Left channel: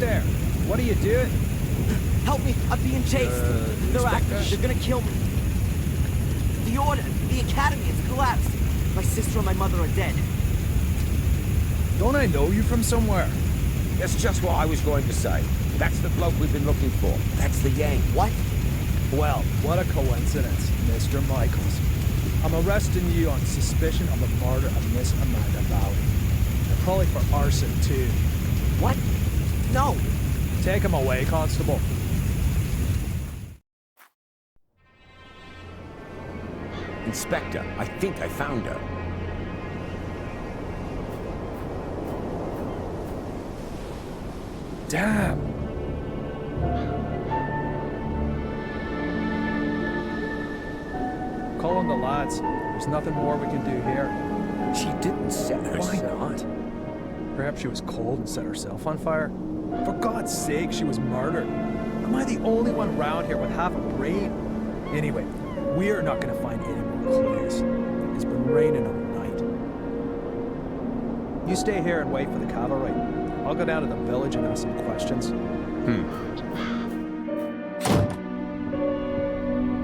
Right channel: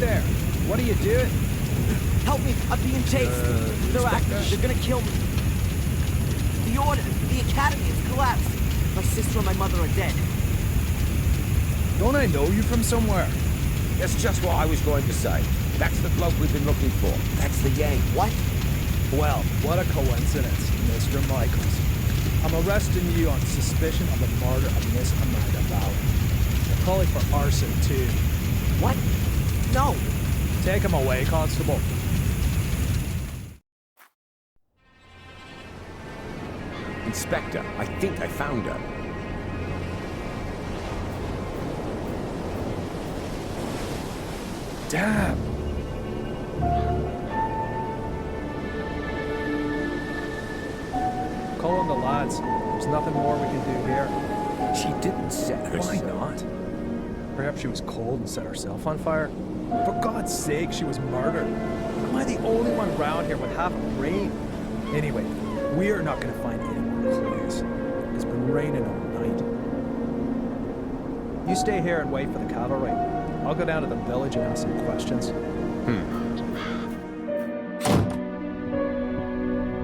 there! What are you doing? Help me! I'm being chased! They're active. They're gonna kill me. The Order, the Academy has collapsed. My sister and my mother are dead. Don't I know you from somewhere? That's just what I was going to say. That's the bloke we've been looking for. That's the Yank. What? Well, what a coincidence, Mr. Michaels. I'm arresting you on suspicion of the murder of Miss Amanda Valley. And probably for arson, too. What? No! Take him away, Constable. Inspector, I think I found her. Damn! Call on the lads. There's nothing more we can do here. She didn't set herself. Why not? Perhaps she was cold and set herself on fire? For God's sake, she was murdered. Am I the only one round here with half a brain? Anyway, we are not going to find any more clues. It's been raining all night. You stay here and wait for the cavalry. I'll go down to the village and ask some questions.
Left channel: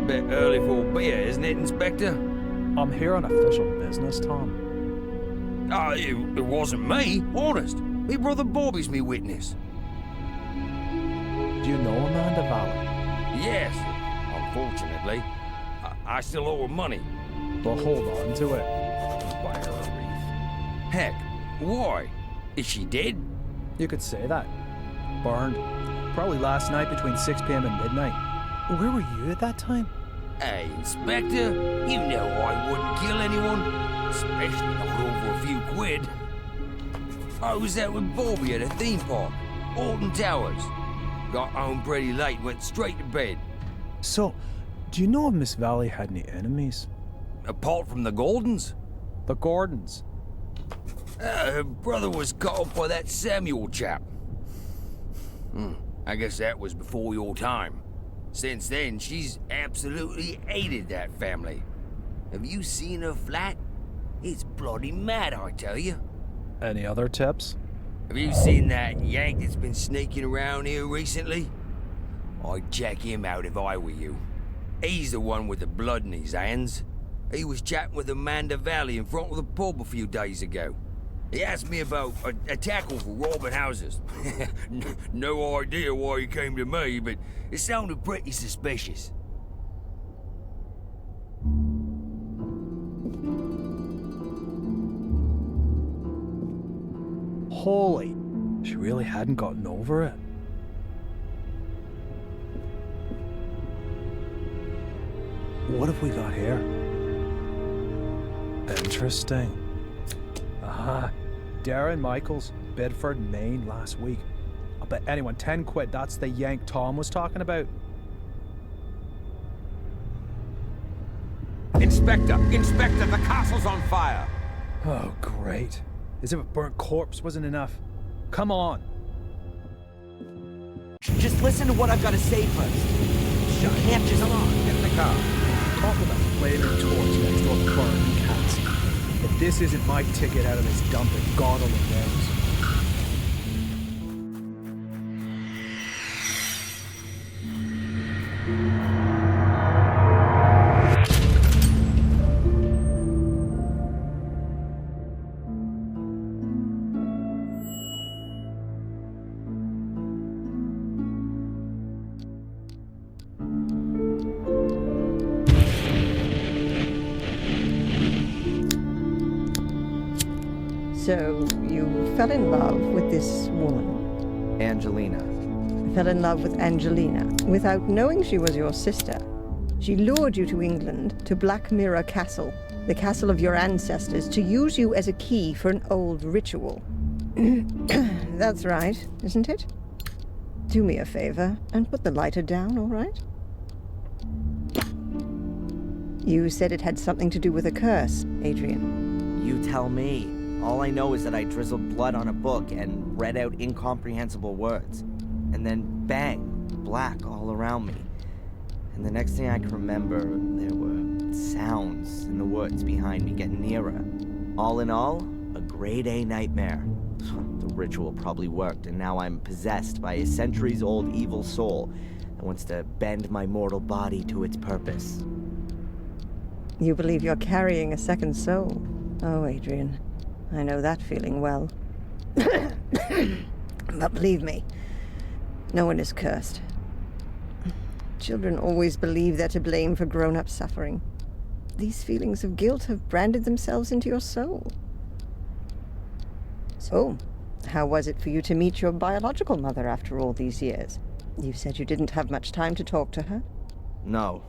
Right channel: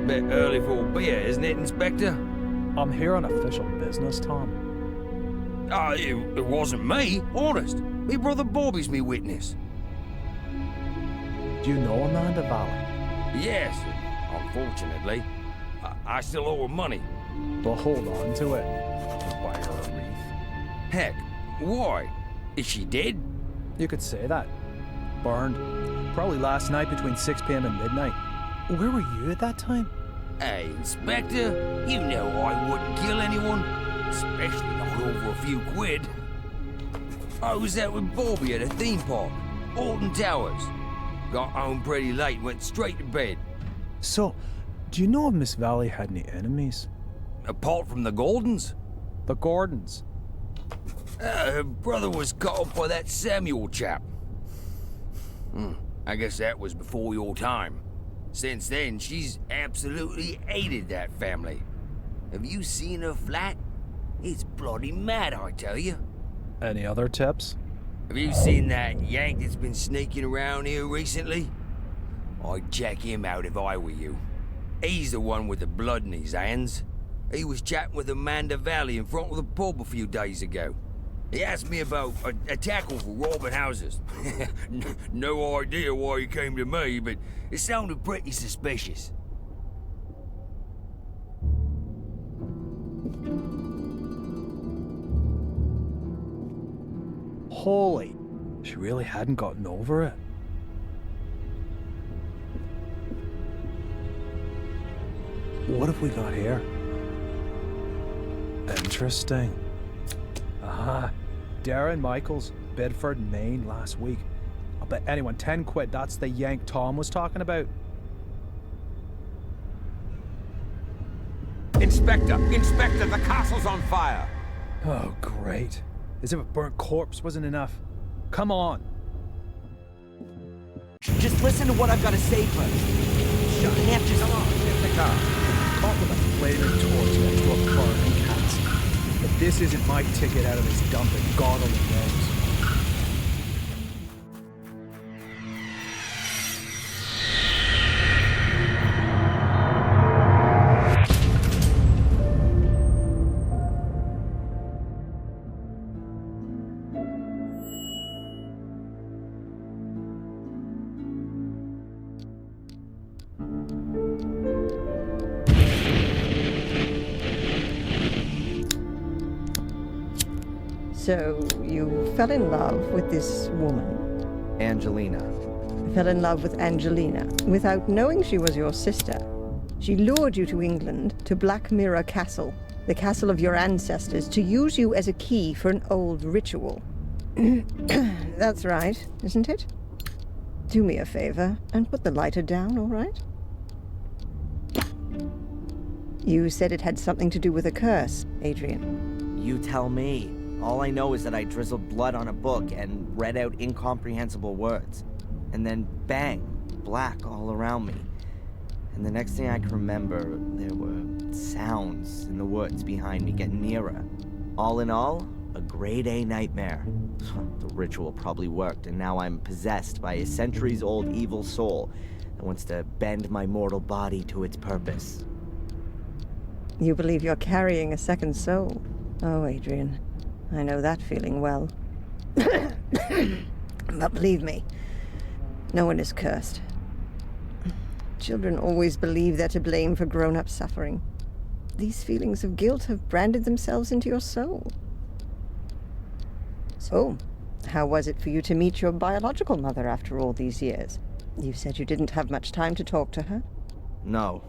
Bit early for a beer, isn't it, Inspector? I'm here on official business, Tom. It wasn't me, honest. Me brother Bobby's me witness. Do you know Amanda Valley? Yes, unfortunately. I still owe her money. Well, hold on to it. Buy her a wreath. Heck, why? Is she dead? You could say that. Burned. Probably last night between 6 p.m. and midnight. Where were you at that time? Hey, Inspector, you know I wouldn't kill anyone. Especially not over a few quid. I was out with Bobby at a theme park, Alton Towers. Got home pretty late, went straight to bed. So, do you know if Miss Valley had any enemies? Apart from the Gordons? The Gordons. Her brother was caught up by that Samuel chap. I guess that was before your time. Since then, she's absolutely hated that family. Have you seen her flat? It's bloody mad, I tell you. Any other tips? Have you seen that Yank that's been sneaking around here recently? I'd check him out if I were you. He's the one with the blood in his hands. He was chatting with Amanda Valley in front of the pub a few days ago. He asked me about a tackle for robbing houses. No idea why he came to me, but it sounded pretty suspicious. Holy, she really hadn't gotten over it. What have we got here? Interesting. Aha, Darren Michaels, Bedford, Maine, last week. I'll bet anyone 10 quid that's the Yank Tom was talking about. Inspector! Inspector, the castle's on fire! Oh, great. As if a burnt corpse wasn't enough. Come on. Just listen to what I've got to say first. You can't just... Come on, get in the car. Caught with a flared torch next to a burning castle. If this isn't my ticket out of this dump, then God only knows. So, you fell in love with this woman? Angelina. Fell in love with Angelina, without knowing she was your sister. She lured you to England, to Black Mirror Castle, the castle of your ancestors, to use you as a key for an old ritual. That's right, isn't it? Do me a favor, and put the lighter down, all right? You said it had something to do with a curse, Adrian. You tell me. All I know is that I drizzled blood on a book and read out incomprehensible words. And then bang, black all around me. And the next thing I can remember, there were sounds in the woods behind me getting nearer. All in all, a grade A nightmare. The ritual probably worked, and now I'm possessed by a centuries-old evil soul that wants to bend my mortal body to its purpose. You believe you're carrying a second soul? Oh, Adrian, I know that feeling well. But believe me, no one is cursed. Children always believe they're to blame for grown-up suffering. These feelings of guilt have branded themselves into your soul. So, how was it for you to meet your biological mother after all these years? You said you didn't have much time to talk to her. No,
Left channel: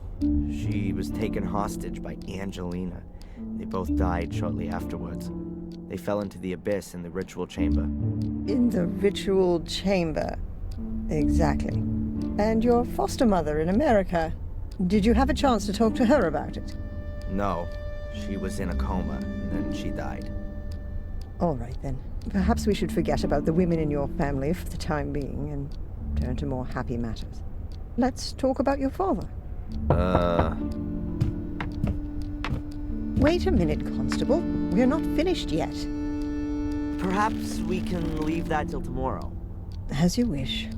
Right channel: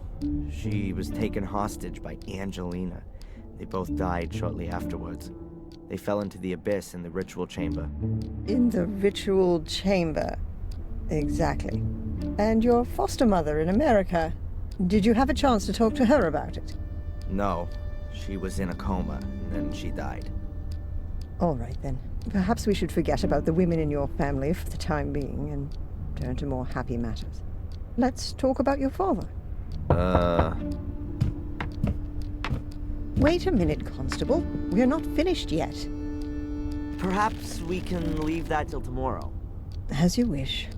she was taken hostage by Angelina. They both died shortly afterwards. They fell into the abyss in the ritual chamber. In the ritual chamber. Exactly. And your foster mother in America. Did you have a chance to talk to her about it? No, she was in a coma, and then she died. All right, then. Perhaps we should forget about the women in your family for the time being and turn to more happy matters. Let's talk about your father. Wait a minute, Constable. We're not finished yet. Perhaps we can leave that till tomorrow. As you wish.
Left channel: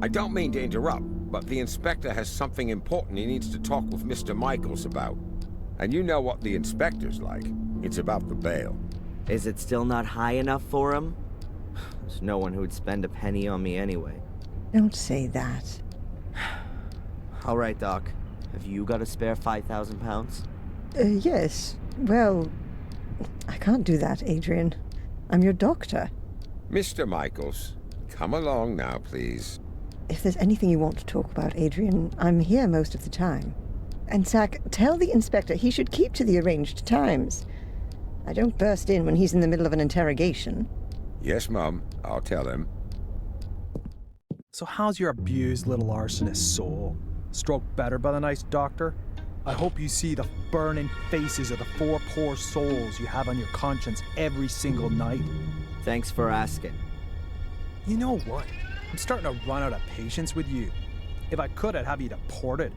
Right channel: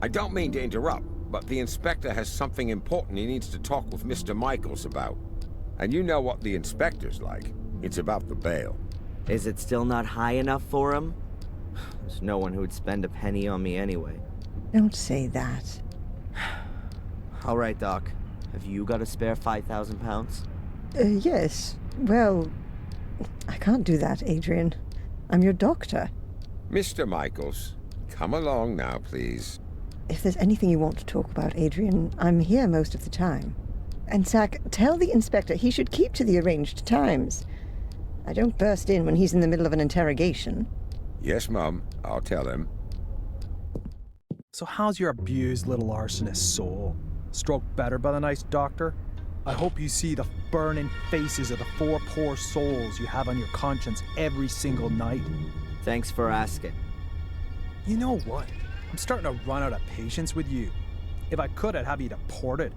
I don't mean to interrupt, but the inspector has something important he needs to talk with Mr. Michaels about. And you know what the inspector's like. It's about the bail. Is it still not high enough for him? There's no one who would spend a penny on me anyway. Don't say that. All right, Doc. Have you got a spare 5,000 pounds? Yes. Well, I can't do that, Adrian. I'm your doctor. Mr. Michaels, come along now, please. If there's anything you want to talk about, Adrian, I'm here most of the time. And Zach, tell the inspector he should keep to the arranged times. I don't burst in when he's in the middle of an interrogation. Yes, Mum. I'll tell him. So how's your abused little arsonist soul? Stroke better by the nice doctor? I hope you see the burning faces of the 4 poor souls you have on your conscience every single night. Thanks for asking. You know what? I'm starting to run out of patience with you. If I could, I'd have you deported.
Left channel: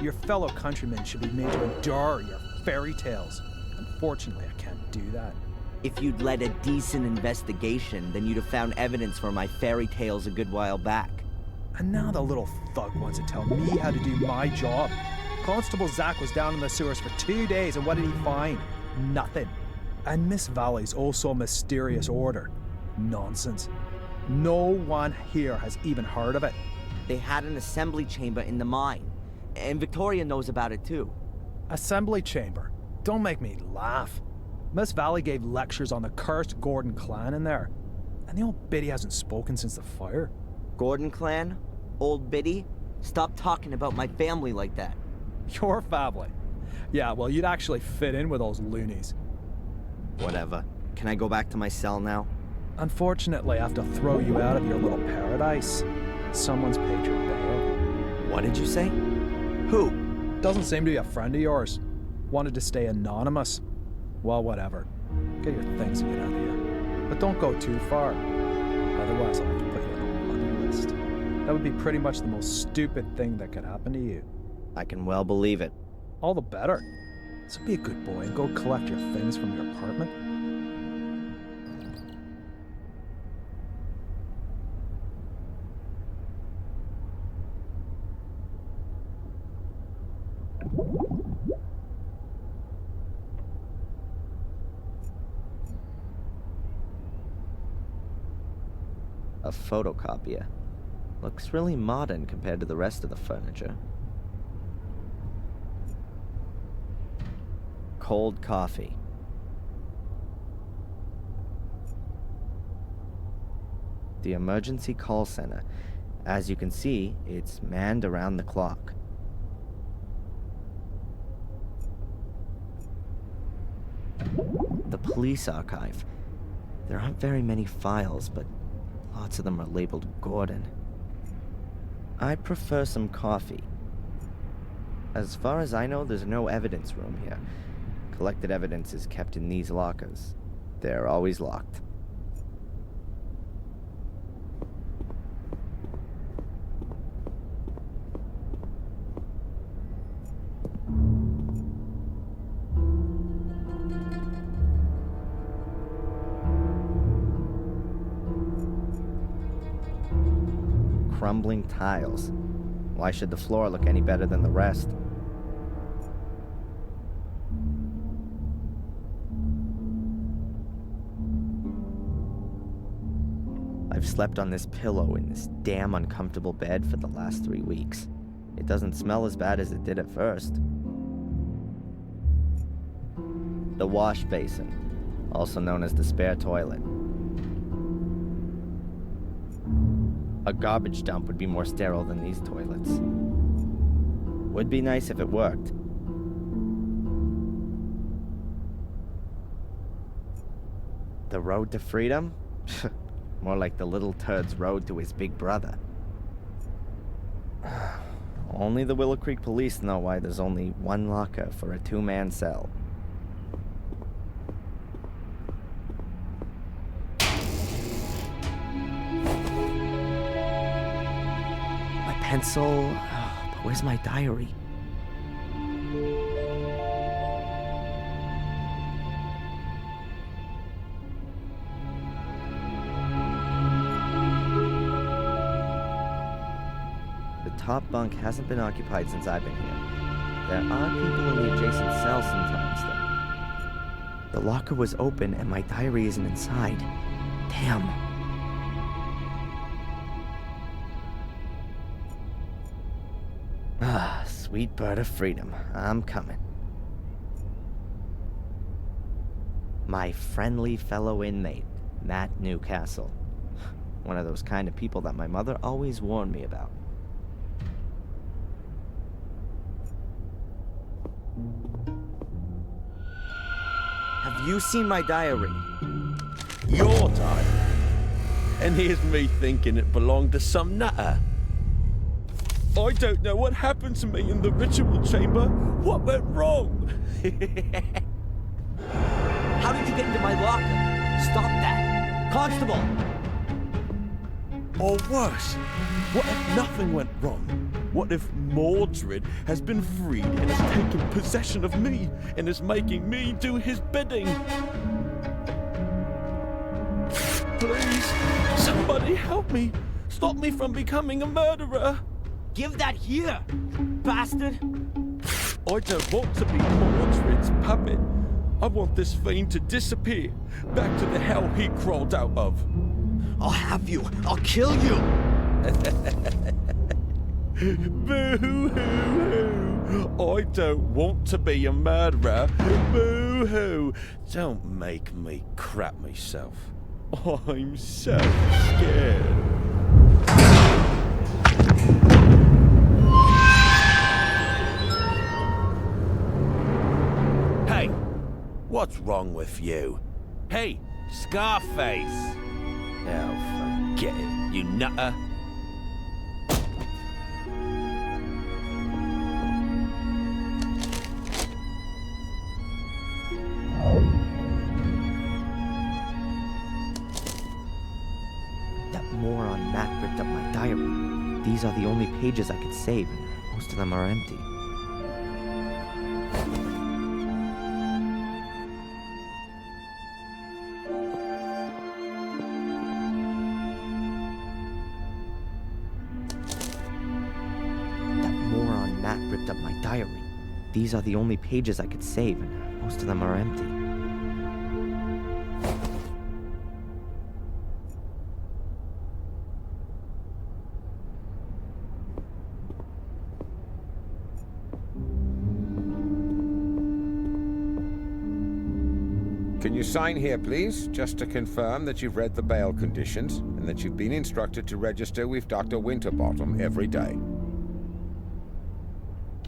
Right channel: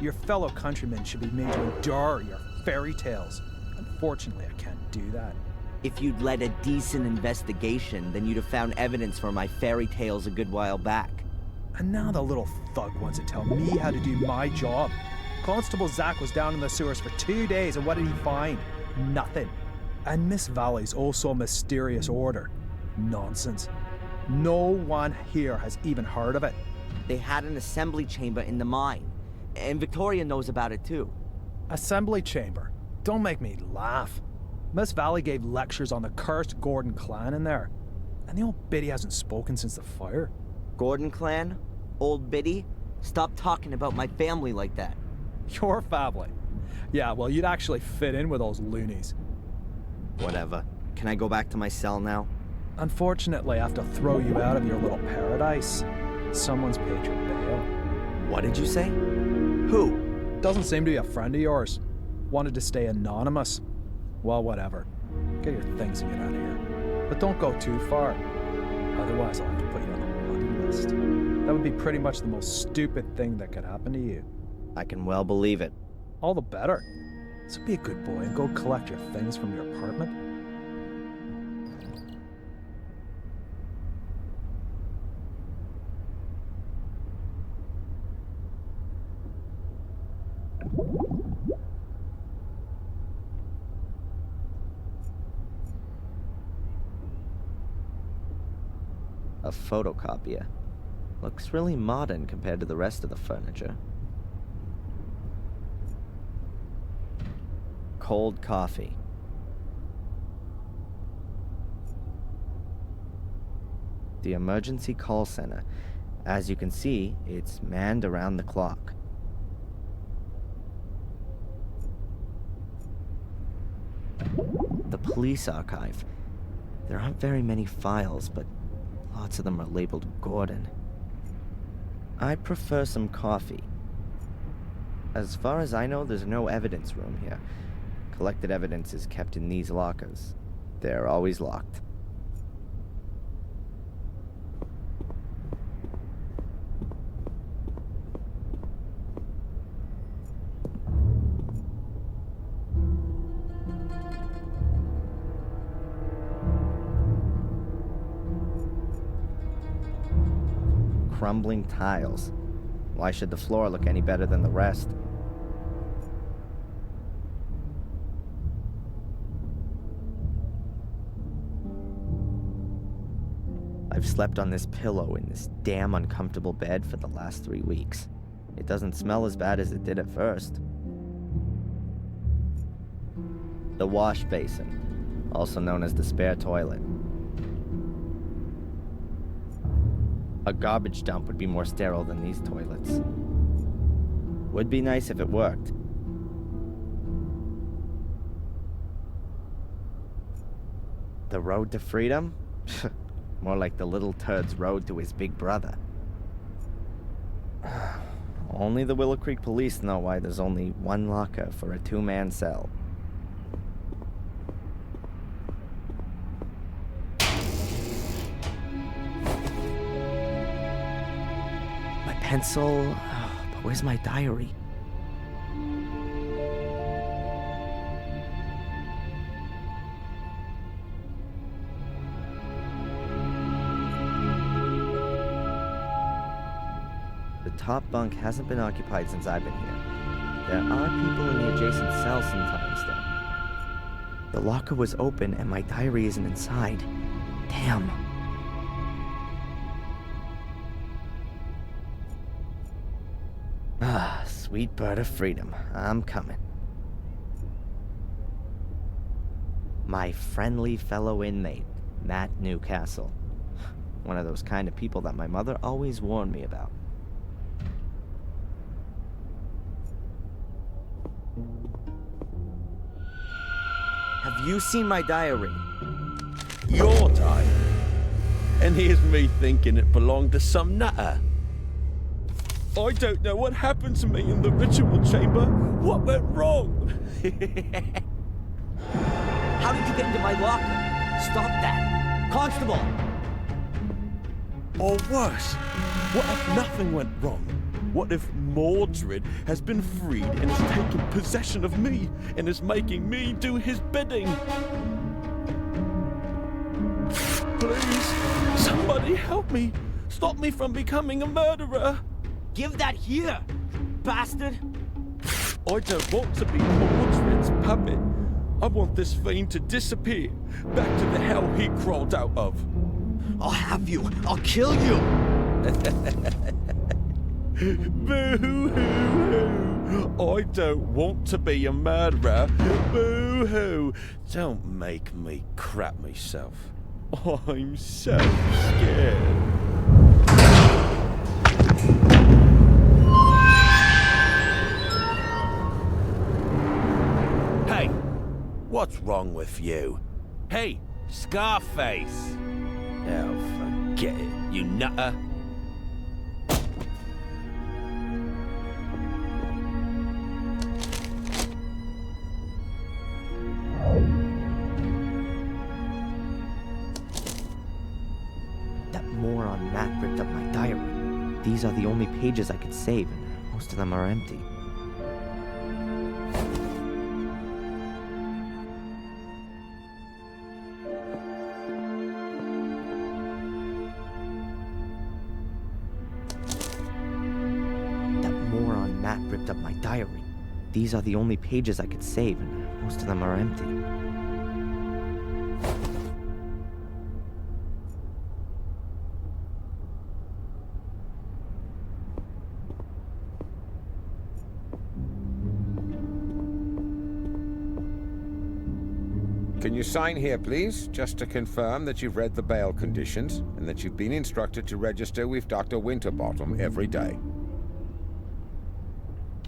Your fellow countrymen should be made to endure your fairy tales. Unfortunately, I can't do that. If you'd led a decent investigation, then you'd have found evidence for my fairy tales a good while back. And now the little thug wants to tell me how to do my job. Constable Zach was down in the sewers for 2 days, and what did he find? Nothing. And Miss Valley's also a mysterious order. Nonsense. No one here has even heard of it. They had an assembly chamber in the mine, and Victoria knows about it too. Assembly chamber? Don't make me laugh. Miss Valley gave lectures on the cursed Gordon clan in there. And the old biddy hasn't spoken since the fire. Gordon clan? Old Biddy? Stop talking about my family like that. Your family? Yeah, well, you'd actually fit in with those loonies. Whatever. Can I go back to my cell now? Unfortunately, I have to throw you out of your little paradise. Someone's paid your bail. What did you say? Who? Doesn't seem to be a friend of yours. Wanted to stay anonymous. Well, whatever. Get your things and get out of here. But don't go too far. Otherwise, I'll have to put you on a wanted list. That would be pretty much the most stupid thing that could happen to you. I can well believe it. All the better. So be a good boy and go collect your things from your apartment. A photocopier. Looks really modern compared to the rest of the furniture. Cold coffee. The emergency call center. As you can see, it's manned around the clock. The police archive. There aren't very many files, but lots of them are labeled Gordon. I prefer some coffee. As far as I know, there's no evidence room here. Collected evidence is kept in these lockers. They're always locked. crumbling tiles. Why should the floor look any better than the rest? I've slept on this pillow in this damn uncomfortable bed for the last 3 weeks. It doesn't smell as bad as it did at first. The wash basin, also known as the spare toilet. A garbage dump would be more sterile than these toilets. Would be nice if it worked. The road to freedom? More like the little turd's road to his big brother. Only the Willow Creek police know why there's only one locker for a 2-man cell. My pencil... but where's my diary? The top bunk hasn't been occupied since I've been here. There are people in the adjacent cell sometimes, though. The locker was open and my diary isn't inside. Damn. Ah, sweet bird of freedom. I'm coming. My friendly fellow inmate, Matt Newcastle. One of those kind of people that my mother always warned me about. Have you seen my diary? Your diary? And here's me thinking it belonged to some nutter. I don't know what happened to me in the ritual chamber. What went wrong? How did you get into my locker? Stop that! Constable! Or worse, what if nothing went wrong? What if Mordred has been freed and has taken possession of me and is making me do his bidding? Please, somebody help me. Stop me from becoming a murderer. Give that here, bastard! I don't want to be Mordred's puppet. I want this fiend to disappear, back to the hell he crawled out of. I'll have you! I'll kill you! Boo-hoo-hoo! I don't want to be a murderer. Boo-hoo! Don't make me crap myself. I'm so scared. Hey, what's wrong with you? Hey, Scarface! Oh, forget it, you nutter. That moron Matt ripped up my diary. These are the only pages I could save, and most of them are empty. That moron Matt ripped up my diary. These are the only pages I could save, and most of them are empty. Can you sign here, please, just to confirm that you've read the bail conditions and that you've been instructed to register with Dr. Winterbottom every day.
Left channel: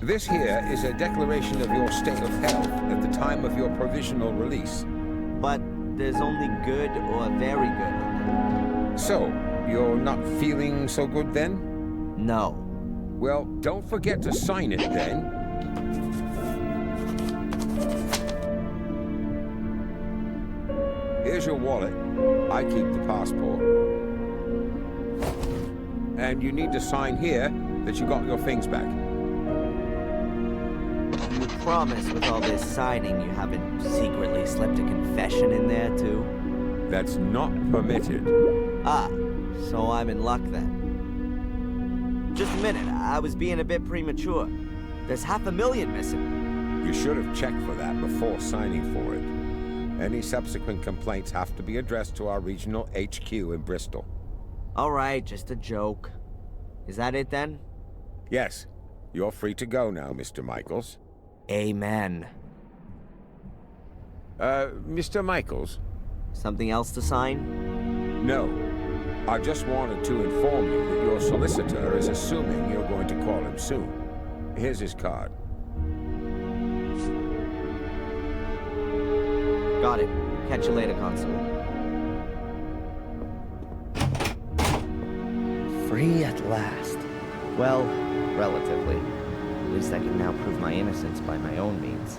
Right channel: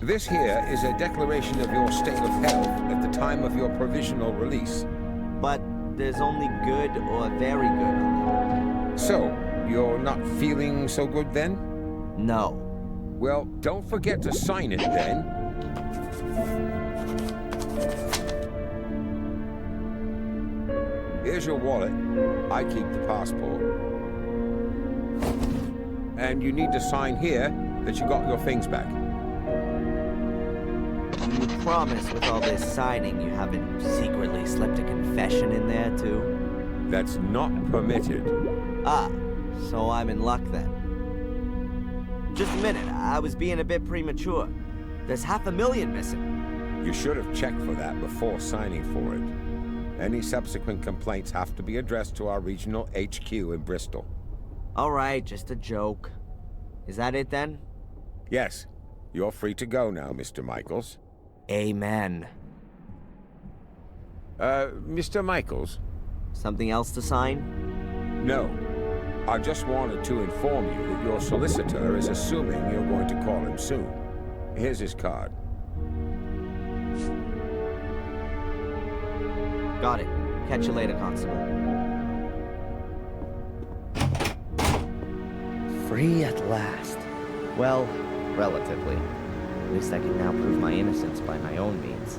This here is a declaration of your state of health at the time of your provisional release. But there's only good or very good on there. So, you're not feeling so good then? No. Well, don't forget to sign it then. Here's your wallet. I keep the passport. And you need to sign here that you got your things back. You promise with all this signing you haven't secretly slipped a confession in there too? That's not permitted. Ah, so I'm in luck then. Just a minute, I was being a bit premature. There's $500,000 missing. You should have checked for that before signing for it. Any subsequent complaints have to be addressed to our regional HQ in Bristol. Alright, just a joke. Is that it then? Yes, you're free to go now, Mr. Michaels. Amen. Mr. Michaels? Something else to sign? No. I just wanted to inform you that your solicitor is assuming you're going to call him soon. Here's his card. Got it. Catch you later, Constable. Free at last. Well, relatively. At least I can now prove my innocence by my own means.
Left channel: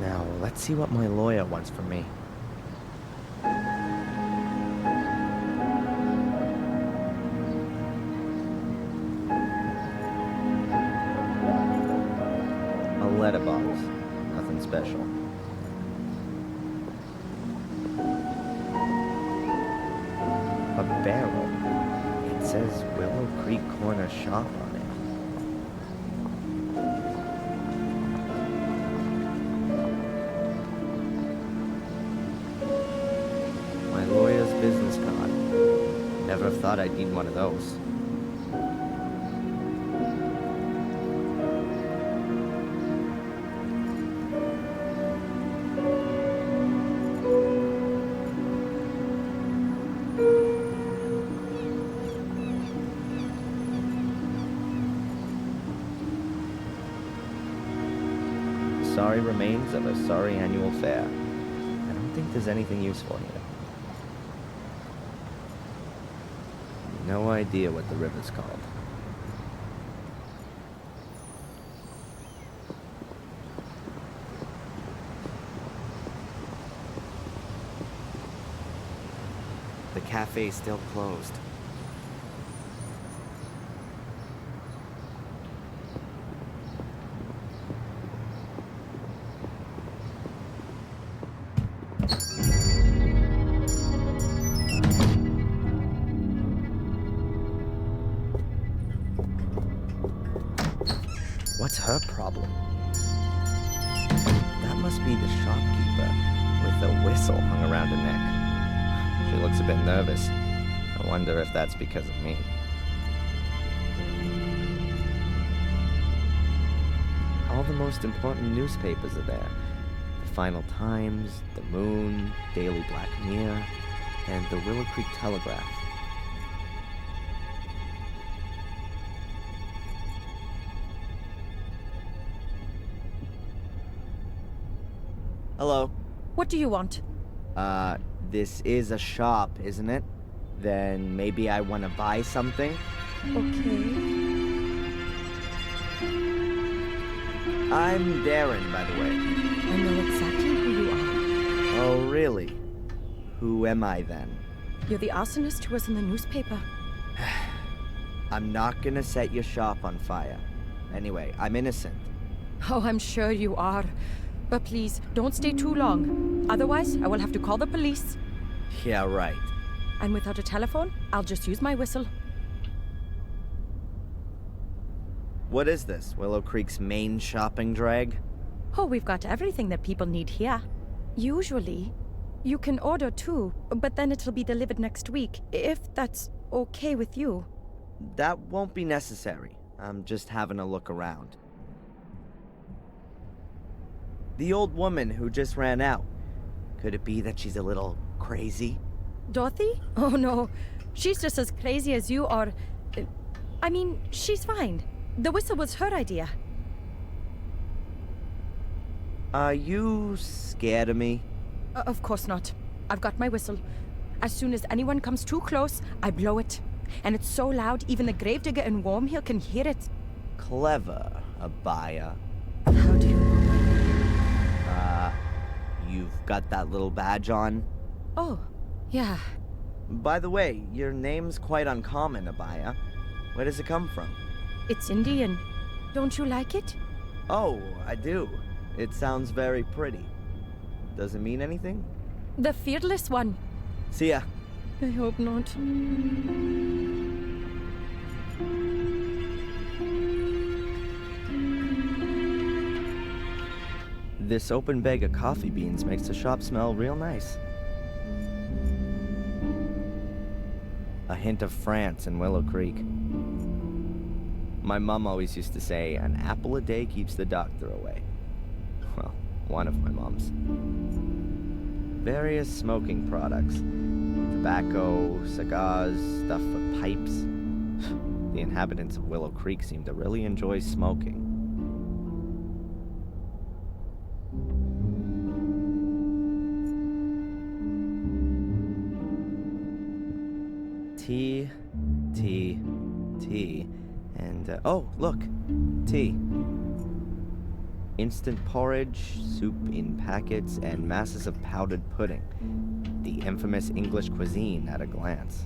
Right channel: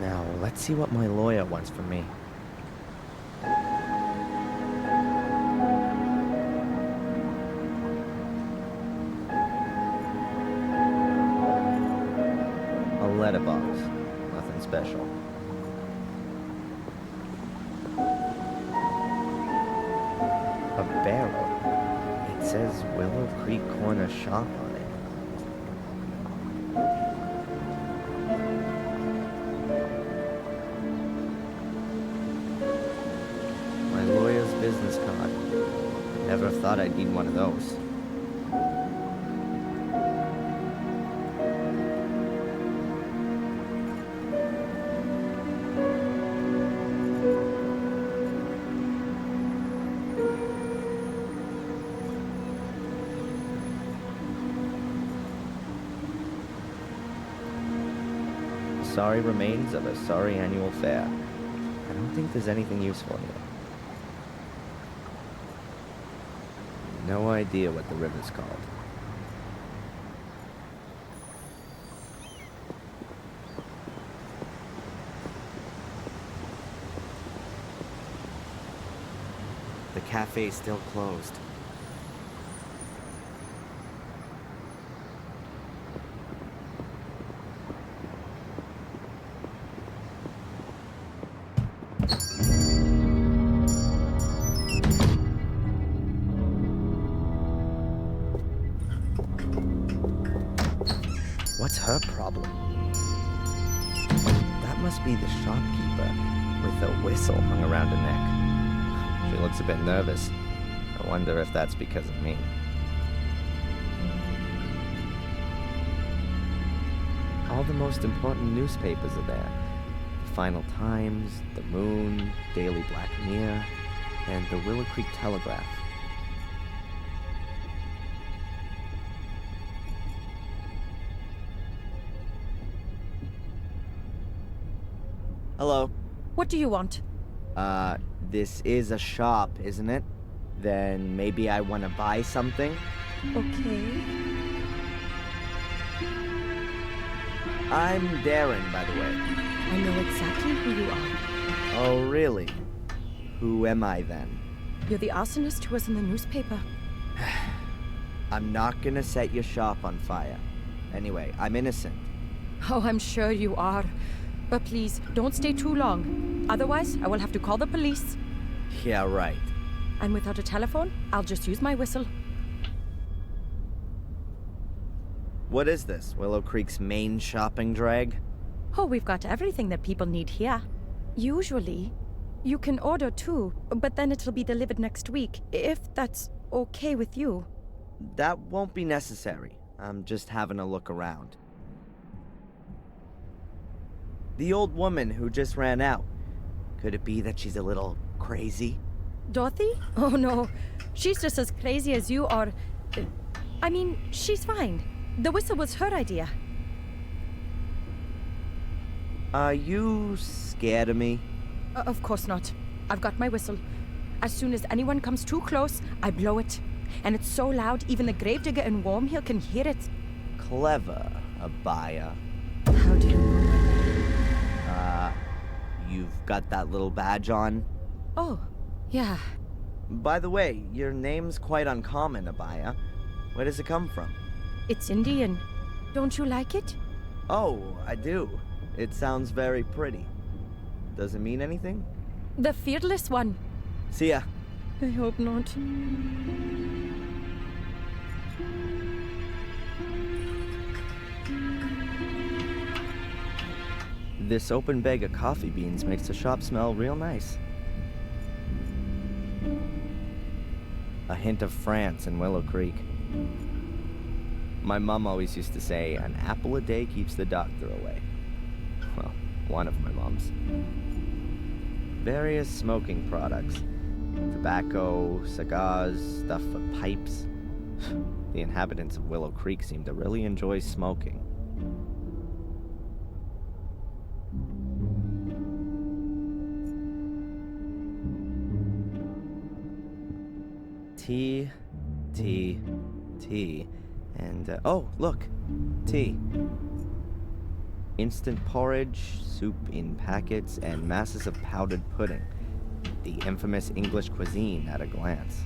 Now, let's see what my lawyer wants from me. A letterbox. Nothing special. A barrel. It says Willow Creek Corner Shop on it. My lawyer's business card. Never thought I'd need one of those. Sorry remains of a sorry annual fair. I don't think there's anything useful here. No idea what the river's called. The cafe's still closed. What's her problem? That must be the shopkeeper with a whistle hung around her neck. She looks a bit nervous. I wonder if that's because of me. All the most important newspapers are there. The Final Times, The Moon, Daily Black Mirror, and the Willow Creek Telegraph. Hello. What do you want? This is a shop, isn't it? Then maybe I want to buy something? Okay. I'm Darren, by the way. I know exactly who you are. Oh, really? Who am I then? You're the arsonist who was in the newspaper. I'm not gonna set your shop on fire. Anyway, I'm innocent. Oh, I'm sure you are. But please, don't stay too long. Otherwise, I will have to call the police. Yeah, right. And without a telephone, I'll just use my whistle. What is this? Willow Creek's main shopping drag? Oh, we've got everything that people need here. Usually, you can order too, but then it'll be delivered next week, if that's okay with you. That won't be necessary. I'm just having a look around. The old woman who just ran out. Could it be that she's a little crazy? Dorothy? Oh no, she's just as crazy as you are. I mean, she's fine. The whistle was her idea. Are you scared of me? Of course not. I've got my whistle. As soon as anyone comes too close, I blow it. And it's so loud, even the gravedigger in Wormhill can hear it. Clever, Abaya. How do you know my name? You've got that little badge on? Oh, yeah. By the way, your name's quite uncommon, Abaya. Where does it come from? It's Indian. Don't you like it? Oh, I do. It sounds very pretty. Does it mean anything? The fearless one. See ya. I hope not. This open bag of coffee beans makes the shop smell real nice. A hint of France and Willow Creek. My mom always used to say, an apple a day keeps the doctor away. Well, one of my moms. Various smoking products. Tobacco, cigars, stuff for pipes. The inhabitants of Willow Creek seem to really enjoy smoking. Tea, and oh, look, tea. Instant porridge, soup in packets, and masses of powdered pudding. The infamous English cuisine at a glance.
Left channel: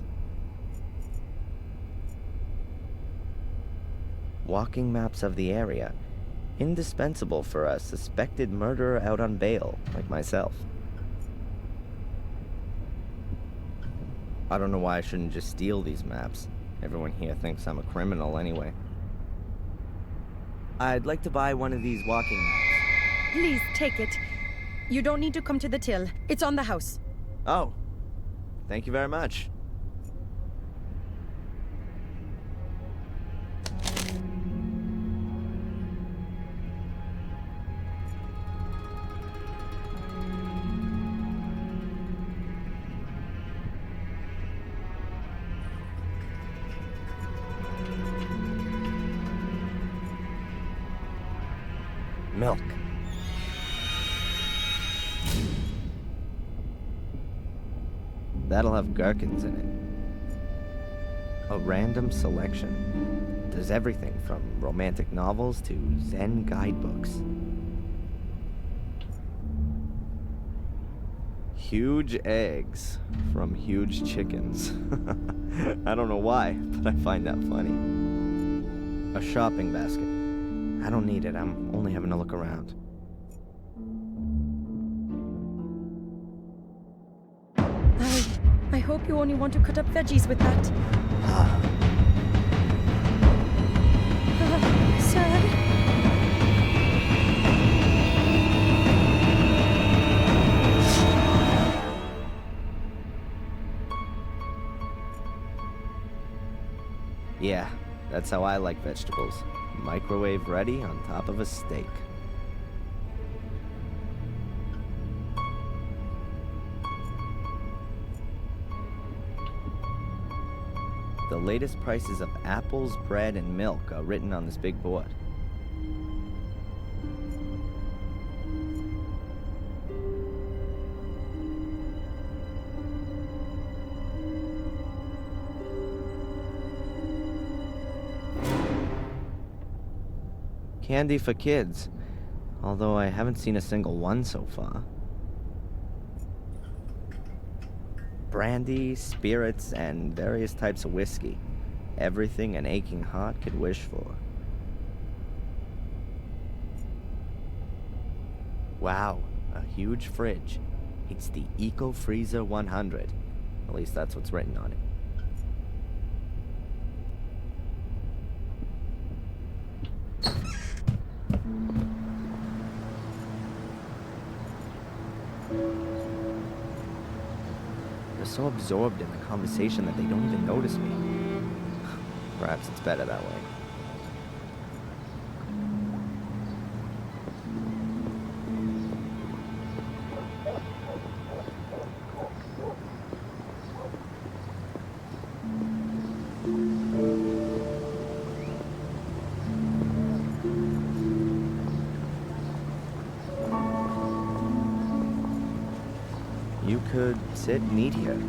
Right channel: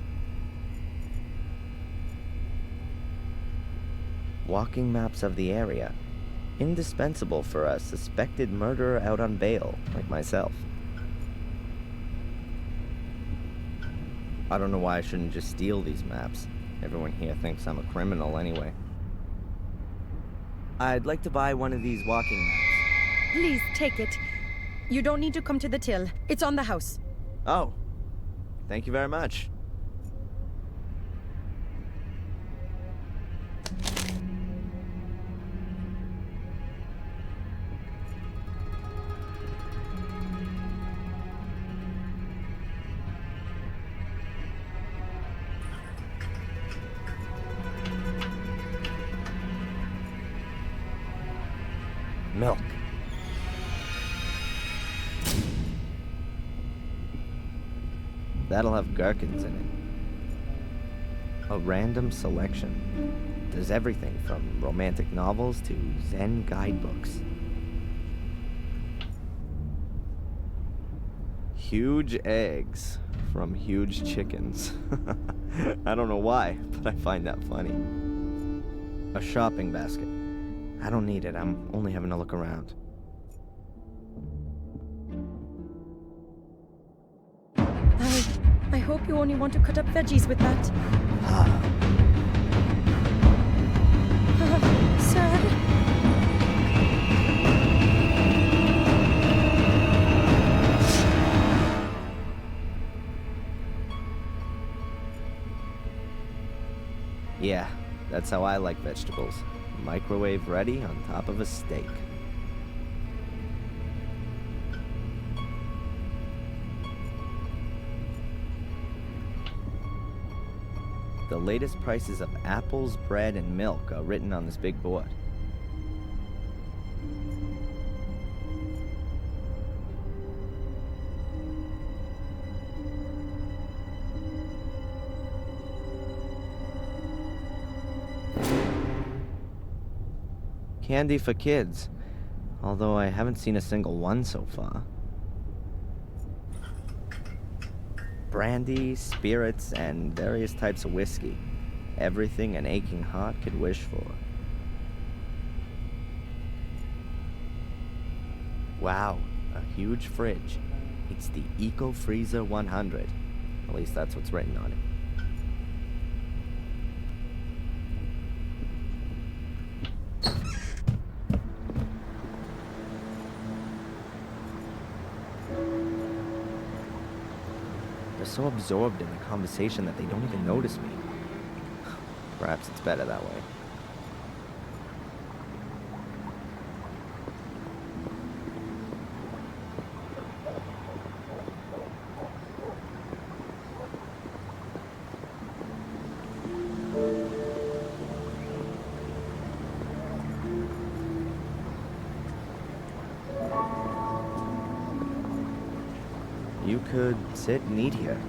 Walking maps of the area, indispensable for a suspected murderer out on bail, like myself. I don't know why I shouldn't just steal these maps. Everyone here thinks I'm a criminal anyway. I'd like to buy one of these walking maps. Please take it. You don't need to come to the till. It's on the house. Oh, thank you very much. Milk. That'll have gherkins in it. A random selection. There's everything from romantic novels to Zen guidebooks. Huge eggs from huge chickens. I don't know why, but I find that funny. A shopping basket. I don't need it, I'm only having a look around. I hope you only want to cut up veggies with that. Sir? Yeah, that's how I like vegetables. Microwave ready on top of a steak. The latest prices of apples, bread, and milk are written on this big board. Candy for kids, although I haven't seen a single one so far. Brandy, spirits, and various types of whiskey. Everything an aching heart could wish for. Wow, a huge fridge. It's the Eco Freezer 100. At least that's what's written on it. They're so absorbed in the conversation that they don't even notice me. Perhaps it's better that way. You could sit and eat here.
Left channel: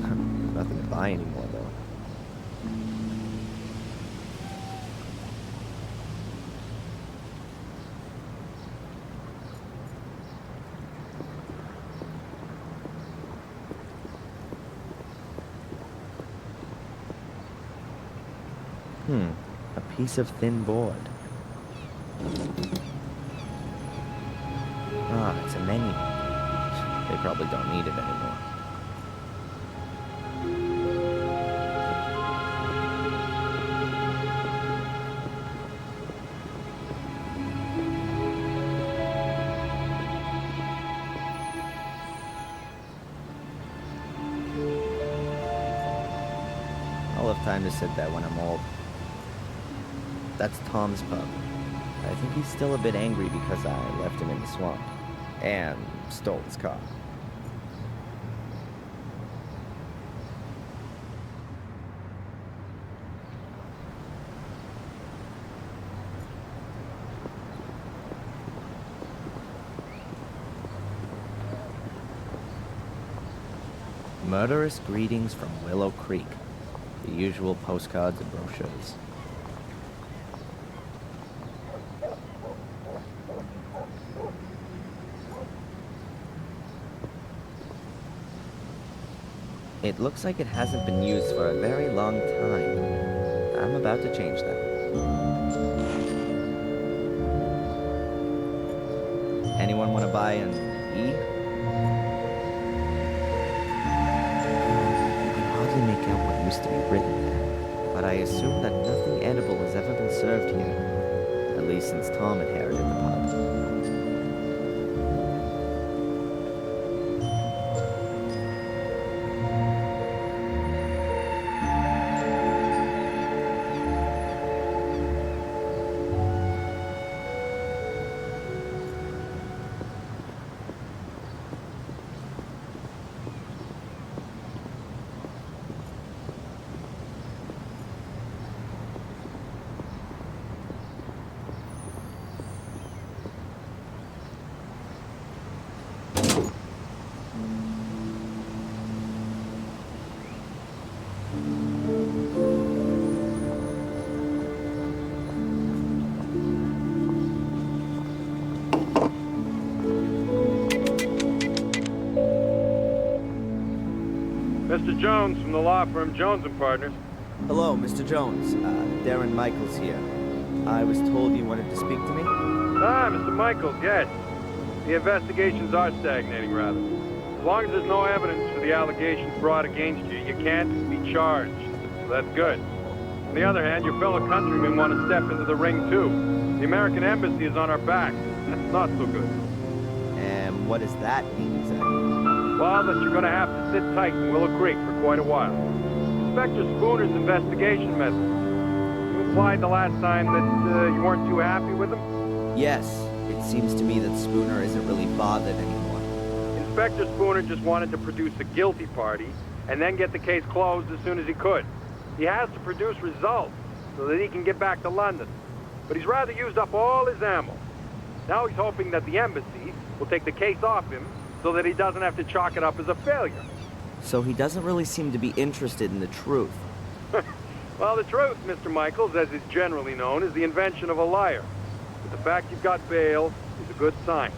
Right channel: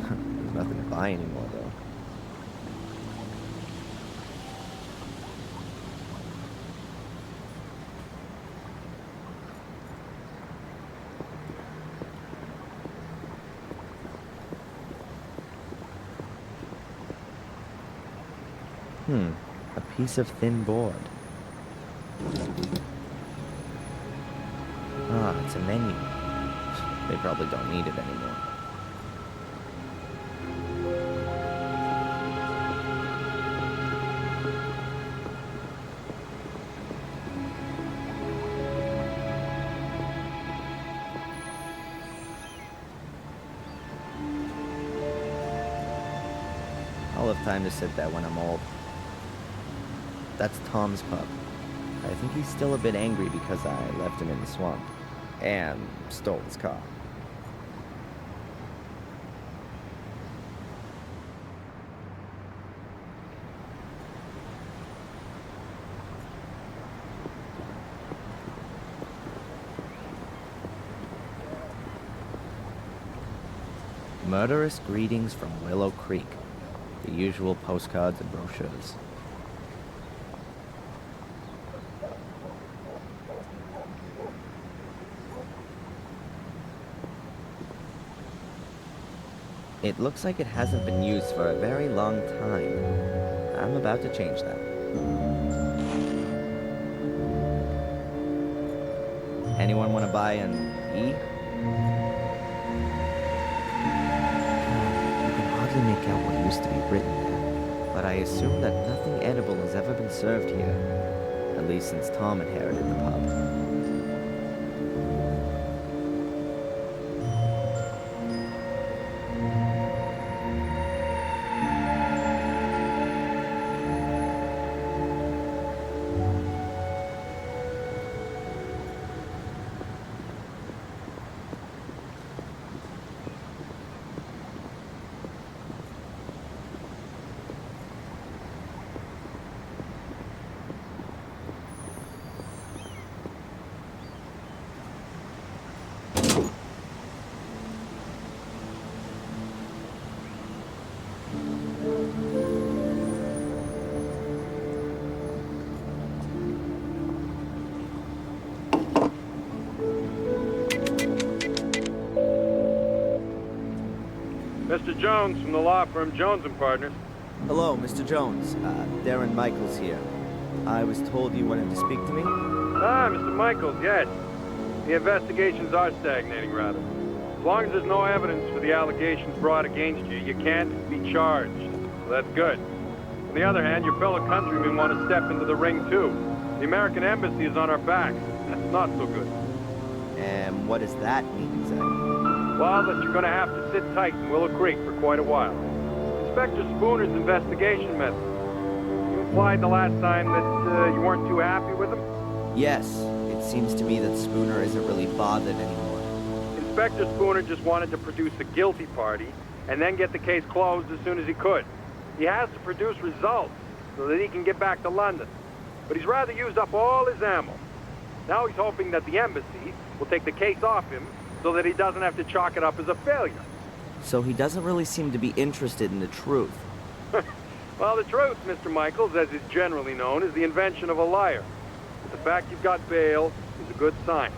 There's nothing to buy anymore, though. A piece of thin board. Ah, it's a menu. They probably don't need it anymore. I'll have time to sit there when I'm old. That's Tom's pub. I think he's still a bit angry because I left him in the swamp. And stole his car. Murderous greetings from Willow Creek. The usual postcards and brochures. It looks like it hasn't been used for a very long time. I'm about to change that. Anyone want to buy an E? You can hardly make out what used to be written there, but I assume that nothing edible has ever been served here, at least since Tom inherited the pub. Mr. Jones from the law firm Jones & Partners. Hello, Mr. Jones. Darren Michaels here. I was told you wanted to speak to me? Ah, Mr. Michaels, yes. The investigations are stagnating, rather. As long as there's no evidence for the allegations brought against you, you can't be charged. So that's good. On the other hand, your fellow countrymen want to step into the ring, too. The American Embassy is on our backs. That's not so good. And what does that mean exactly? Well, that you're going to have to sit tight in Willow Creek for quite a while. Inspector Spooner's investigation methods. You implied the last time that you weren't too happy with him? Yes, it seems to me that Spooner isn't really bothered anymore. Inspector Spooner just wanted to produce a guilty party and then get the case closed as soon as he could. He has to produce results so that he can get back to London. But he's rather used up all his ammo. Now he's hoping that the embassy will take the case off him so that he doesn't have to chalk it up as a failure. So he doesn't really seem to be interested in the truth. Well, the truth, Mr. Michaels, as is generally known, is the invention of a liar. But the fact you've got bail is a good sign.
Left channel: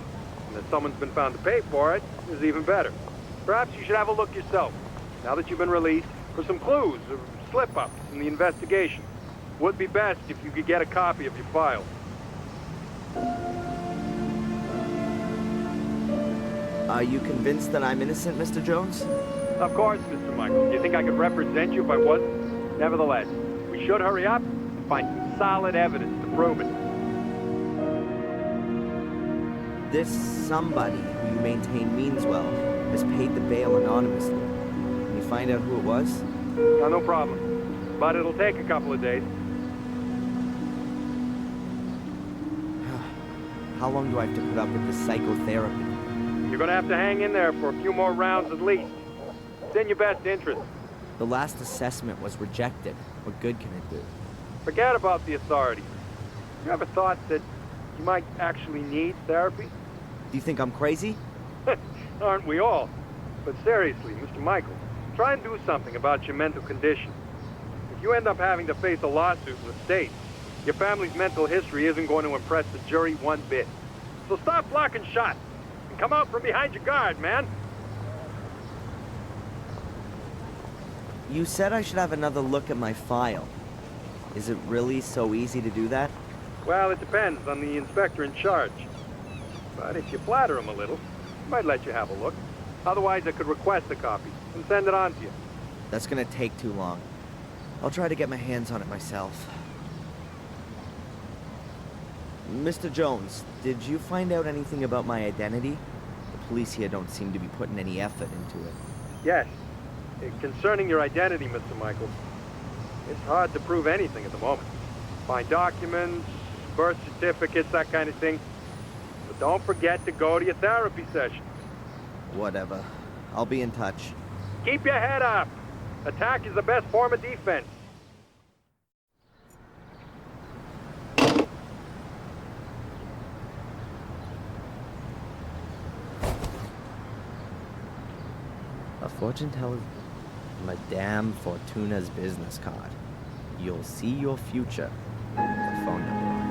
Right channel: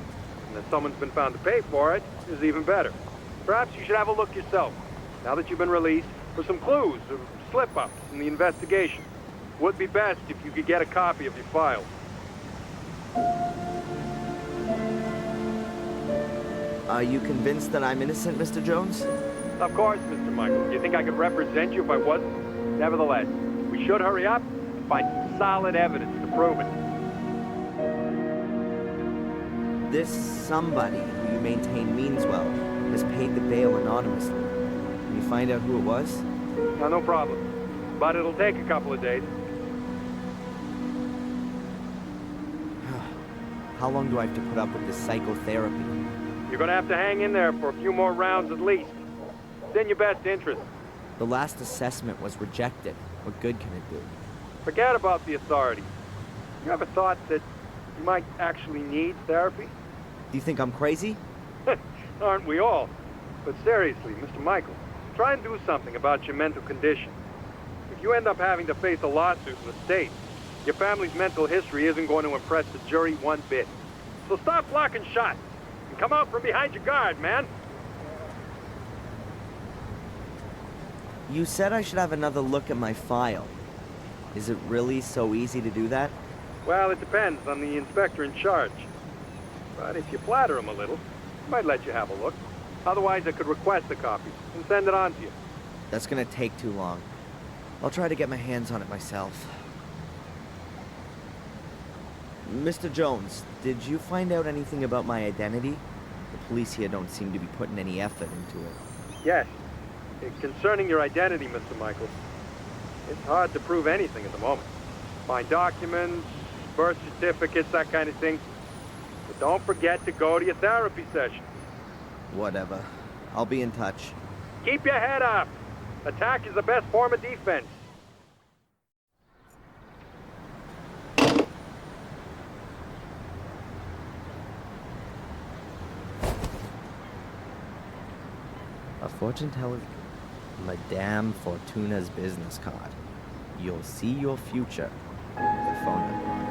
And that someone's been found to pay for it is even better. Perhaps you should have a look yourself, now that you've been released, for some clues or slip-ups in the investigation. Would be best if you could get a copy of your file. Are you convinced that I'm innocent, Mr. Jones? Of course, Mr. Michaels. Do you think I could represent you if I wasn't? Nevertheless, we should hurry up and find some solid evidence to prove it. This somebody who you maintain means well has paid the bail anonymously. Can you find out who it was? Yeah, no problem. But it'll take a couple of days. How long do I have to put up with this psychotherapy? You're gonna have to hang in there for a few more rounds at least. It's in your best interest. The last assessment was rejected. What good can it do? Forget about the authorities. You ever thought that you might actually need therapy? Do you think I'm crazy? Aren't we all? But seriously, Mr. Michaels, try and do something about your mental condition. If you end up having to face a lawsuit in the States, your family's mental history isn't going to impress the jury one bit. So stop blocking shots and come out from behind your guard, man. You said I should have another look at my file. Is it really so easy to do that? Well, it depends on the inspector in charge. But if you flatter him a little, he might let you have a look. Otherwise, I could request a copy and send it on to you. That's gonna take too long. I'll try to get my hands on it myself. Mr. Jones, did you find out anything about my identity? The police here don't seem to be putting any effort into it. Yes. Concerning your identity, Mr. Michaels, It's hard to prove anything at the moment. Find documents, birth certificates, that kind of thing. But don't forget to go to your therapy session. Whatever. I'll be in touch. Keep your head up. Attack is the best form of defense. A fortune teller's Madame Fortuna's business card. You'll see your future. The phone number on it.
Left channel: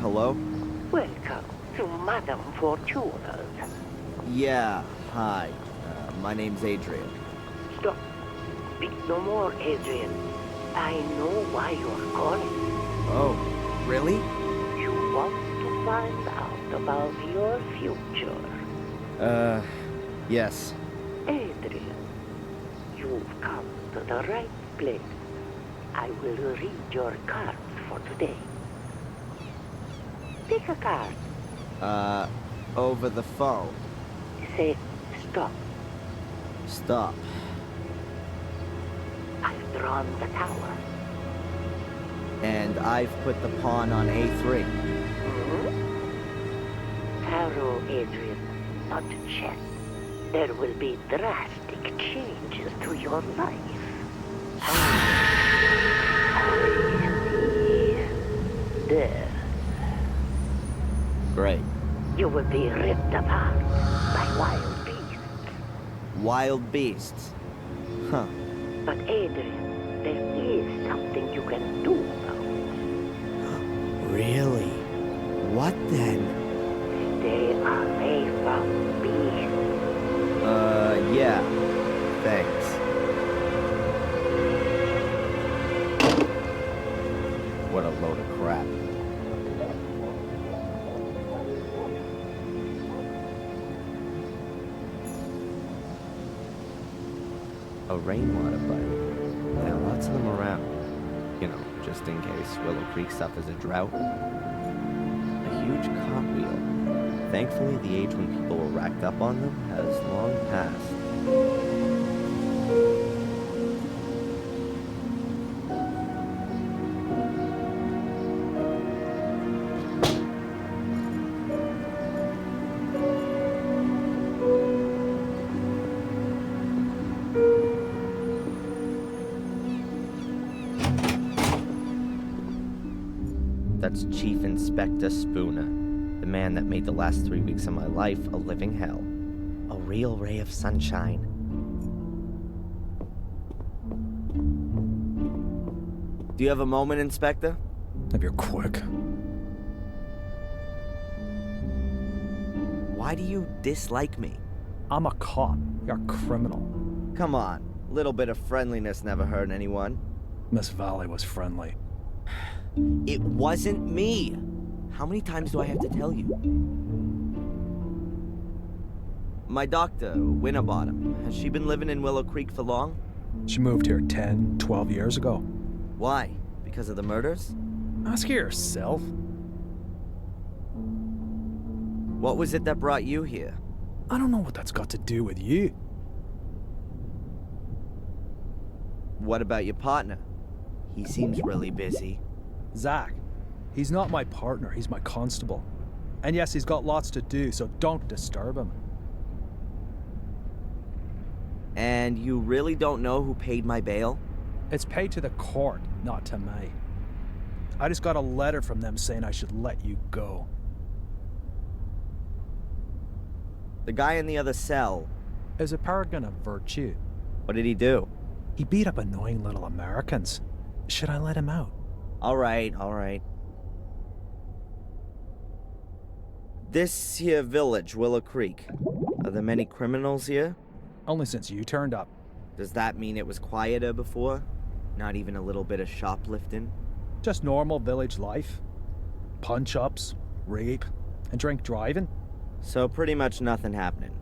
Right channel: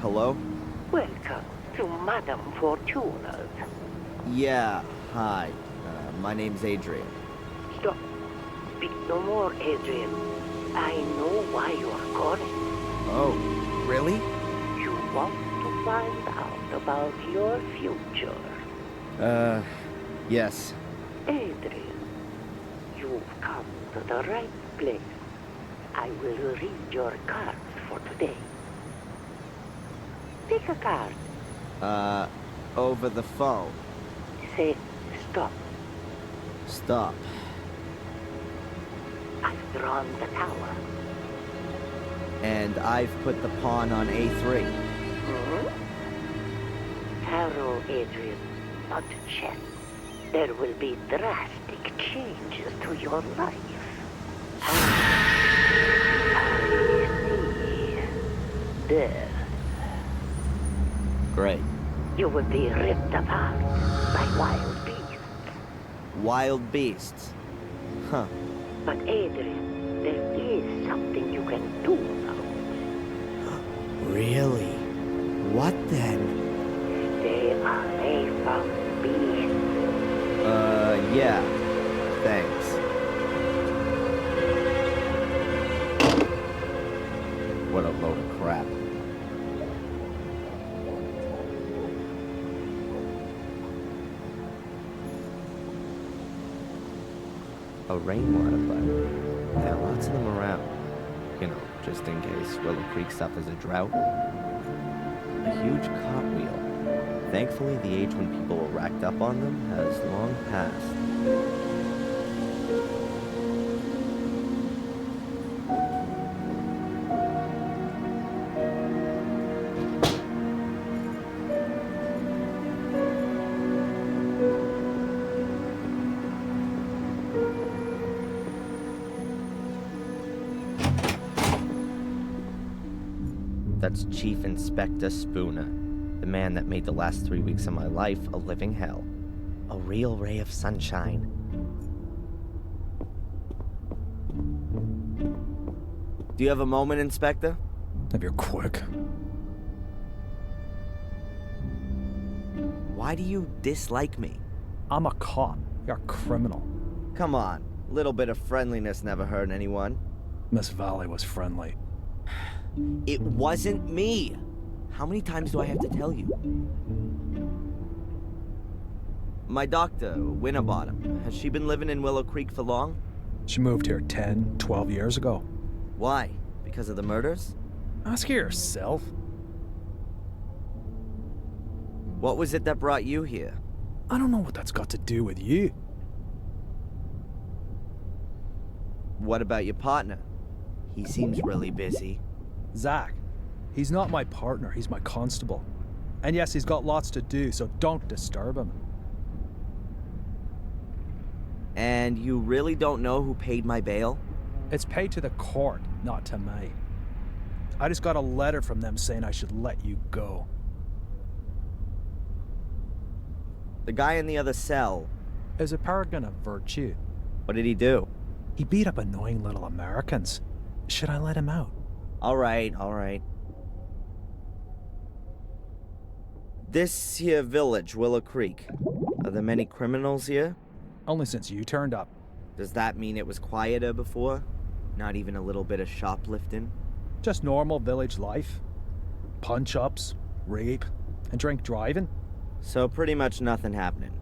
Hello? Welcome to Madame Fortuna's. Yeah, hi. My name's Adrian. Stop. Speak no more, Adrian. I know why you're calling. Oh, really? You want to find out about your future. Yes. Adrian, you've come to the right place. I will read your cards for today. Pick a card. Over the phone. Say stop. Stop. I've drawn the tower. And I've put the pawn on A3. Tarot, Adrian, not chess. There will be drastic changes to your life. I see. Death. Great. You will be ripped apart by wild beasts. Wild beasts? Huh. But Adrian, there is something you can do about it. Really? What then? Stay away from beasts. Yeah. Thanks. What a load of crap. A rainwater pipe. There are lots of them around. You know, just in case Willow Creek suffers a drought. A huge cartwheel. Thankfully, the age when people were racked up on them has long passed. That's Chief Inspector Spooner, the man that made the last 3 weeks of my life a living hell. A real ray of sunshine. Do you have a moment, Inspector? If you're quick. Why do you dislike me? I'm a cop. You're a criminal. Come on, a little bit of friendliness never hurt anyone. Miss Valley was friendly. It wasn't me! How many times do I have to tell you? My doctor, Winterbottom, has she been living in Willow Creek for long? She moved here 10, 12 years ago. Why? Because of the murders? Ask her yourself. What was it that brought you here? I don't know what that's got to do with you. What about your partner? He seems really busy. Zach. He's not my partner, he's my constable. And yes, he's got lots to do, so don't disturb him. And you really don't know who paid my bail? It's paid to the court, not to me. I just got a letter from them saying I should let you go. The guy in the other cell. Is a paragon of virtue. What did he do? He beat up annoying little Americans. Should I let him out? All right. This here village, Willow Creek. Are there many criminals here? Only since you turned up. Does that mean it was quieter before? Not even a little bit of shoplifting? Just normal village life. Punch-ups, rape, and drink driving. So pretty much nothing happening.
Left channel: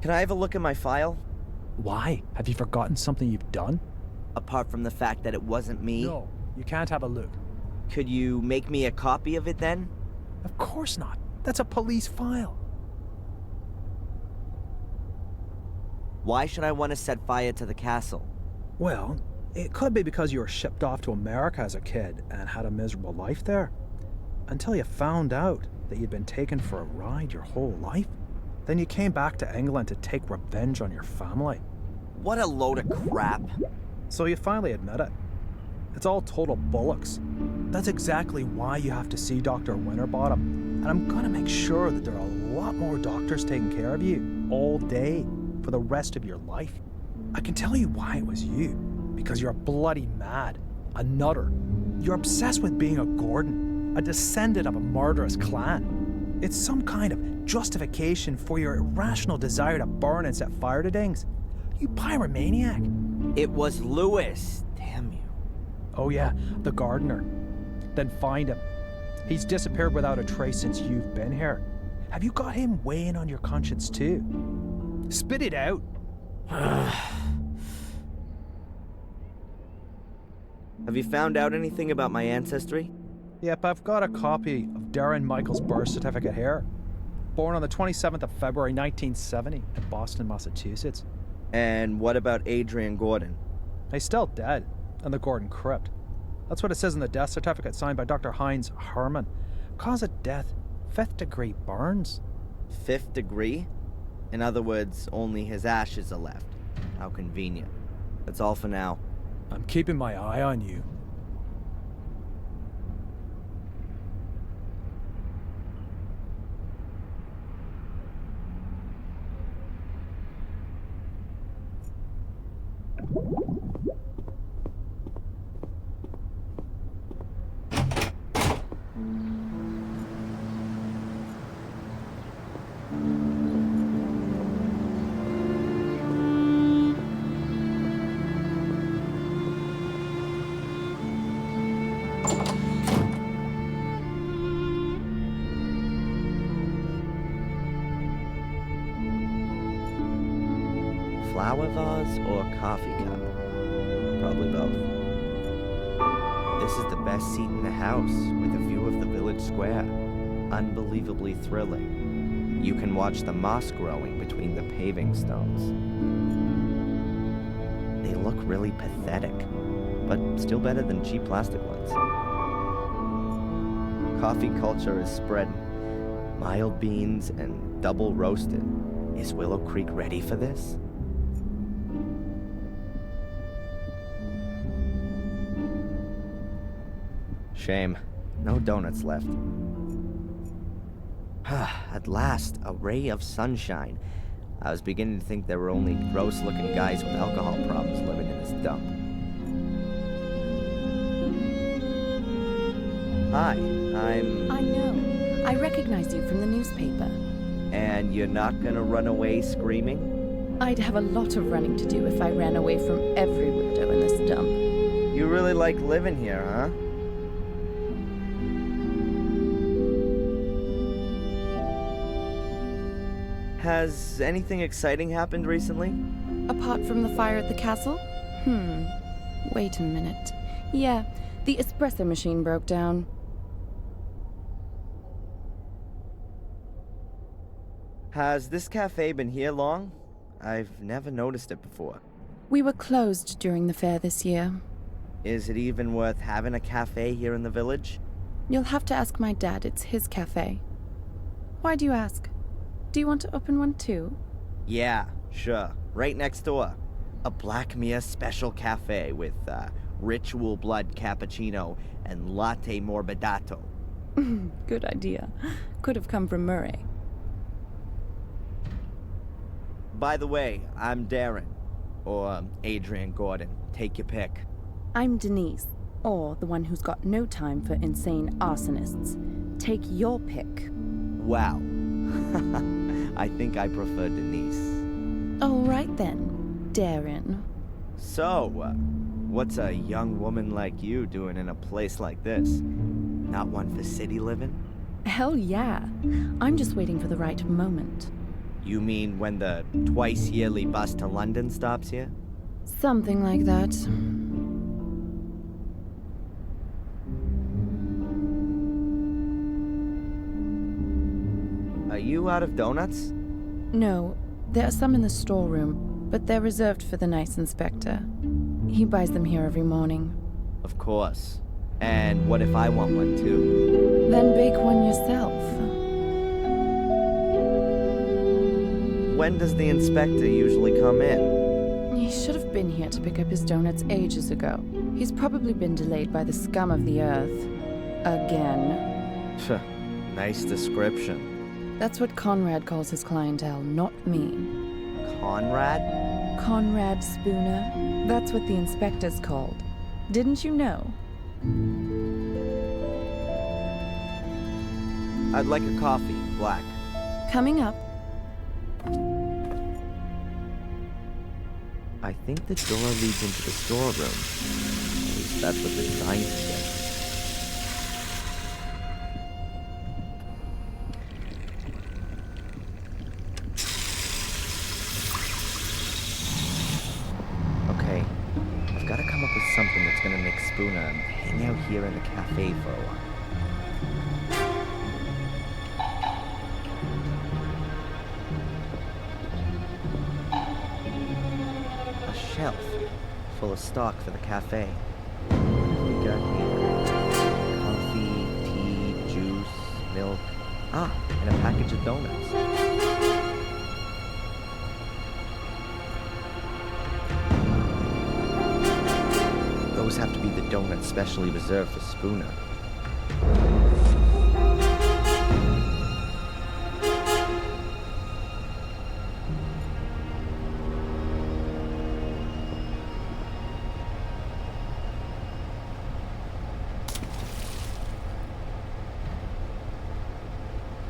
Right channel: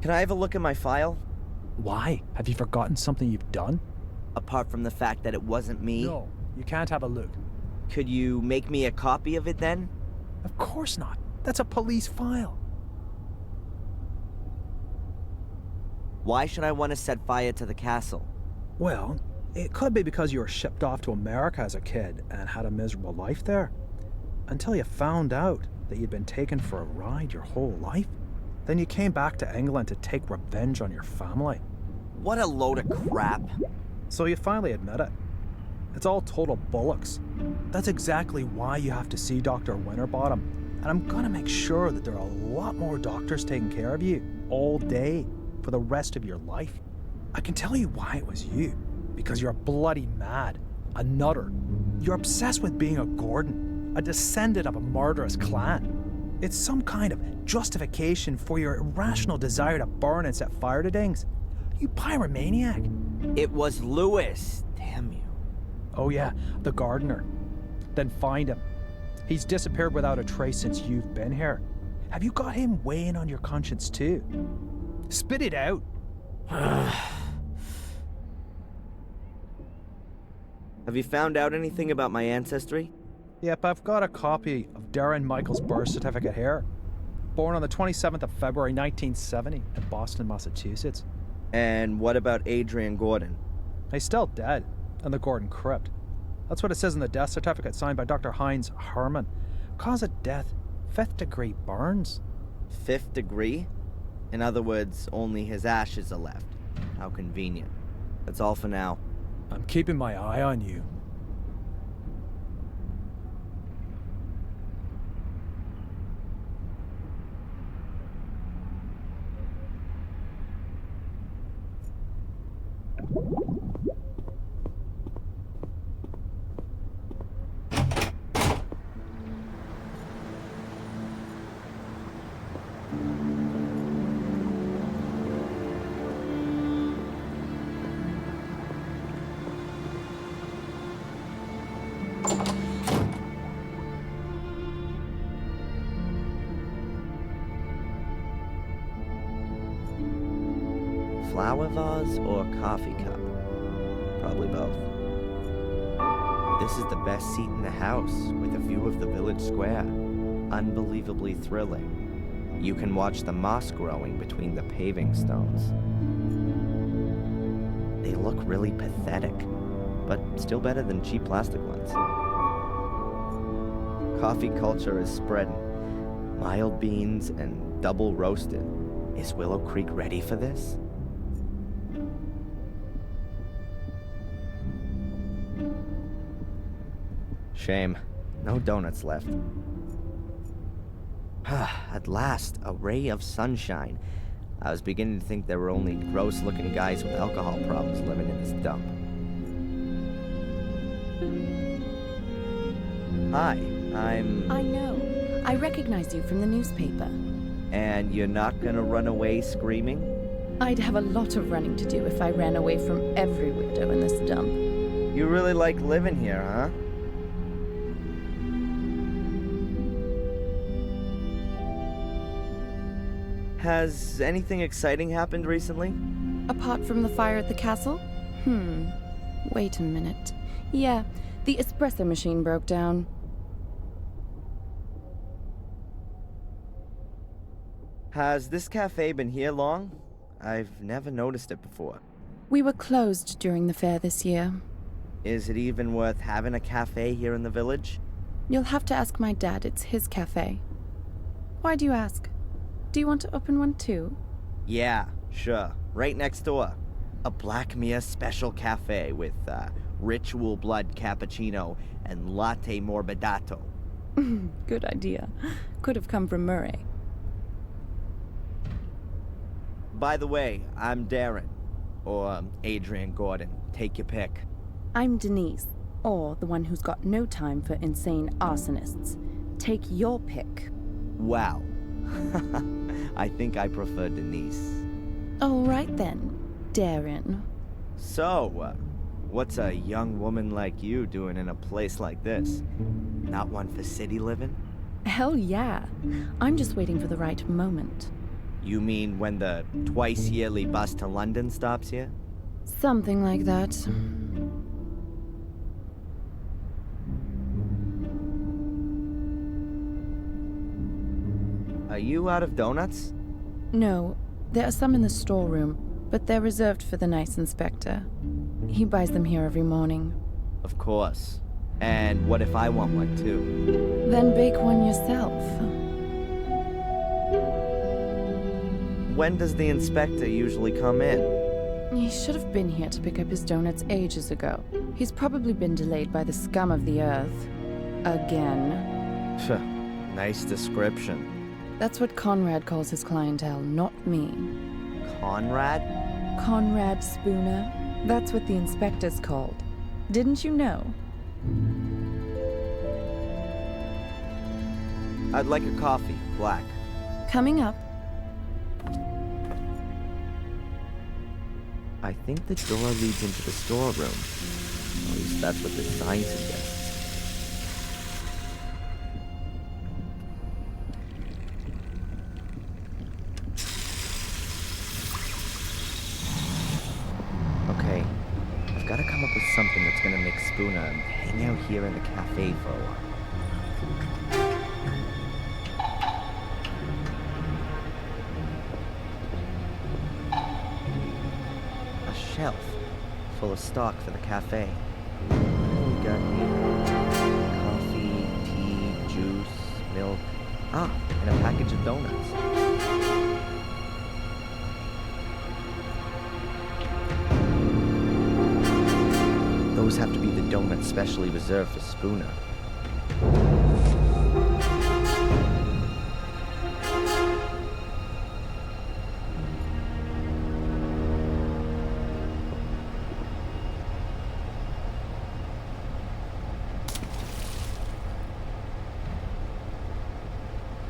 Can I have a look at my file? Why? Have you forgotten something you've done? Apart from the fact that it wasn't me? No, you can't have a look. Could you make me a copy of it then? Of course not. That's a police file. Why should I want to set fire to the castle? Well, it could be because you were shipped off to America as a kid and had a miserable life there. Until you found out that you'd been taken for a ride your whole life. Then you came back to England to take revenge on your family. What a load of crap. So you finally admit it. It's all total bollocks. That's exactly why you have to see Dr. Winterbottom. And I'm gonna make sure that there are a lot more doctors taking care of you all day for the rest of your life. I can tell you why it was you. Because you're bloody mad. A nutter. You're obsessed with being a Gordon. A descendant of a murderous clan. It's some kind of justification for your irrational desire to burn and set fire to things. You pyromaniac. It was Lewis. Damn you. Oh yeah, the gardener. Then find him. He's disappeared without a trace since you've been here. Have you got him weighing on your conscience too? Spit it out. Have you found out anything about my ancestry? Yep, I've got a copy of Darren Michaels' birth certificate here. Born on the 27th of February 1970 in Boston, Massachusetts. And what about Adrian Gordon? He's still dead in the Gordon Crypt. That's what it says in the death certificate signed by Dr. Heinz Herman. Cause of death, 5th degree burns. 5th degree? In other words, only his ashes are left. How convenient. That's all for now. I'm keeping my eye on you. Flower vase or coffee cup? Probably both. This is the best seat in the house, with a view of the village square. Unbelievably thrilling. You can watch the moss growing between the paving stones. They look really pathetic, but still better than cheap plastic ones. Coffee culture is spreading. Mild beans and double roasted. Is Willow Creek ready for this? Shame. No donuts left. At last, a ray of sunshine. I was beginning to think there were only gross-looking guys with alcohol problems living in this dump. Hi, I know. I recognize you from the newspaper. And you're not gonna run away screaming? I'd have a lot of running to do if I ran away from every weirdo in this dump. You really like living here, huh? Has anything exciting happened recently? Apart from the fire at the castle? Wait a minute. Yeah, the espresso machine broke down. Has this cafe been here long? I've never noticed it before. We were closed during the fair this year. Is it even worth having a cafe here in the village? You'll have to ask my dad. It's his cafe. Why do you ask? Do you want to open one too? Yeah, sure. Right next door. A Blackmere special cafe with ritual blood cappuccino and latte morbidato. Good idea. Could have come from Murray. By the way, I'm Darren. Or Adrian Gordon. Take your pick. I'm Denise. Or the one who's got no time for insane arsonists. Take your pick. Wow. I think I prefer Denise. All right then, Darren. So, what's a young woman like you doing in a place like this? Not one for city living? Hell yeah. I'm just waiting for the right moment. You mean when the twice-yearly bus to London stops here? Something like that. Are you out of donuts? No, there are some in the storeroom, but they're reserved for the nice inspector. He buys them here every morning. Of course. And what if I want one too? Then bake one yourself. When does the inspector usually come in? He should have been here to pick up his donuts ages ago. He's probably been delayed by the scum of the earth. Again. Phew, nice description. That's what Conrad calls his clientele, not me. Conrad? Conrad Spooner. That's what the inspector's called. Didn't you know? I'd like a coffee, black. Coming up. I think the door leads into the storeroom. At least that's what the sign suggests. Okay, I've got to come up with something that's gonna make Spooner hang out here in the cafe for a while. Shelf full of stock for the cafe. What have we got here? Coffee, tea, juice, milk. Ah, and a package of donuts. Those have to be the donuts specially reserved for Spooner.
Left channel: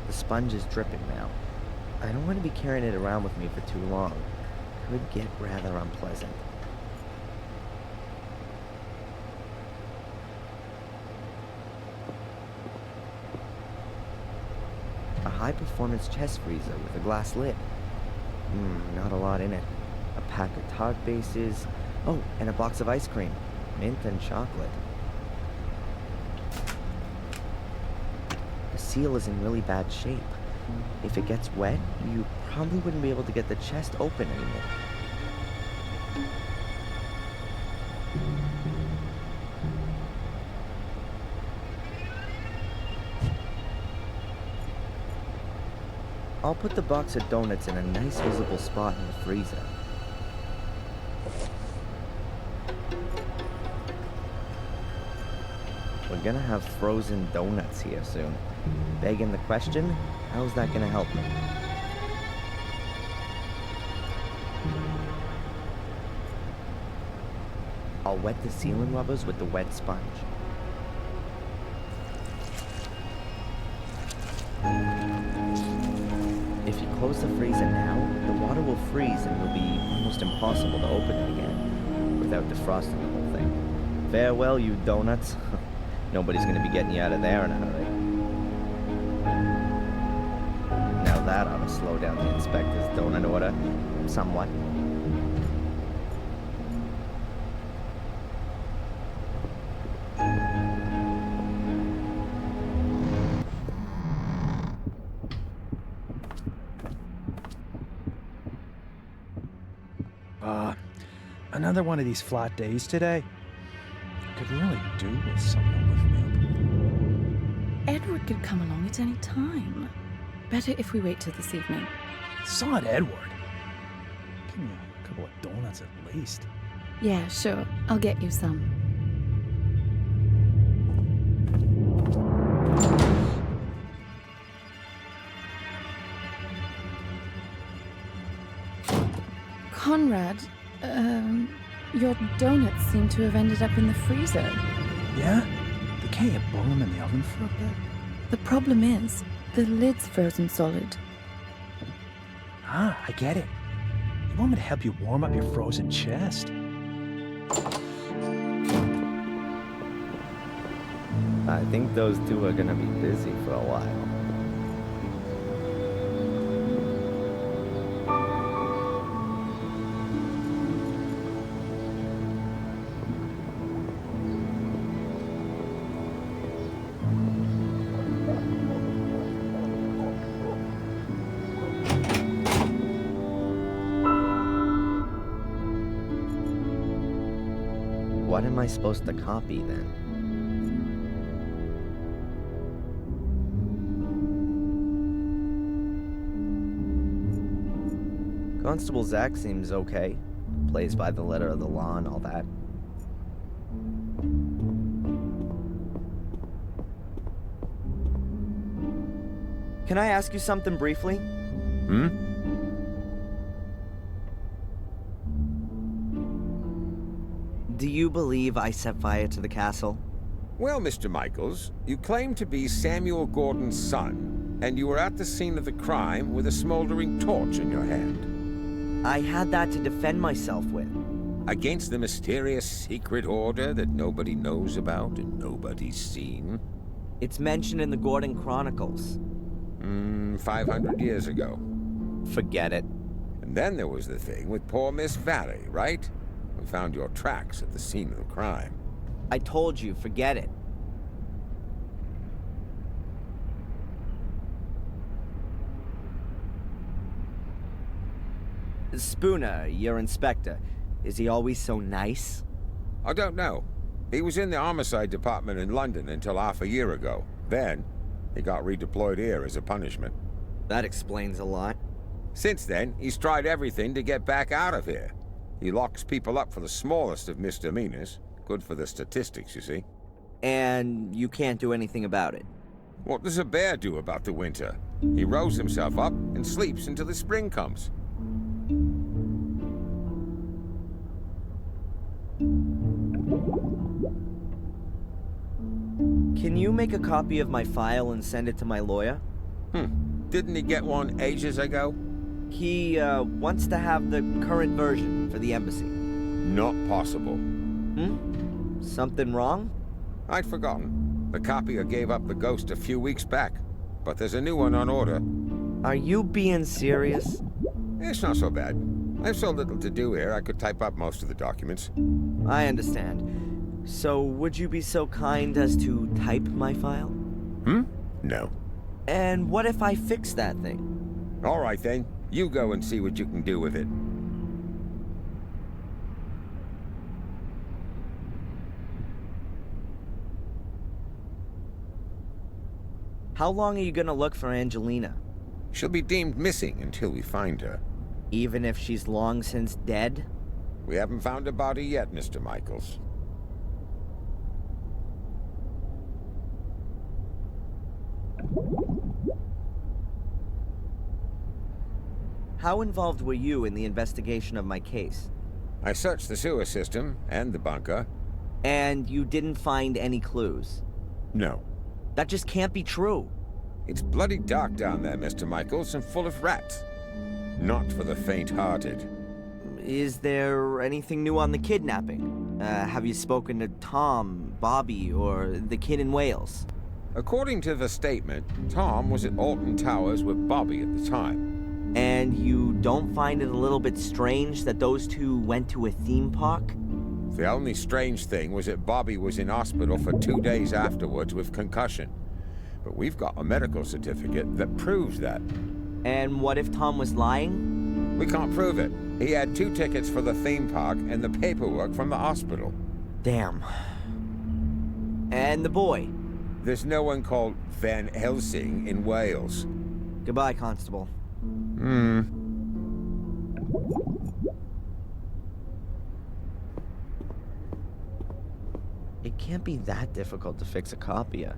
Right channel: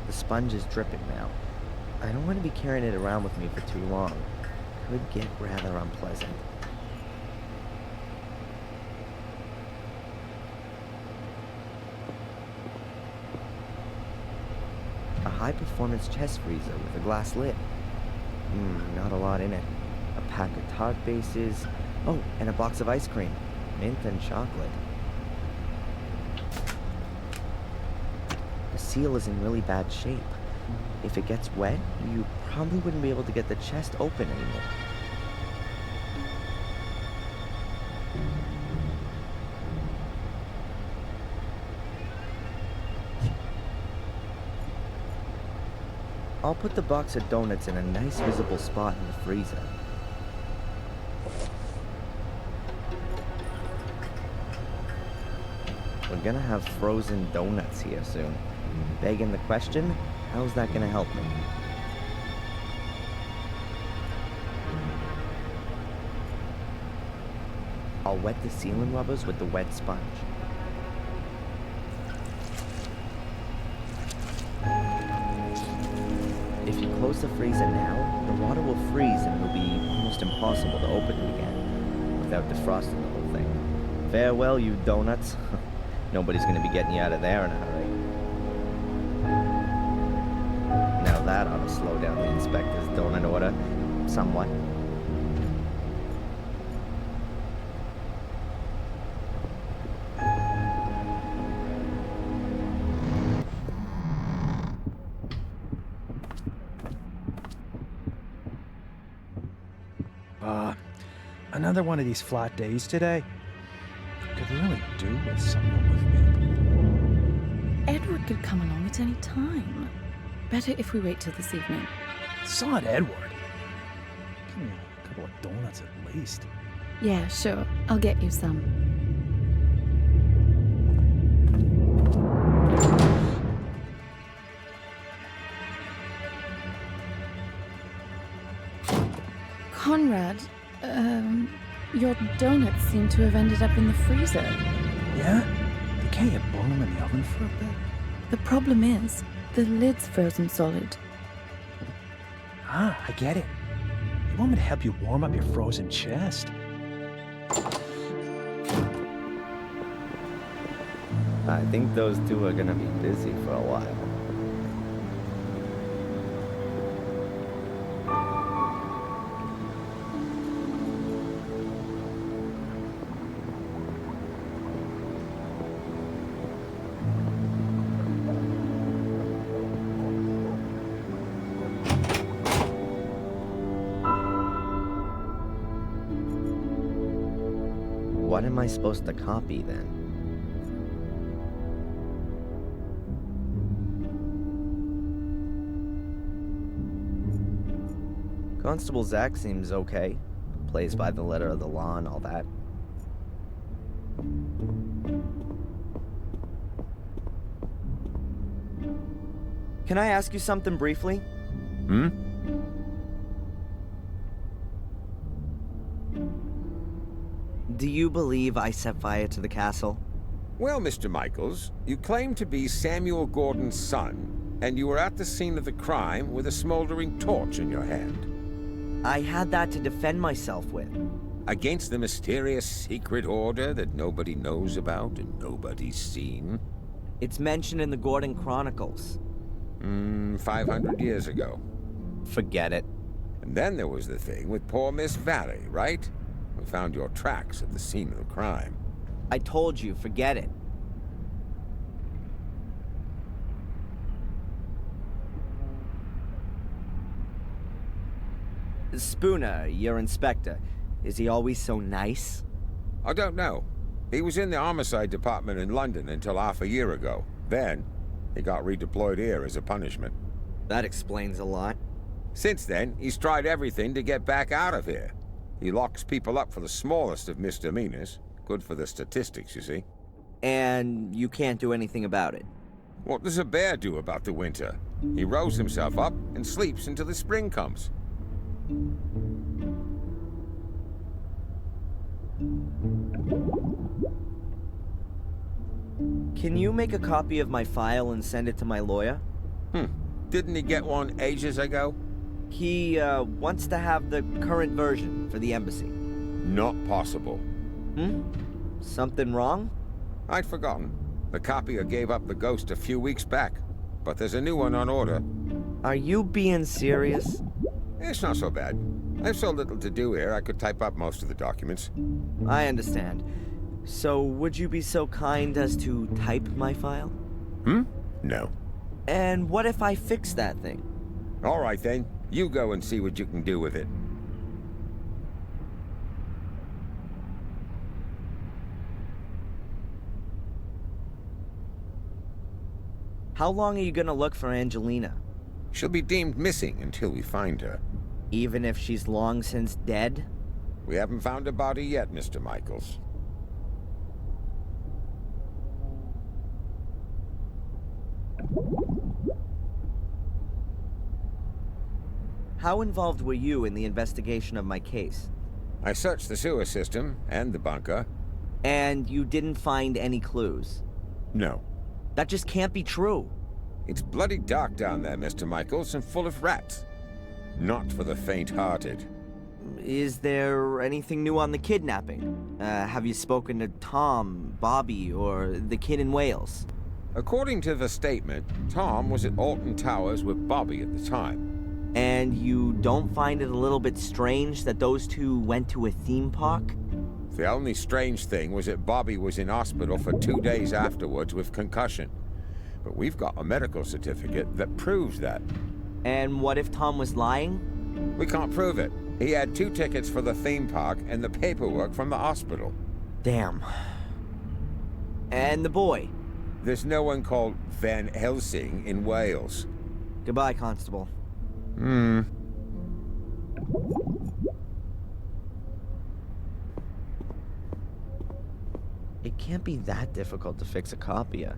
The sponge is dripping now. I don't want to be carrying it around with me for too long. Could get rather unpleasant. A high-performance chest freezer with a glass lid. Not a lot in it. A pack of tart bases. Oh, and a box of ice cream. Mint and chocolate. The seal is in really bad shape. If it gets wet, you probably wouldn't be able to get the chest open anymore. I'll put the box of donuts in a nice visible spot in the freezer. We're gonna have frozen donuts here soon. Begging the question, how's that gonna help me? I'll wet the sealing rubbers with the wet sponge. If you close the freezer now, the water will freeze and it'll be almost impossible to open it again without defrosting the whole thing. Farewell, you donuts. Nobody's gonna be getting you out of there in a hurry. Now that ought to slow down the inspector's donut order somewhat. Another one of these flat days today. Could really do with something to lift me up. Edward could come along at any time. Better if we wait till this evening. Sod Edward. Give me a couple of donuts at least. Yeah, sure. I'll get you some. Conrad, your donuts seem to have ended up in the freezer. Yeah? Can't you bung them in the oven for a bit? The problem is, the lid's frozen solid. Ah, I get it. You want me to help you warm up your frozen chest? I think those two are gonna be busy for a while. What am I supposed to copy then? Constable Zach seems okay. Plays by the letter of the law and all that. Can I ask you something briefly? Hmm? Do you believe I set fire to the castle? Well, Mr. Michaels, you claim to be Samuel Gordon's son, and you were at the scene of the crime with a smoldering torch in your hand. I had that to defend myself with. Against the mysterious secret order that nobody knows about and nobody's seen? It's mentioned in the Gordon Chronicles. 500 years ago. Forget it. And then there was the thing with poor Miss Valley, right? We found your tracks at the scene of the crime. I told you, forget it. Spooner, your inspector, is he always so nice? I don't know. He was in the homicide department in London until half a year ago. Then, he got redeployed here as a punishment. That explains a lot. Since then, he's tried everything to get back out of here. He locks people up for the smallest of misdemeanors. Good for the statistics, you see. And you can't do anything about it? What does a bear do about the winter? He rows himself up and sleeps until the spring comes. Can you make a copy of my file and send it to my lawyer? Didn't he get one ages ago? He, wants to have the current version for the embassy. Not possible. Something wrong? I'd forgotten. The copier gave up the Ghost a few weeks back, but there's a new one on order. Are you being serious? It's not so bad. I have so little to do here, I could type up most of the documents. I understand. So, would you be so kind as to type my file? No. And what if I fix that thing? All right then. You go and see what you can do with it. How long are you gonna look for Angelina? She'll be deemed missing until we find her. Even if she's long since dead? We haven't found a body yet, Mr. Michaels. How involved were you in the investigation of my case? I searched the sewer system and the bunker. And you didn't find any clues? No. That just can't be true. It's bloody dark down there, Mr. Michaels, and full of rats. Not for the faint-hearted. Is there anything new on the kidnapping? Have you spoken to Tom, Bobby, or the kid in Wales? According to the statement, Tom was at Alton Towers with Bobby at the time. And you don't find it a little bit strange that those two went to a theme park? The only strange thing was that Bobby was in hospital for 2 days afterwards with concussion. But we've got a medical certificate that proves that. And what if Tom was lying? We can't prove it. He had 2 tickets for the theme park and the paperwork from the hospital. Damn. And the boy? There's no one called Van Helsing in Wales. Goodbye, Constable. It can't be that difficult to fix a copier.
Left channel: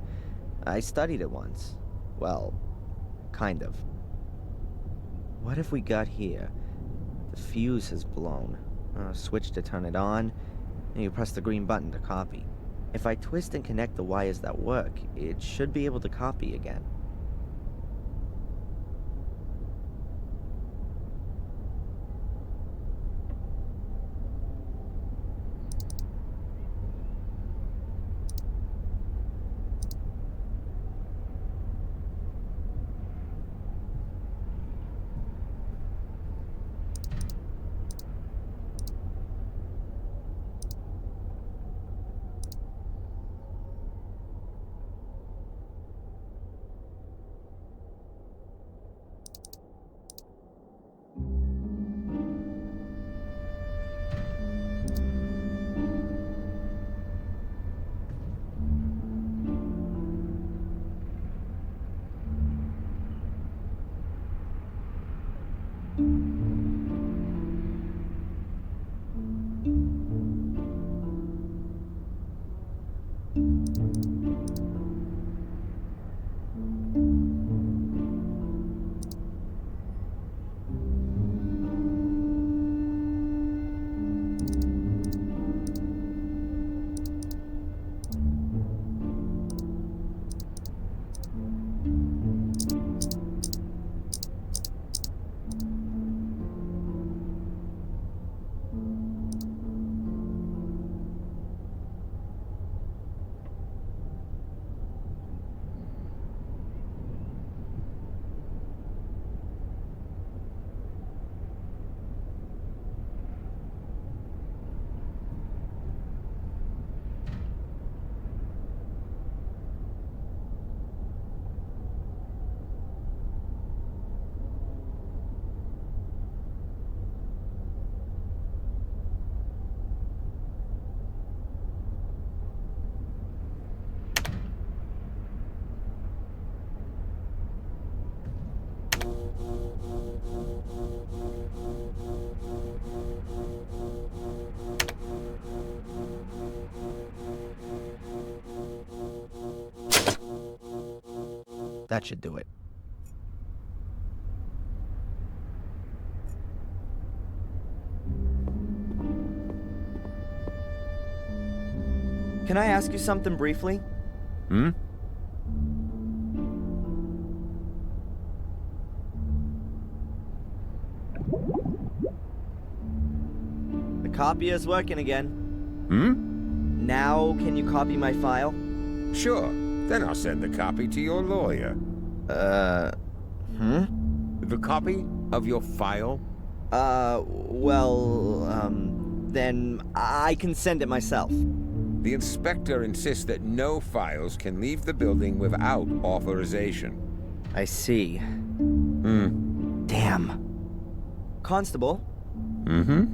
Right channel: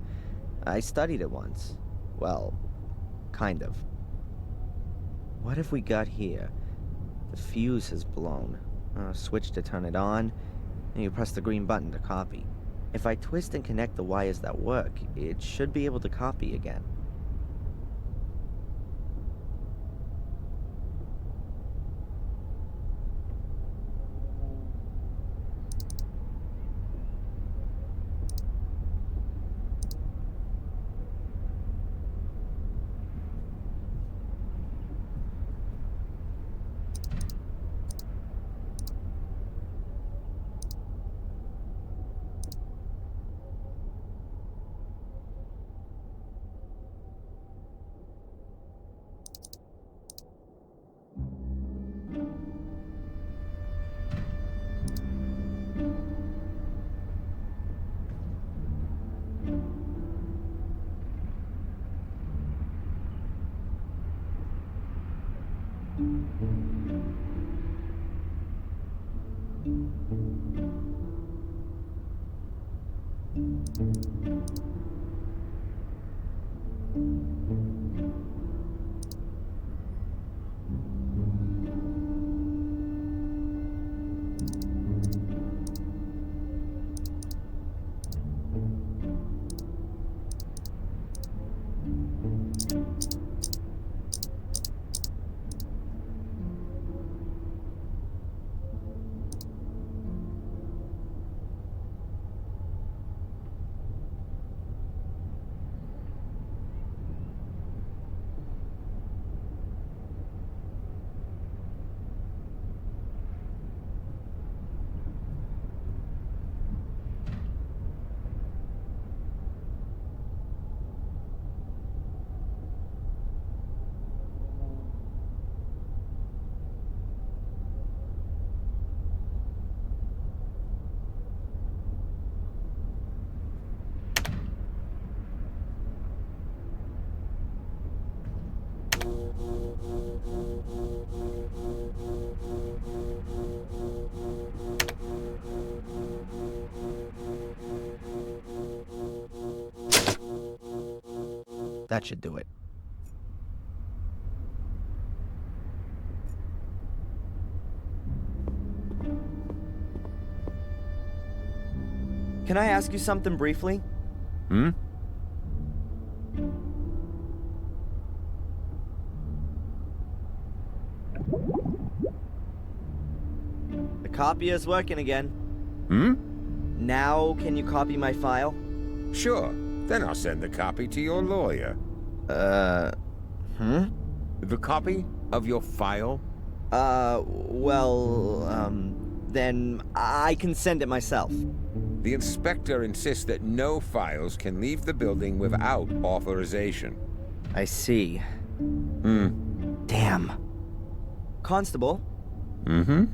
I studied it once. Well, kind of. What if we got here? The fuse has blown. Switch to turn it on, and you press the green button to copy. If I twist and connect the wires that work, it should be able to copy again. That should do it. Can I ask you something briefly? Hmm? The copier's working again. Hmm? Now, can you copy my file? Sure. Then I'll send the copy to your lawyer. The copy of your file? Then I can send it myself. The inspector insists that no files can leave the building without authorization. I see. Damn. Constable? Mm-hmm?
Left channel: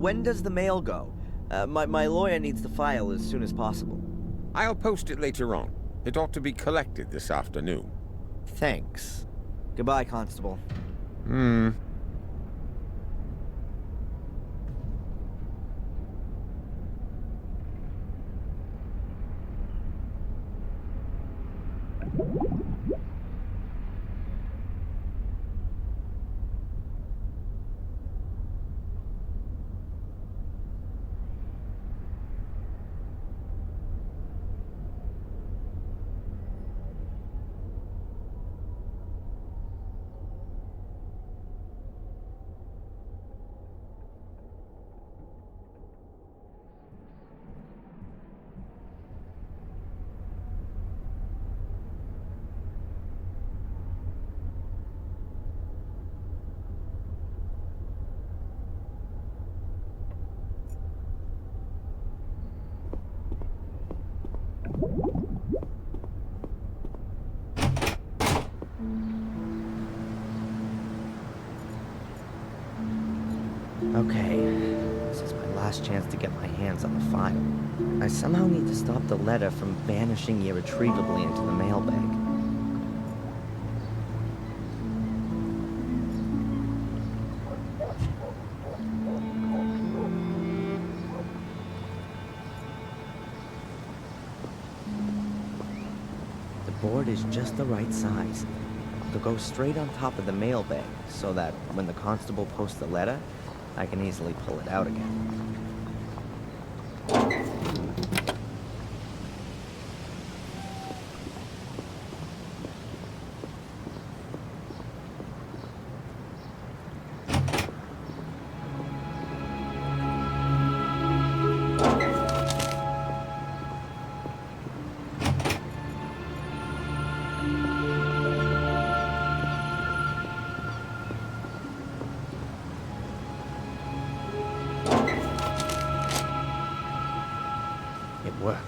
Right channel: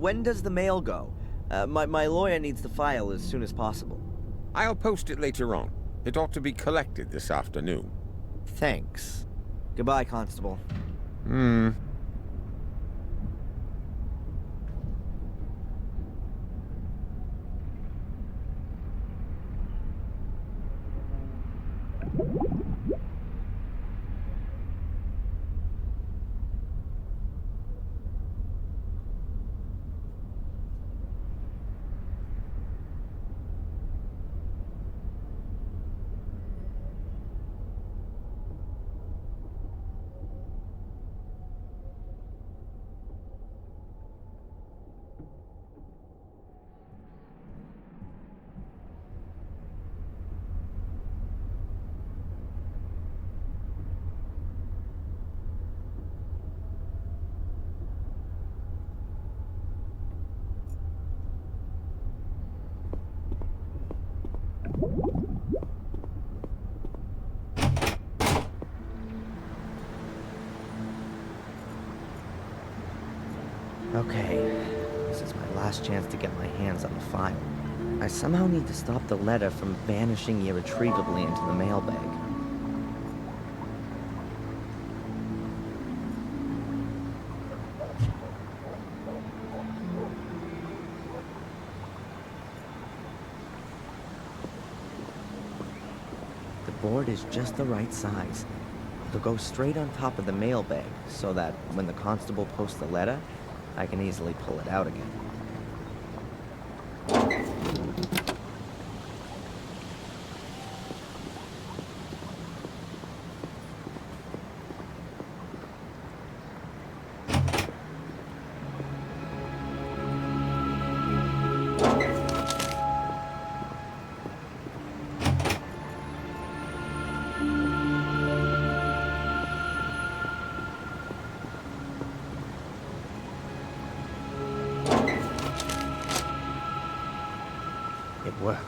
When does the mail go? My lawyer needs the file as soon as possible. I'll post it later on. It ought to be collected this afternoon. Thanks. Goodbye, Constable. Okay, this is my last chance to get my hands on the file. I somehow need to stop the letter from vanishing irretrievably into the mailbag. The board is just the right size. It'll go straight on top of the mailbag so that when the constable posts the letter, I can easily pull it out again. It worked.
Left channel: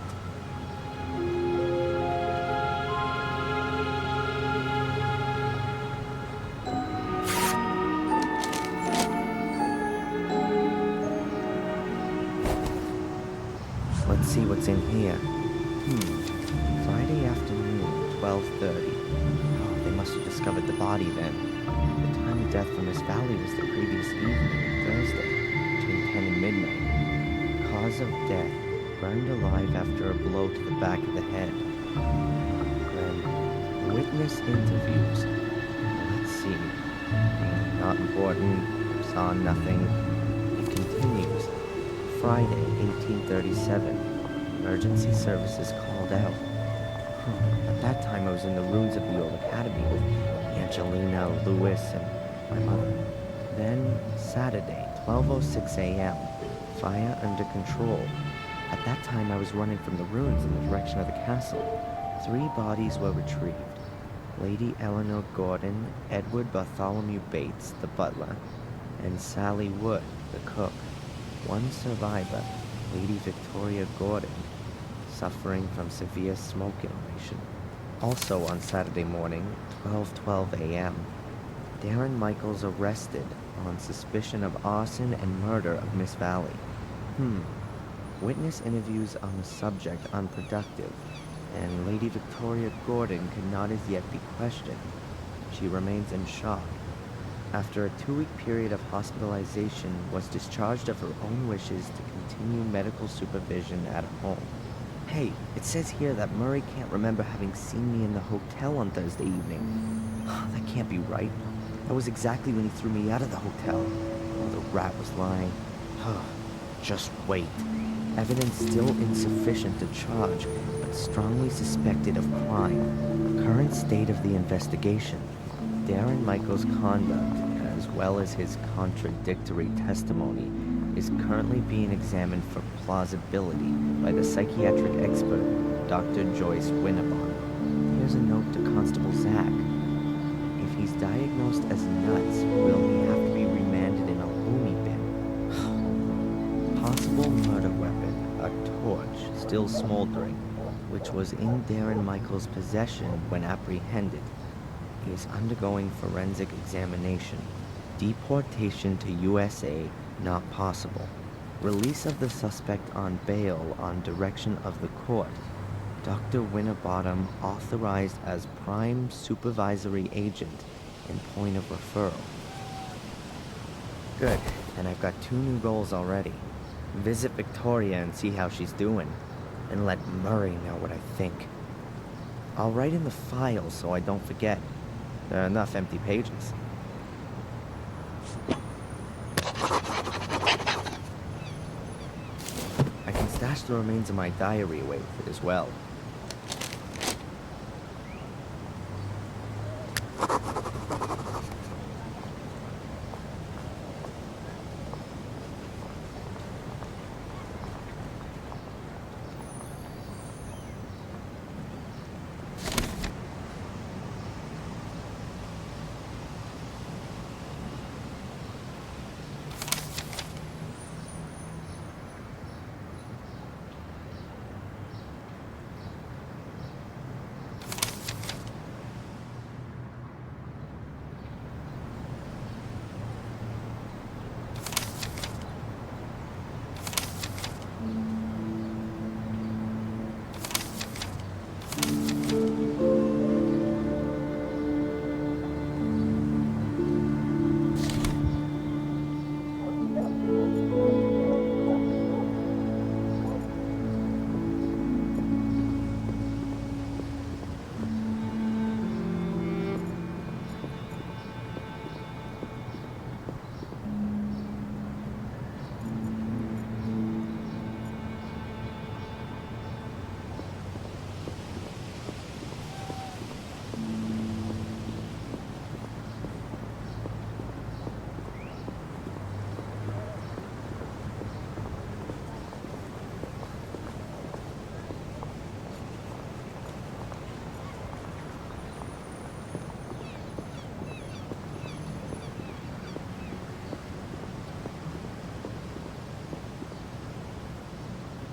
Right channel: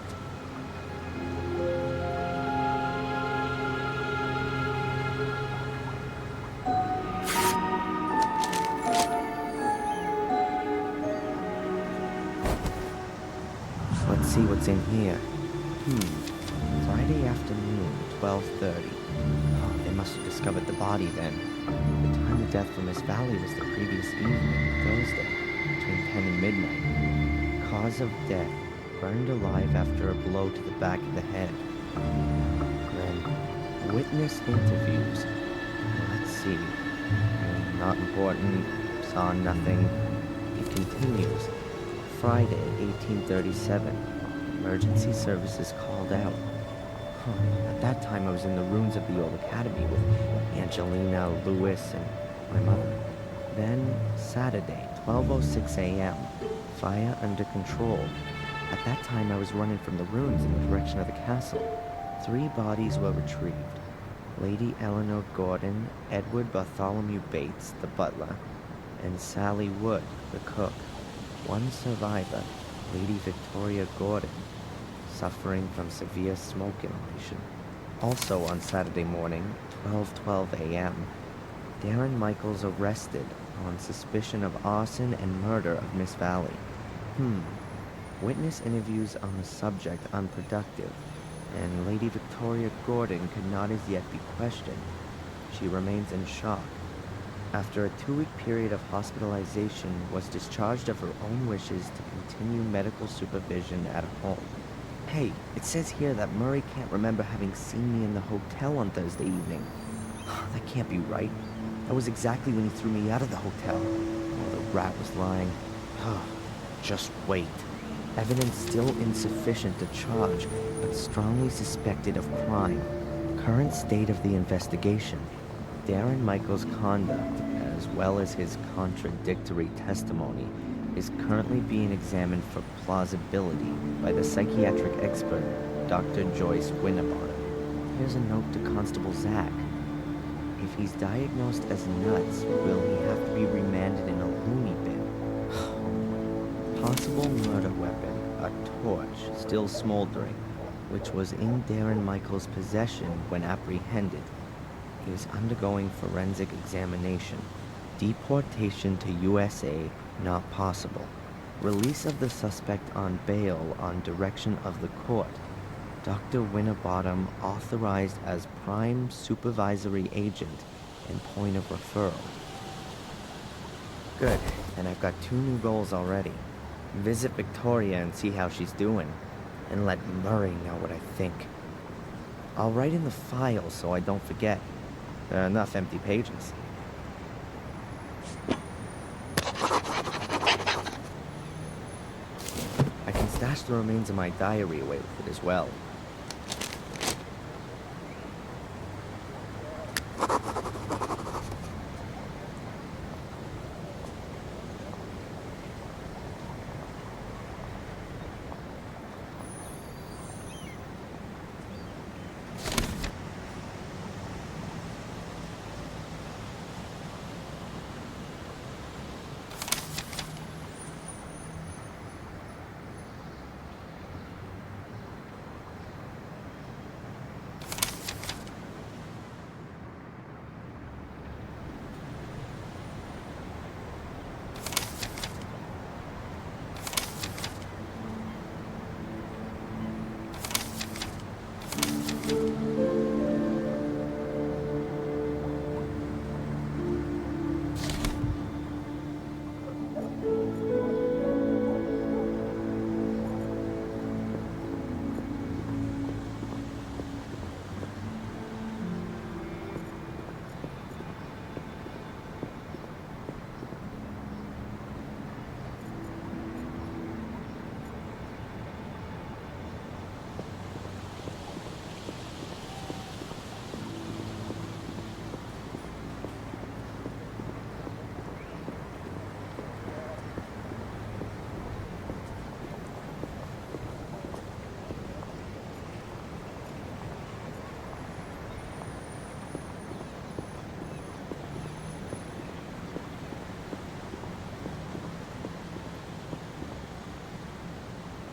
Let's see what's in here. Friday afternoon, 12:30. Oh, they must have discovered the body then. The time of death for Miss Valley was the previous evening, Thursday, between 10 and midnight. Cause of death, burned alive after a blow to the back of the head. Then, witness interviews. Let's see. Not important. Saw nothing. It continues. Friday, 1837. Emergency services called out. At that time, I was in the ruins of the old academy with Angelina, Lewis, and my mother. Then, Saturday, 12:06 a.m. Fire under control. At that time, I was running from the ruins in the direction of the castle. 3 bodies were retrieved. Lady Eleanor Gordon, Edward Bartholomew Bates, the butler, and Sally Wood, the cook. 1 survivor, Lady Victoria Gordon, suffering from severe smoke inhalation. Also on Saturday morning, 12:12 a.m., Darren Michaels arrested on suspicion of arson and murder of Miss Valley. Witness interviews on the subject unproductive, and Lady Victoria Gordon could not as yet be questioned. She remains in shock. After a 2-week period of hospitalization, was discharged of her own wishes to continue medical supervision at home. Hey, it says here that Murray can't remember having seen me in the hotel on Thursday evening. That can't be right. That was exactly when he threw me out of the hotel. Oh, the rat was lying. Just wait. Evidence still insufficient to charge, but strongly suspected of crime. Current state of the investigation. Darren Michaels' conduct, as well as his contradictory testimony, is currently being examined for plausibility by the psychiatric expert, Dr. Joyce Winterbottom. Here's a note to Constable Zach. If he's diagnosed as nuts, will he have to be remanded in a loony bin? Possible murder weapon, a torch, still smoldering, which was in Darren Michaels' possession when apprehended. He is undergoing forensic examination. Deportation to USA, not possible. Release of the suspect on bail on direction of the court. Dr. Winterbottom authorized as prime supervisory agent and point of referral. Good, and I've got 2 new goals already. Visit Victoria and see how she's doing, and let Murray know what I think. I'll write in the file so I don't forget. There are enough empty pages. I can stash the remains of my diary away with it as well.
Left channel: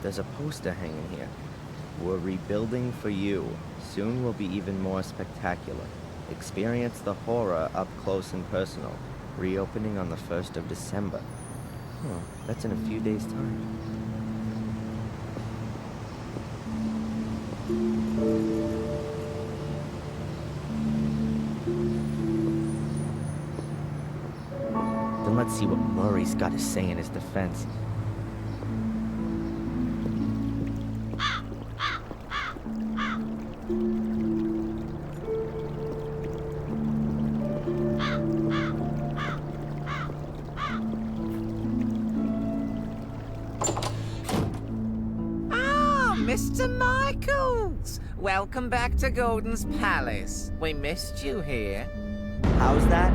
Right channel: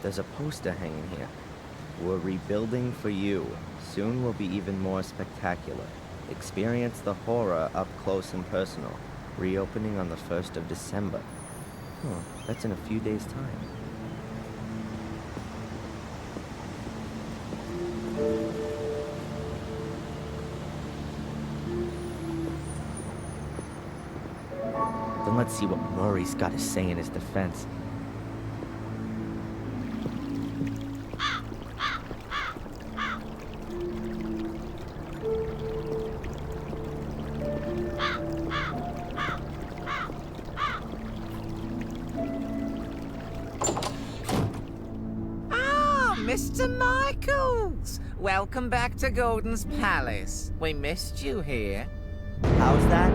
There's a poster hanging here. We're rebuilding for you. Soon will be even more spectacular. Experience the horror up close and personal. Reopening on the 1st of December. That's in a few days' time. Then let's see what Murray's got to say in his defense. Mr. Michaels! Welcome back to Gordon's Palace. We missed you here. How's that?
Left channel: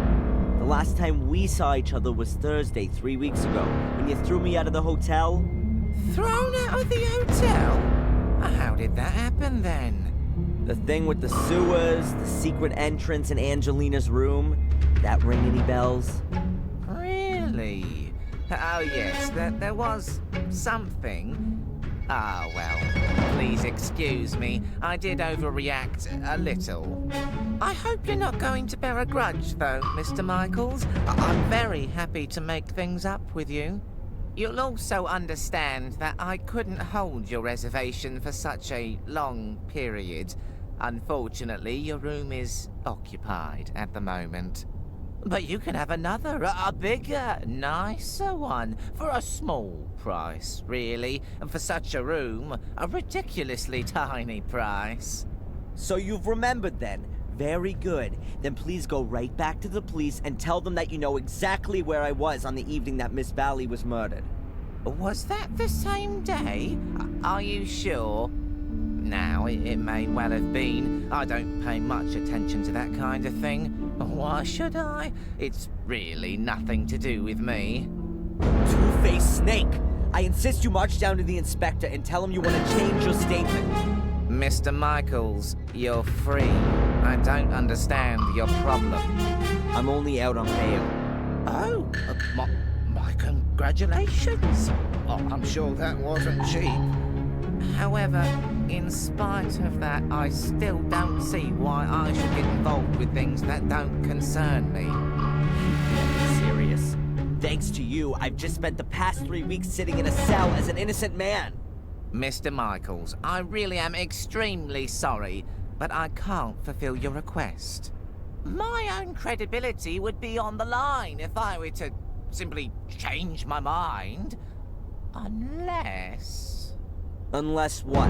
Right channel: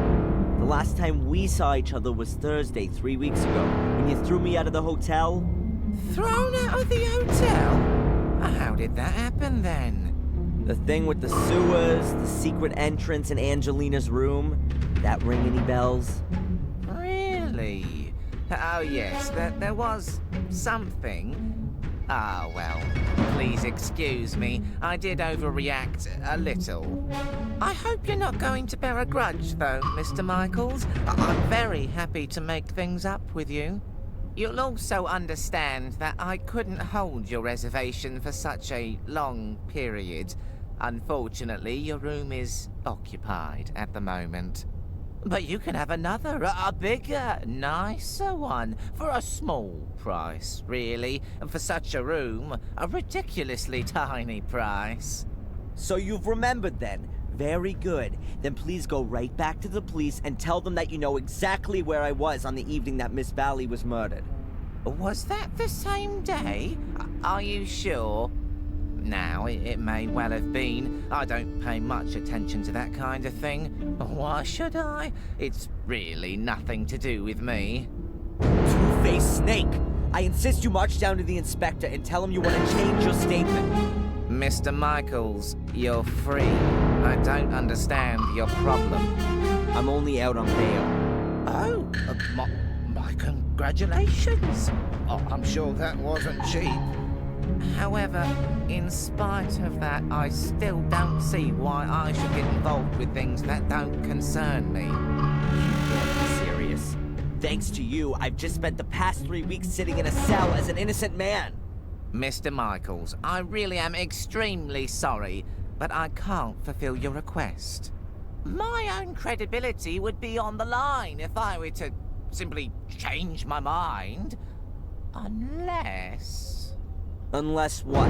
The last time we saw each other was Thursday, 3 weeks ago, when you threw me out of the hotel. Thrown out of the hotel? How did that happen then? The thing with the sewers, the secret entrance in Angelina's room. That ring any bells? Really? Oh yes, there was something. Ah, well, please excuse me. I did overreact a little. I hope you're not going to bear a grudge, though, Mr. Michaels. I'm very happy to make things up with you. You'll also understand that I couldn't hold your reservation for such a long period. Unfortunately, your room is occupied at the moment. But you can have another, a bigger, nicer one, for a small price, really. And for such a room, a ridiculously tiny price. So you've remembered then? Very good. Then please go right back to the police and tell them that you know exactly where I was on the evening that Miss Valley was murdered. Was that the same day? Are you sure? Now, it may well have been. I don't pay much attention to that kind of thing. Why should I? It's really nothing to do with me. Two-faced snake! I insist you march down to the inspector and tell him you want to change your statement. Mr. Michaels, you're free. I don't understand your problem. I'm only out on bail. Oh, my congratulations. Oh, I'm sure that wasn't cheap. However, in spite of that, I still don't see why I should get involved with things that don't concern me. You can't be serious. Thanks to you, I've just spent the past 3 weeks sitting in a cell as an innocent man. Mr. Michaels, I really am extremely sorry, but I can't fulfill your request. My own credibility would be on the line if I were to simply change my mind. Unless... Unless what?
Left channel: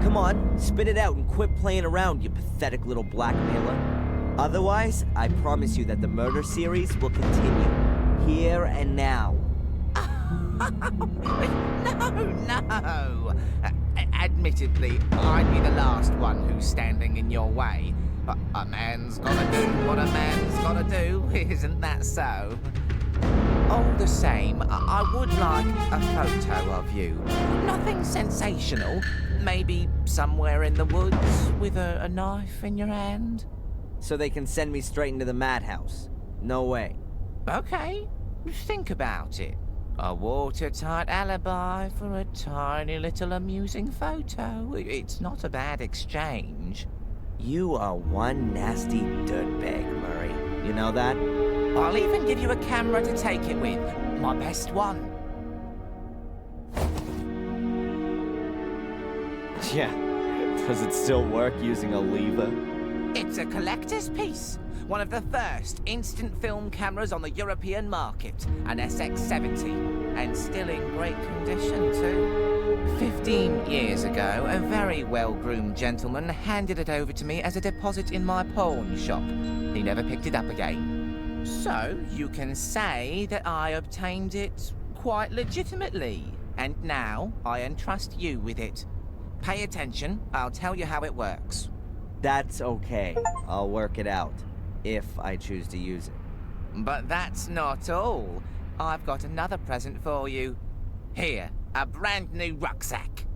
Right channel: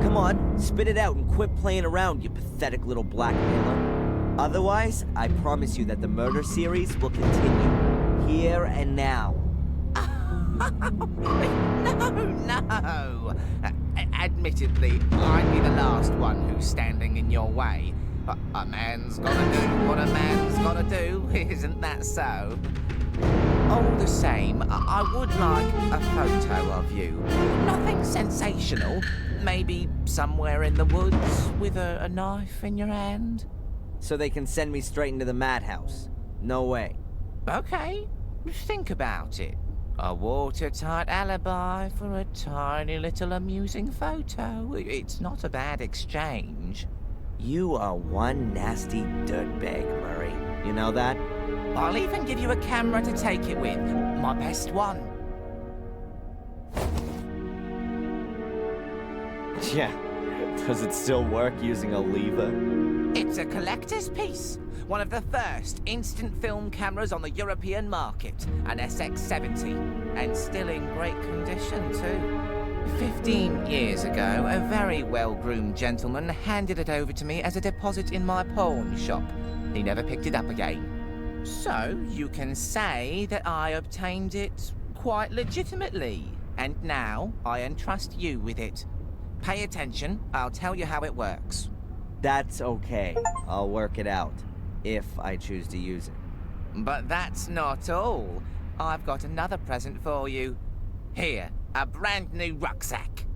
Come on, spit it out and quit playing around, you pathetic little blackmailer. Otherwise, I promise you that the murder series will continue. Here and now. No. Admittedly, I'd be the last one who's standing in your way. A man's gotta do what a man's gotta do, isn't that so? All the same, I would like a photo of you. Nothing sensational. Maybe somewhere in the woods with a knife in your hand. So they can send me straight into the madhouse. No way. Okay, think about it. A watertight alibi for a tiny little amusing photo. It's not a bad exchange. You are one nasty dirtbag, Murray. You know that? I'll even give you a camera to take it with. My best one. Yeah. Does it still work using a lever? It's a collector's piece. One of the first instant film cameras on the European market. An SX-70. And still in great condition, too. 15 years ago, a very well-groomed gentleman handed it over to me as a deposit in my pawn shop. He never picked it up again. So, you can say that I obtained it quite legitimately. And now, I entrust you with it. Pay attention, I'll tell you how it works. That's okay. I'll work it out. If I choose to use it. But that's not all. I've got another present for you. Here, a brand new rucksack.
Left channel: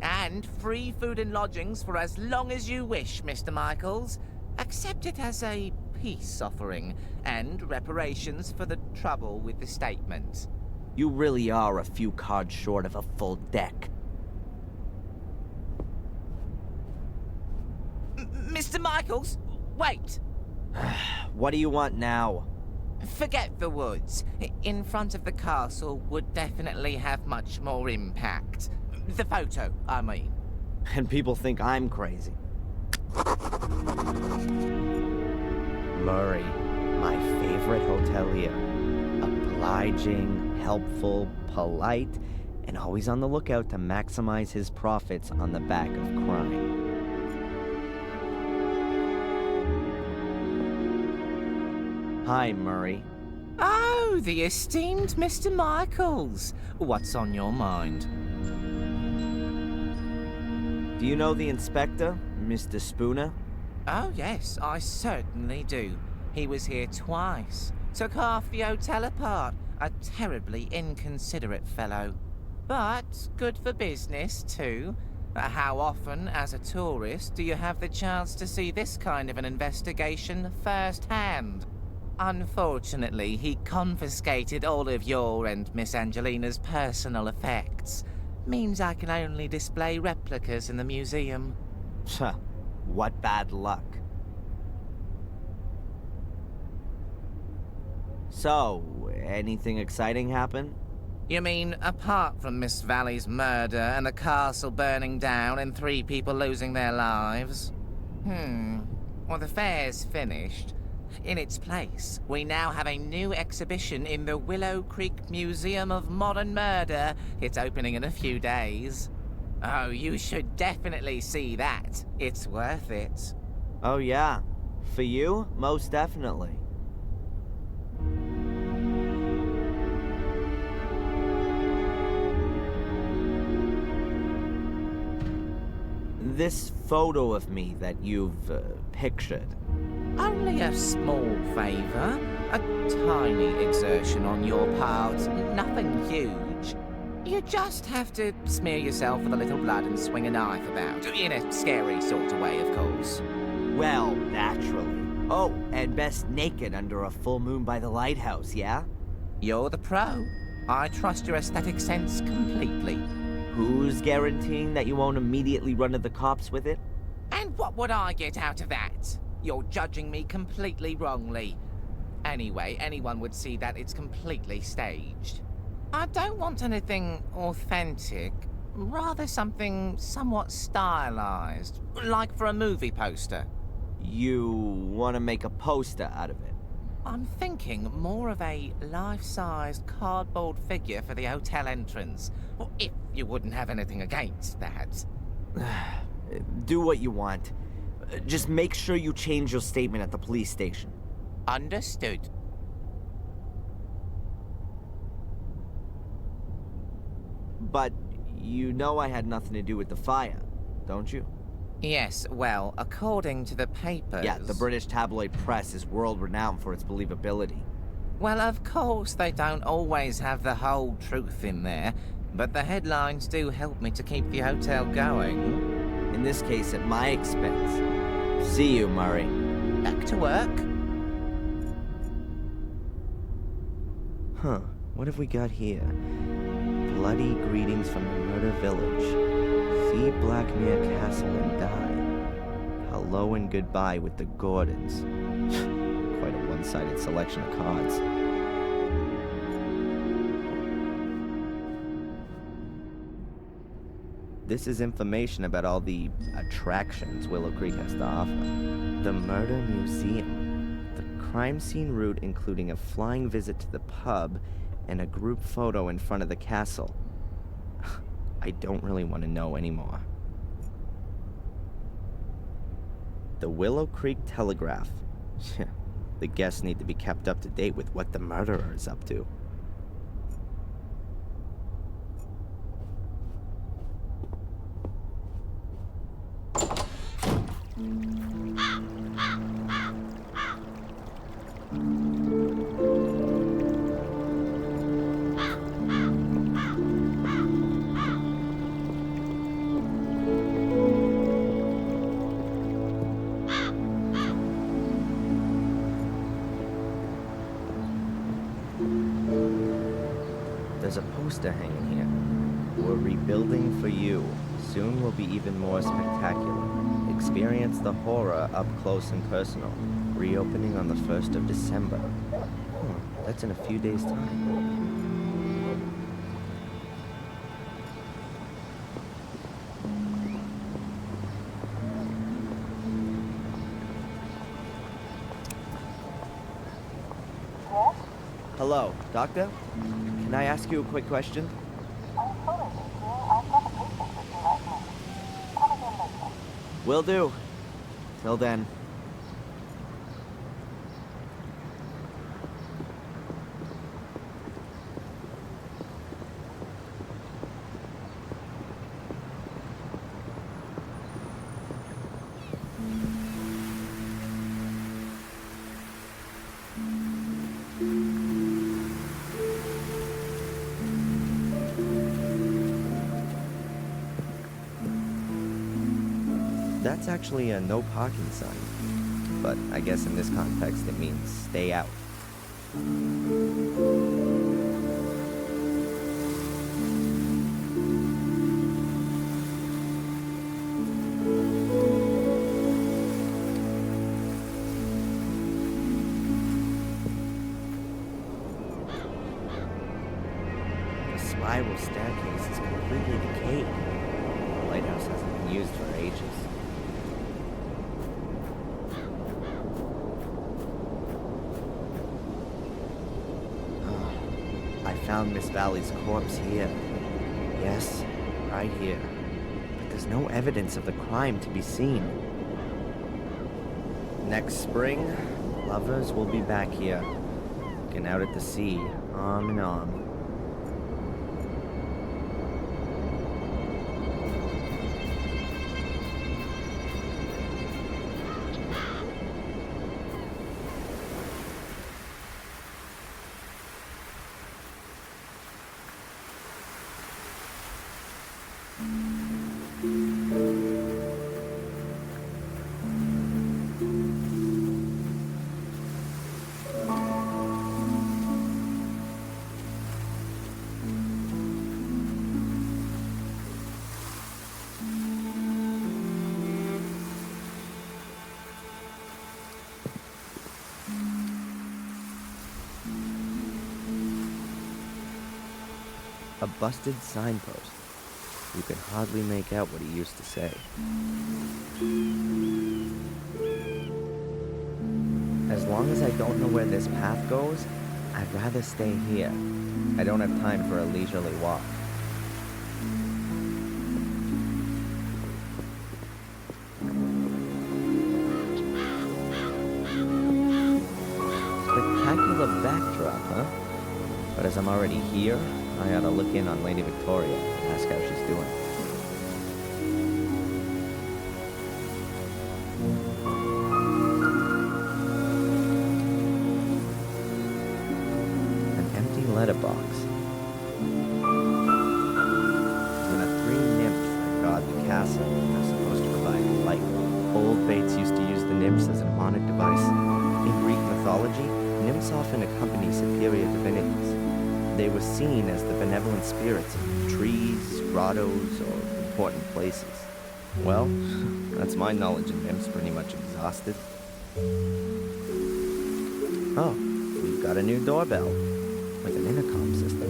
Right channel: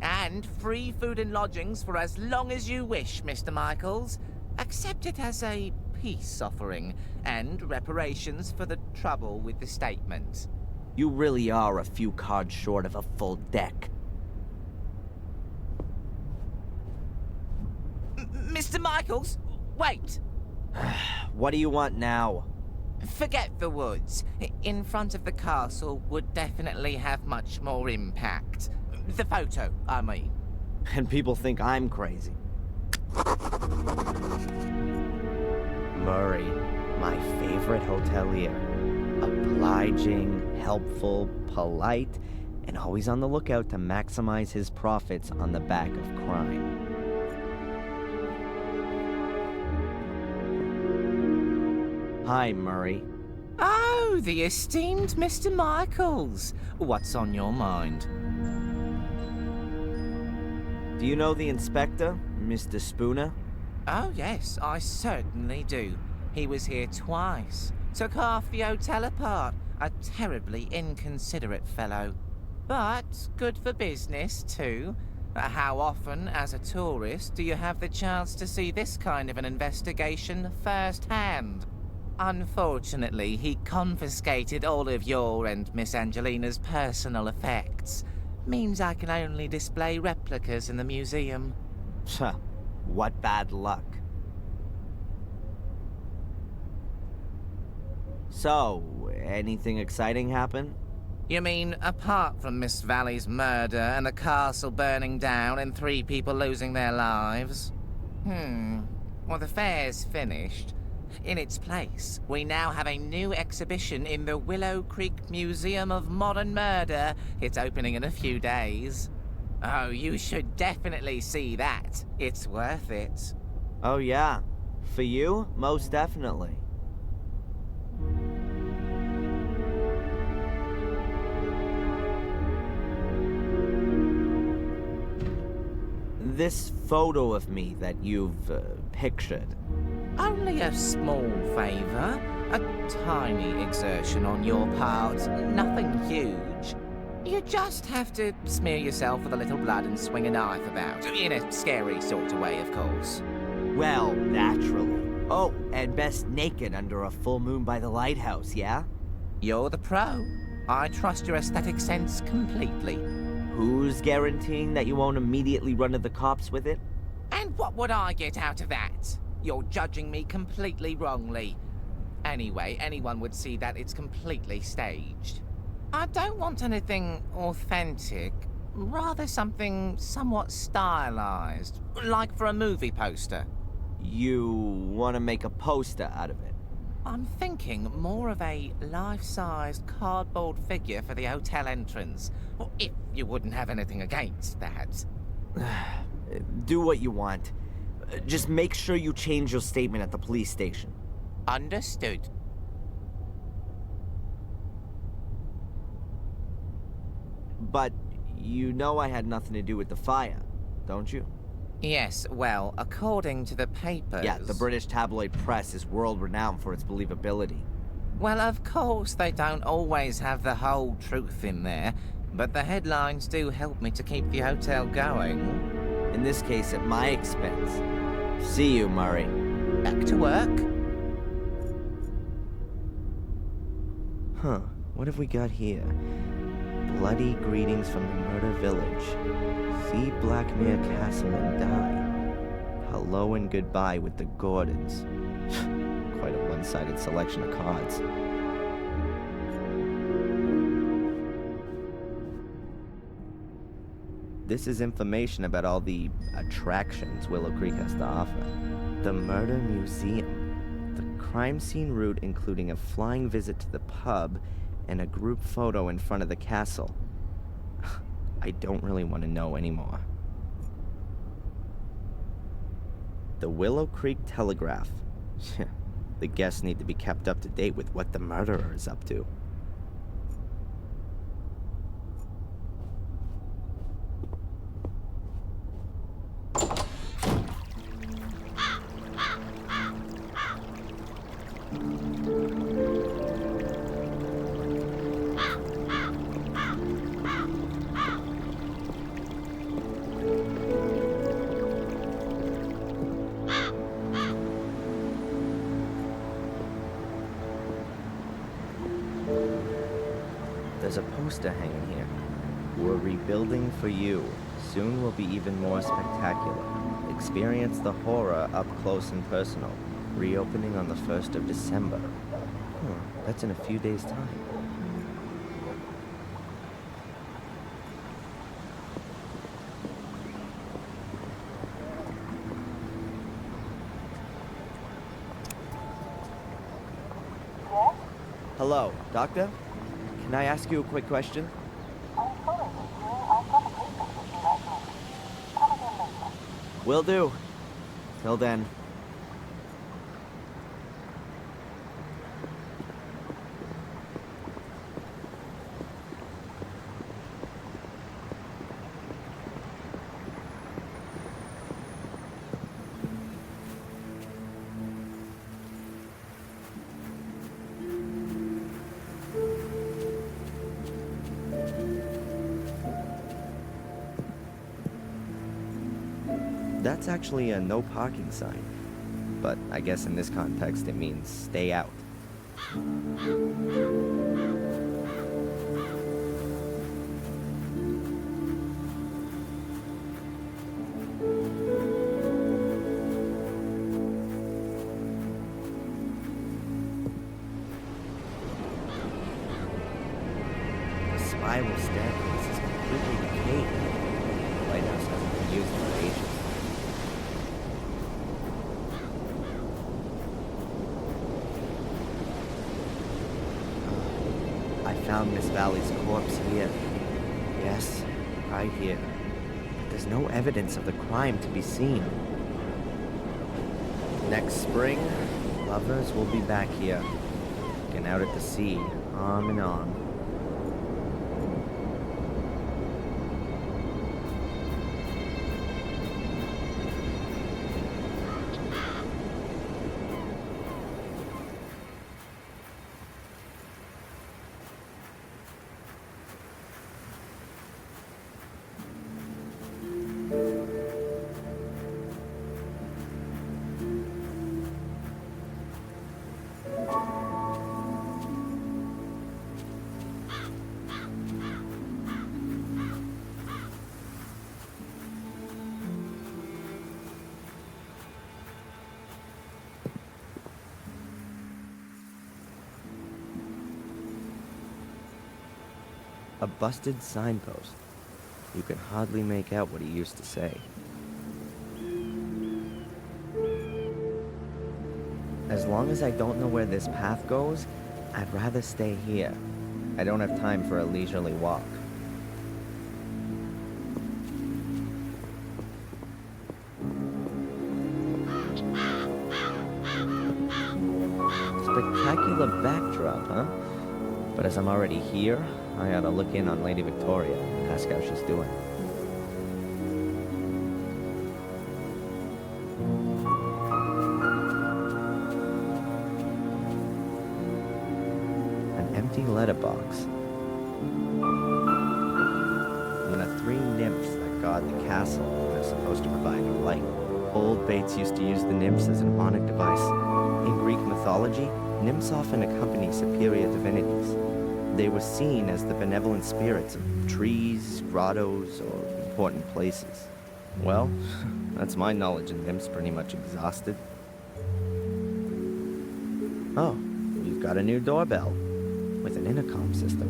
And free food and lodgings for as long as you wish, Mr. Michaels. Accept it as a peace offering, and reparations for the trouble with the statement. You really are a few cards short of a full deck. Mr. Michaels, wait! What do you want now? Forget the woods. In front of the castle would definitely have much more impact. The photo, I mean. And people think I'm crazy. Murray, my favorite hotelier. Obliging, helpful, polite, and always on the lookout to maximize his profits on the back of crime. Hi, Murray. Oh, the esteemed Mr. Michaels. What's on your mind? Do you know the inspector, Mr. Spooner? Oh, yes, I certainly do. He was here twice. Took half the hotel apart. A terribly inconsiderate fellow. But good for business, too. How often, as a tourist, do you have the chance to see this kind of an investigation firsthand? Unfortunately, he confiscated all of your and Miss Angelina's personal effects. Means I can only display replicas in the museum. What bad luck. So, anything exciting happen? You mean, apart from Miss Valley's murder and the castle burning down and 3 people losing their lives? Well, the fair's finished. In its place, we now have a new exhibition in the Willow Creek Museum of Modern Murder. It's opening in a few days. Oh, you should definitely see that. It's worth it. Oh yeah. For you, most definitely. This photo of me that you've pictured. Only a small favor. A tiny exertion on your part. Nothing huge. You just have to smear yourself with a little blood and swing a knife about. In a scary sort of way, of course. Well, naturally. Oh, and best naked under a full moon by the lighthouse, yeah? You're the pro. I trust your aesthetic sense completely. Who's guaranteeing that you won't immediately run to the cops with it? And what would I get out of that? You're judging me completely wrongly. Anyway, anyone would see that it's completely staged. I don't want anything authentic, rather something somewhat stylized, like for a movie poster. You want to make a poster out of it? I'm thinking more of a life-sized cardboard figure for the hotel entrance. Well, if you wouldn't have anything against that. Do what you want. Just make sure you change your statement at the police station. Understood. But you know I had nothing to do with the fire, don't you? Yes, well, according to the papers... Yeah, the British tabloid press is world-renowned for its believability. Well, of course, they don't always have the whole truth in there, but the headlines do help me to keep the hotel going. In this case, at my expense. See you, Murray. Back to work. Huh, what have we got here? Bloody greetings from the murder village. See Blackmere Castle and die. Hello and goodbye with the Gordons. Quite a one-sided selection of cards. This is information about all the attractions Willow Creek has to offer. The Murder Museum. The crime scene route including a flying visit to the pub and a group photo in front of the castle. I don't really want to know anymore. The Willow Creek Telegraph. The guests need to be kept up to date with what the murderer is up to. There's a poster hanging here. We're rebuilding for you. Soon will be even more spectacular. Experience the horror up close and personal. Reopening on the 1st of December. That's in a few days' time. Hello, Doctor? Can I ask you a quick question? Will do. Till then. That's actually a no parking sign. But I guess in this context it means stay out. The spiral staircase is completely decayed. The lighthouse hasn't been used for ages. I found Miss Valley's corpse here. Yes, right here. But there's no evidence of the crime to be seen. Next spring, lovers will be back here, looking out at the sea, arm in arm. A busted signpost. You can hardly make out what he used to say. As long as I don't know where this path goes, I'd rather stay here. I don't have time for a leisurely walk. Spectacular backdrop, huh? But as I'm already here, I ought to look in on Lady Victoria and ask how she's doing. An empty letterbox. There are 3 nymphs that guard the castle and are supposed to provide light. Old Bates used to use the nymphs as a mnemonic device. In Greek mythology, nymphs often accompany superior divinities. They were seen as the benevolent spirits of trees, grottos, or important places. Well, that's my knowledge of nymphs pretty much exhausted. Oh, we've got a new doorbell with an intercom system.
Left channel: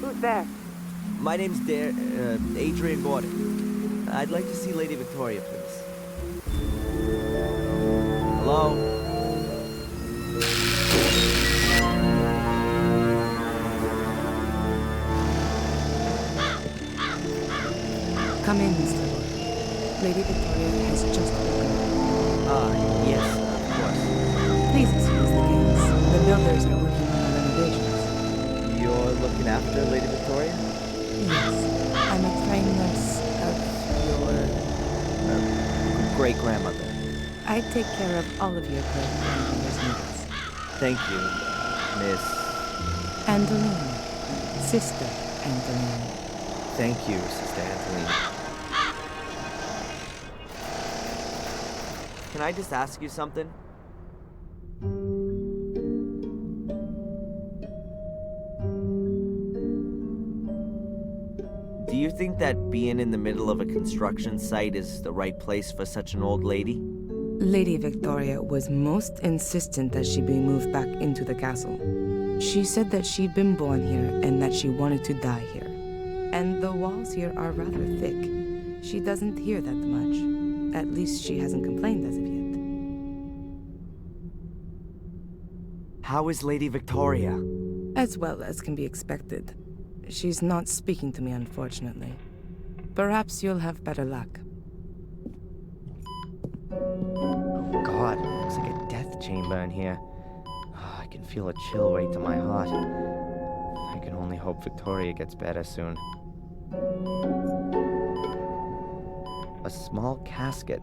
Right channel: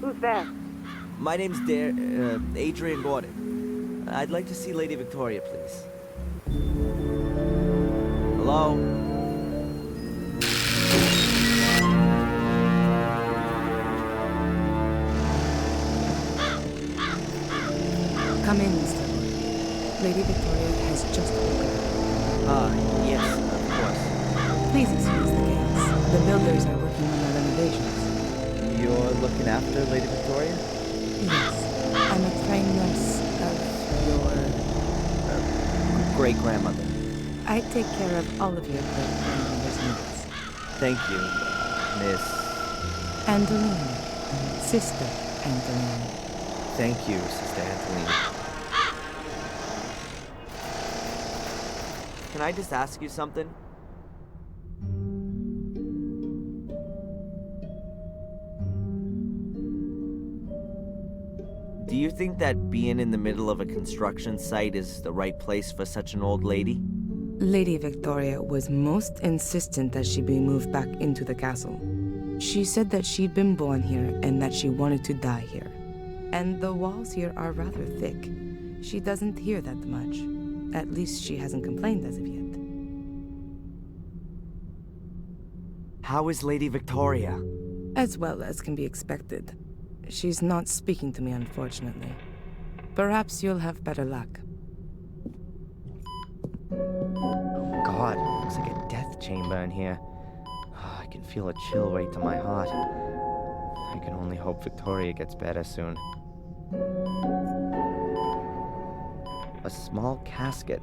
Who's there? My name's Adrian Gordon. I'd like to see Lady Victoria, please. Hello? Come in, Mr. Gordon. Lady Victoria has just woken up. Yes, of course. Please excuse the chaos. The builders are working on the renovations. You're looking after Lady Victoria? Yes. I'm a trained nurse of your... great-grandmother. I take care of all of your great-grandmother's needs. Thank you, Miss... Angeline. Sister Angeline. Thank you, Sister Angeline. Can I just ask you something? Do you think that being in the middle of a construction site is the right place for such an old lady? Lady Victoria was most insistent that she be moved back into the castle. She said that she'd been born here and that she wanted to die here. And the walls here are rather thick. She doesn't hear that much. At least she hasn't complained as of yet. How is Lady Victoria? As well as can be expected. She's not speaking to me, unfortunately. Perhaps you'll have better luck. God, looks like a death chamber in here. I can feel a chill right to my heart. I can only hope Victoria gets better soon. A small casket.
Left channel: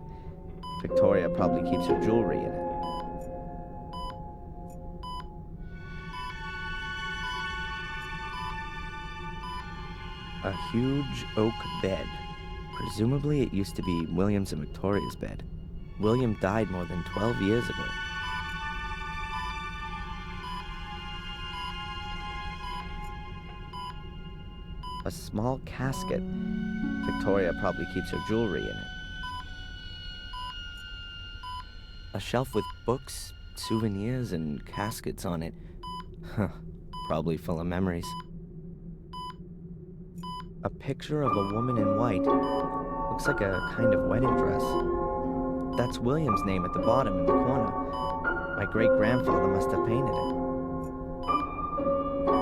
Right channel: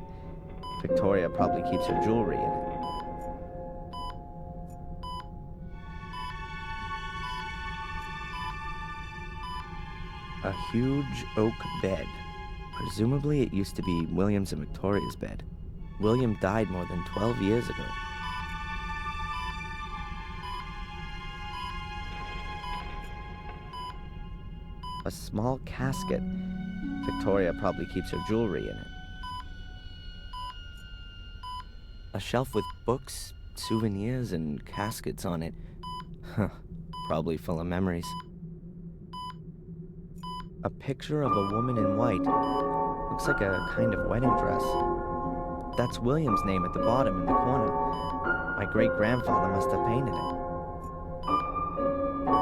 Victoria probably keeps her jewelry in it. A huge oak bed. Presumably it used to be William's and Victoria's bed. William died more than 12 years ago. A small casket. Victoria probably keeps her jewelry in it. A shelf with books, souvenirs, and caskets on it. Huh, probably full of memories. A picture of a woman in white. Looks like a kind of wedding dress. That's William's name at the bottom in the corner. My great-grandfather must have painted it.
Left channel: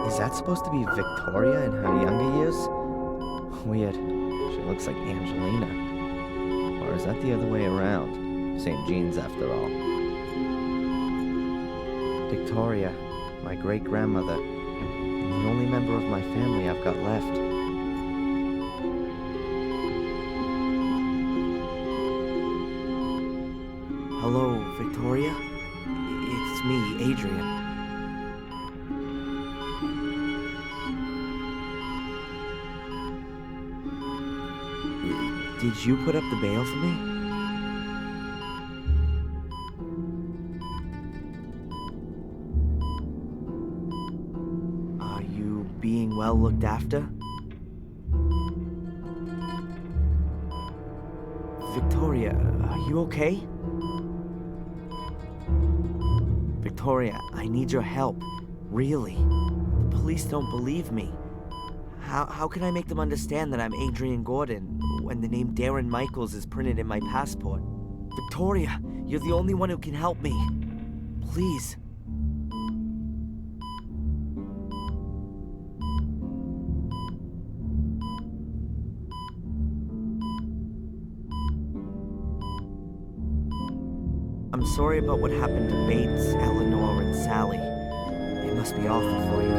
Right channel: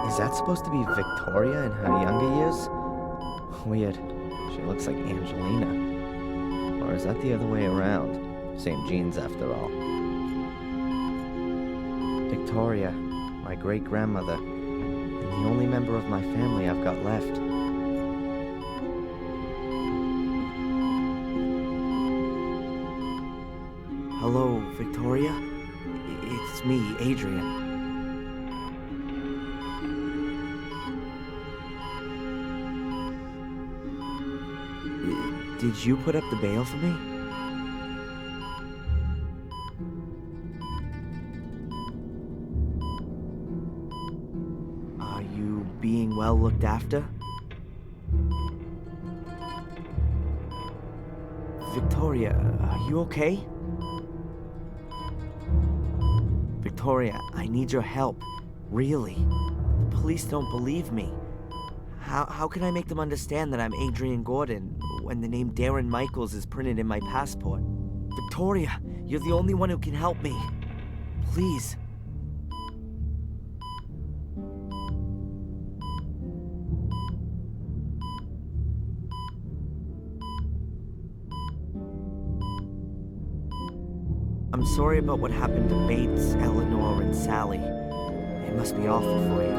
Is that supposed to be Victoria in her younger years? Weird. She looks like Angelina. Or is that the other way around? Same genes after all. Victoria, my great-grandmother, and the only member of my family I've got left. Hello, Victoria? It's me, Adrian. Did you put up the bail for me? Are you being well looked after? Victoria, are you okay? Victoria, I need your help. Really. The police don't believe me. How can I make them understand that I'm Adrian Gordon when the name Darren Michaels is printed in my passport? Victoria, you're the only one who can help me. Please. I'm sorry about what happened to Bates, Eleanor, and Sally. It must be awful for you.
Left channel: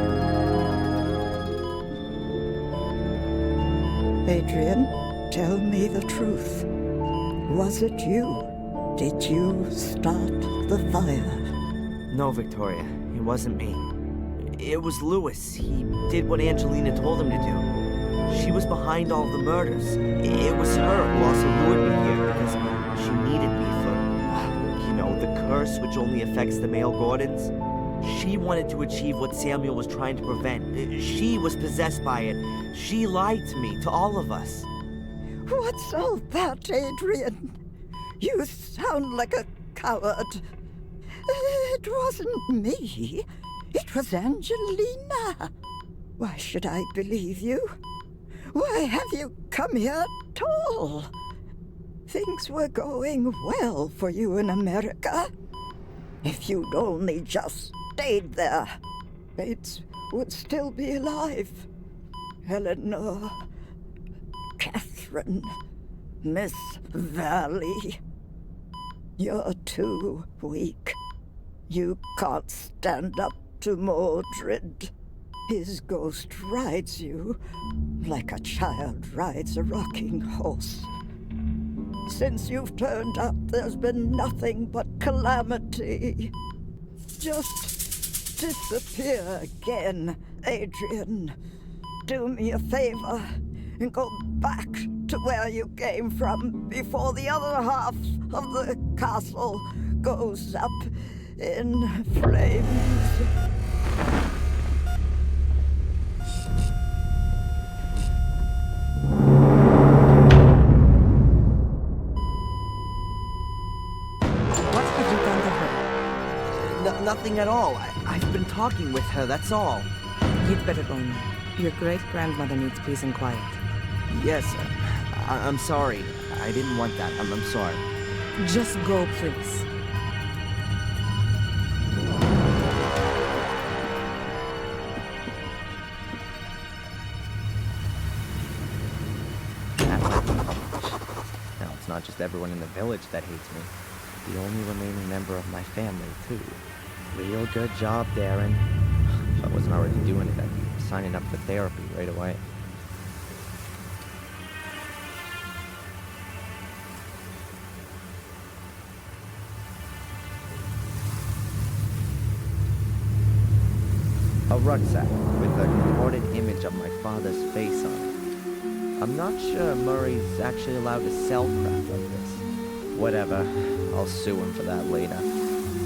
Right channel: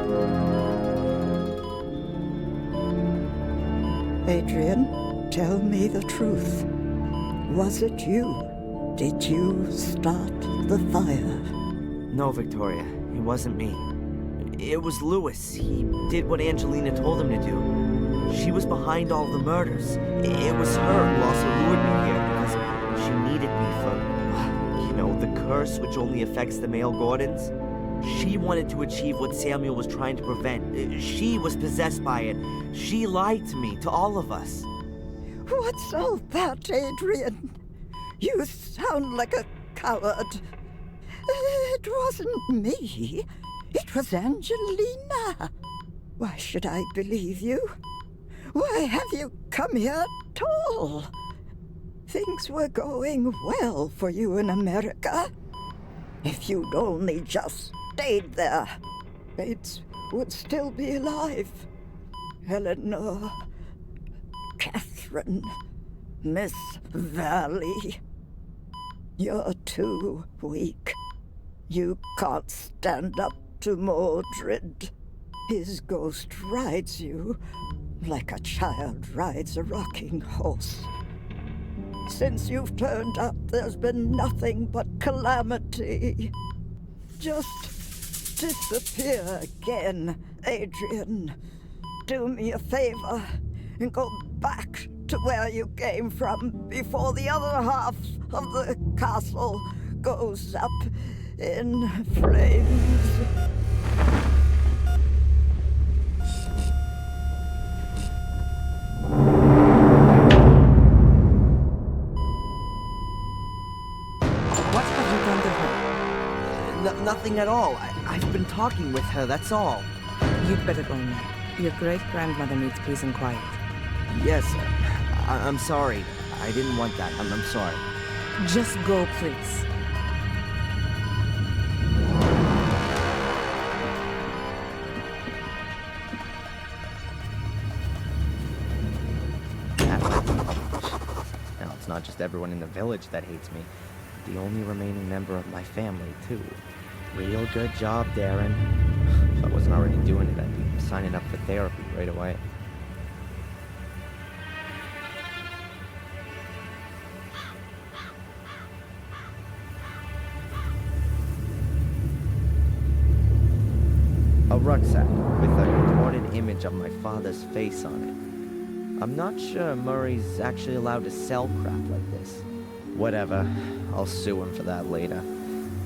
Adrian, tell me the truth. Was it you? Did you start the fire? No, Victoria. It wasn't me. It was Lewis. He did what Angelina told him to do. She was behind all the murders. It was her who also lured me here because she needed me for, the curse which only affects the male Gordons. She wanted to achieve what Samuel was trying to prevent. She was possessed by it. She lied to me, to all of us. What's all that, Adrian? You sound like a coward. It wasn't me. It was Angelina. Why should I believe you? Why have you come here at all? Things were going well for you in America. If you'd only just stayed there, Bates would still be alive. Eleanor, Catherine, Miss Valley. You're too weak. You can't stand up to Mordred. His ghost rides you like a child rides a rocking horse. Since you've turned up, there's been nothing but calamity. Just disappear again, Adrian. Do me a favor and go back to where you came from before the other half of the castle goes up in flames. What have you done to her? Nothing at all. I've been talking with her, that's all. You'd better go now. Your great-grandmother needs peace and quiet. Yes, I'm sorry. I didn't want that. I'm sorry. Just go, please. Now, it's not just everyone in the village that hates me. The only remaining member of my family, too. Real good job, Darren. If I wasn't already doing it, I'd be signing up for therapy right away. A rucksack with a contorted image of my father's face on it. I'm not sure Murray's actually allowed to sell crap like this. Whatever, I'll sue him for that later.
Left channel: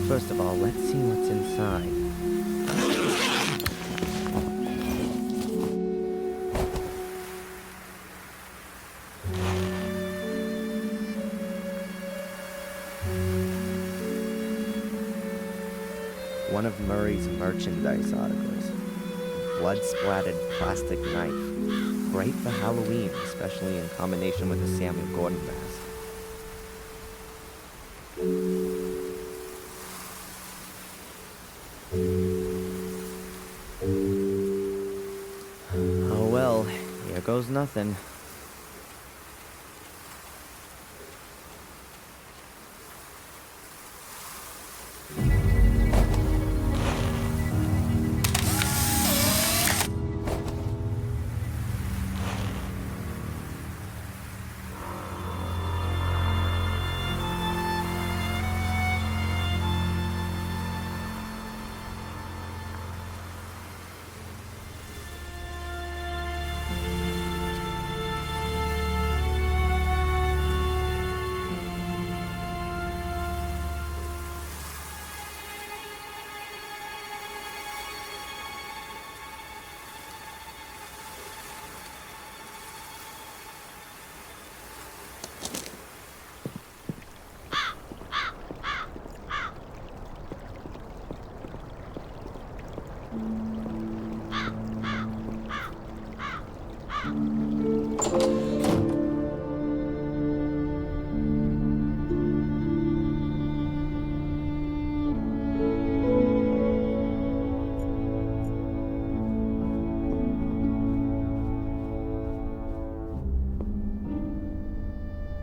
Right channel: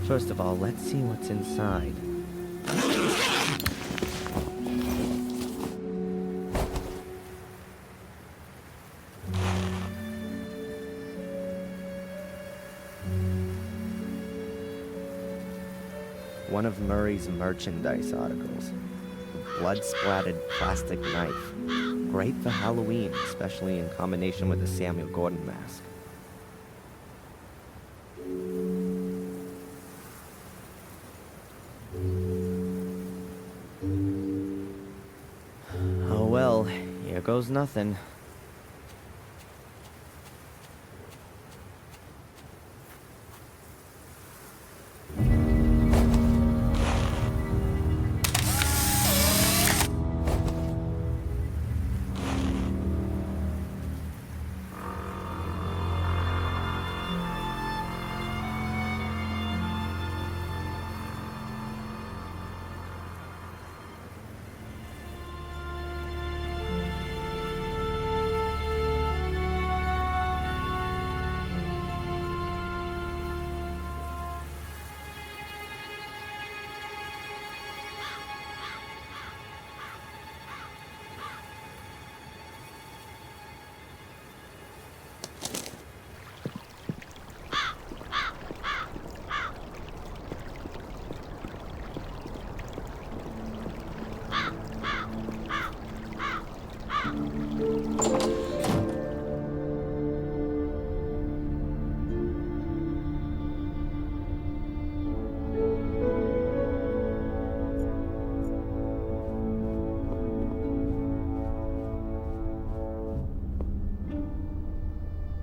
First of all, let's see what's inside. One of Murray's merchandise articles. A blood-splattered plastic knife. Great for Halloween, especially in combination with a Samuel Gordon mask. Oh well, here goes nothing.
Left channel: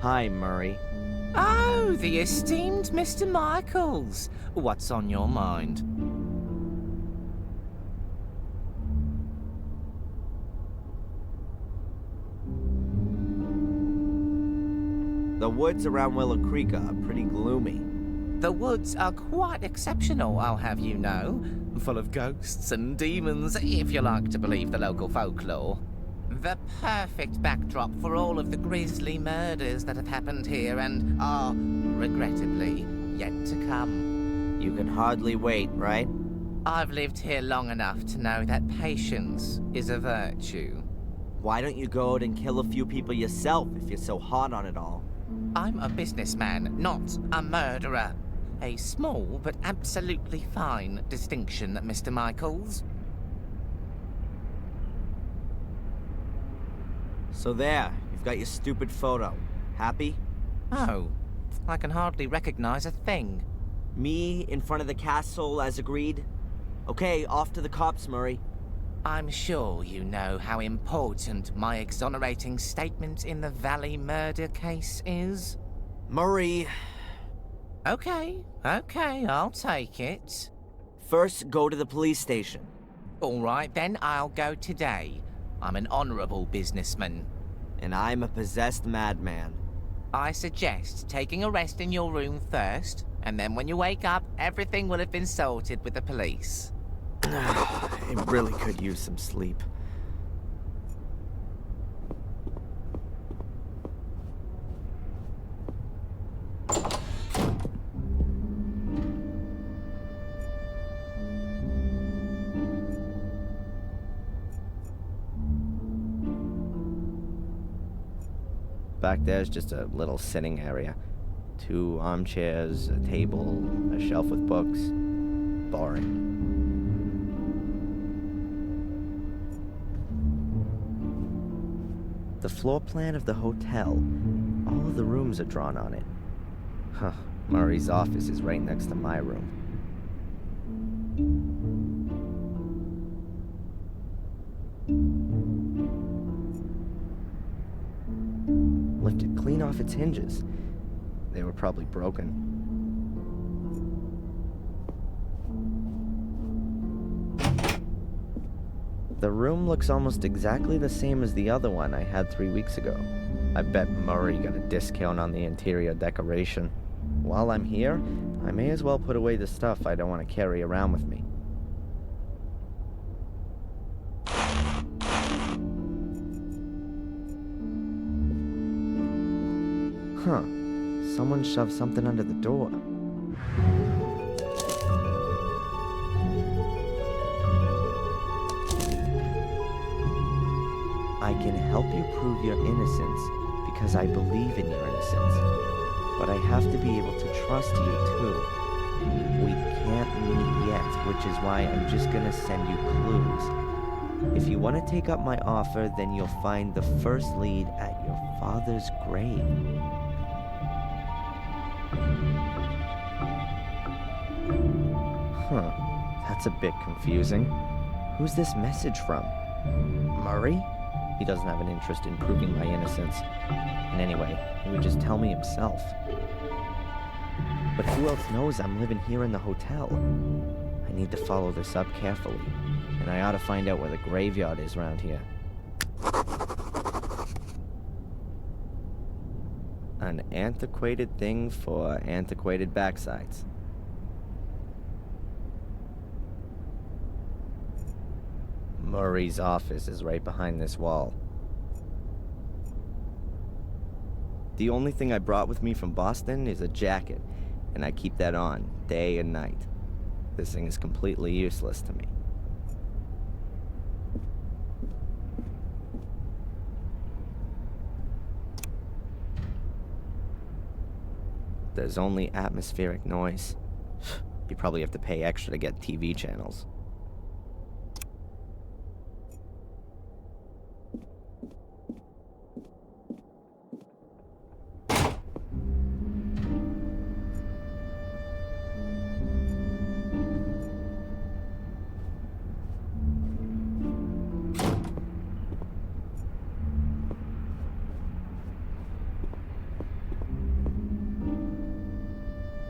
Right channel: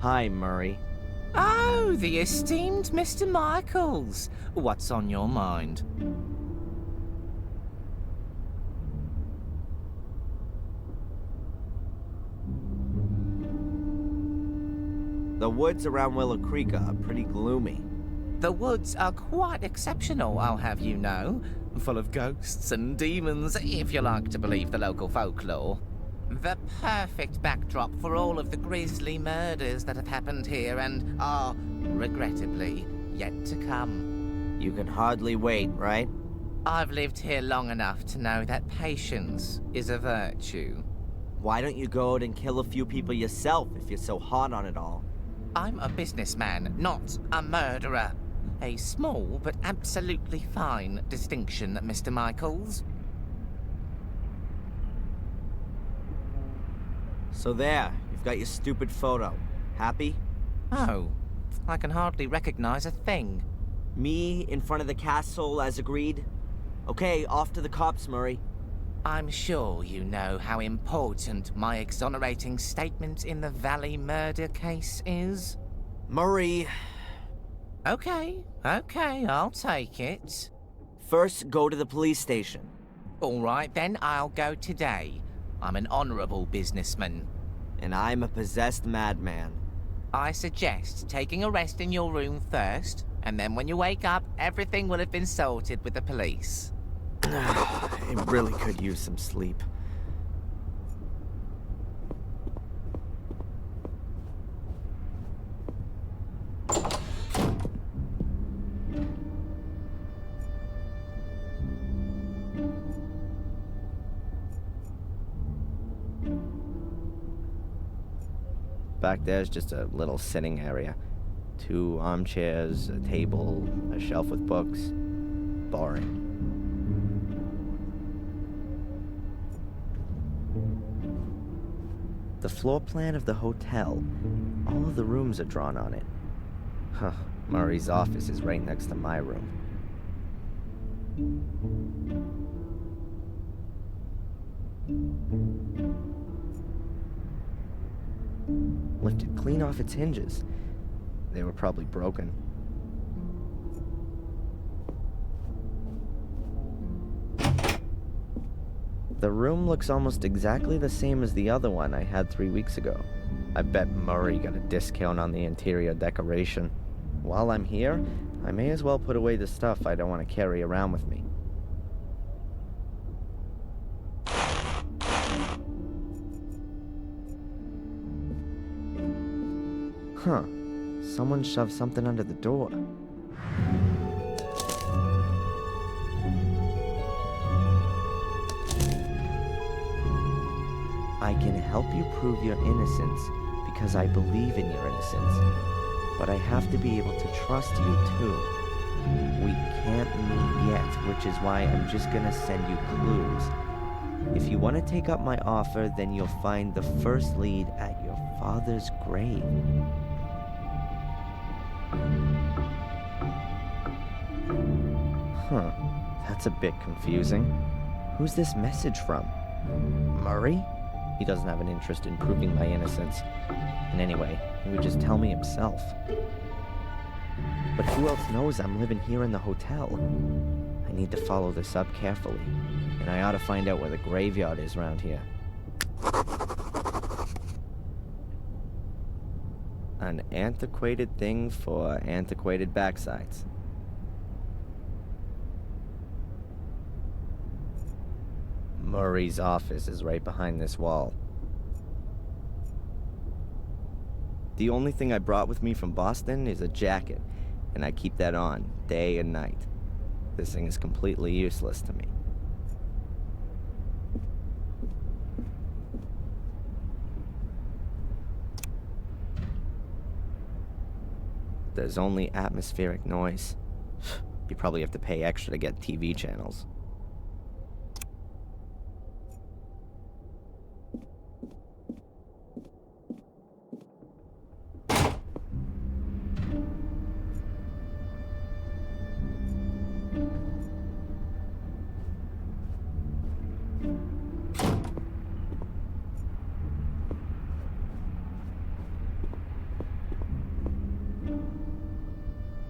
Hi, Murray. Oh, the esteemed Mr. Michaels. What's on your mind? The woods around Willow Creek are pretty gloomy. The woods are quite exceptional, I'll have you know. Full of ghosts and demons, if you like to believe the local folklore. The perfect backdrop for all of the grisly murders that have happened here and are, regrettably, yet to come. You can hardly wait, right? I've lived here long enough to know that patience is a virtue. Why don't you go out and kill a few people yourself if you're so hot on it all? I'm a businessman, not a murderer. A small but absolutely fine distinction, Mr. Michaels. So there, you've got your stupid photo. Happy? Oh, I can hardly recognize a thing. Me in front of the castle as agreed? Okay, off to the cops, Murray. I'm sure you know how important my exonerating statement in the Valley murder case is. Murray... Okay, I'll take it. First, go to the police station. All right, then I'll go today. I'm an honorable businessman. And I'm a possessed madman. I suggest taking a rest in your room first, and then when you wake up, everything will have been sorted with the police. I really could use some sleep. Back there's just a little sitting area. 2 armchairs, a table, a shelf with books. Boring. The floor plan of the hotel All of the rooms are drawn on it. Huh. Murray's office is right next to my room. Lifted clean off its hinges. They were probably broken. The room looks almost exactly the same as the other one I had 3 weeks ago. I bet Murray got a discount on the interior decoration. While I'm here, I may as well put away the stuff I don't want to carry around with me. Huh. Someone shoved something under the door. I can help you prove your innocence because I believe in your innocence. But I have to be able to trust you too. We can't meet yet, which is why I'm just gonna send you clues. If you want to take up my offer, then you'll find the first lead at your father's grave. Huh, that's a bit confusing. Who's this message from? Murray? He doesn't have an interest in proving my innocence. And anyway, he would just tell me himself. But who else knows I'm living here in the hotel? I need to follow this up carefully. And I ought to find out where the graveyard is around here. An antiquated thing for antiquated backsides. Murray's office is right behind this wall. The only thing I brought with me from Boston is a jacket, and I keep that on day and night. This thing is completely useless to me. There's only atmospheric noise. You probably have to pay extra to get TV channels.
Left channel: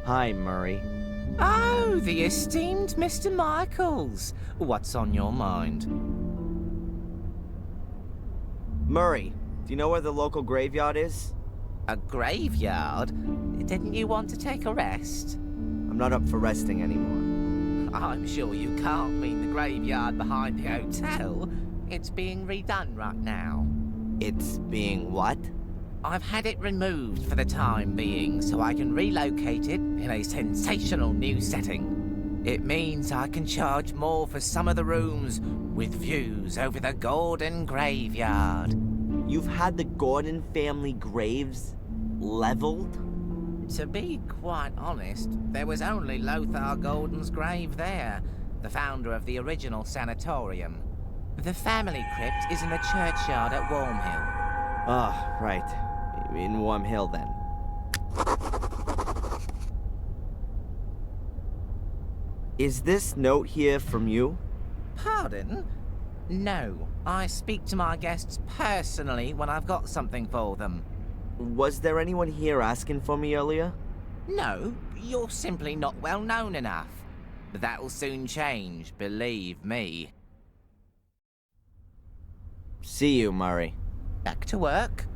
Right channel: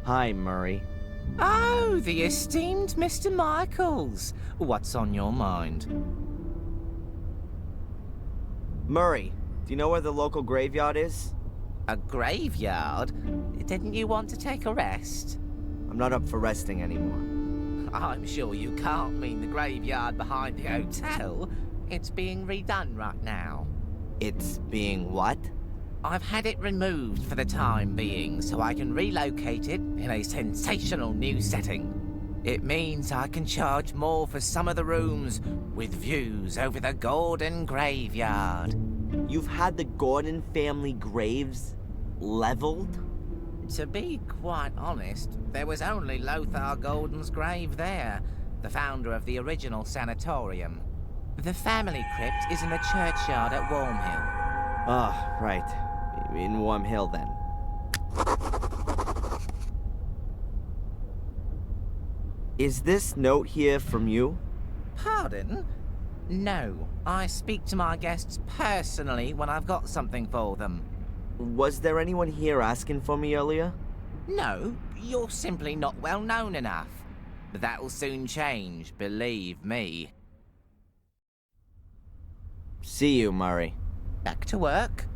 Hi, Murray. Oh, the esteemed Mr. Michaels. What's on your mind? Murray, do you know where the local graveyard is? A graveyard? Didn't you want to take a rest? I'm not up for resting anymore. I'm sure you can't mean the graveyard behind the hotel. It's being redone right now. It's being what? I've had it removed for the time being so I can relocate it in a sensational new setting. It means I can charge more for some of the rooms with views over the Gordon graveyard. You've had the Gordon family graves leveled? To be quite honest, there was only Lothar Gordon's grave there, the founder of the original sanatorium. The family crypt is in the churchyard at Wormhill. Ah, right. In Wormhill, then. Is this note here from you? Pardon? No, I speak to my guests personally when I've got something for them. Was there anyone here asking for me earlier? No, you're simply not well known enough. That'll soon change, believe me. See you, Murray. Back to work.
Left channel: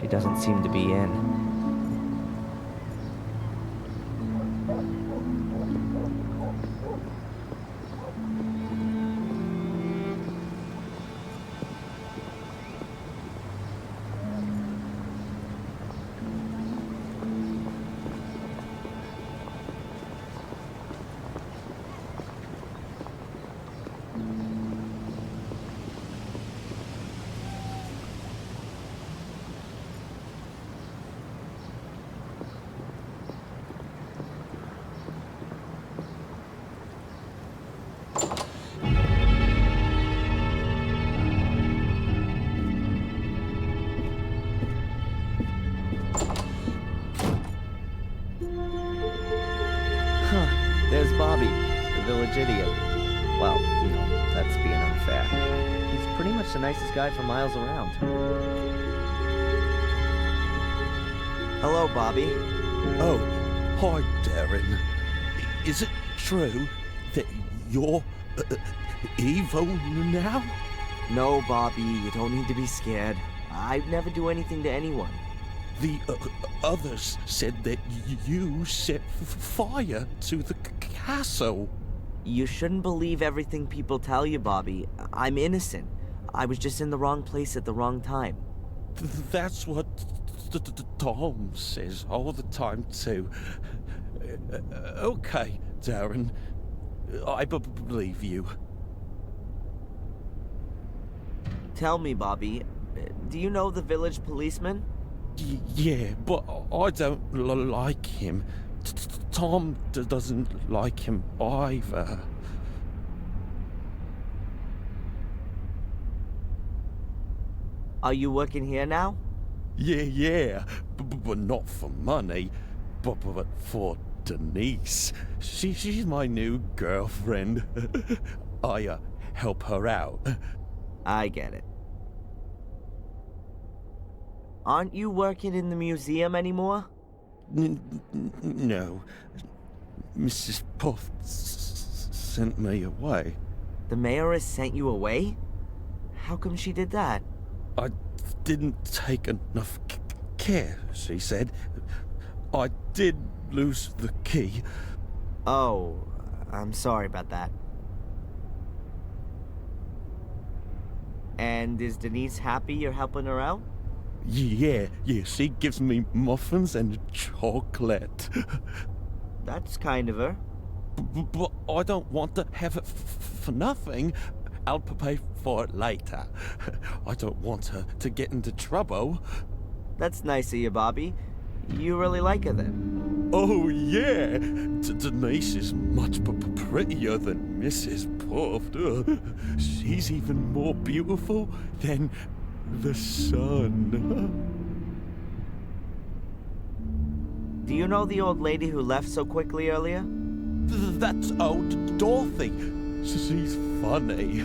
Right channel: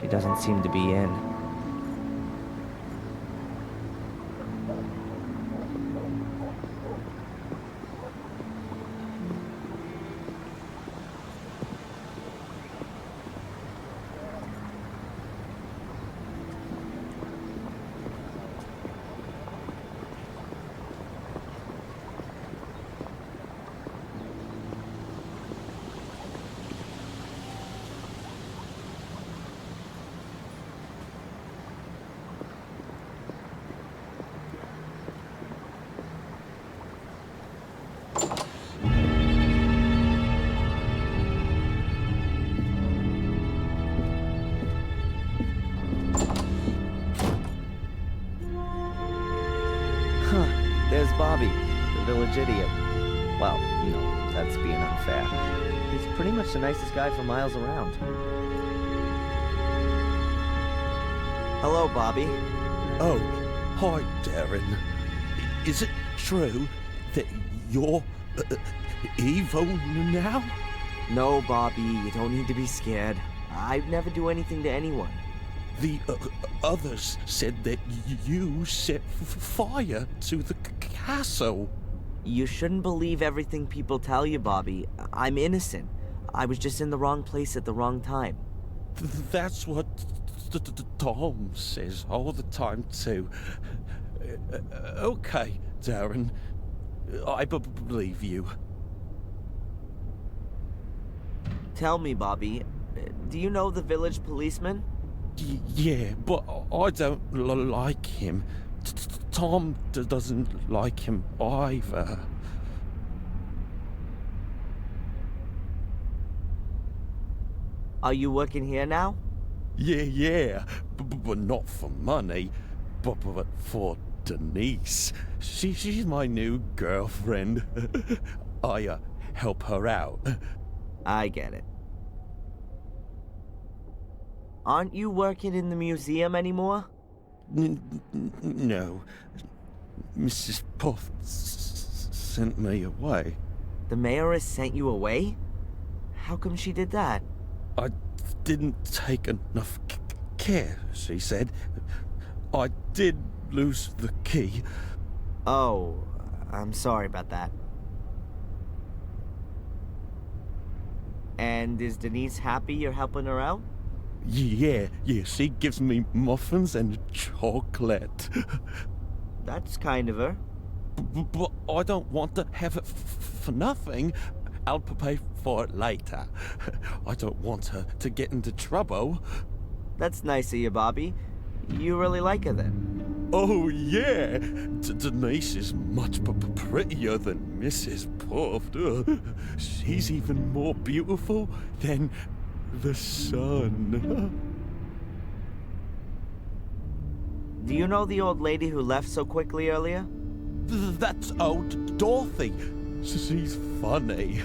She doesn't seem to be in. Huh, there's Bobby, the village idiot. Well, no, that's being unfair. He's pretty much the nicest guy for miles around. Hello, Bobby. Oh, hi, Darren. Is it true that you're evil now? No, Bobby, you don't need to be scared. I'd never do anything to anyone. The others said that you set fire to the castle. You shouldn't believe everything people tell you, Bobby. I'm innocent. I was just in the wrong place at the wrong time. That's what Tom says all the time, too. Okay, Darren. I believe you. Tell me, Bobby, do you know the village policeman? Yeah, but I don't like him. Tom doesn't like him either. Are you working here now? Yeah, but not for money, but for Denise. She's my new girlfriend. I help her out. I get it. Aren't you working in the museum anymore? No. Mrs. Puff sent me away. The mayoress sent you away? How come she did that? I didn't take enough care, she said. I did lose the key. Oh, I'm sorry about that. And is Denise happy you're helping her out? Yeah, she gives me muffins and chocolate. That's kind of her. But I don't want to have it for nothing. I'll pay for it later. I don't want her to get into trouble. That's nice of you, Bobby. You really like her then? Oh, yeah. Denise is much prettier than Mrs. Puff. She's even more beautiful than the sun. Do you know the old lady who left so quickly earlier? That's old Dorothy. She's funny.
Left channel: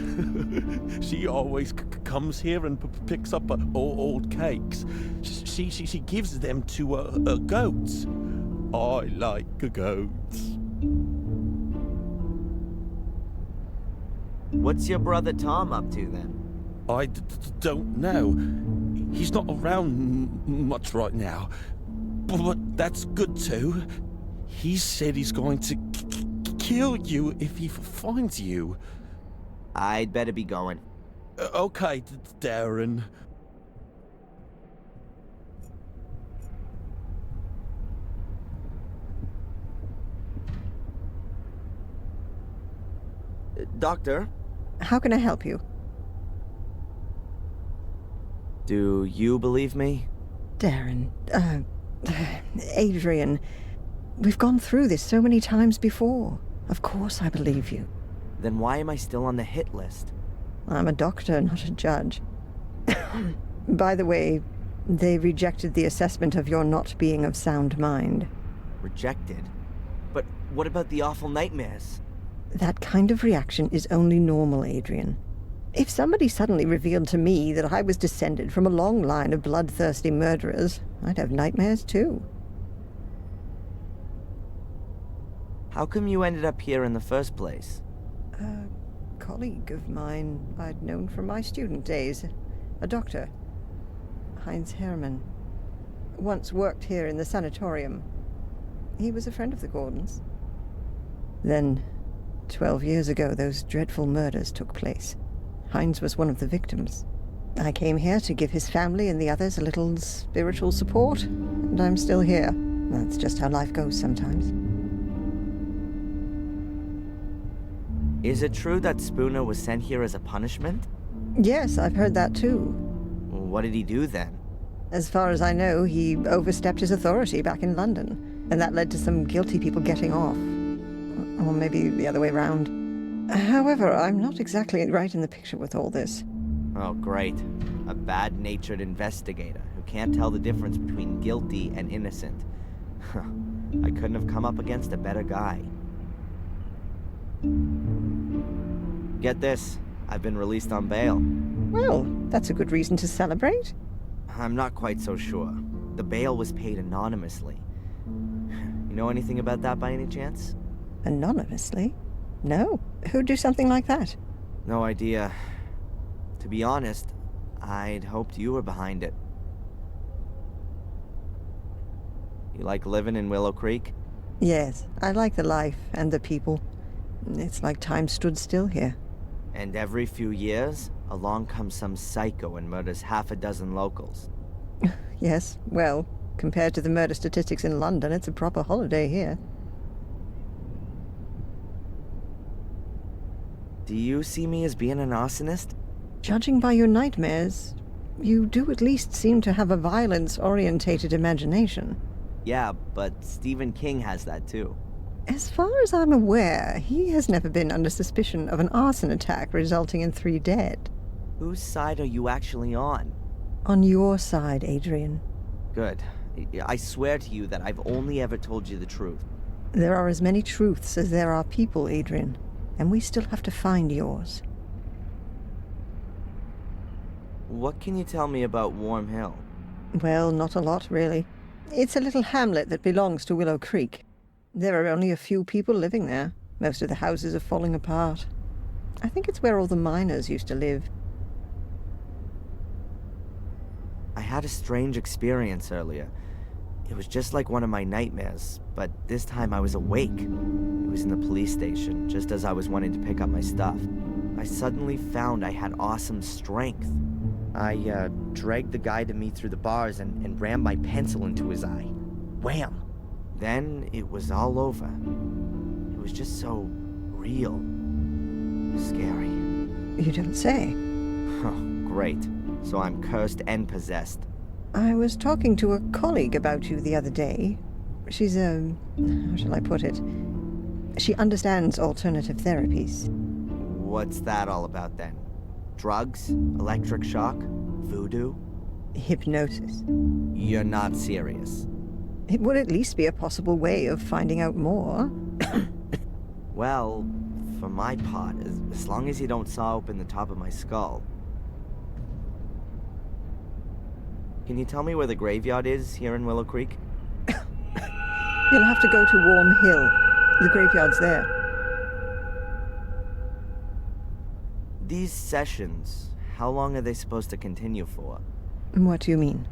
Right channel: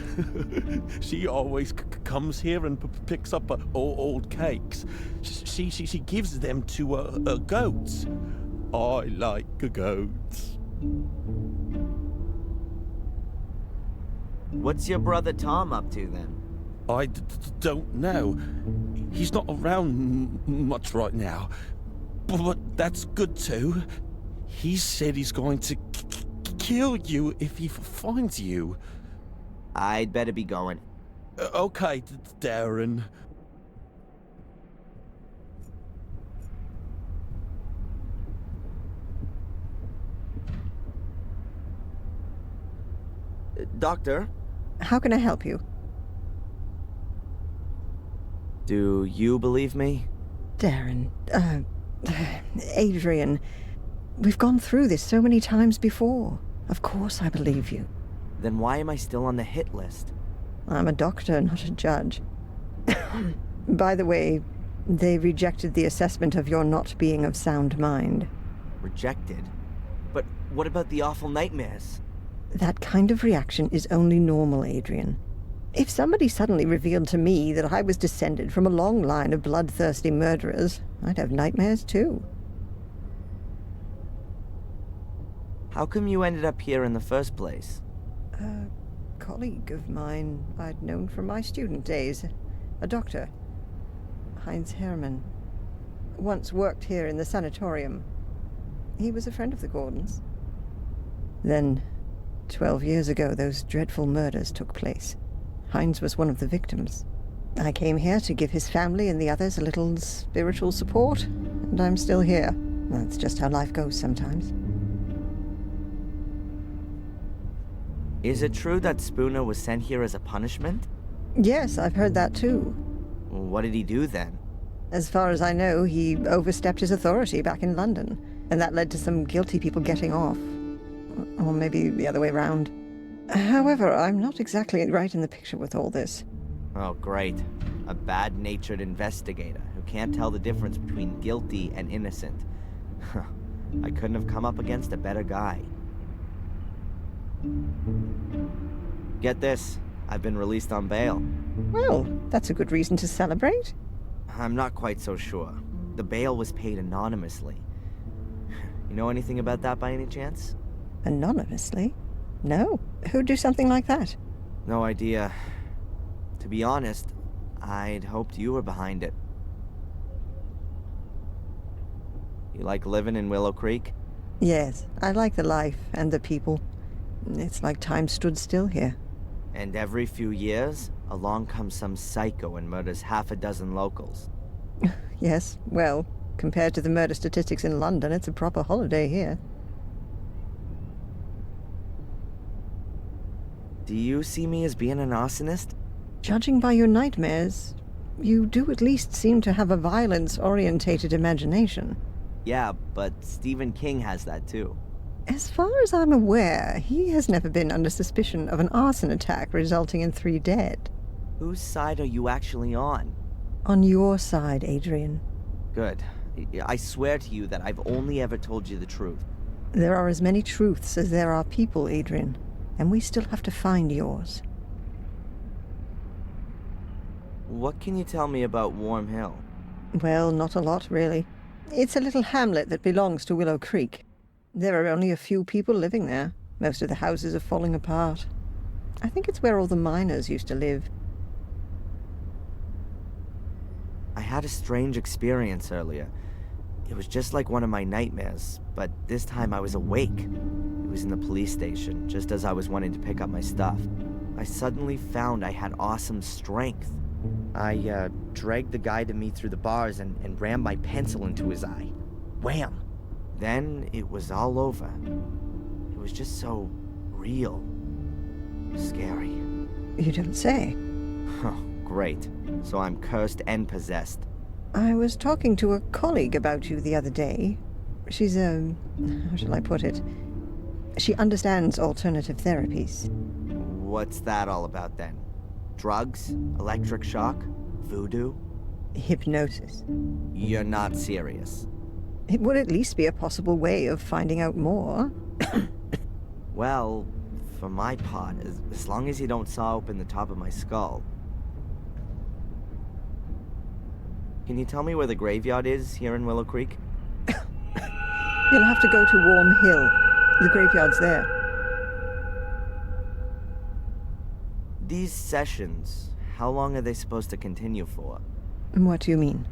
She always comes here and picks up old cakes. She gives them to goats. I like goats. What's your brother Tom up to then? I don't know. He's not around much right now. But that's good too. He said he's going to kill you if he finds you. I'd better be going. Okay, Darren. Doctor? How can I help you? Do you believe me? Darren, Adrian, we've gone through this so many times before. Of course I believe you. Then why am I still on the hit list? I'm a doctor, not a judge. By the way, they rejected the assessment of your not being of sound mind. Rejected? But what about the awful nightmares? That kind of reaction is only normal, Adrian. If somebody suddenly revealed to me that I was descended from a long line of bloodthirsty murderers, I'd have nightmares too. How come you ended up here in the first place? A colleague of mine I'd known from my student days. A doctor. Heinz Hermann. once worked here in the sanatorium. He was a friend of the Gordons. Then, 12 years ago, those dreadful murders took place. Hines was one of the victims. I came here to give his family and the others a little spiritual support, and I'm still here. That's just how life goes sometimes. Is it true that Spooner was sent here as a punishment? Yes, I've heard that too. What did he do then? As far as I know, he overstepped his authority back in London, and that led to some guilty people getting off. Or maybe the other way round. However, I'm not exactly right in the picture with all this. Oh, great. A bad-natured investigator who can't tell the difference between guilty and innocent. I couldn't have come up against a better guy. Get this. I've been released on bail. Well, that's a good reason to celebrate. I'm not quite so sure. The bail was paid anonymously. You know anything about that by any chance? Anonymously? No. Who'd do something like that? No idea. To be honest, I'd hoped you were behind it. You like living in Willow Creek? Yes, I like the life and the people. It's like time stood still here. And every few years, along comes some psycho and murders half a dozen locals. Yes, well, compared to the murder statistics in London, it's a proper holiday here. Do you see me as being an arsonist? Judging by your nightmares, you do at least seem to have a violence-orientated imagination. Yeah, but Stephen King has that too. As far as I'm aware, he has never been under suspicion of an arson attack resulting in 3 dead. Whose side are you actually on? On your side, Adrian. Good. I swear to you that I've only ever told you the truth. There are as many truths as there are people, Adrian, and we still have to find yours. What can you tell me about Warm Hill? Well, not a lot, really. It's a little hamlet that belongs to Willow Creek. There are only a few people living there. Most of the houses are falling apart. I think it's where all the miners used to live. I had a strange experience earlier. It was just like one of my nightmares, but this time I was awake. It was in the police station, just as I was wanting to pick up my stuff. I suddenly found I had awesome strength. I dragged the guy to me through the bars and rammed my pencil into his eye. Wham! Then it was all over. It was just so real. Scary. You don't say. Oh, great. So I'm cursed and possessed. I was talking to a colleague about you the other day. She's how shall I put it? She understands alternative therapies. What's that all about then? Drugs? Electric shock? Voodoo? Hypnosis. You're not serious. It would at least be a possible way of finding out more. Well, for my part, as long as you don't saw open the top of my skull. Can you tell me where the graveyard is here in Willow Creek? You'll have to go to Warm Hill. The graveyard's there. These sessions, how long are they supposed to continue for? What do you mean?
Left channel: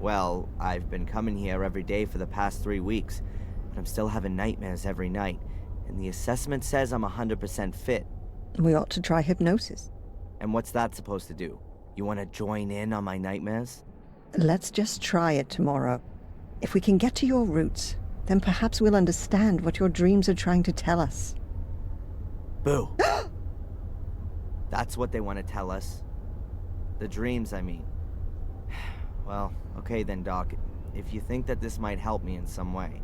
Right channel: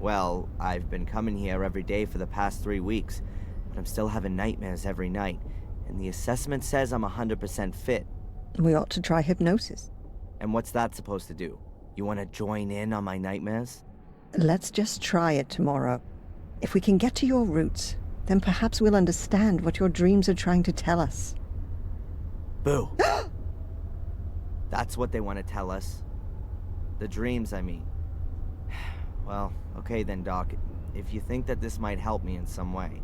Well, I've been coming here every day for the past 3 weeks, but I'm still having nightmares every night, and the assessment says I'm 100% fit. We ought to try hypnosis. And what's that supposed to do? You want to join in on my nightmares? Let's just try it tomorrow. If we can get to your roots, then perhaps we'll understand what your dreams are trying to tell us. Boo! That's what they want to tell us. The dreams, I mean. Well, okay then, Doc. If you think that this might help me in some way.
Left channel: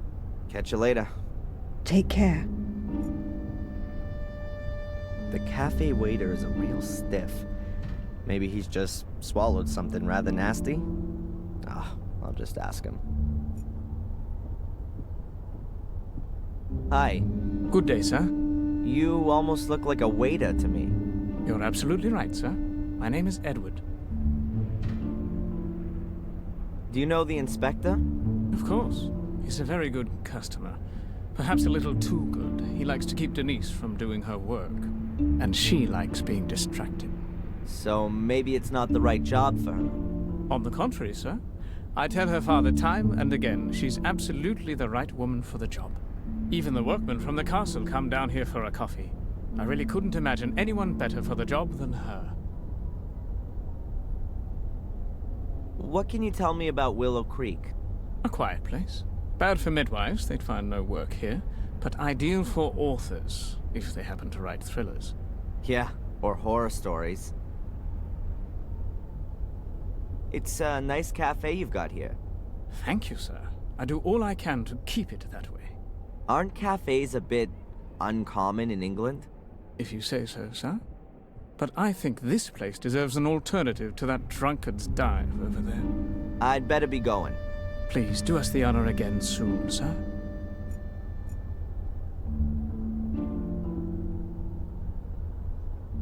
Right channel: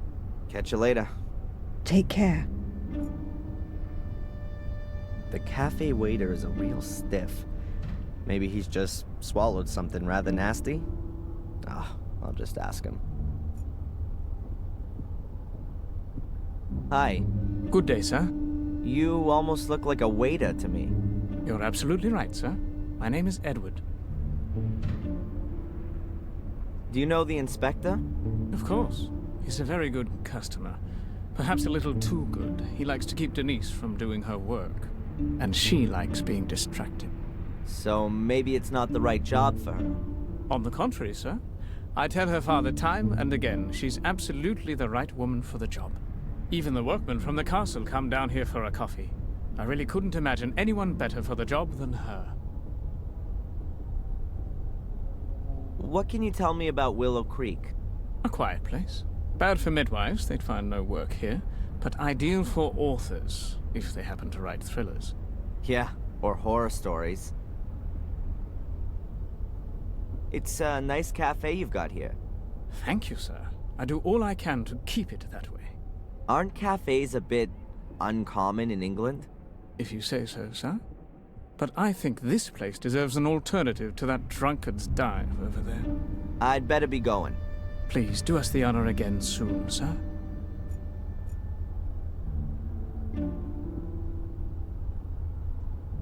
Catch you later. Take care. The cafe waiter is a real stiff. Maybe he's just swallowed something rather nasty? I'll just ask him. Hi. Good day, sir. You almost look like a waiter to me. You're absolutely right, sir. My name is Edward. Do you know the inspector? Of course. He's a very good customer. Perhaps a little too good. He likes to keep Denise from doing her work. And she likes being distracted. So maybe it's not the right job for her. On the contrary, sir. I tell her father time and again she's absolutely the right woman for the job. Even the workmen from the castle come down here for a coffee. I really couldn't imagine anyone better for the job than her. What can you tell me about Willow Creek? A quiet place. Bad for midwives, they'd find no work here, but ideal for authors, if they happen to write thrillers. Yeah, or horror stories. It's a nice cafe you've got here. Thank you, sir. I do all I can to keep it that way. Aren't cafes a bit uncommon in England? If you say so, sir. But I think this place deserves an alternative to that drunkard's dive over there. I'd better be going. Please do us the honor again soon, sir.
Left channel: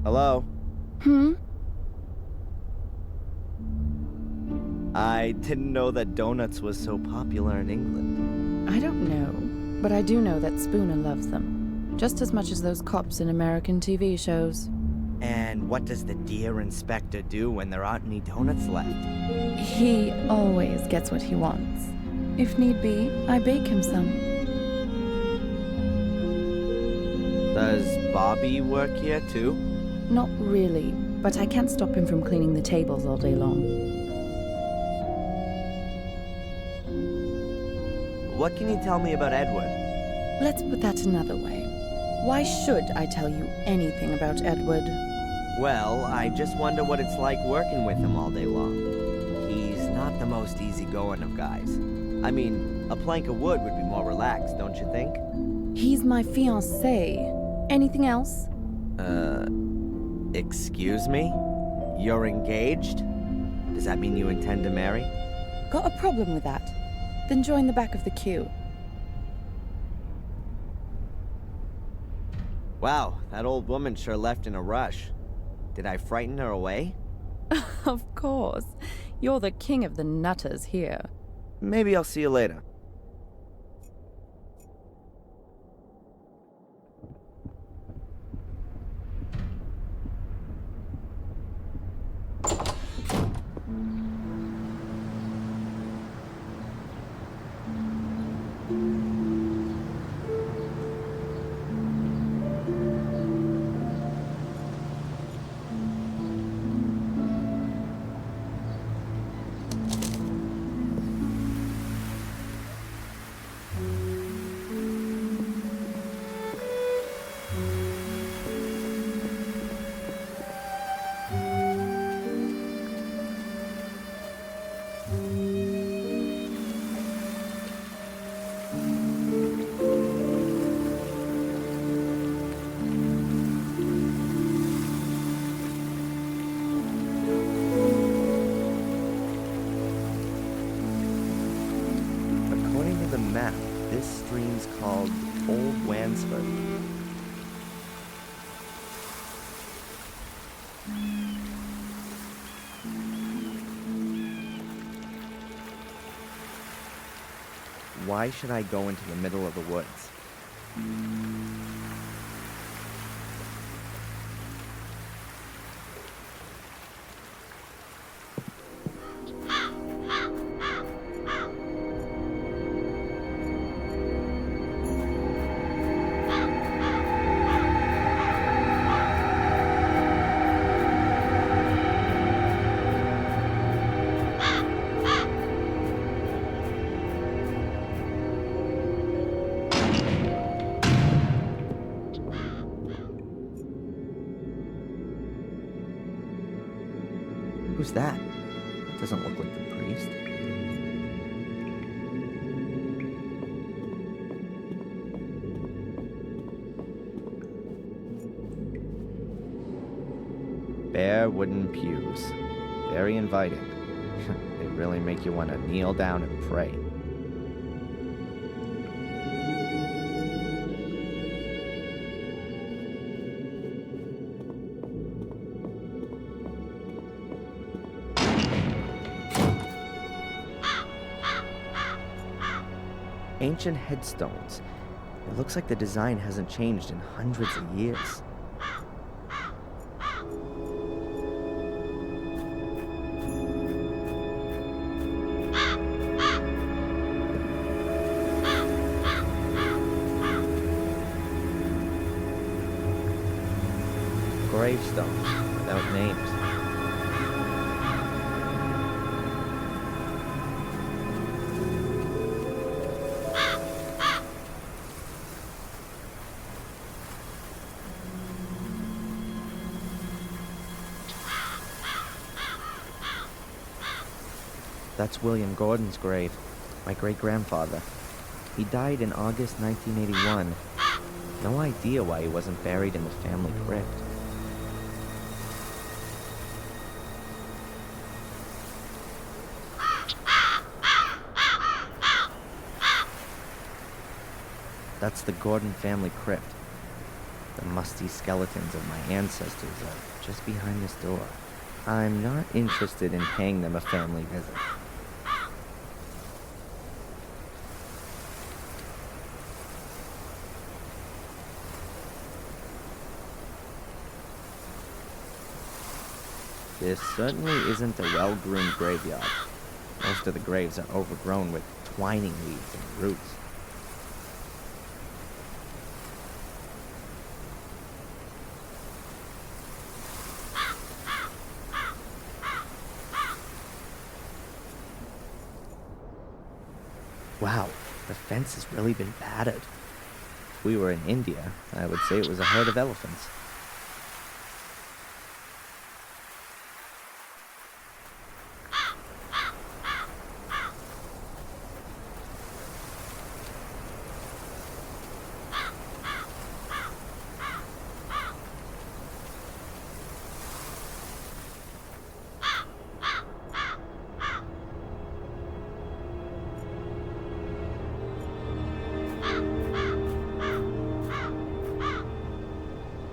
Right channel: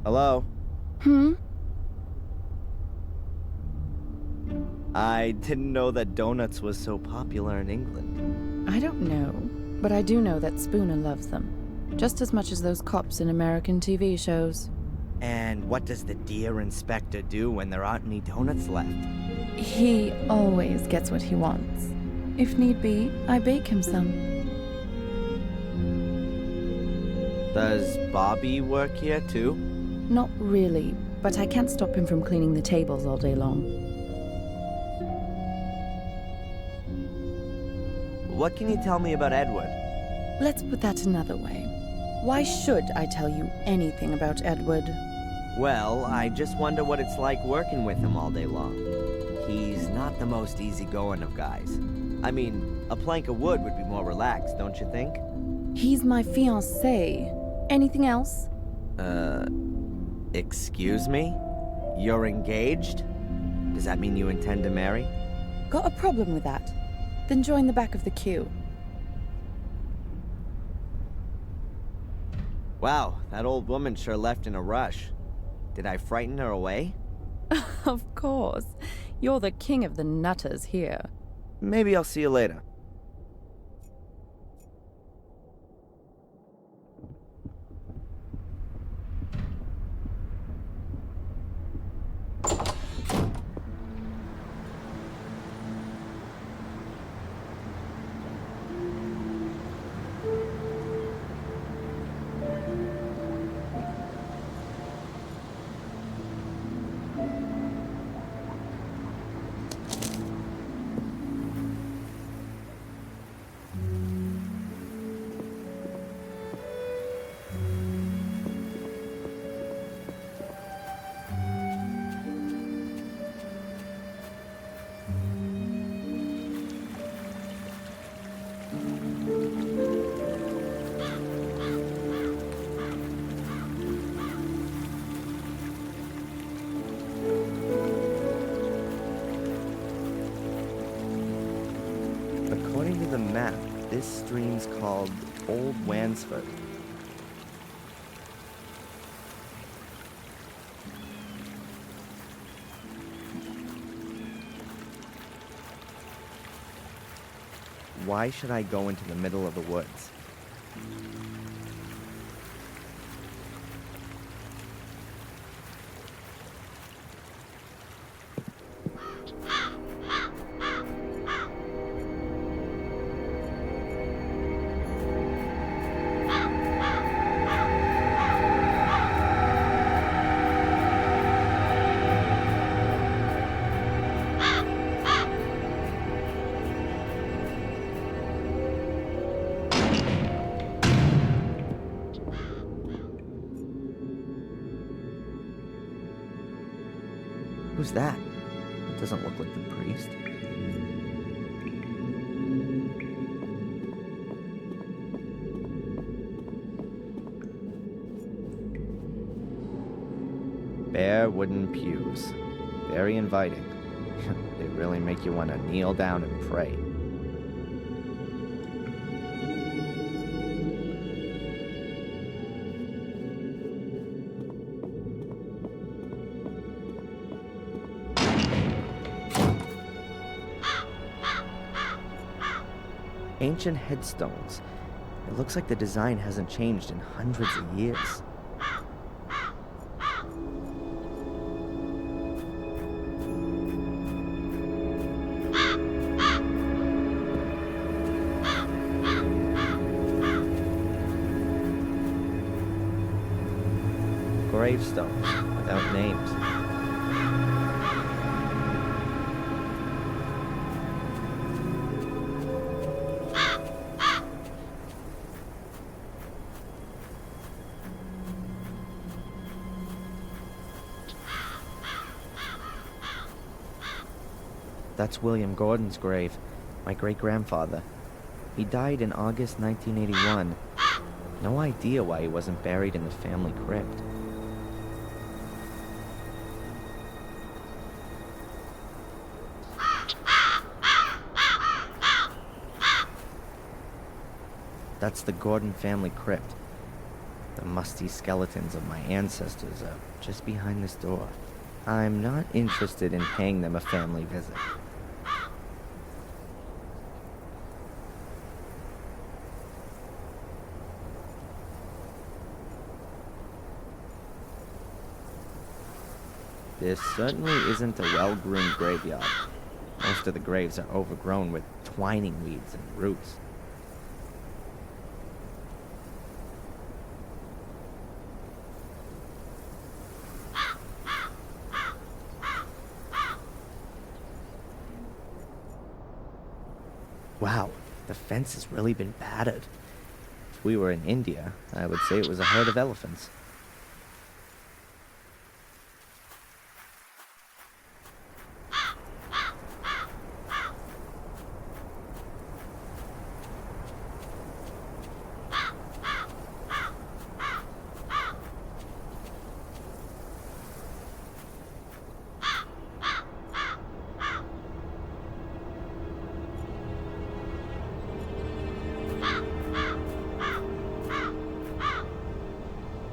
Hello? Hmm? I didn't know that donuts was so popular in England. I don't know, but I do know that Spooner loves them. Just as much as those cops in American TV shows. And what does the dear inspector do when there aren't any donuts left? He always gets what he wants. If need be, I bake him some. Does Bobby work here too? Not really, but I can't stop him from cleaning the tables all day long. What can you tell me about Edward? Let's put that another way. Why should I tell you anything about Edward? Well, I just wonder what it's like working with him all day long. He's not the most easygoing of guys. I mean, a plank of wood would be more relaxed, don't you think? He's my fiancé. Anything else? Excuse me? You're engaged? Does that mean you intend to marry? Got a problem with that? Then join the back of the queue. Wow, that old woman sure left in a rush. Did I frighten her away? Of course. You're the king of the nutters here. Maybe I'll see you later. According to the map, this stream's called Old Wansford. Why should I go into the middle of the woods? Who's that? That doesn't look like the priest. Bare wooden pews. Very inviting. They really make you want to kneel down and pray. Ancient headstones. It looks like the design hasn't changed in hundreds of years. gravestones without names. That's William Gordon's grave, my great-grandfather. He died in August 1981. No idea why he wasn't buried in the family crypt. That's the Gordon family crypt. The musty skeletons of my ancestors are just behind this door. I'm not interested in paying them a family visit. This certainly isn't a well-groomed graveyard. Most of the graves are overgrown with twining weeds and roots. Wow, the fence has really been battered. If we were in India, I would say it was a herd of elephants.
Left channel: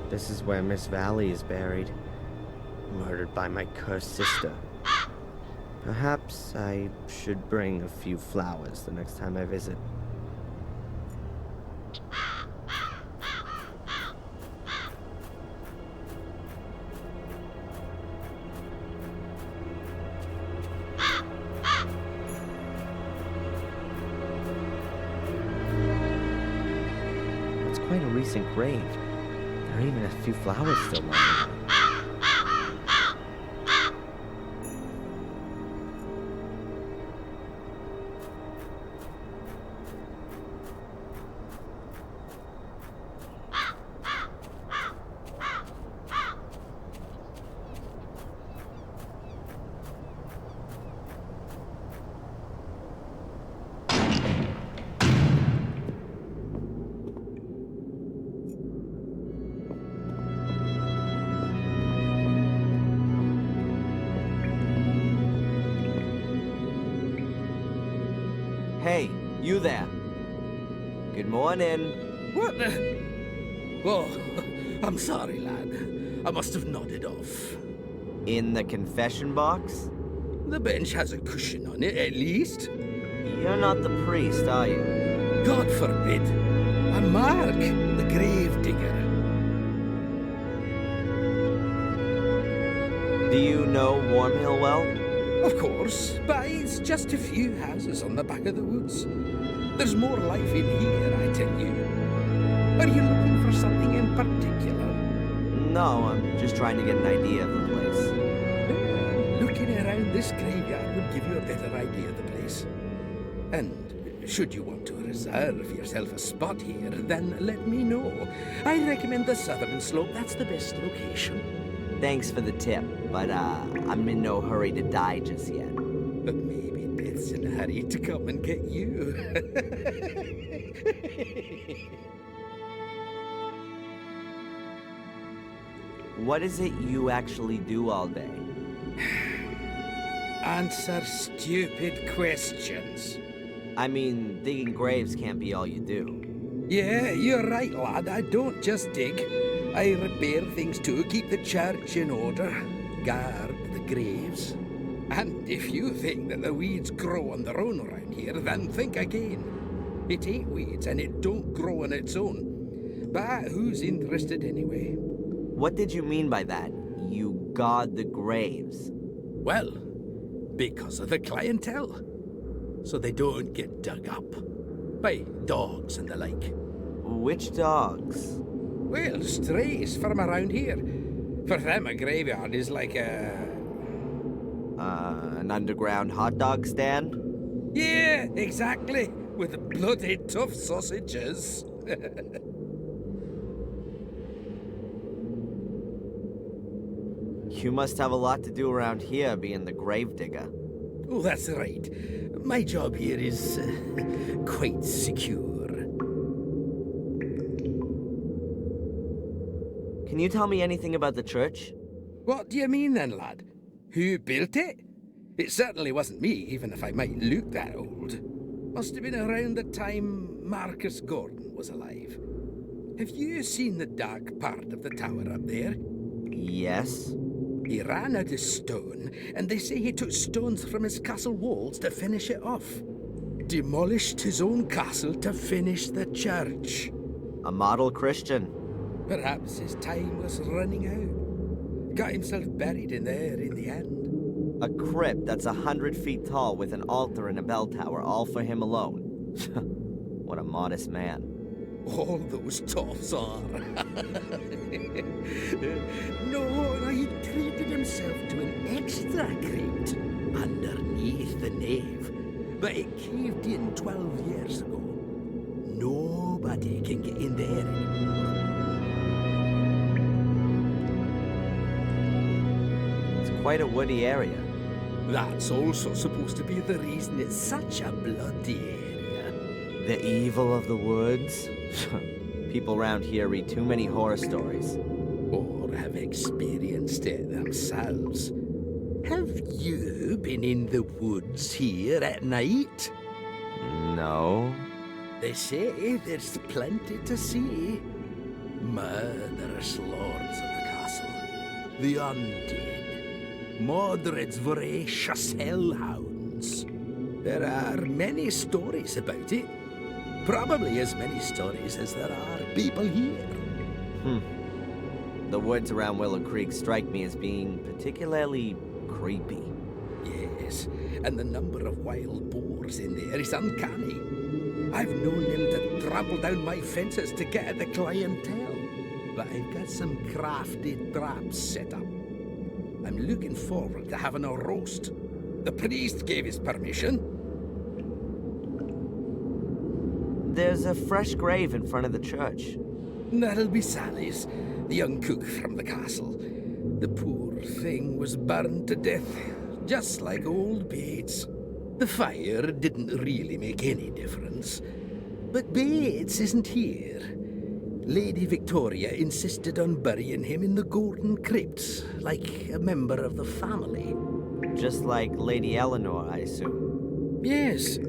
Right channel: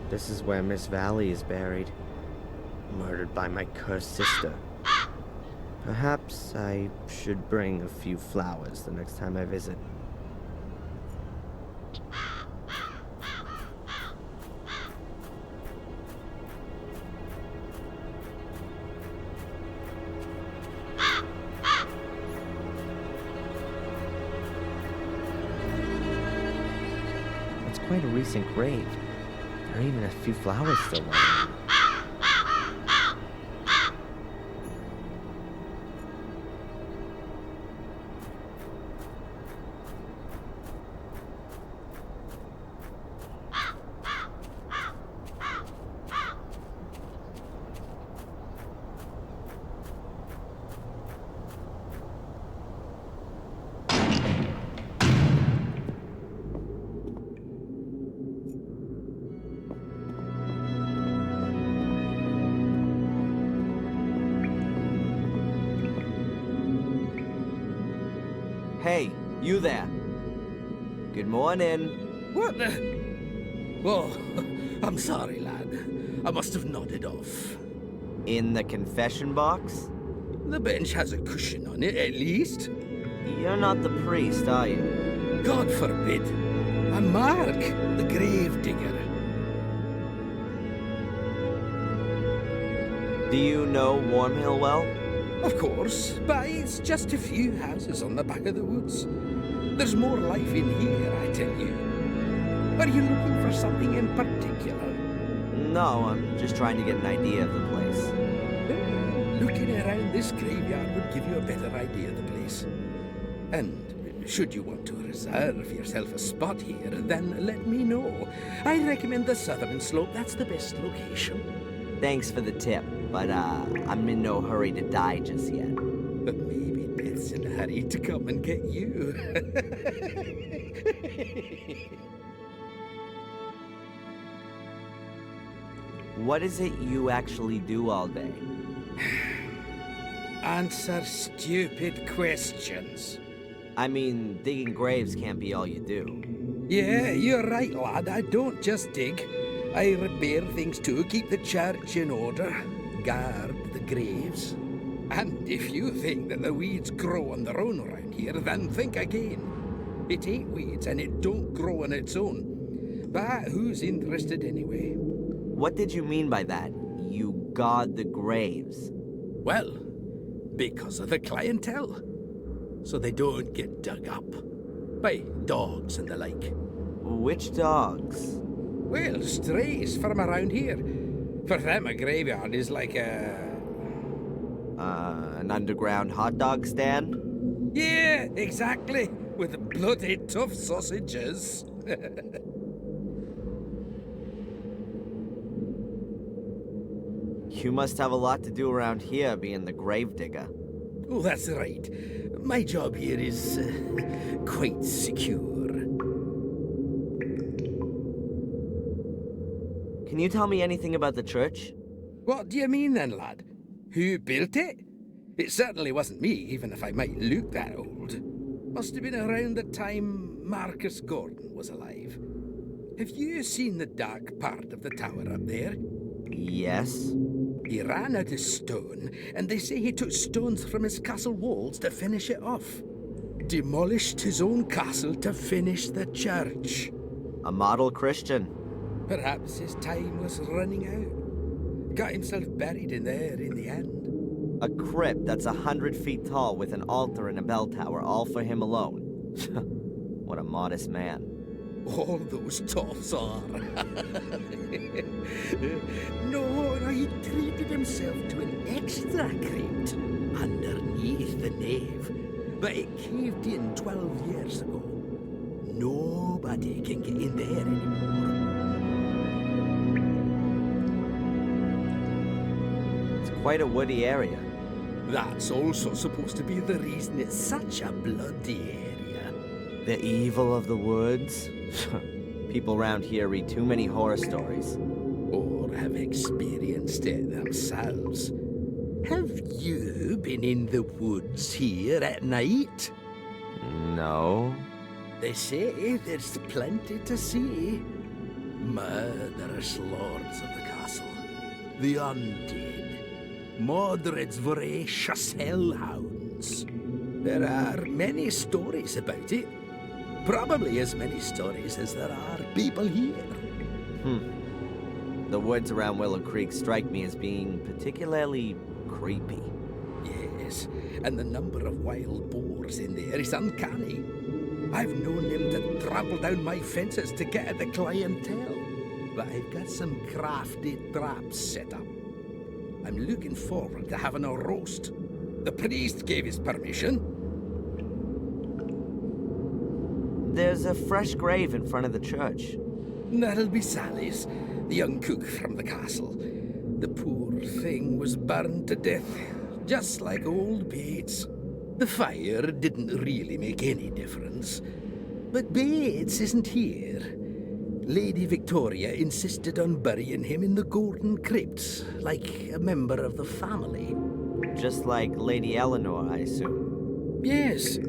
This is where Miss Valley is buried, murdered by my cursed sister. Perhaps I should bring a few flowers the next time I visit. That's quite a recent grave. There are even a few flowers still lying on it. Hey, you there. Good morning. What the? Oh, I'm sorry, lad. I must have nodded off. In the confession box? The bench has a cushion on it, at least. You're not the priest, are you? God forbid. I'm Mark, the grave digger. Do you know Wormhill well? Of course, but it's just a few houses on the back of the woods. There's more life in here, I tell you. Are you looking for something in particular? No, I'm just trying to get an idea of the place. Looking around this graveyard would give you a better idea of the place. And should you want to reserve yourself a spot here, then let me know. I recommend the southern slope. That's the best location. Thanks for the tip, but I'm in no hurry to die just yet. But maybe Beth's in a hurry to come and get you. What is it you actually do all day? Answer stupid questions. I mean, digging graves can't be all you do. Yeah, you're right, lad. I don't just dig. I repair things too, keep the church in order, guard the graves. And if you think that the weeds grow on their own around here, then think again. It ain't weeds, and it don't grow on its own. But who's interested anyway? What did you mean by that? You guard the graves? Well, because of the clientele. So they don't get dug up by dogs and the like. Which dogs? Well, strays from around here. For them, a graveyard is like a... An underground hot dog stand? Yeah, exactly. With bloody tough sausages. You must have a lot to do around here, being the gravedigger. Oh, that's right. My job here is quite secure. Can you tell me anything about the church? What do you mean then, lad? Who built it? It certainly wasn't me, even if I might look that old. Must have been around the time Marcus Gordon was alive. Have you seen the dark part of the tower up there? Yes. He ran out of stone, and they say he took stones from his castle walls to finish it off. Demolished his own castle to finish the church. A model Christian. Perhaps his time was running out. Got himself buried in there in the end. A crypt that's 100 feet tall with an altar and a bell tower, all for him alone. What a modest man. All those toffs are. No, he treated himself to an extra crypt underneath the nave. But it caved in 12 years ago. Nobody can get in there anymore. It's quite a woody area. That's also supposed to be the reason it's such a bloody area. The evil of the woods? People around here read too many horror stories. Or have experienced it themselves. Have you been in the woods here at night? No. They say there's plenty to see. Murderous lords of the castle. The undead. Mordred's voracious hellhounds. There are many stories about it. Probably as many stories as there are people here. The woods around Willow Creek strike me as being particularly creepy. Yes, and the number of wild boars in there is uncanny. I've known them to trample down my fences to get at the clientele. But I've got some crafty traps set up. I'm looking forward to having a roast. The priest gave his permission. There's a fresh grave in front of the church. That'll be Sally's, the young cook from the castle. The poor thing was burned to death, just like old Bates. The fire didn't really make any difference. But Bates isn't here. Lady Victoria insisted on burying him in the Golden Crypt, like a member of the family. Just like Lady Eleanor, I assume. Yes,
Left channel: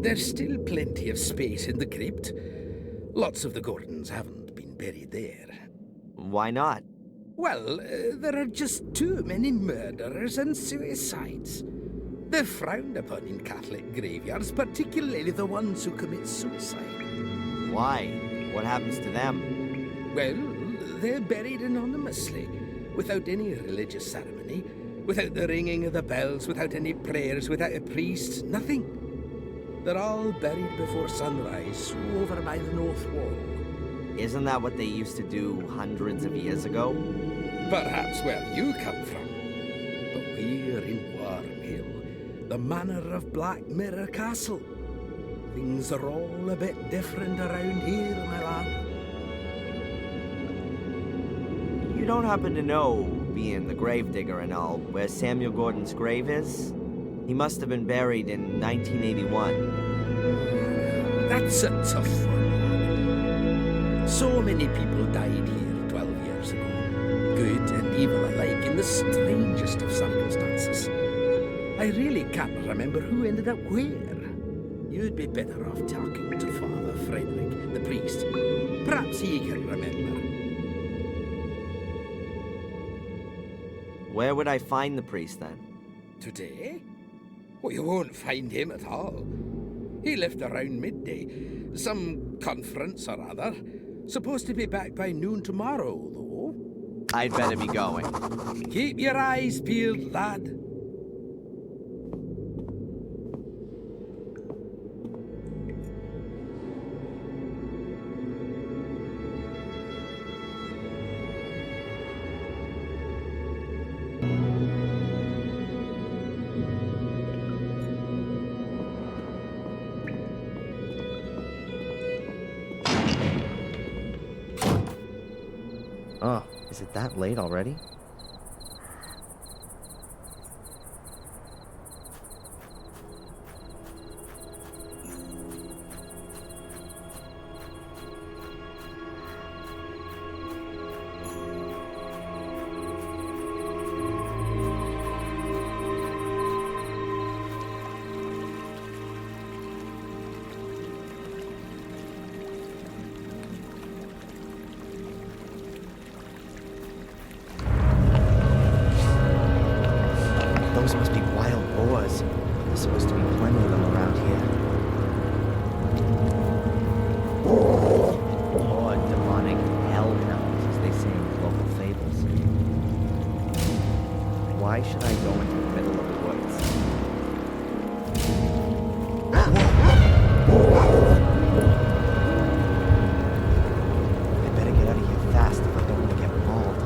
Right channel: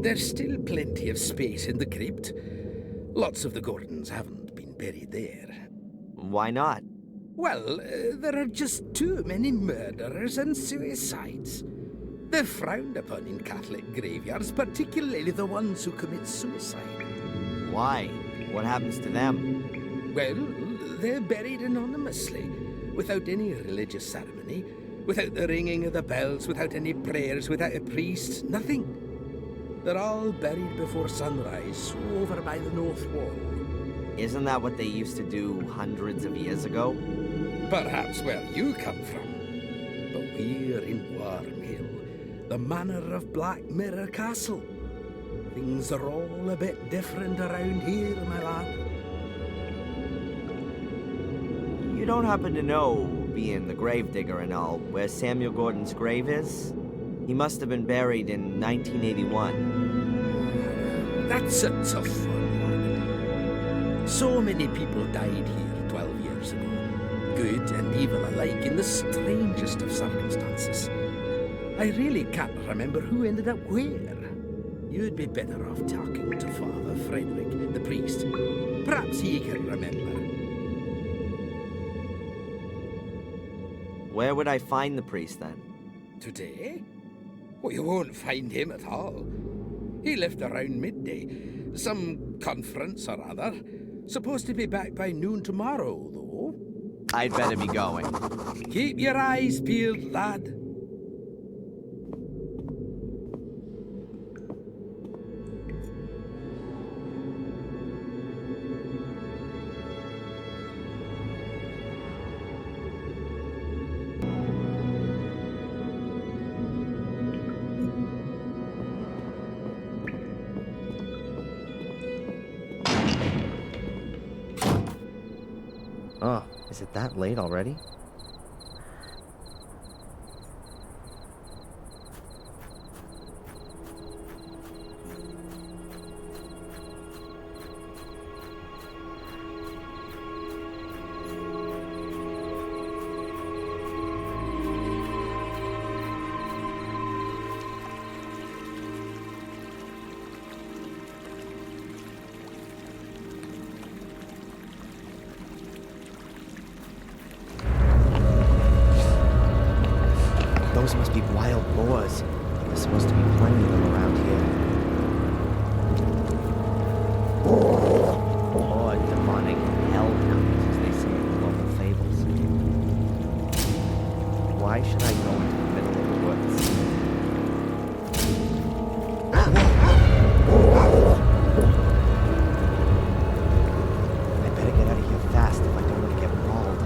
there's still plenty of space in the crypt. Lots of the Gordons haven't been buried there. Why not? Well, there are just too many murderers and suicides. They're frowned upon in Catholic graveyards, particularly the ones who commit suicide. Why? What happens to them? Well, they're buried anonymously, without any religious ceremony, without the ringing of the bells, without any prayers, without a priest, nothing. They're all buried before sunrise, over by the north wall. Isn't that what they used to do hundreds of years ago? Perhaps where you come from. But we're in Wormhill, the manor of Black Mirror Castle. Things are all a bit different around here, my lad. You don't happen to know, being the gravedigger and all, where Samuel Gordon's grave is? He must have been buried in 1981. That's a tough one, lad. So many people died here 12 years ago. Good and evil alike in the strangest of circumstances. I really can't remember who ended up where. You'd be better off talking to Father Frederick, the priest. Perhaps he can remember. Where would I find the priest then? Today? Well, you won't find him at all. He left around midday. Some conference or other. Supposed to be back by noon tomorrow, though. I'd better be going. Keep your eyes peeled, lad. Oh, is it that late already? Those must be wild boars. There's supposed to be plenty of them around here. Or demonic hellhounds, as they say in local fables. Why should I go into the middle of the woods? I better get out of here fast if I don't want to get mauled.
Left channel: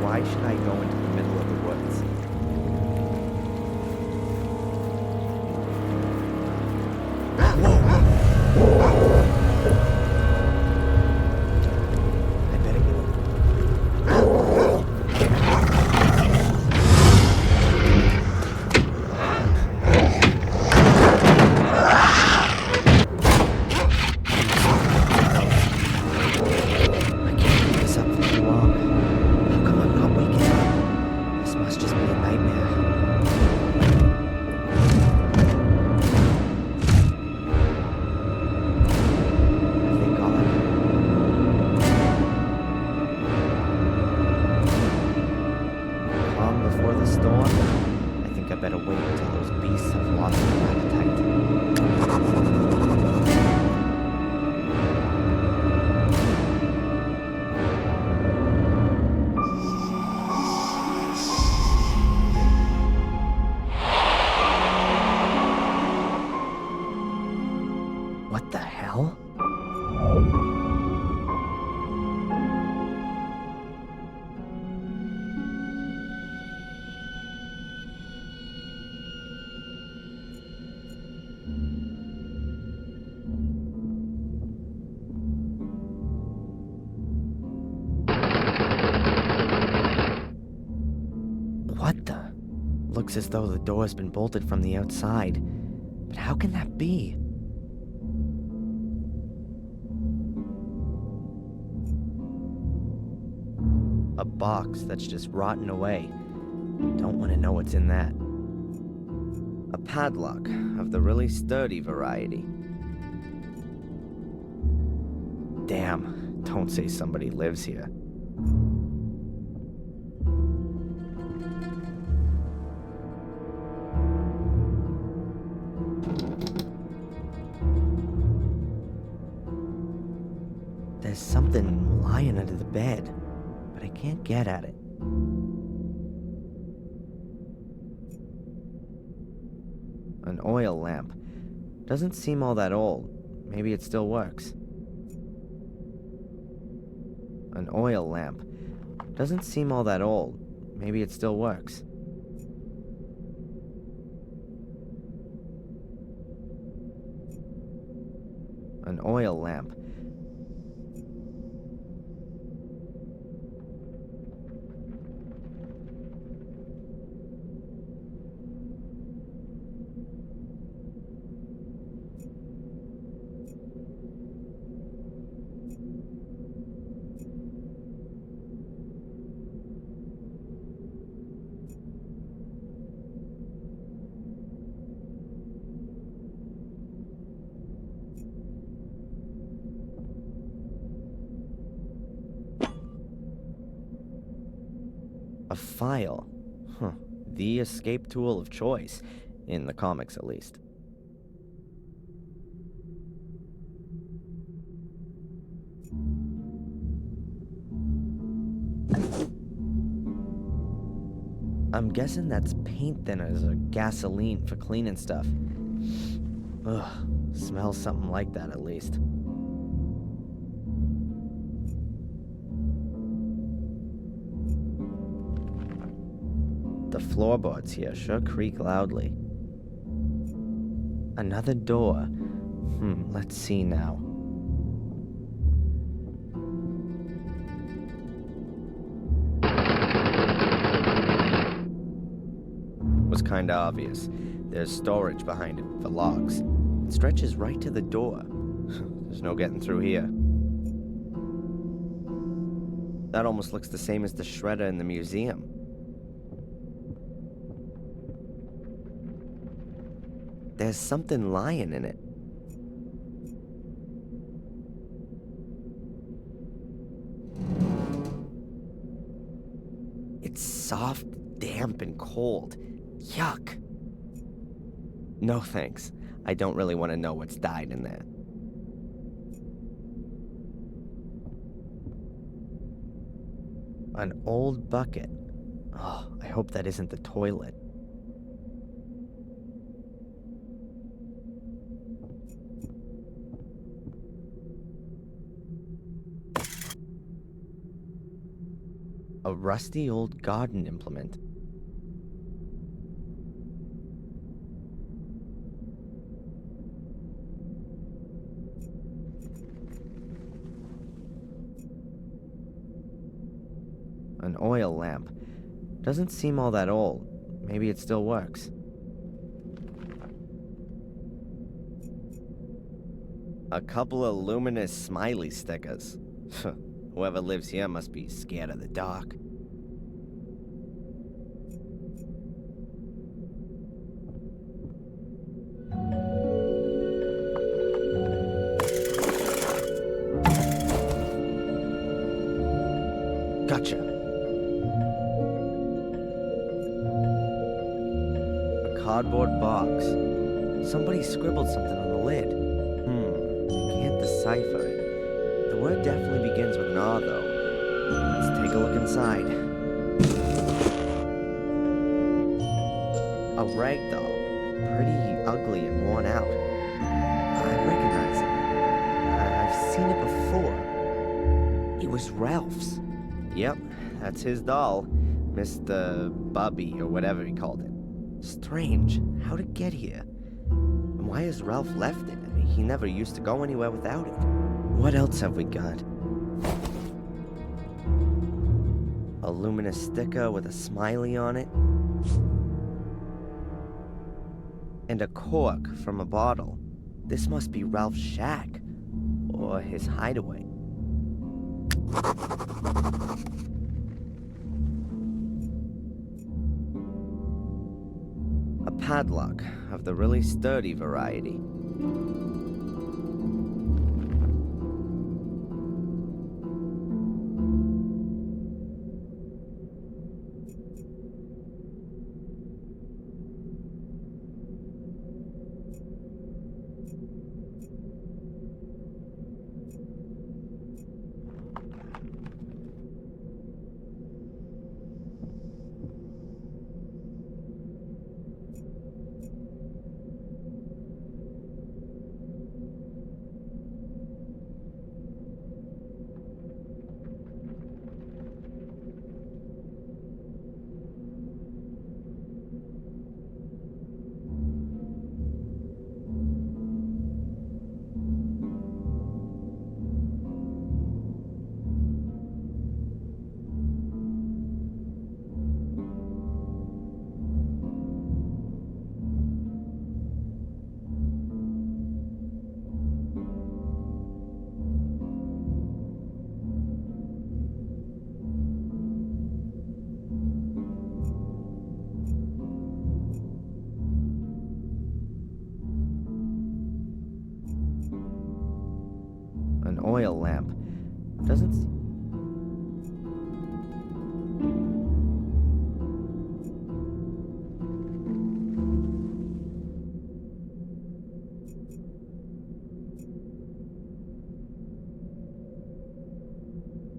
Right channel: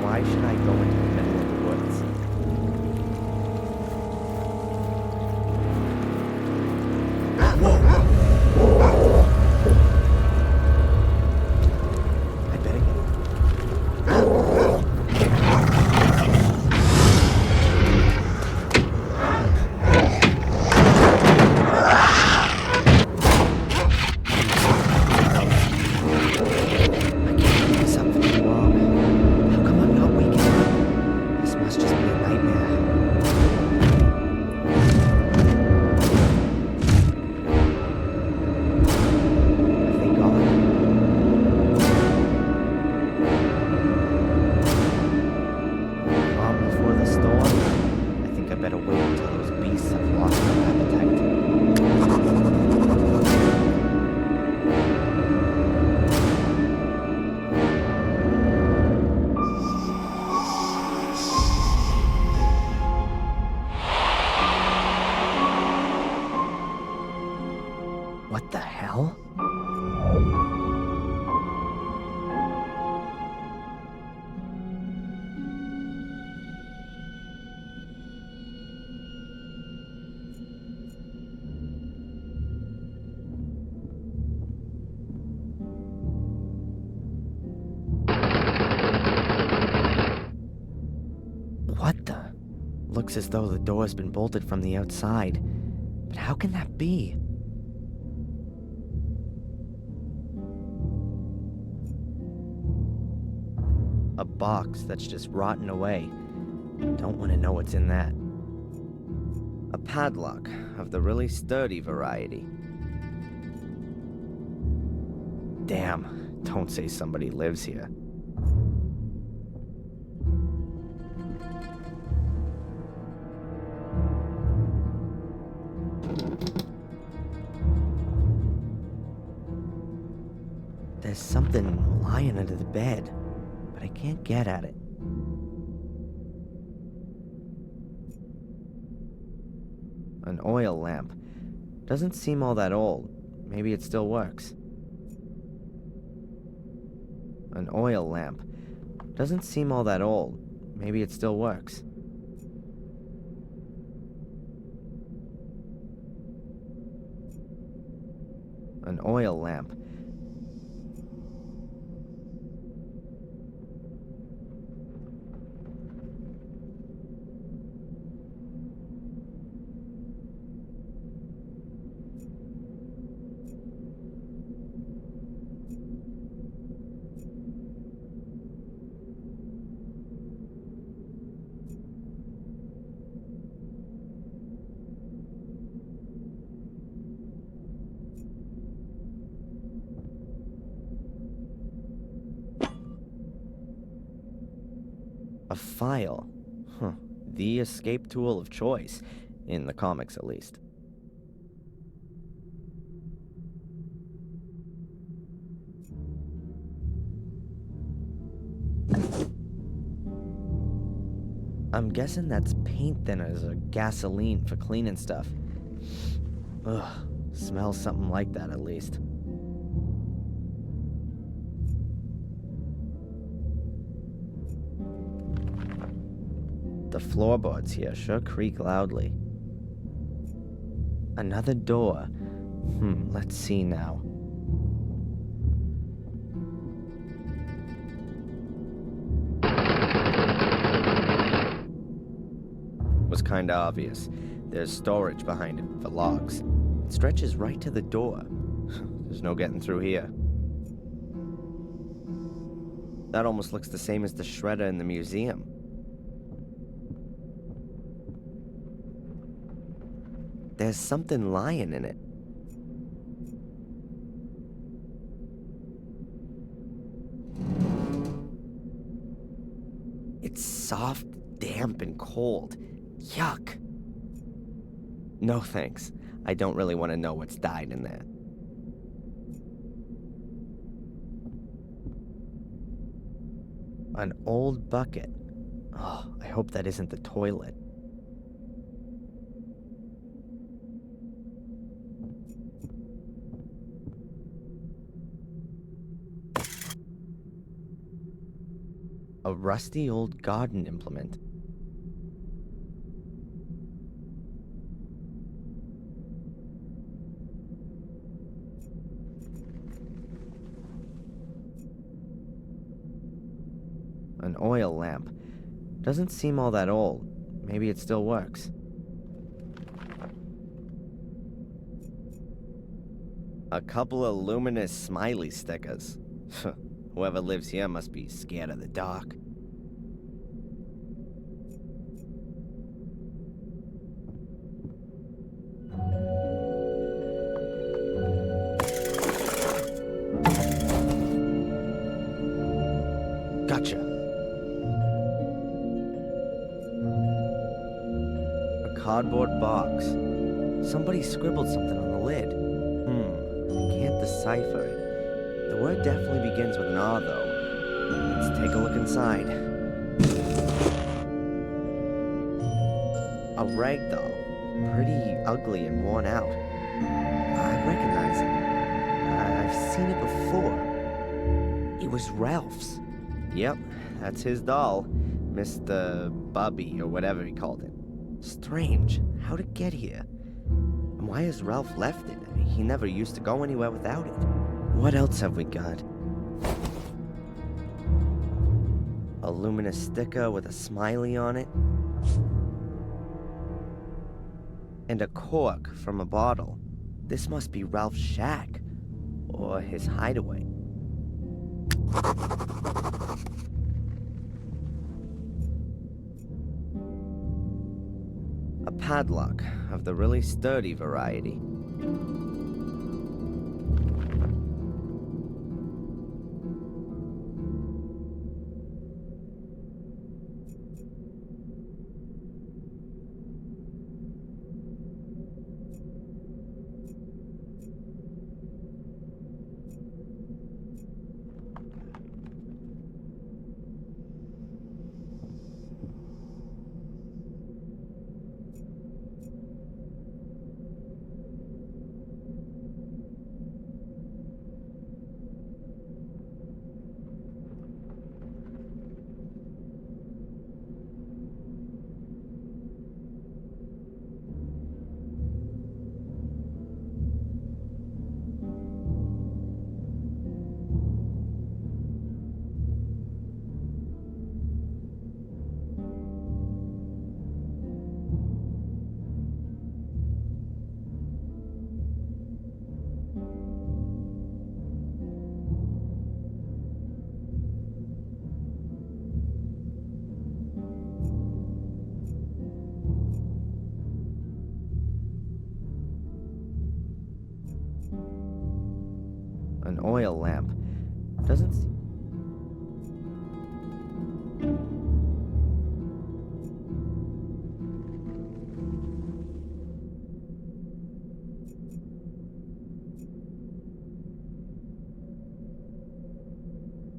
Why should I go into the middle of the woods? I better get I can't keep this up for too long. How come I'm not waking up? This must just be a nightmare. Have they gone? Calm before the storm? I think I better wait until those beasts have lost their appetite. What the hell? What the? Looks as though the door's been bolted from the outside. But how can that be? A box that's just rotten away. Don't want to know what's in that. A padlock of the really sturdy variety. Damn, don't say somebody lives here. There's something lying under the bed, but I can't get at it. An oil lamp. Doesn't seem all that old. Maybe it still works. An oil lamp. Doesn't seem all that old. Maybe it still works. An oil lamp. A file. Huh. The escape tool of choice. In the comics, at least. I'm guessing that's paint thinners or gasoline for cleaning stuff. Ugh, smells something like that at least. The floorboards here sure creak loudly. Another door. Let's see now. Was kinda obvious. There's storage behind it for logs. It stretches right to the door. There's no getting through here. That almost looks the same as the shredder in the museum. There's something lying in it. It's soft, damp, and cold. Yuck. No thanks. I don't really want to know what's died in there. An old bucket. Oh, I hope that isn't the toilet. A rusty old garden implement. An oil lamp. Doesn't seem all that old. Maybe it still works. A couple of luminous smiley stickers. Whoever lives here must be scared of the dark. Gotcha. A cardboard box. Somebody scribbled something on the lid. I can't decipher it. The word definitely begins with an R, though. Let's take a look inside. A rag doll. Pretty ugly and worn out. I recognize it. I've seen it before. It was Ralph's. Yep, that's his doll. Mr. Bubby, or whatever he called it. Strange. How'd it get here? And why has Ralph left it? I mean, he never used to go anywhere without it. What else have we got? A luminous sticker with a smiley on it. And a cork from a bottle. This must be Ralph's shack. Or his hideaway. A padlock of the really sturdy variety. An oil lamp. Doesn't see...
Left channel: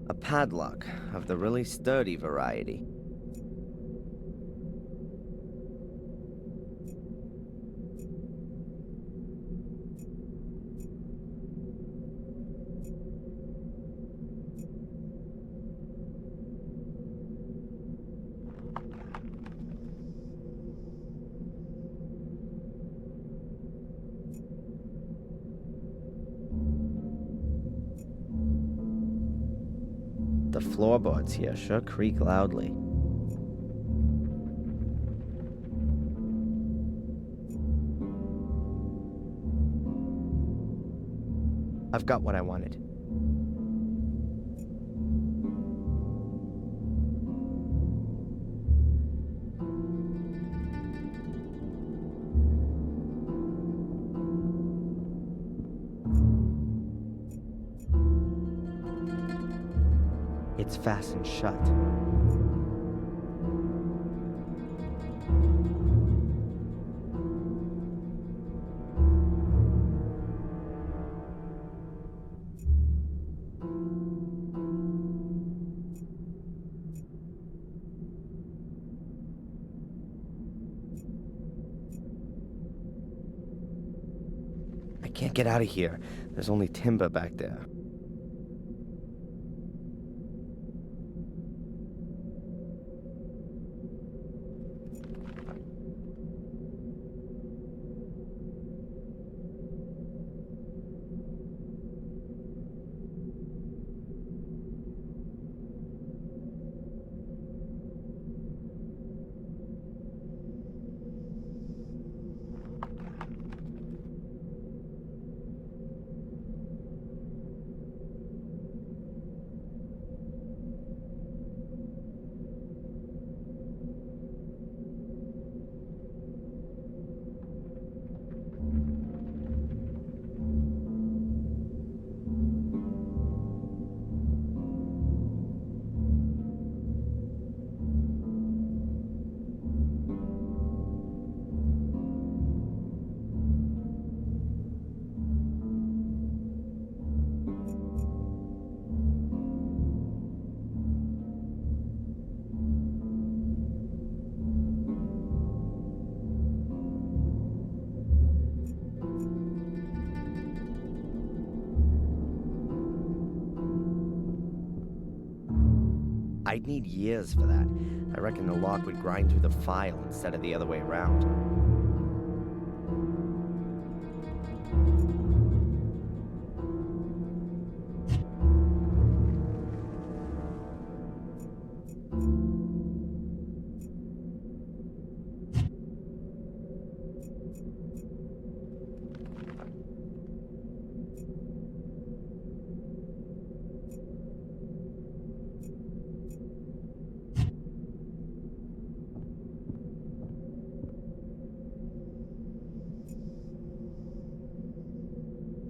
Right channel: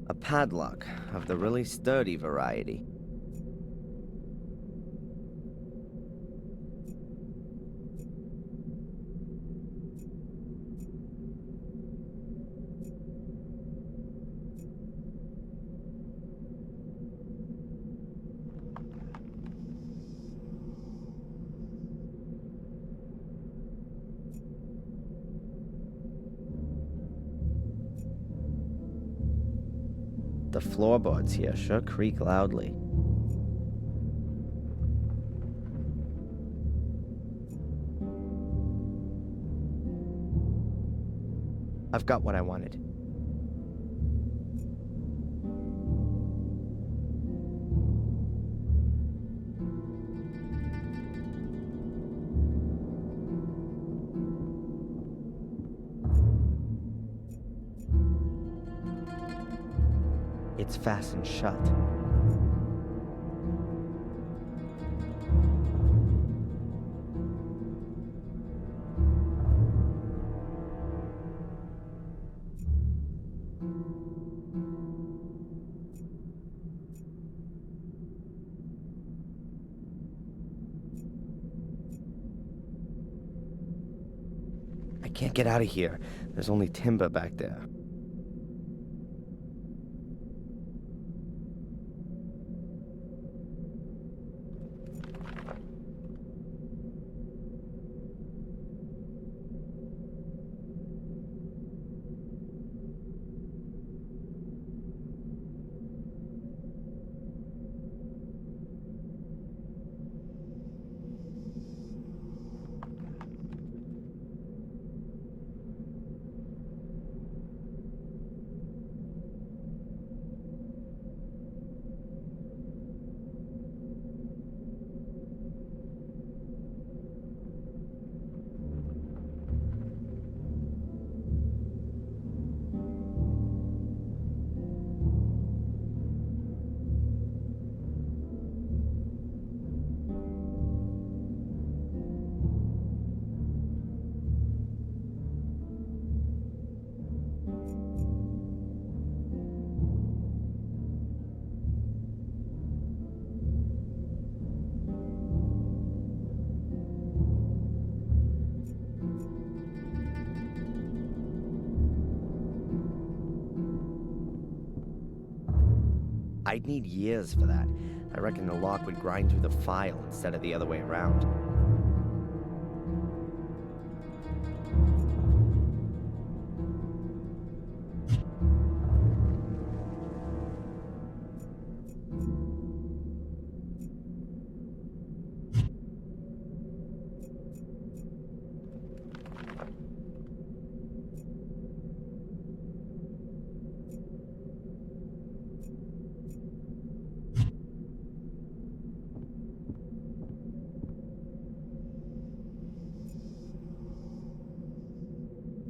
A padlock of the really sturdy variety. floorboards here sure creak loudly. I've got what I wanted. It's fastened shut. I can't get out of here. There's only timber back there. I'd need years for that. I reckon the lock would grind through the file instead of the other way around.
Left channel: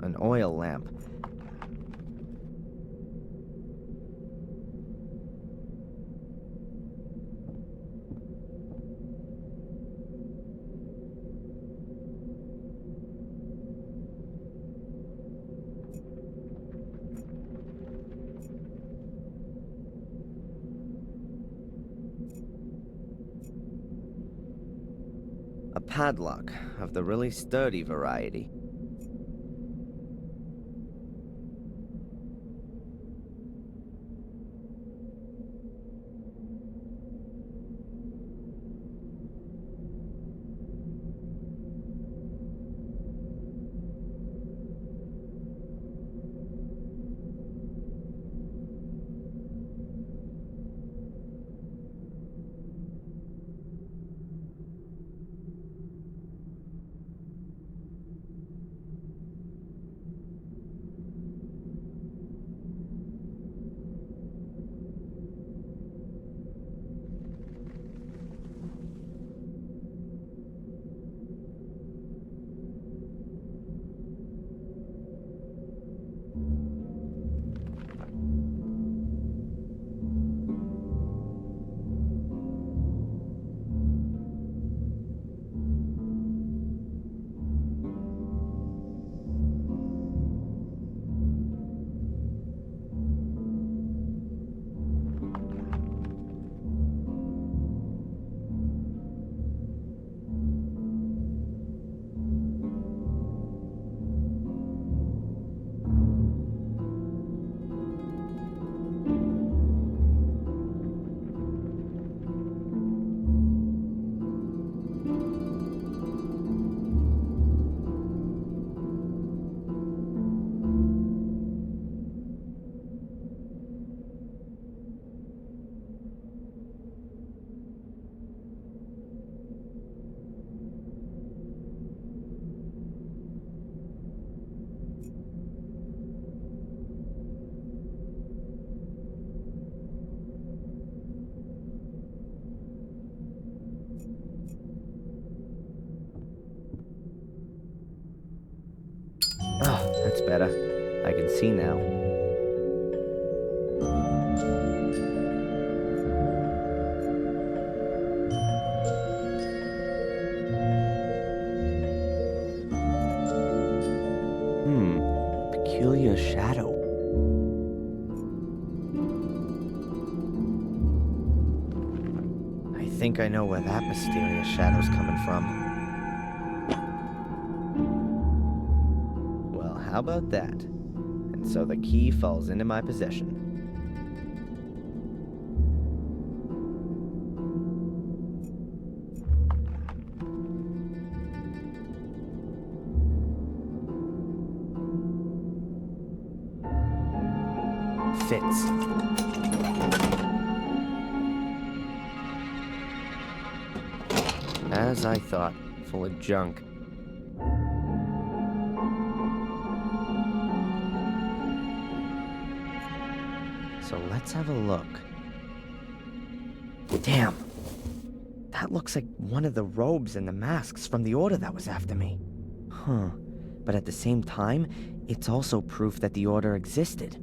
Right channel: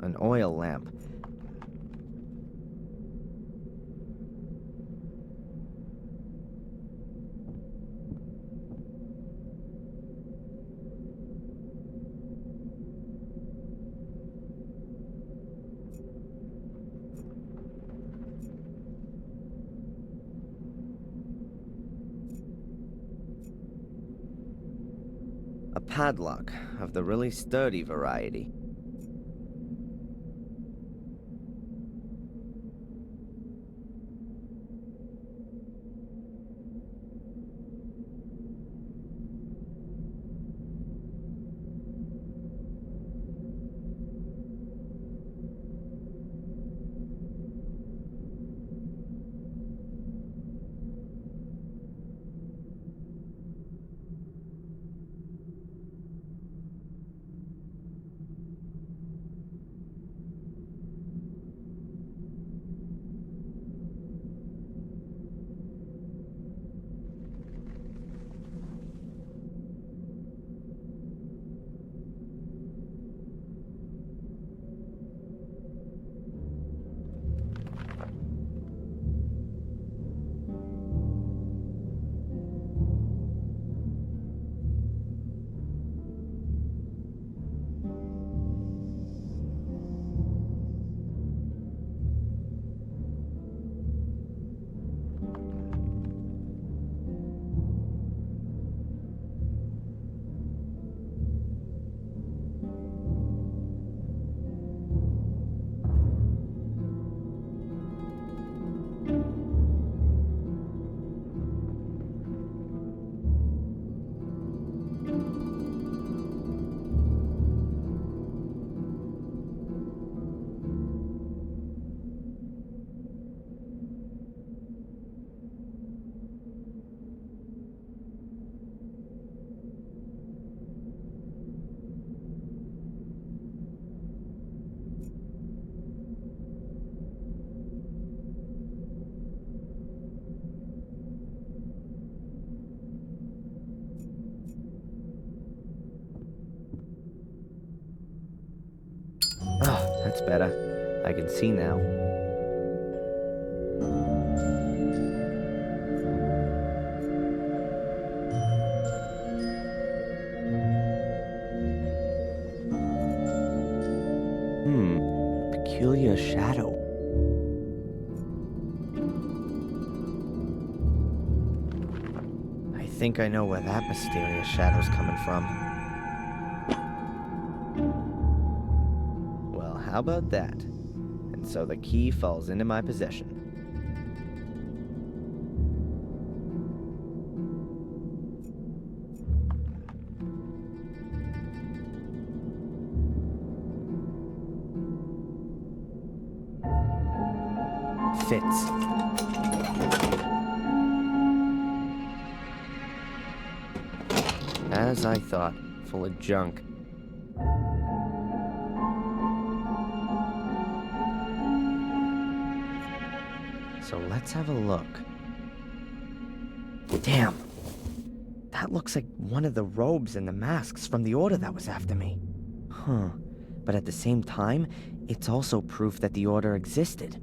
An oil lamp. A padlock of the really sturdy variety. That's better. I can see now. A peculiar shadow. I think I know where that mysterious shadow's coming from. Well, how about that? And so the key falls into my possession. Fits. As I thought, full of junk. So let's have a look. Damn! That looks like one of the robes and the masks from the Order that was after me. Huh. But at the same time, it's also proof that the Order existed.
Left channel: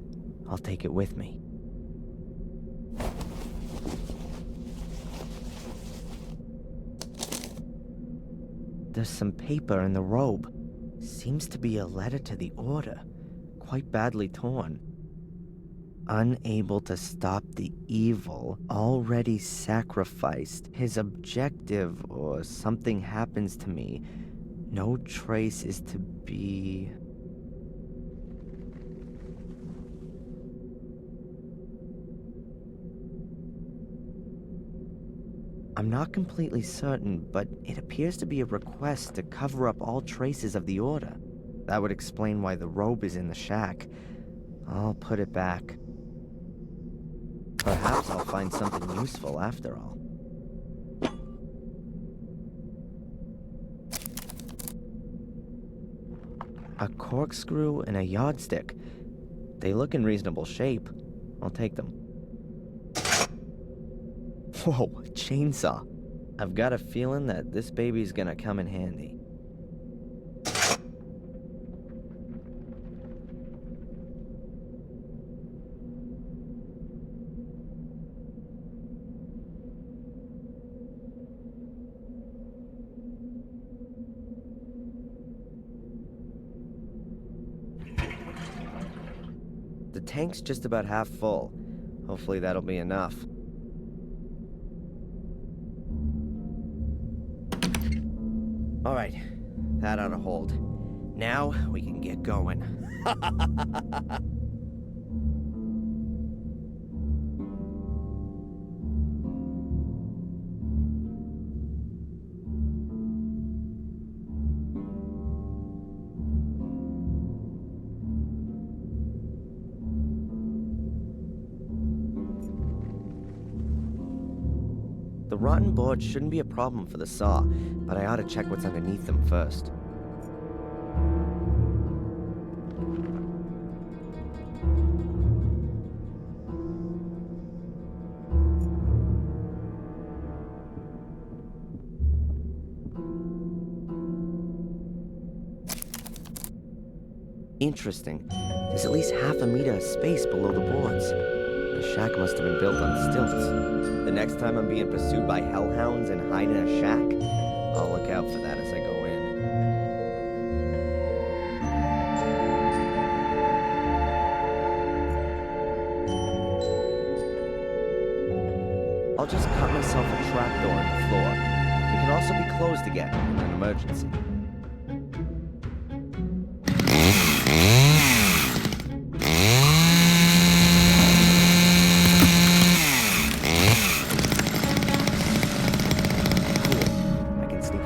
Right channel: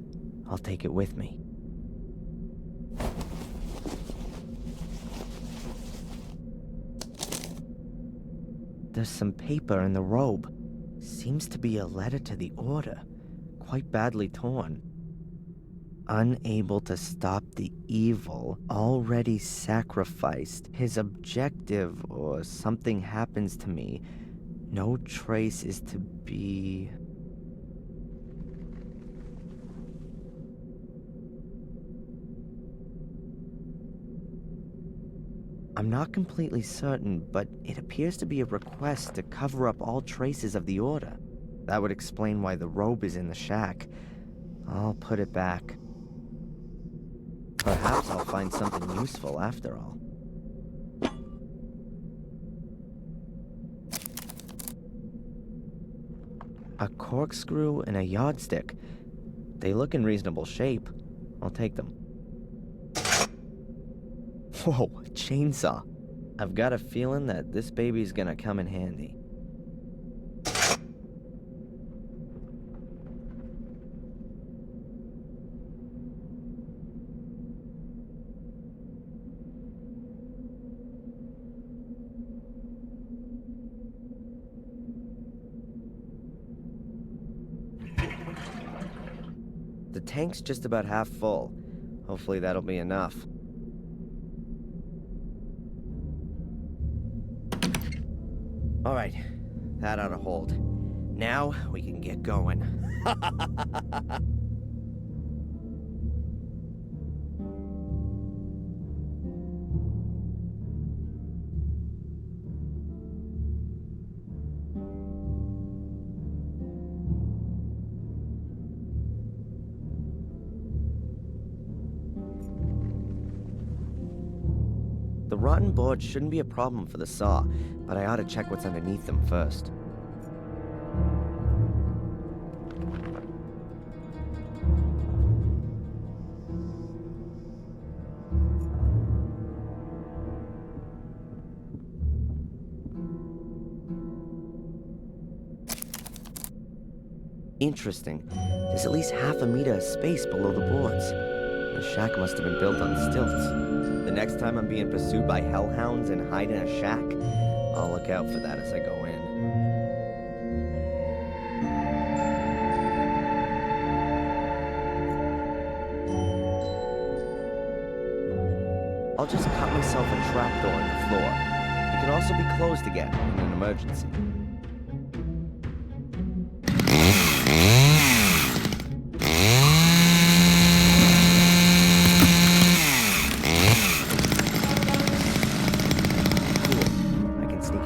I'll take it with me. There's some paper in the robe. Seems to be a letter to the Order. Quite badly torn. Unable to stop the evil, already sacrificed. His objective, or something happens to me. No trace is to be... I'm not completely certain, but it appears to be a request to cover up all traces of the Order. That would explain why the robe is in the shack. I'll put it back. Perhaps I'll find something useful after all. A corkscrew and a yardstick. They look in reasonable shape. I'll take them. Whoa, a chainsaw. I've got a feeling that this baby's gonna come in handy. The tank's just about half full. Hopefully that'll be enough. Alright, that ought to hold. Now we can get going. The rotten boards shouldn't be a problem for the saw, but I ought to check what's underneath them first. Interesting. There's at least half a meter of space below the boards. The shack must have been built on stilts. The next time I'm being pursued by hellhounds and hide in a shack, I'll look out for that as I go in. I'll just cut myself a trapdoor in the floor. It can also be closed again in an emergency.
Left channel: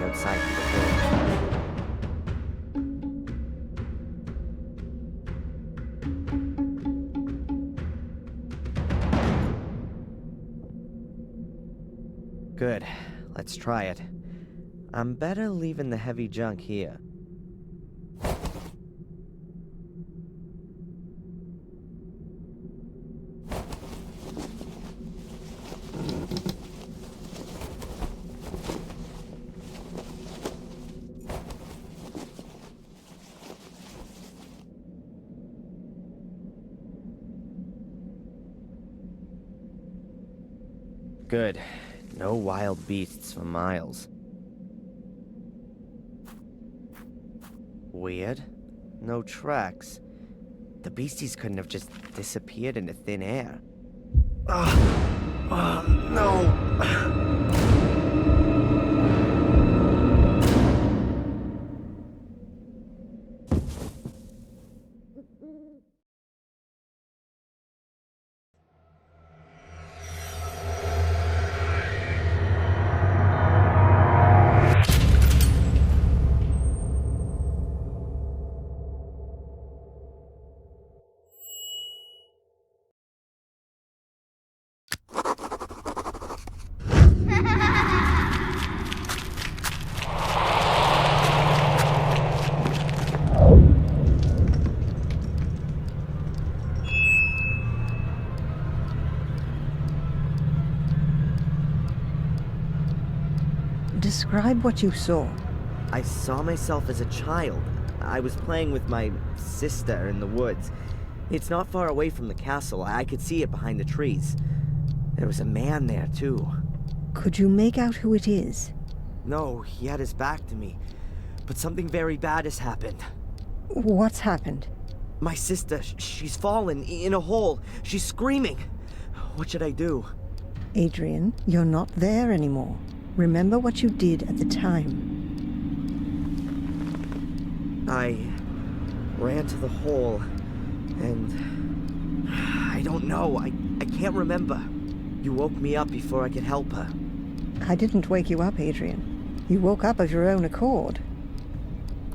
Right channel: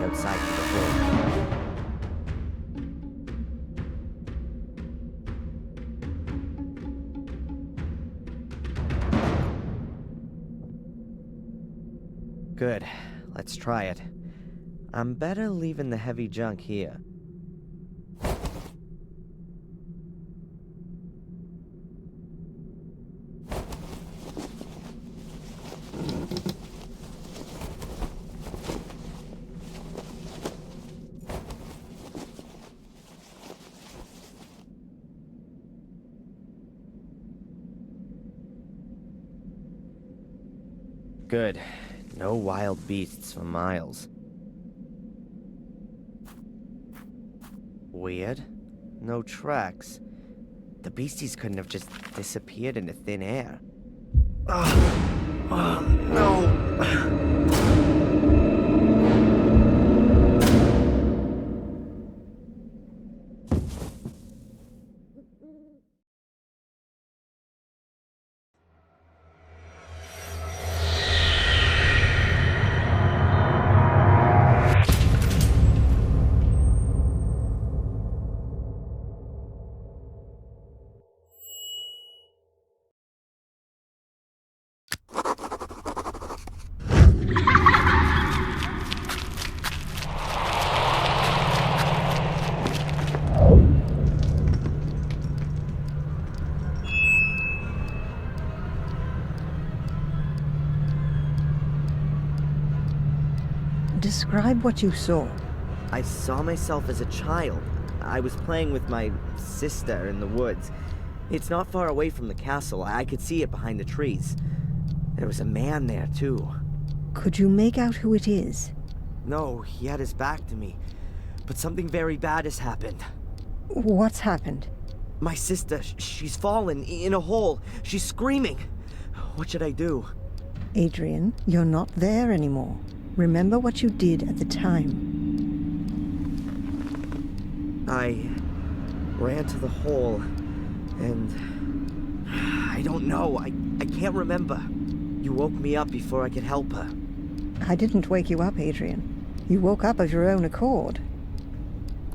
Outside to the hood. Good. Let's try it. I'm better leaving the heavy junk here. Good. No wild beasts for miles. Weird. No tracks. The beasties couldn't have just disappeared into thin air. No! Describe what you saw. I saw myself as a child. I was playing with my sister in the woods. It's not far away from the castle. I could see it behind the trees. There was a man there, too. Could you make out who it is? No, he had his back to me. But something very bad has happened. What's happened? My sister, she's fallen in a hole. She's screaming. What should I do? Adrian, you're not there anymore. Remember what you did at the time. I ran to the hole, and I don't know. I can't remember. You woke me up before I could help her. I didn't wake you up, Adrian. You woke up of your own accord.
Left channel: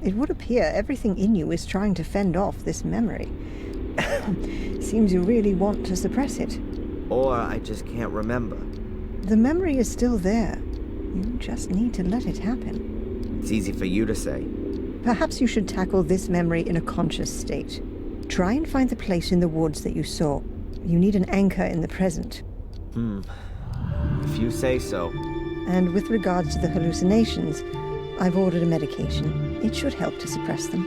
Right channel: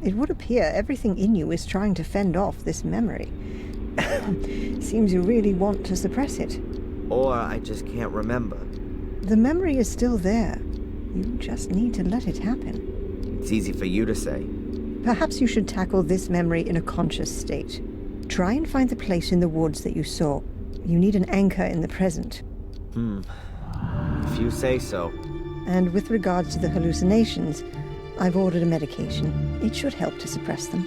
It would appear everything in you is trying to fend off this memory. Seems you really want to suppress it. Or I just can't remember. The memory is still there. You just need to let it happen. It's easy for you to say. Perhaps you should tackle this memory in a conscious state. Try and find the place in the woods that you saw. You need an anchor in the present. If you say so. And with regards to the hallucinations, I've ordered a medication. It should help to suppress them.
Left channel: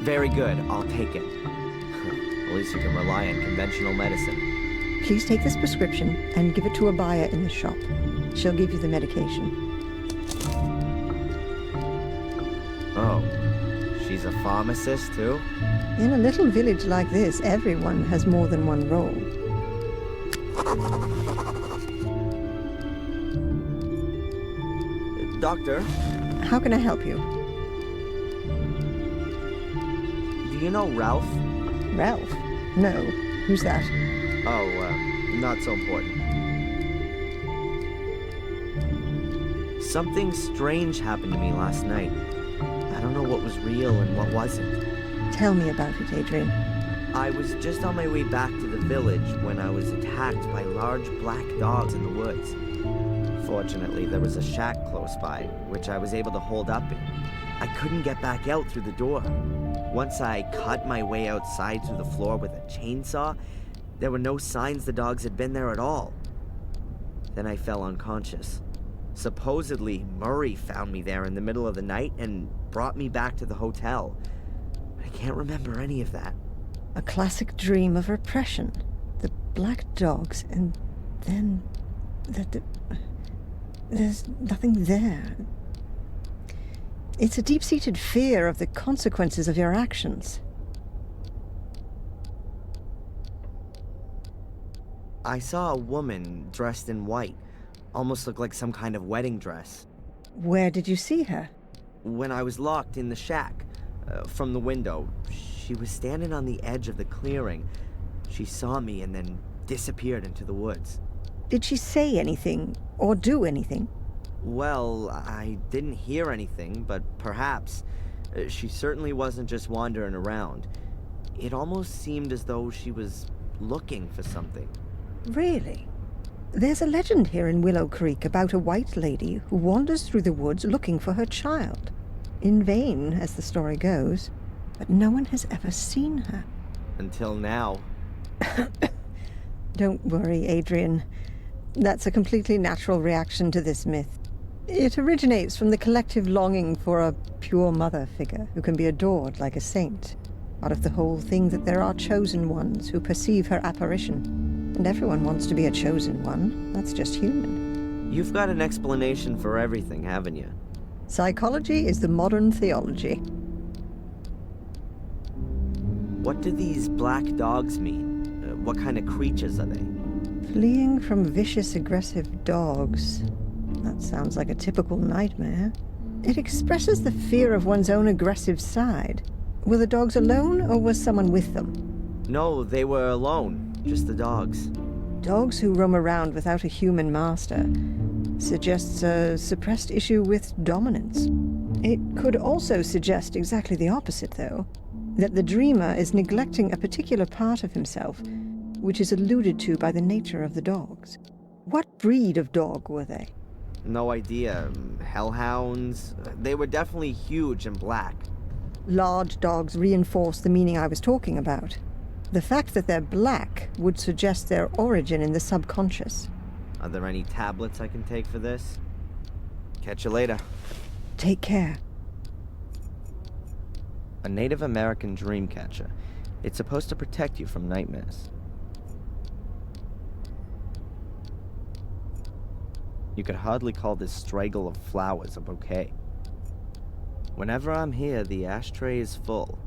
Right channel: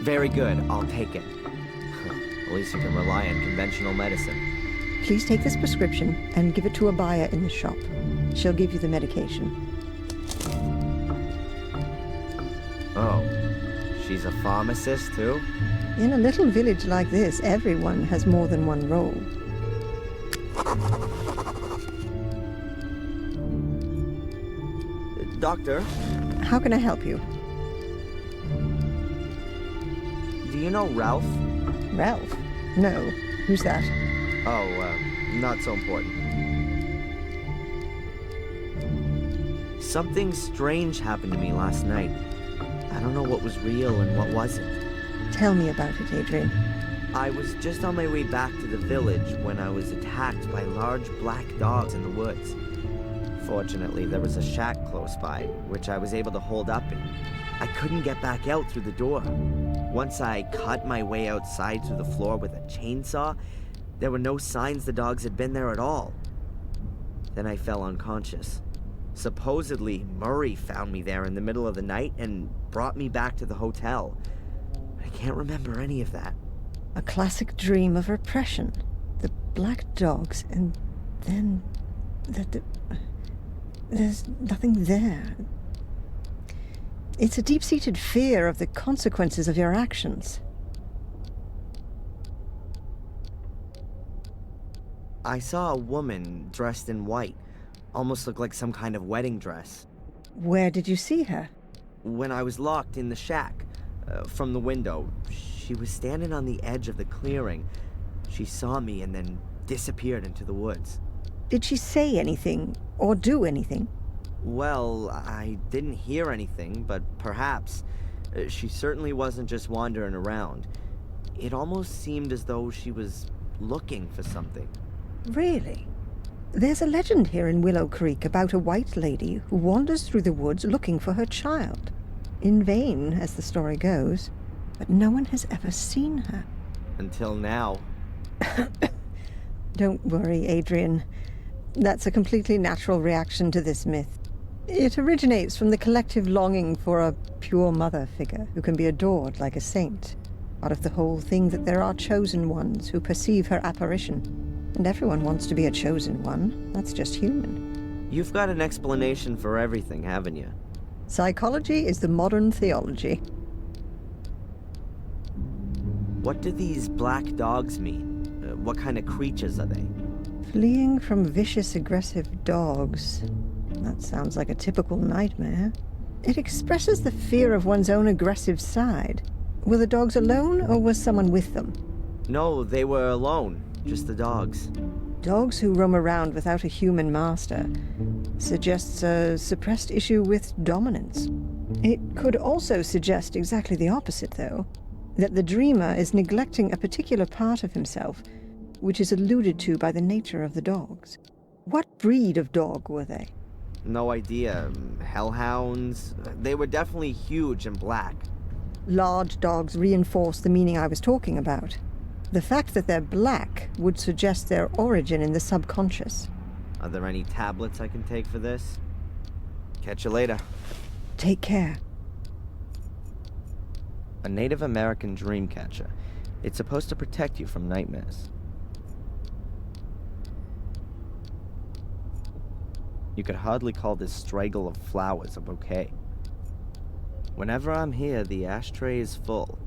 Very good. I'll take it. At least you can rely on conventional medicine. Please take this prescription and give it to a buyer in the shop. She'll give you the medication. Oh, she's a pharmacist too? In a little village like this, everyone has more than one role. Doctor? How can I help you? Do you know Ralph? Ralph? No. Who's that? Oh, not so important. Something strange happened to me last night. I don't know what was real and what wasn't. Tell me about it, Adrian. I was just on my way back to the village when I was attacked by large black dogs in the woods. Fortunately, there was a shack close by, which I was able to hold up in. I couldn't get back out through the door. Once I cut my way outside through the floor with a chainsaw, there were no signs the dogs had been there at all. Then I fell unconscious. Supposedly, Murray found me there in the middle of the night and brought me back to the hotel. I can't remember any of that. A classic dream of repression. The black dogs, and then... there's nothing there. It's a deep-seated fear of the consequences of your actions. I saw a woman dressed in white. Almost looked like some kind of wedding dress. Where did you see her? When I was locked in the shack, from the window. She was standing on the edge of the clearing. She saw me and then disappeared into the woods. Did she say anything, or do anything? Well, I didn't hear anything, but perhaps. She certainly wasn't just wandering around. It almost seemed as though she was looking for something. Really? There's a legend here in Willow Creek about a white lady who wanders through the woods looking for her child. In vain, as the story goes, but no one has ever seen her. Until now. Don't worry, Adrian. That's a completely natural reaction to this myth. It originates from the collective longing for a pure mother figure who can be adored like a saint, out of the whole thing that there are chosen ones who perceive her apparition. And everyone wants to be a chosen one. That's just human. You've got an explanation for everything, haven't you? Psychology is the modern theology. What do these black dogs mean? What kind of creatures are they? Fleeing from vicious, aggressive dogs. That sounds like a typical nightmare. It expresses the fear of one's own aggressive side. Were the dogs alone, or was someone with them? No, they were alone. Just the dogs. Dogs who roam around without a human master suggests a suppressed issue with dominance. It could also suggest exactly the opposite, though. That the dreamer is neglecting a particular part of himself, which is alluded to by the nature of the dogs. What breed of dog were they? No idea. Hellhounds? They were definitely huge and black. Large dogs reinforce the meaning I was talking about. The fact that they're black would suggest their origin in the subconscious. Are there any tablets I can take for this? Catch you later. Take care. A Native American dream catcher. It's supposed to protect you from nightmares. You could hardly call this straggle of flowers a bouquet. Whenever I'm here, the ashtray is full.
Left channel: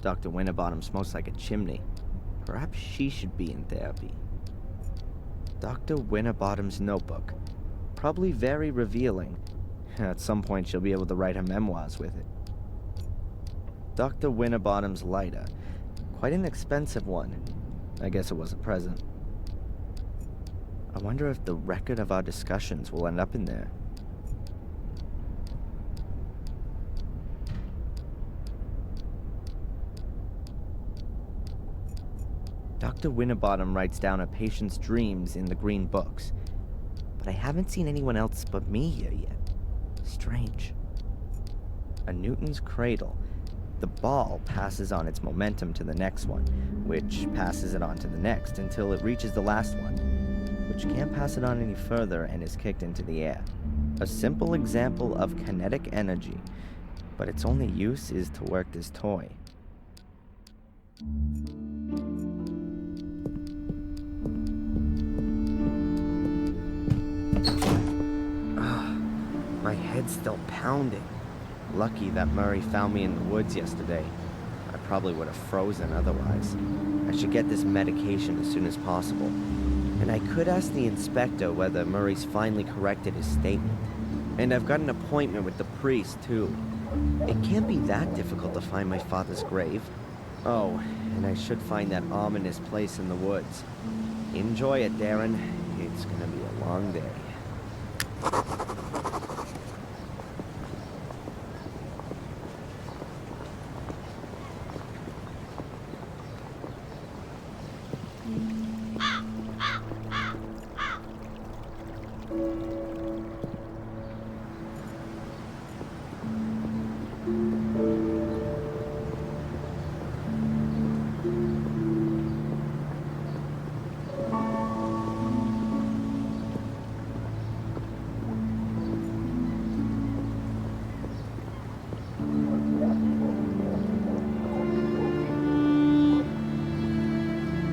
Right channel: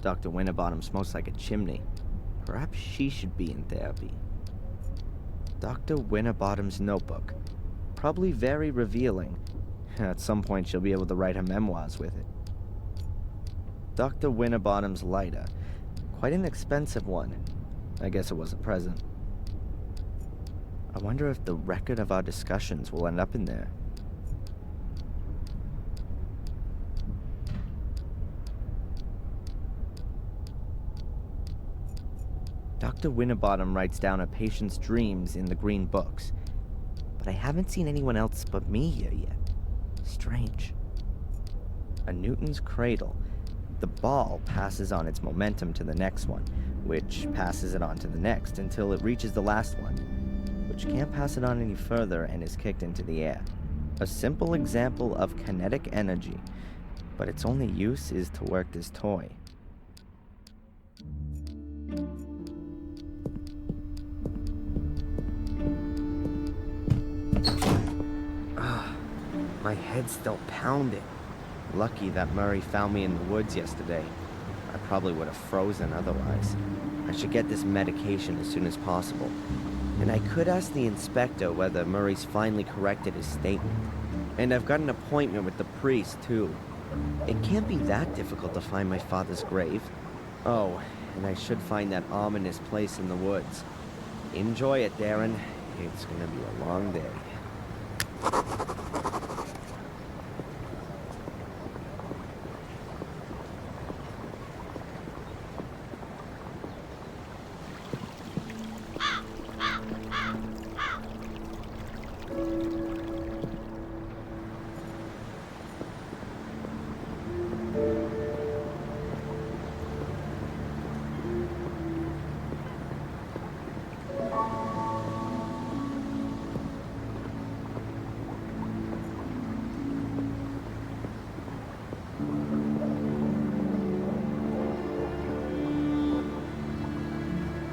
Dr. Winterbottom smokes like a chimney. Perhaps she should be in therapy. Dr. Winterbottom's notebook. Probably very revealing. At some point, she'll be able to write her memoirs with it. Dr. Winterbottom's lighter. Quite an expensive one. I guess it was a present. I wonder if the record of our discussions will end up in there. Dr. Winterbottom writes down a patient's dreams in the green books, but I haven't seen anyone else but me here yet. Strange. A Newton's cradle. The ball passes on its momentum to the next one, which passes it on to the next until it reaches the last one, which can't pass it on any further and is kicked into the air. A simple example of kinetic energy, but its only use is to work this toy. My head's still pounding. Lucky that Murray found me in the woods yesterday. I probably would have frozen otherwise. I should get this medication as soon as possible. And I could ask the inspector whether Murray's finally corrected his statement. And I've got an appointment with the priest, too. It can't be that difficult to find my father's grave. Oh, and I should find that ominous place in the woods. Enjoy it, Darren. It's gonna be a long day.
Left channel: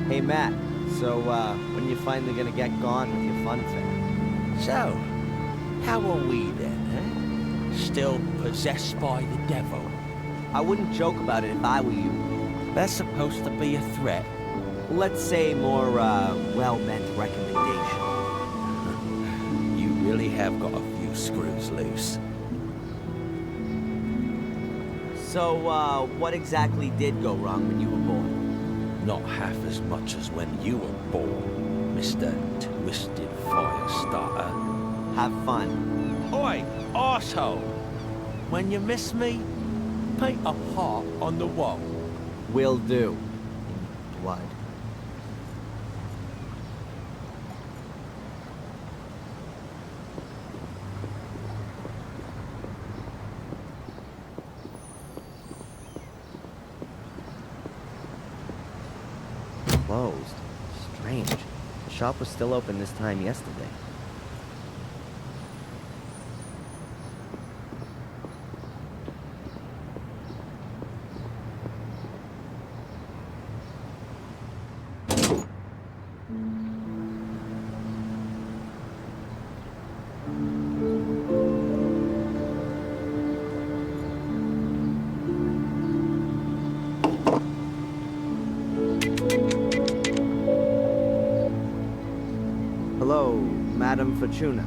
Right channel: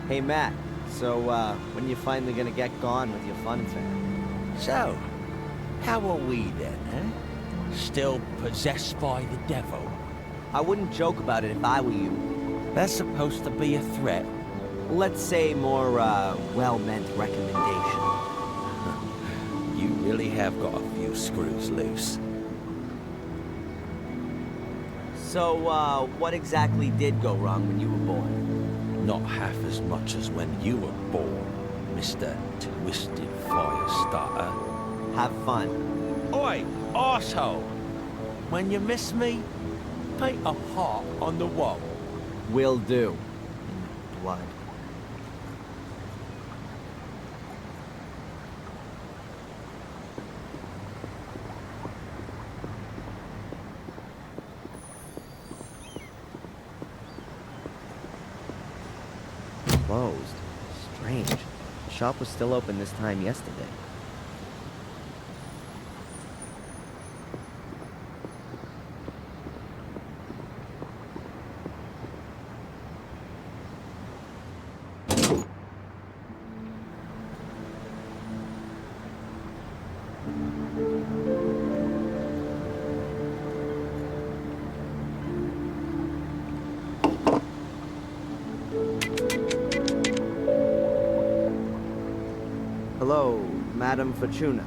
Hey, Matt. So, when you finally gonna get gone with your fun fair? So, how are we then, eh? Still possessed by the devil? I wouldn't joke about it if I were you. That's supposed to be a threat. Let's say more, well-meant recommendation. You really have got a few screws loose. So, what exactly did go wrong when you were born? Not half as much as when you were born, Mr. Twisted Firestarter. Have fun. Oi, arsehole! When you miss me, paint a heart on the wall. Will do. In blood. Closed. Strange. The shop was still open this time yesterday. Oh, Madame Fortuna.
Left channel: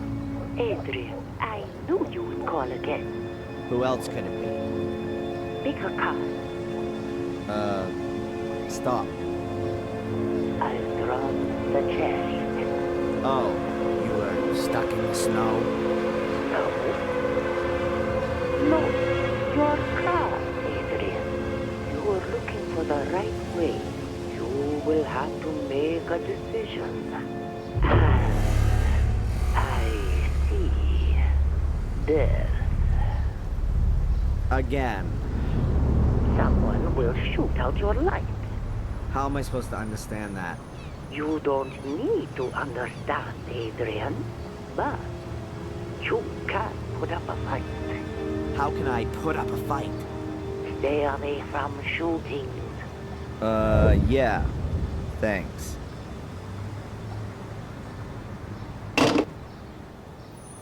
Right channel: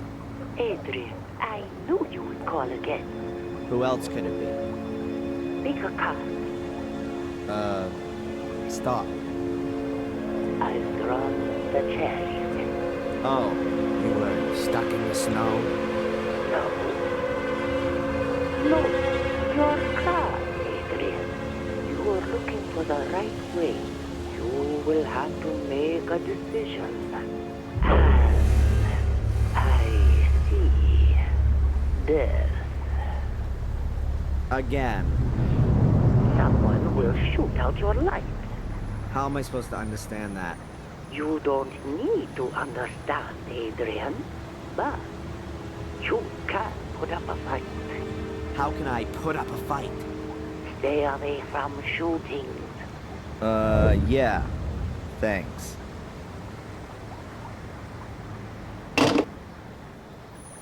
Adrian, I knew you would call again. Who else could it be? Pick a card. Stop. I've drawn the chariot. Oh, you were stuck in the snow? No. No. Your card, Adrian. You are looking for the right way. You will have to make a decision. And I see death. Again. Someone will shoot out your light. How am I supposed to understand that? You don't need to understand, Adrian, but you can put up a fight. How can I put up a fight? Stay away from shootings. Yeah. Thanks.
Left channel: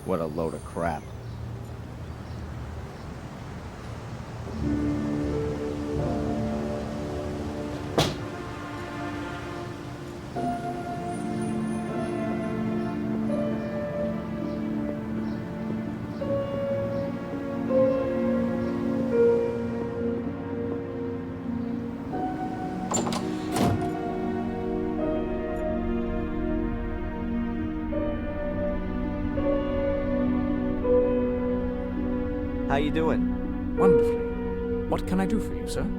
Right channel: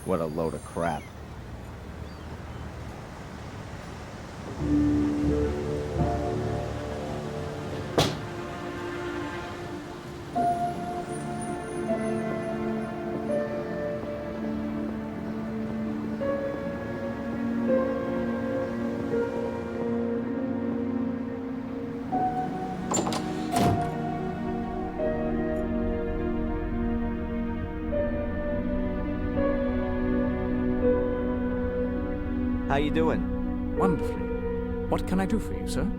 What a load of crap. How you doing? Wonderfully. What can I do for you, sir?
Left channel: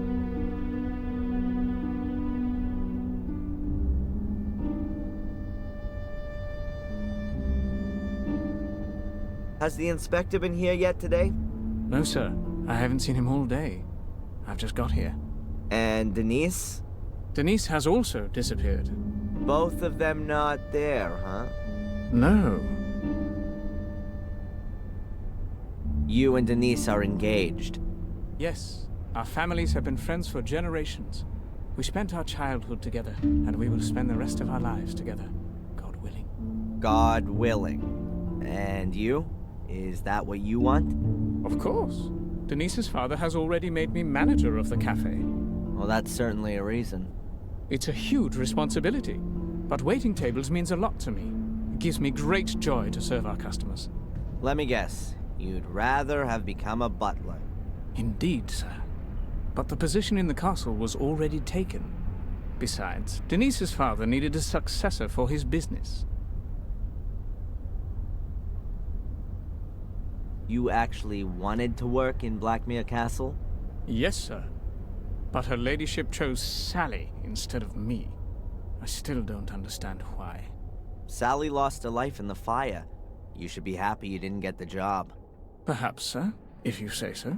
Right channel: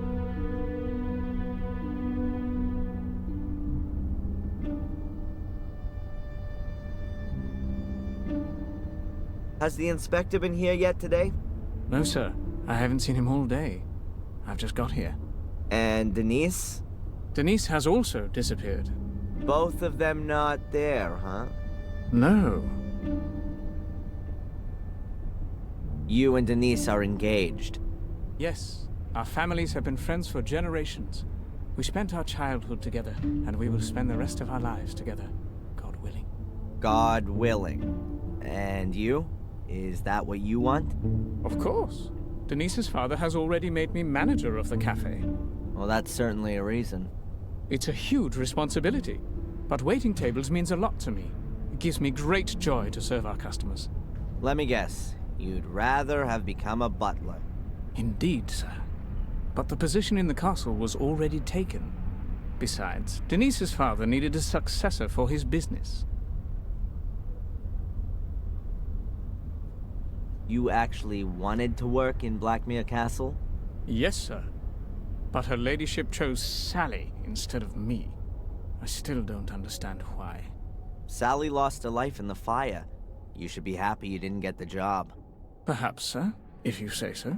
Has the inspector been here yet today? No, sir. I haven't seen him all day. I've just got here. And Denise? Denise has also disappeared. Both of them not there, huh? No. You and Denise are engaged. Yes. Our families have been friends for generations. We spent our childhood together, and we will spend the rest of our lives together, God willing. God willing. And you? Is that what you want? Of course. Denise's father has already made me manager of the cafe. Well, that's certainly a reason. It's a huge responsibility, but waiting tables means a lot to me. It gives me great joy to serve our customers. Let me guess. You'd rather have become a butler. Indeed, sir. But the position in the castle was already taken. Besides, Denise's father needed a successor for his business. You actually wanted to work in Blackmere Castle? Yes, sir. But her ladyship chose Sally instead of me. I still don't understand why. Sally lost her life in the fire. You should be happy you didn't get the job. Perhaps, sir, if you say so.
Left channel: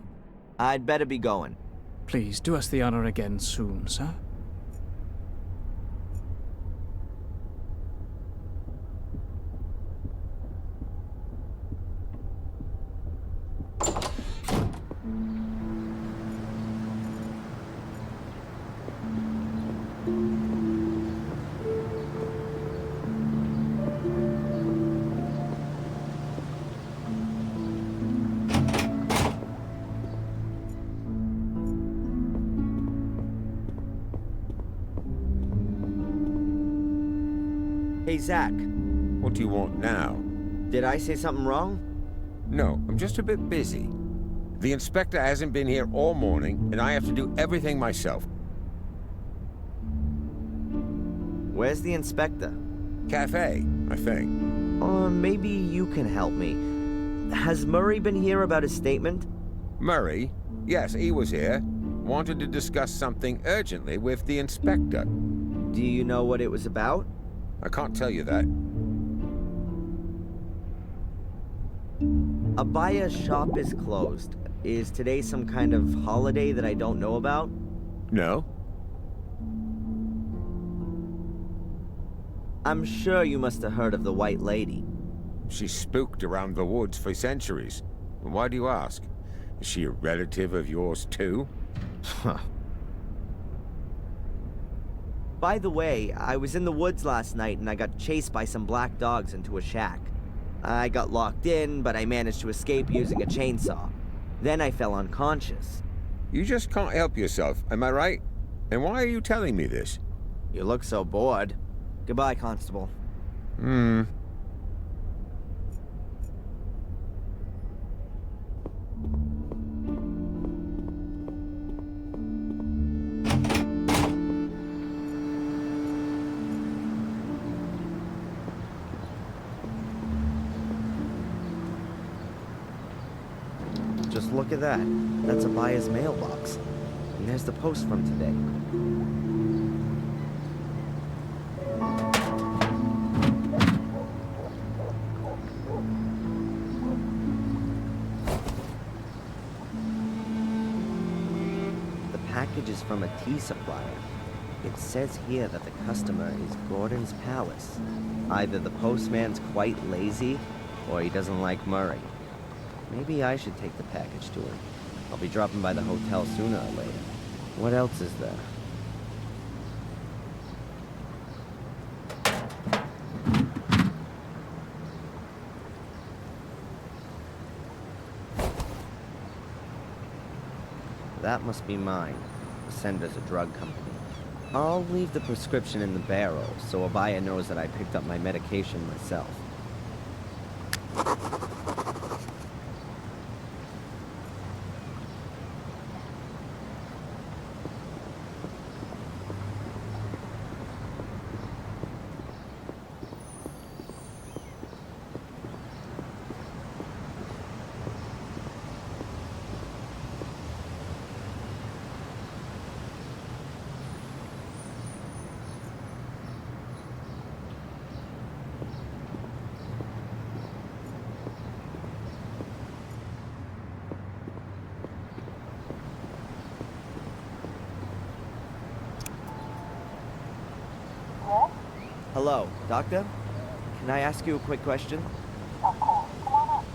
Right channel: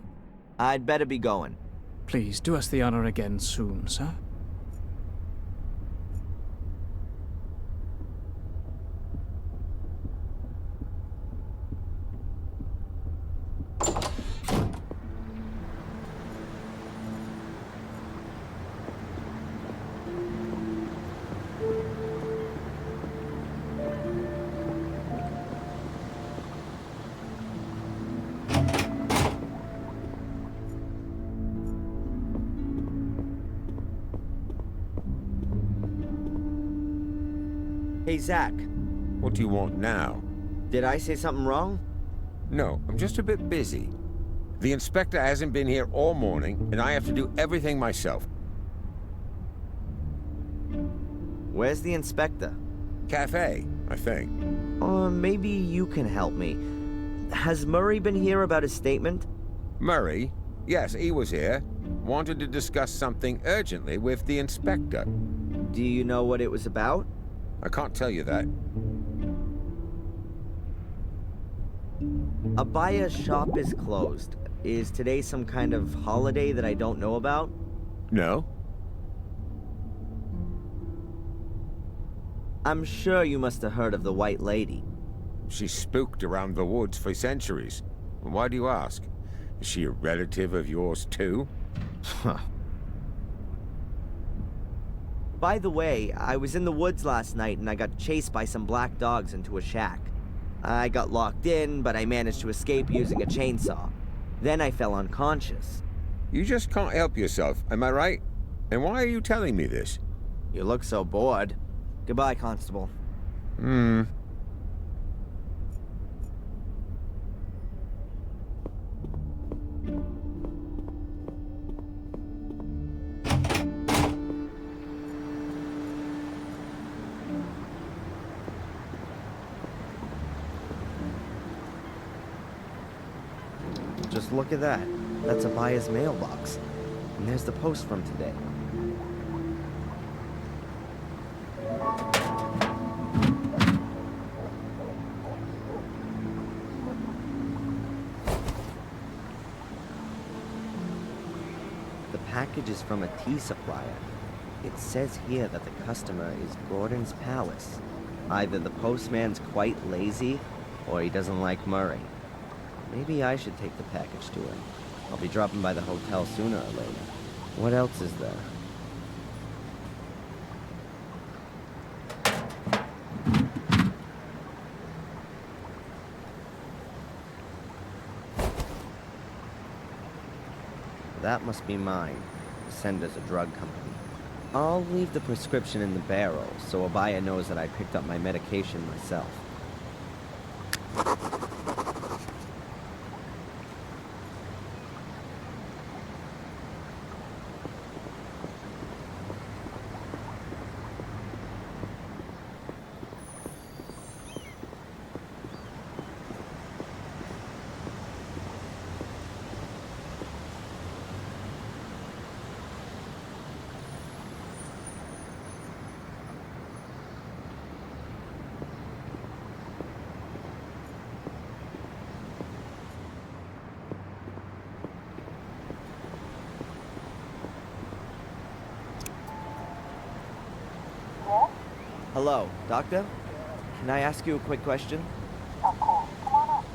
I'd better be going. Please do us the honor again soon, sir. Hey, Zach. What do you want now? Did I say something wrong? No, I'm just a bit busy. The inspector hasn't been here all morning, and I have to do everything myself. Where's the inspector? Cafe, I think. Or maybe you can help me. Has Murray been here about his statement? Murray? Yes, he was here. Wanted to discuss something urgently with the inspector. Do you know what it was about? I can't tell you that. Abaya's shop is closed. Is today some kind of holiday that I don't know about? No. I'm sure you must have heard of the White Lady. She's spooked around the woods for centuries. Why do you ask? Is she a relative of yours too? Huh. By the way, I was in the woods last night and I got chased by some black dogs into a shack. I got locked in, but I managed to escape using a chainsaw. Then I fell unconscious. You just can't help yourself, am I right? And why are you telling me this? You look so bored. Goodbye, Constable. just look at that. That's Abaya's mailbox. And there's the post from today. The package is from a tea supplier. It says here that the customer is Gordon's Palace. Either the postman's quite lazy, or he doesn't like Murray. Maybe I should take the package to him. I'll be dropping by the hotel sooner or later. What else is there? That must be mine. The sender's a drug company. I'll leave the prescription in the barrel, so Abaya knows that I picked up my medication myself. Hello, Doctor? Can I ask you a quick question? Of course. Come on up.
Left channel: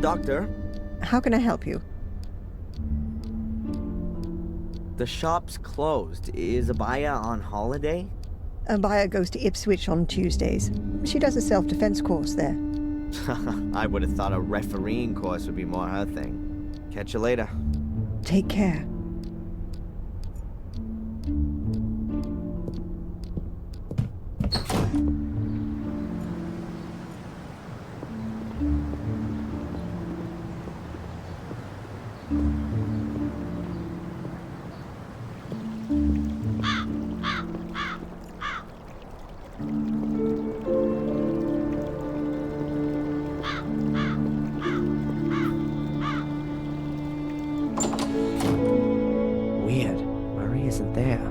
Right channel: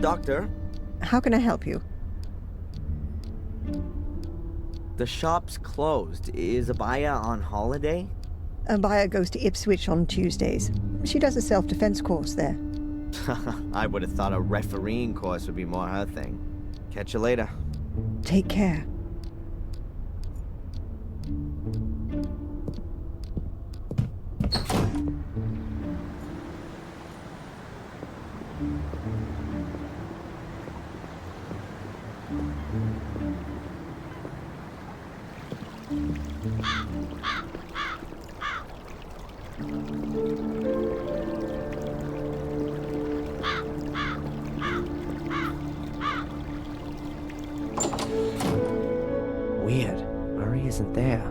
Doctor? How can I help you? The shop's closed. Is Abaya on holiday? Abaya goes to Ipswich on Tuesdays. She does a self-defense course there. I would have thought a refereeing course would be more her thing. Catch you later. Take care. Weird. Murray isn't there.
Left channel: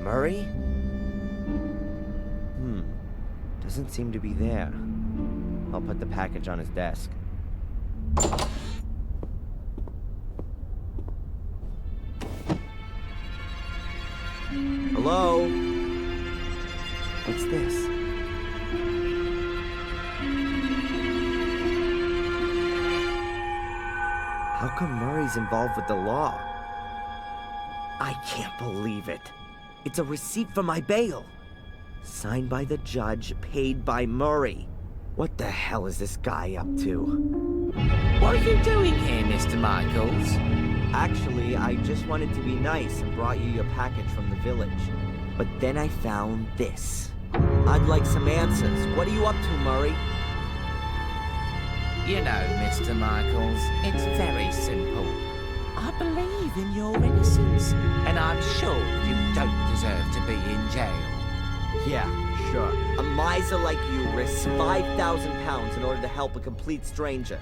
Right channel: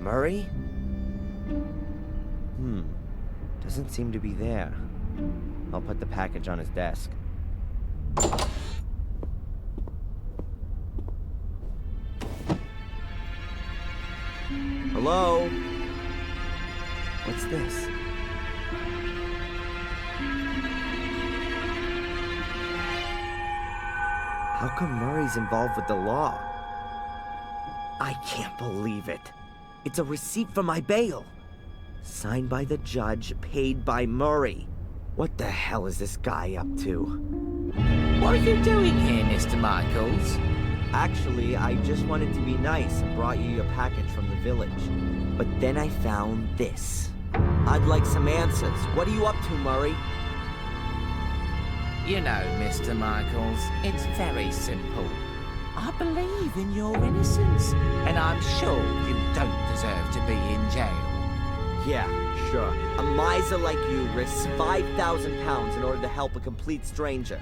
Murray? Doesn't seem to be there. I'll put the package on his desk. Hello? What's this? How come Murray's involved with the law? I can't believe it. It's a receipt for my bail. Signed by the judge, paid by Murray. What the hell is this guy up to? What are you doing here, Mr. Michaels? Actually, I just wanted to be nice and brought you your package from the village. But then I found this. I'd like some answers. What are you up to, Murray? You know, Mr. Michaels, it's very simple. I believe in your innocence, and I'm sure you don't deserve to be in jail. Yeah, sure. A miser like you risks 5,000 pounds in order to help a complete stranger.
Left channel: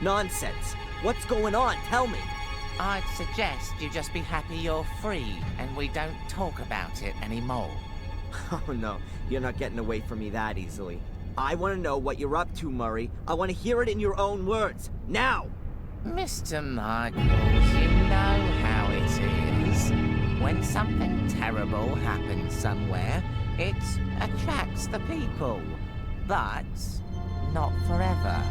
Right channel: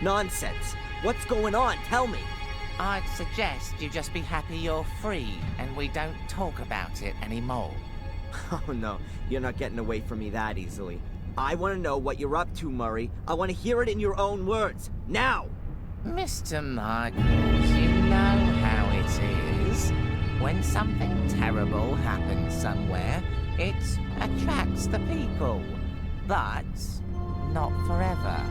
Nonsense. What's going on? Tell me. I'd suggest you just be happy you're free and we don't talk about it anymore. Oh no, you're not getting away from me that easily. I want to know what you're up to, Murray. I want to hear it in your own words. Now! Mr. Michaels, you know how it is. When something terrible happens somewhere, it attracts the people. But not forever.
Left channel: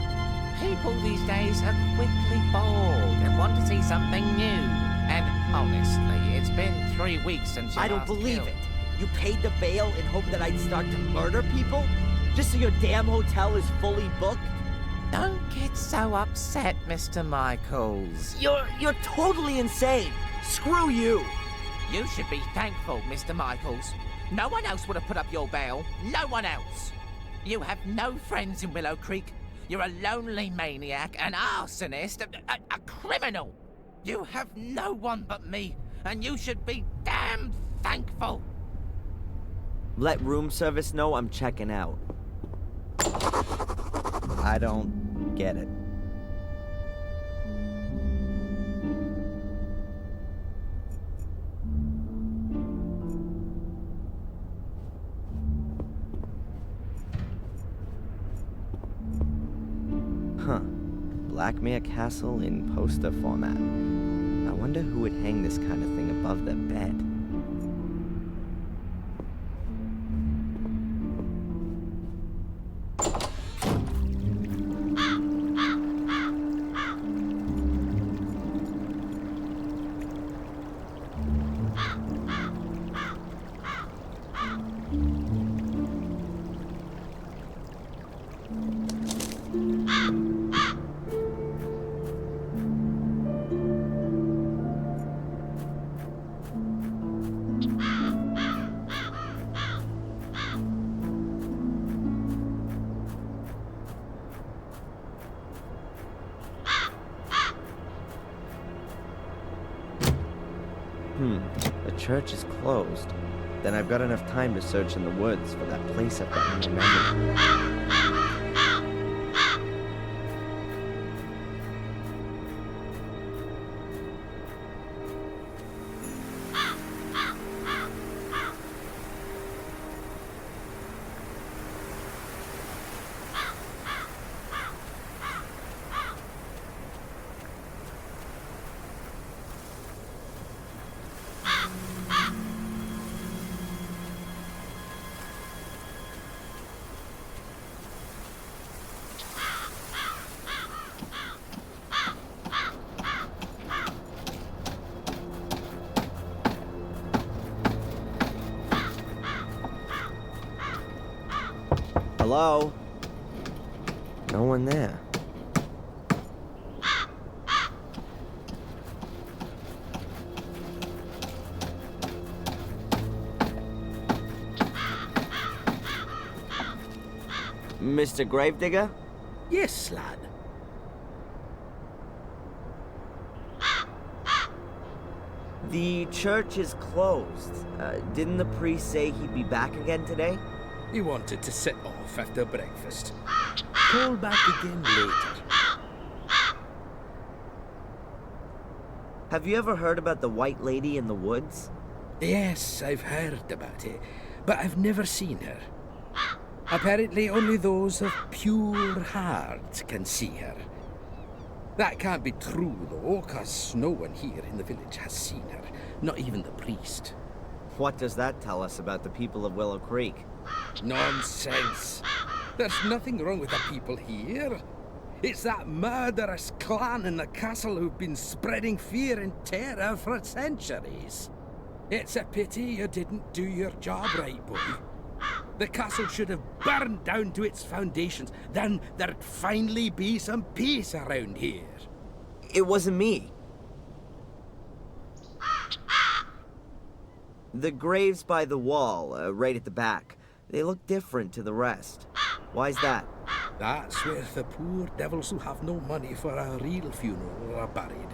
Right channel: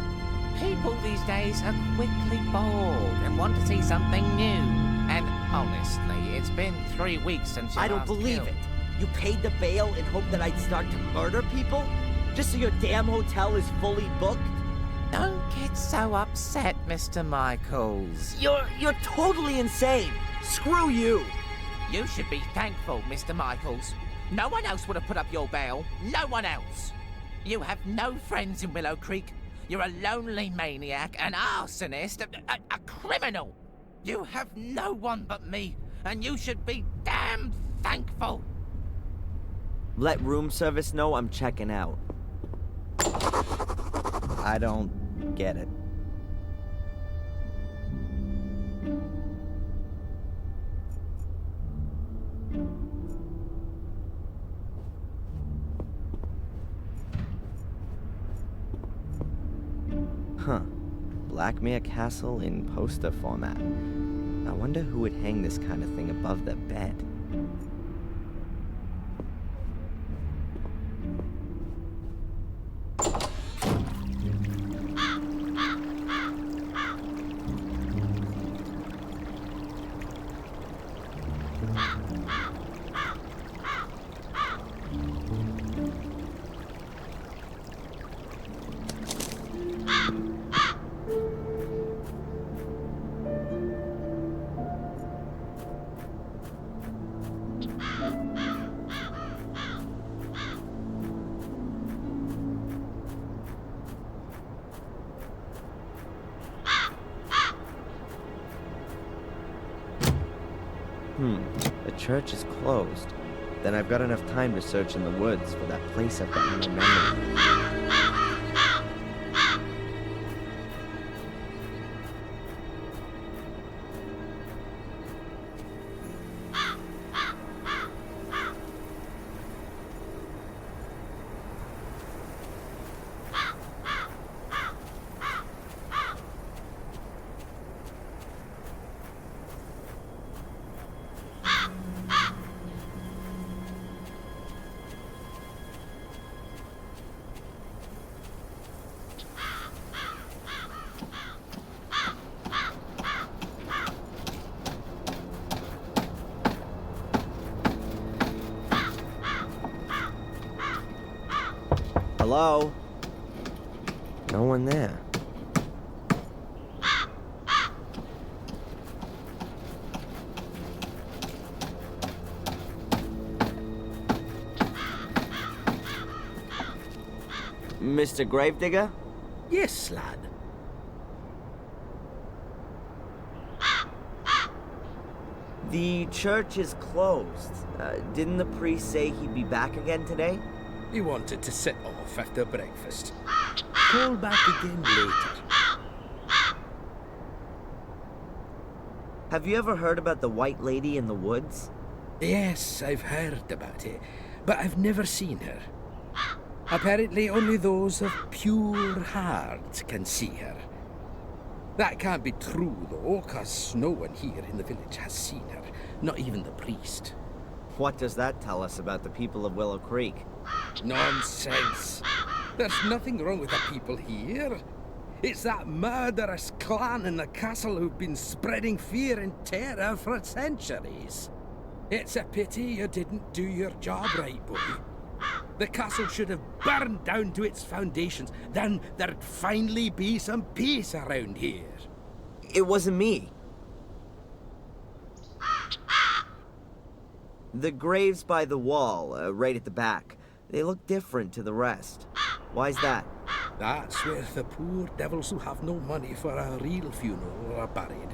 People these days are quickly bored and want to see something new. And honestly, it's been 3 weeks since you I don't last believe killed. it. You paid the bail in hope that I'd start to murder people? Just so your damn hotel is fully booked? Don't get so upset, Mr. Michaels. You're totally insane. Screw you. You should be thankful, Mr. Michaels. No one else would have put up your bail. No one else. You have no friends in Willow Creek. You're a lonely maniac, an arsonist, a criminal. You have no one but me, and you should be damn thankful. Let room service know I'm checking out. I don't get it. Huh. Blackmere Castle in poster format. I wonder who would hang this kind of thing above their bed. The church is closed. Then I've got enough time to search in the woods for that place I've got in my memory. Hello? No one there. Mr. Gravedigger? Yes, lad. The church is closed. Didn't the priest say he'd be back again today? He wanted to sit off after breakfast. Call back again later. Have you ever heard about the White Lady in the woods? Yes, I've heard about it, but I've never seen her. Apparently only those of pure heart can see her. That can't be true, though, 'cause no one here in the village has seen her, not even the priest. What does that tell us about the people of Willow Creek? Nonsense. There's nothing wrong with the people here. It's that murderous clan in the castle who've been spreading fear and terror for centuries. It's a pity you didn't do your job right, boy. The castle should have burned down to its foundations. Then there'd finally be some peace around here. It wasn't me. The graves by the wall, right at the back, they look different to the rest. Why's that? That's where the poor devils who have no money for a real funeral are buried.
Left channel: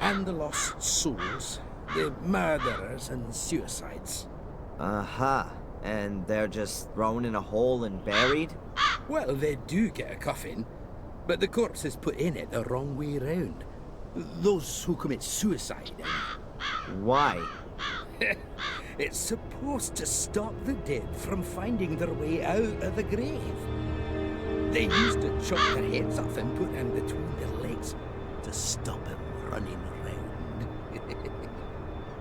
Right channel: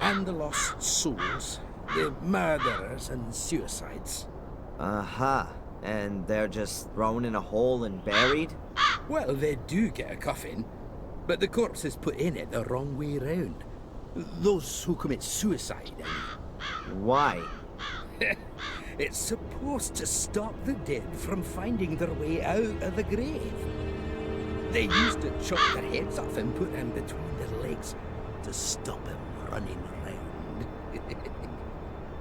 And the lost souls, the murderers and suicides. Aha. And they're just thrown in a hole and buried? Well, they do get a coffin, but the corpse is put in it the wrong way round. Those who commit suicide, I mean. Why? It's supposed to stop the dead from finding their way out of the grave. They used to chop their heads off and put them between their legs to stop them running around.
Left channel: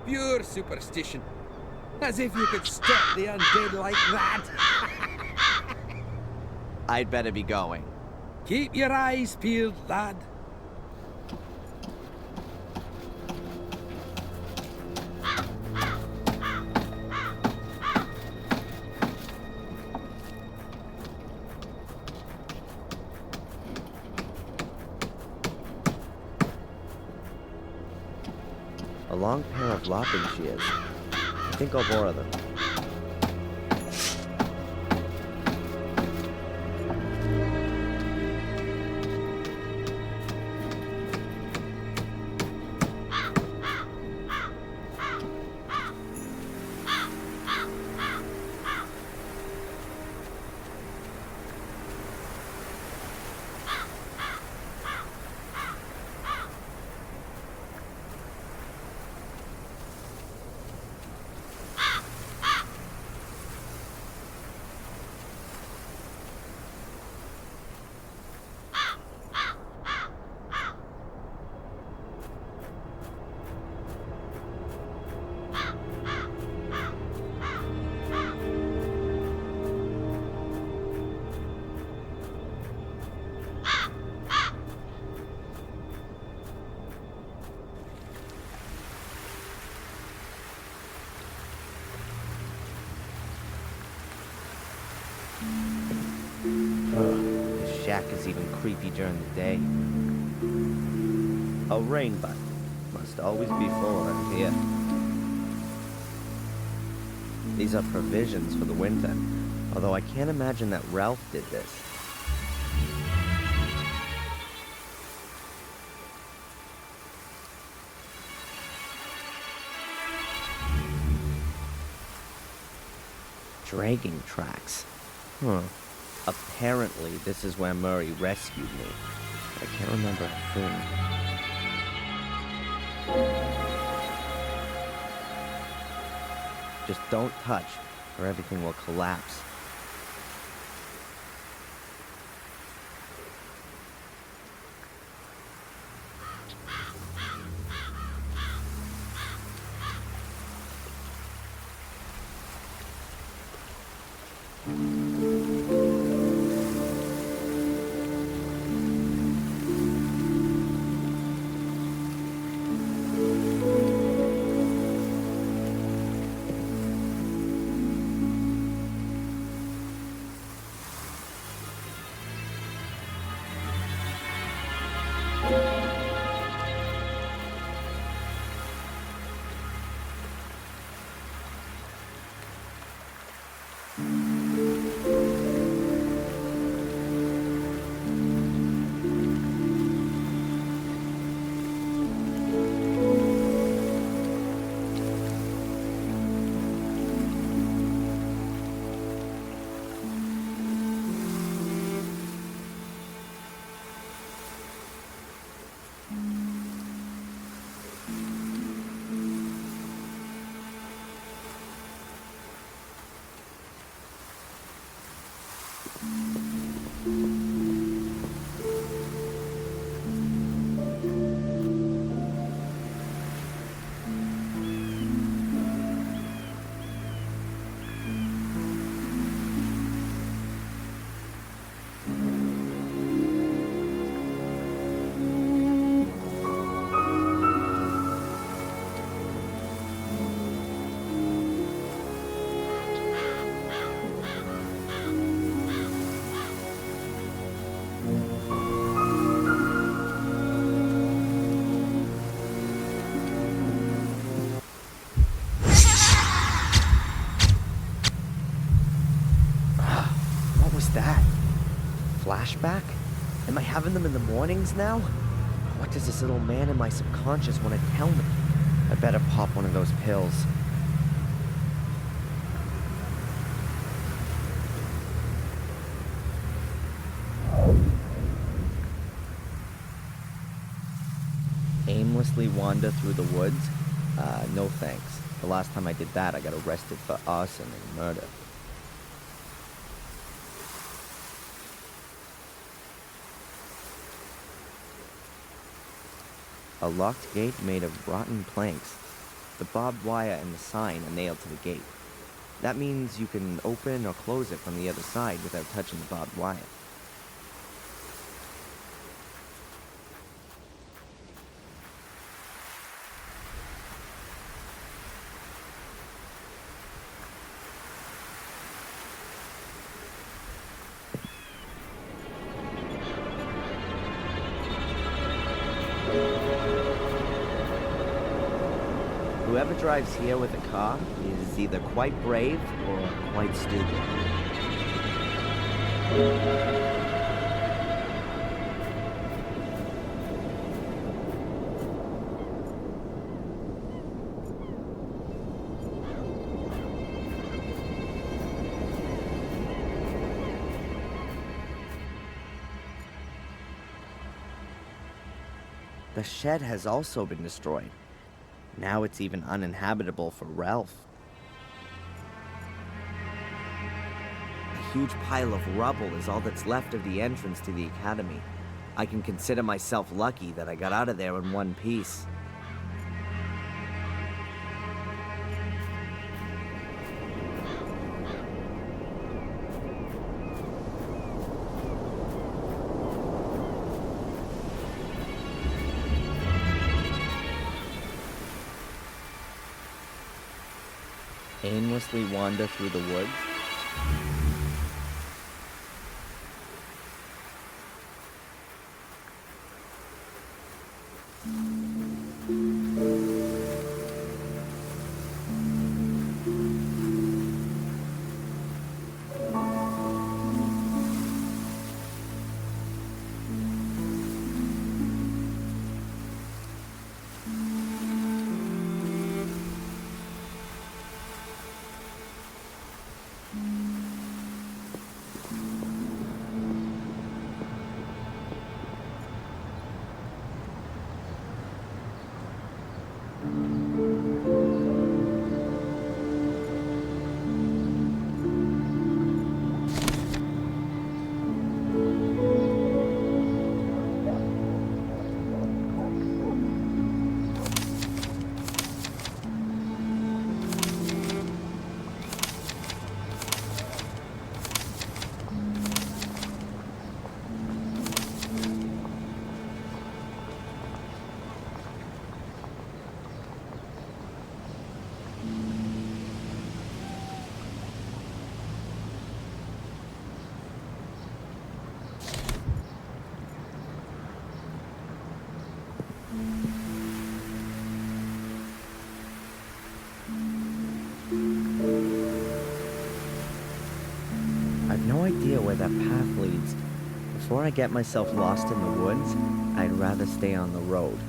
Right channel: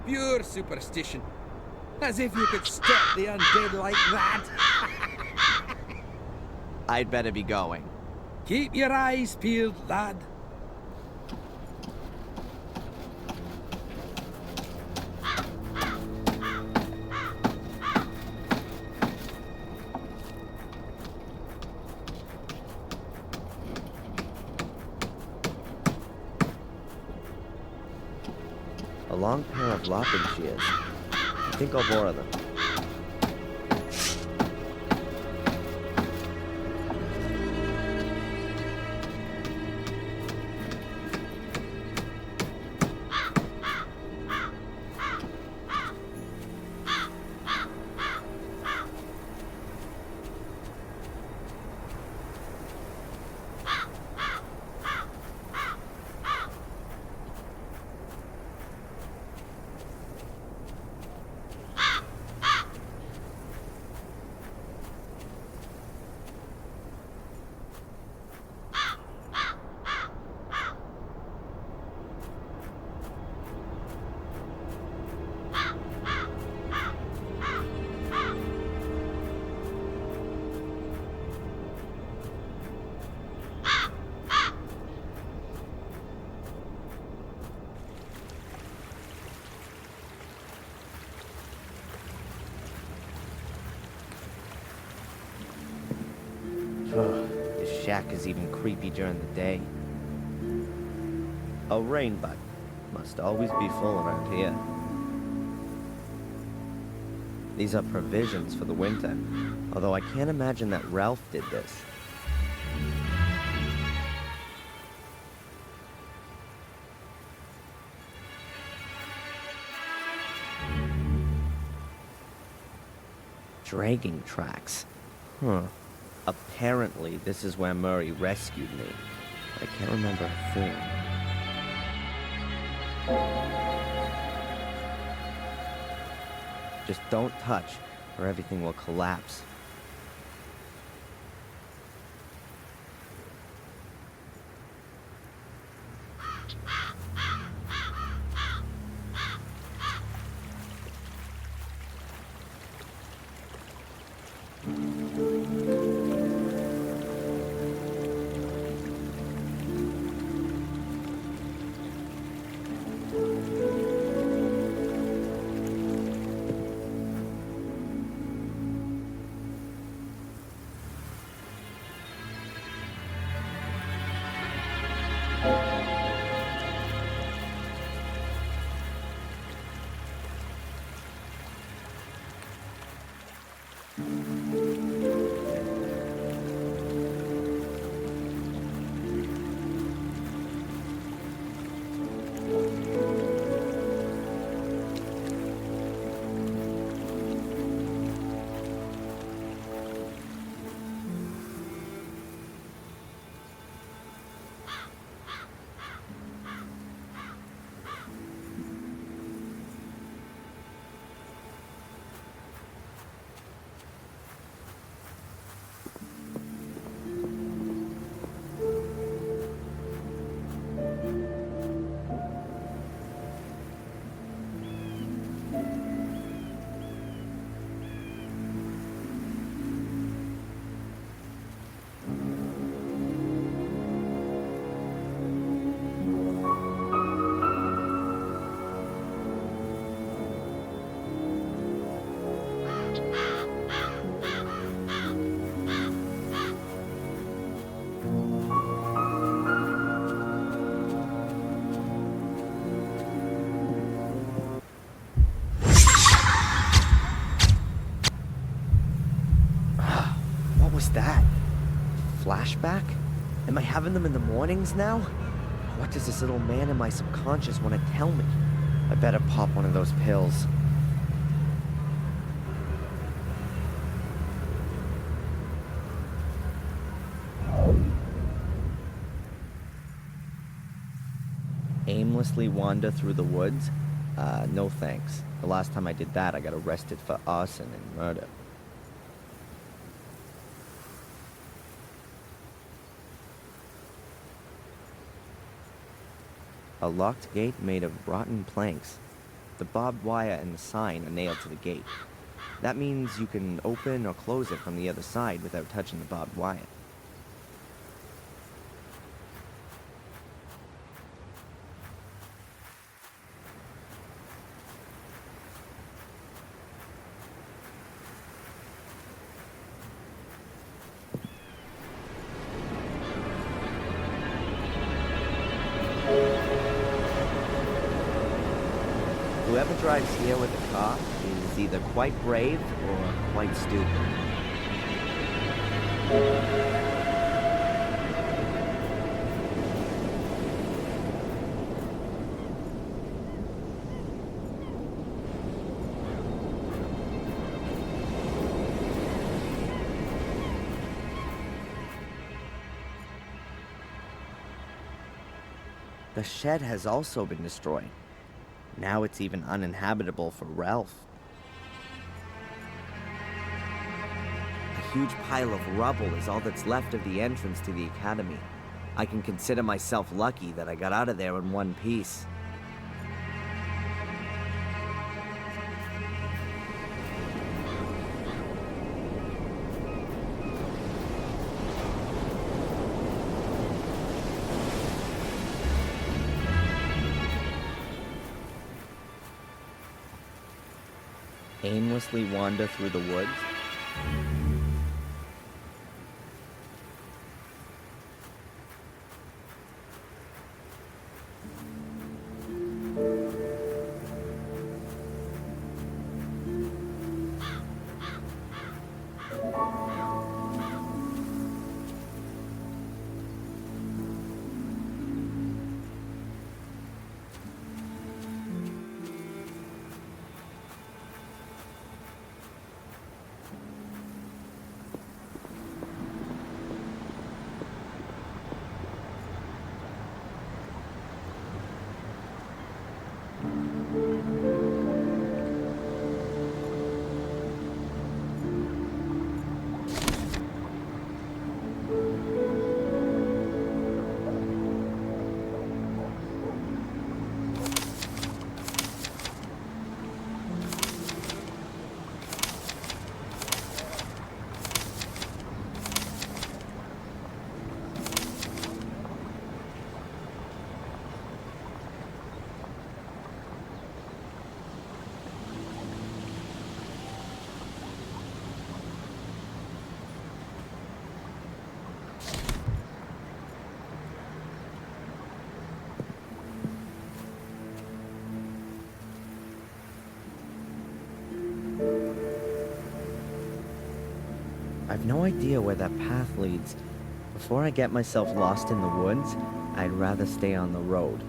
Pure superstition. As if you could stop the undead like that. I'd better be going. Keep your eyes peeled, lad. A long pair of lopping shears. I think I'll borrow them. This shack is even creepy during the day. A rain butt. Must always be full around here. These are provisions for the winter, although I can't imagine that Ralph did this. Dragging tracks. Huh. Apparently, this is where Murray rescued me. But I can't remember a thing. Just don't touch, or everything will collapse. What was that? Flashback? Am I having them in the mornings now? What does this little man in my subconscious want to tell me? I better pop one of those pills. Aimlessly wander through the woods? No thanks. The last time I did that, I got arrested for arson and murder. A locked gate made of rotten planks. The barbed wire and the sign are nailed to the gate. That means you can open or close it from the other side without touching the barbed wire. Whoever drives here with a car is either quite brave or quite stupid. The shed has also been destroyed. Now it's even uninhabitable for Ralph. A huge pile of rubble is all that's left of the entrance to the academy. I can consider myself lucky that I got out of there in one piece. Aimlessly wander through the woods? I've no idea where that path leads. Before I get myself lost in the woods, I'd rather stay on the road.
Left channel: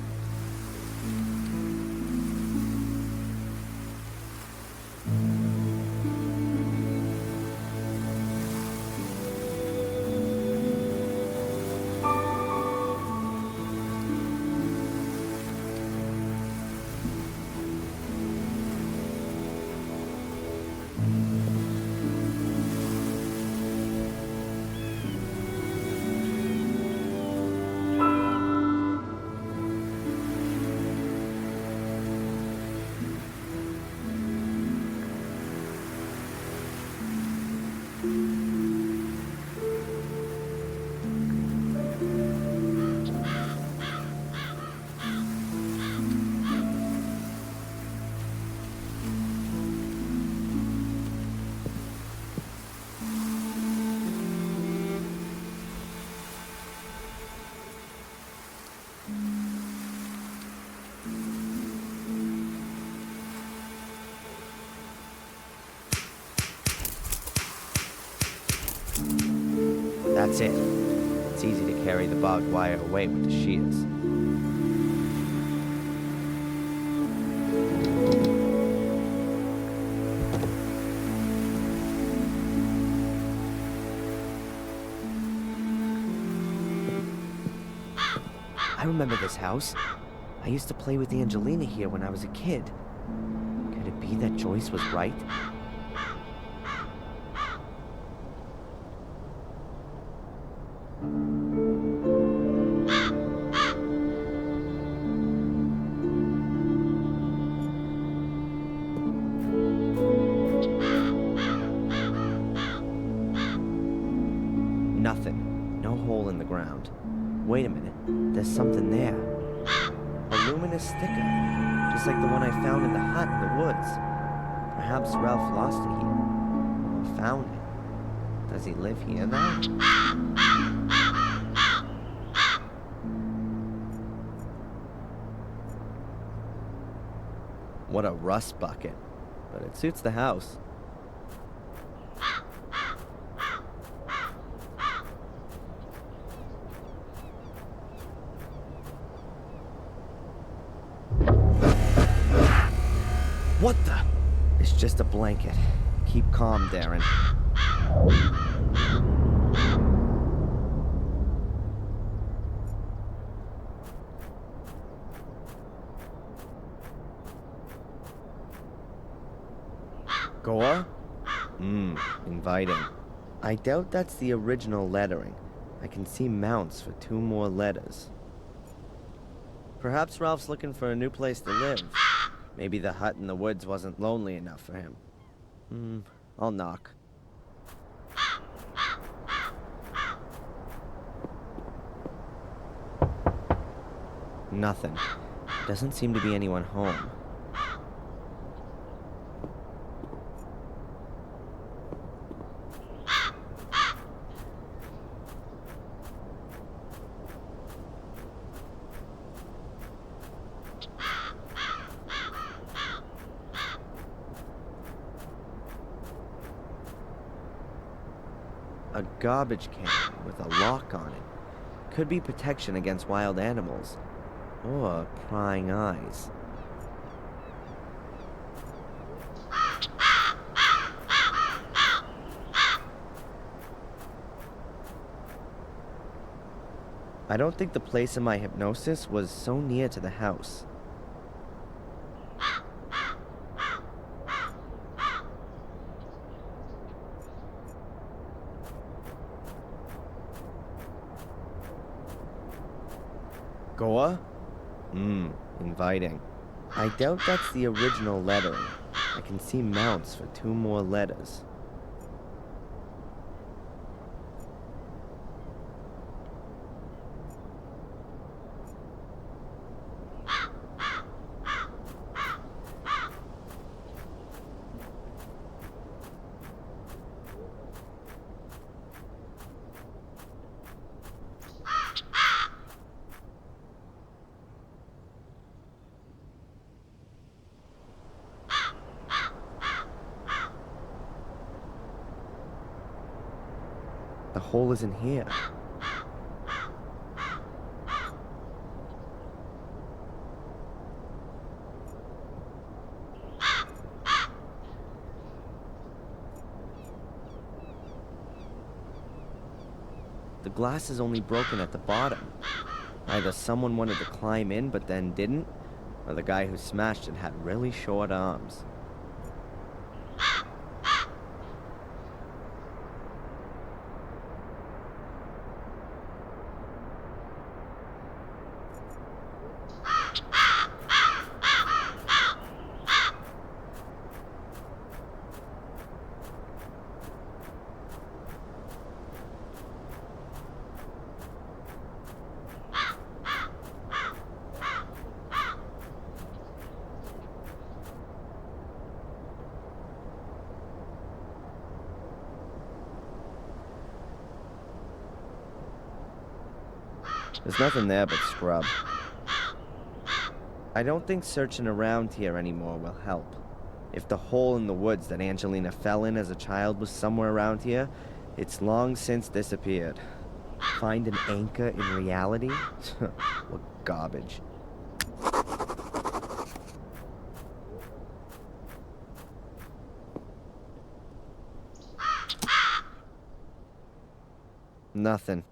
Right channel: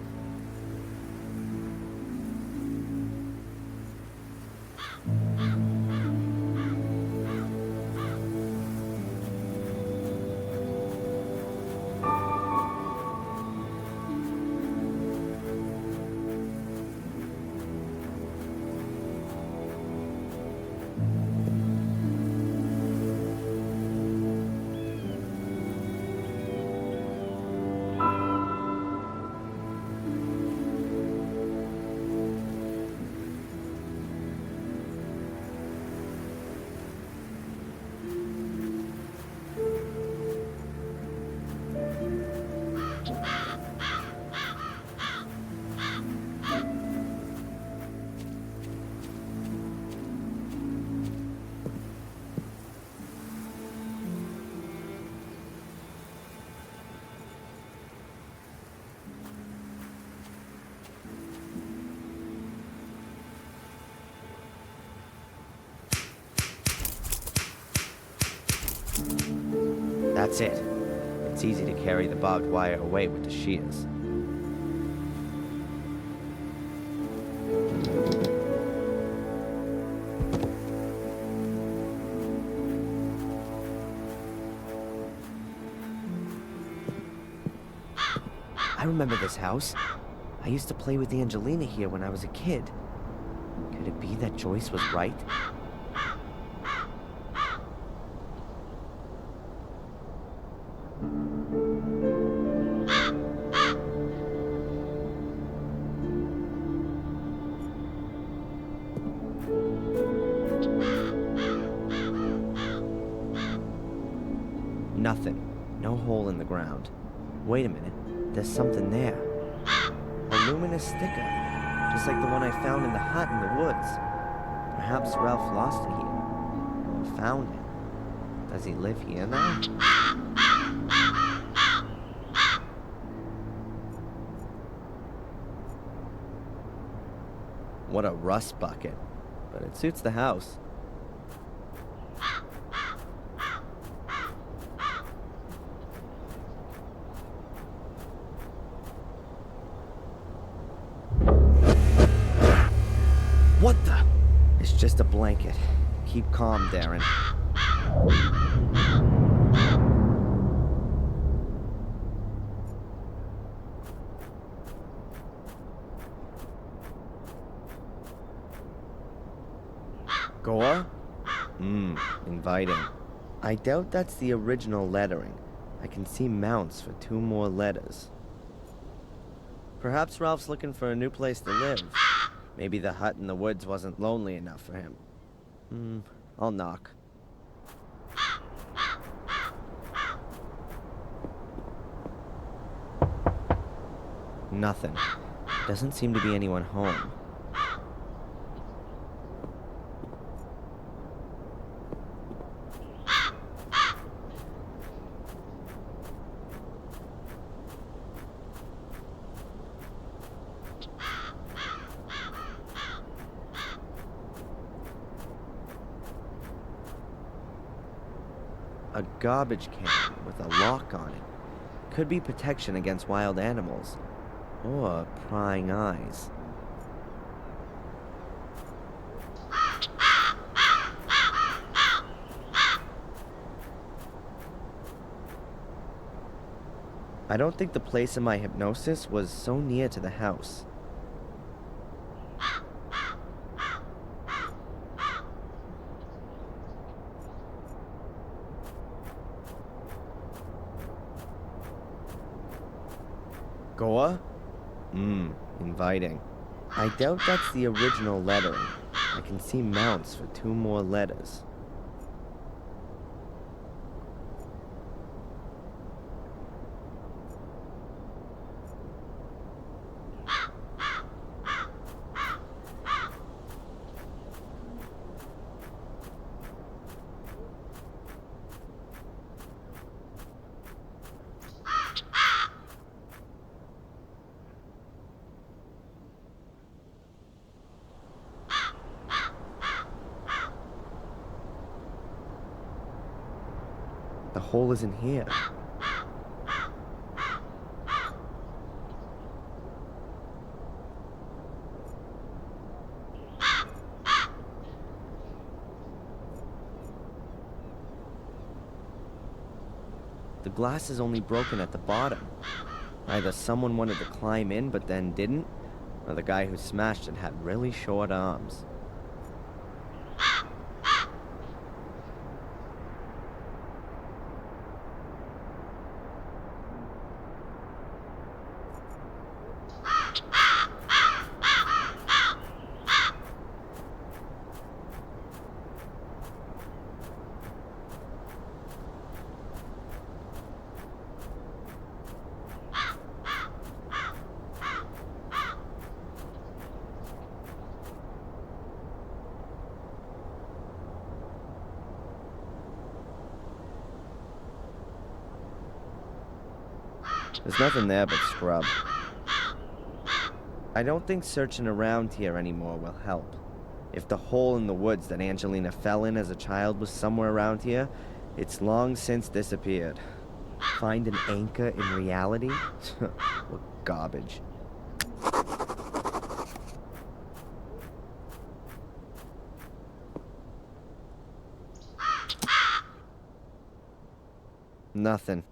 That's it. It's easy to carry the barbed wire away with the shears. I remember this house. I used to play with Angelina here when I was a kid. Could it be that Joyce was right? Nothing. No hole in the ground. Wait a minute. There's something there. A luminous sticker. Just like the one I found in the hut in the woods. Perhaps Ralph lost it here. Or found it. Does he live here now? What a rust bucket. But it suits the house. What the? It's just a blanket. Keep calm, Darren. Goa? Inviting. I doubt that's the original lettering. I can see mounts for 2 more letters. Perhaps Ralph's looking for a new place to live. Maybe the hut in the woods wasn't lonely enough for him. I'll knock. Nothing. Doesn't seem to be anyone home. A garbage can with a lock on it. Could be protection against wild animals. Or prying eyes. I don't think the place in my hypnosis was so near to the house. Goa? Inviting. I doubt that's the original lettering. I can see mounts for 2 more letters. The hole isn't here. The glass is only broken at the bottom. Either someone wanted to climb in but then didn't, or the guy who smashed it had really short arms. There's nothing there but scrub. I don't think searching around here anymore will help. If the hole in the woods that Angelina fell in as a child was somewhere around here, it's long since disappeared. Find an anchor in reality? What garbage. Nothing.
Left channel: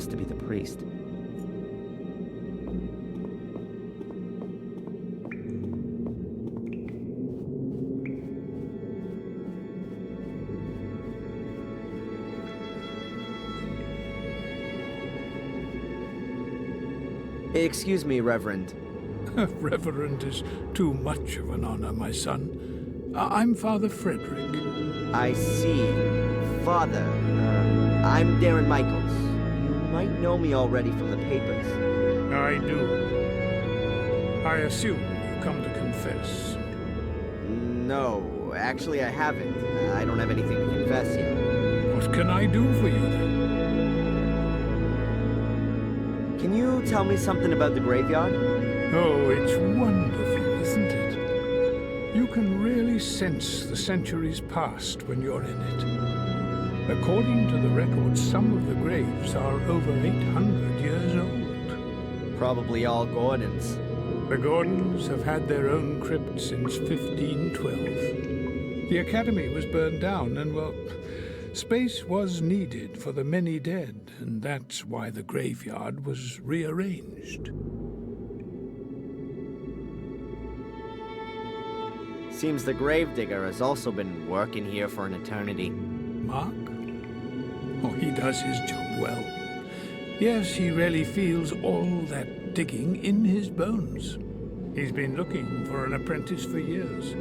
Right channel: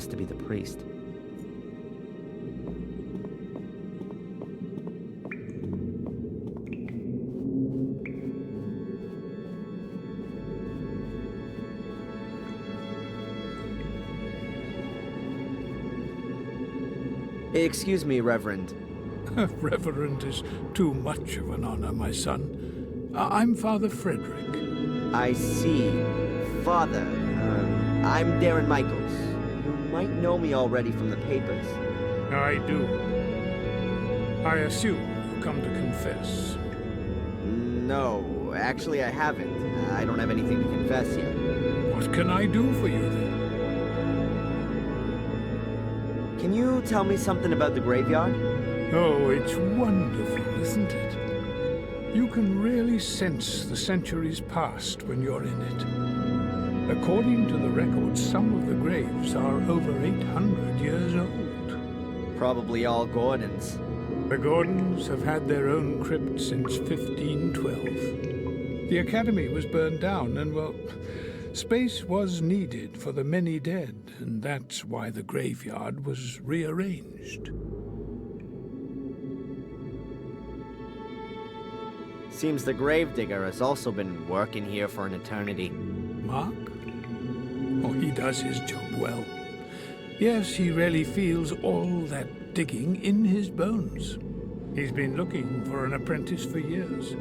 has to be the priest. Excuse me, Reverend. Reverend is too much of an honor, my son. I'm Father Frederick. I see. Father, I'm Darren Michaels. You might know me already from the papers. I do. I assume you come to confess. No, actually I haven't. I don't have anything to confess yet. What can I do for you then? Can you tell me something about the graveyard? Oh, it's wonderful, isn't it? You can really sense the centuries past when you're in it. According to the records, some of the graves are over 800 years old. Probably all Gordons. The Gordons have had their own crypt since 1512. The Academy was burned down and, well, space was needed for the many dead, and that's why the graveyard was rearranged. Seems the gravedigger has also been working here for an eternity. Mark? Oh, he does his job well. Yes, he really feels all that digging in his bones. He's been looking for an apprentice for years,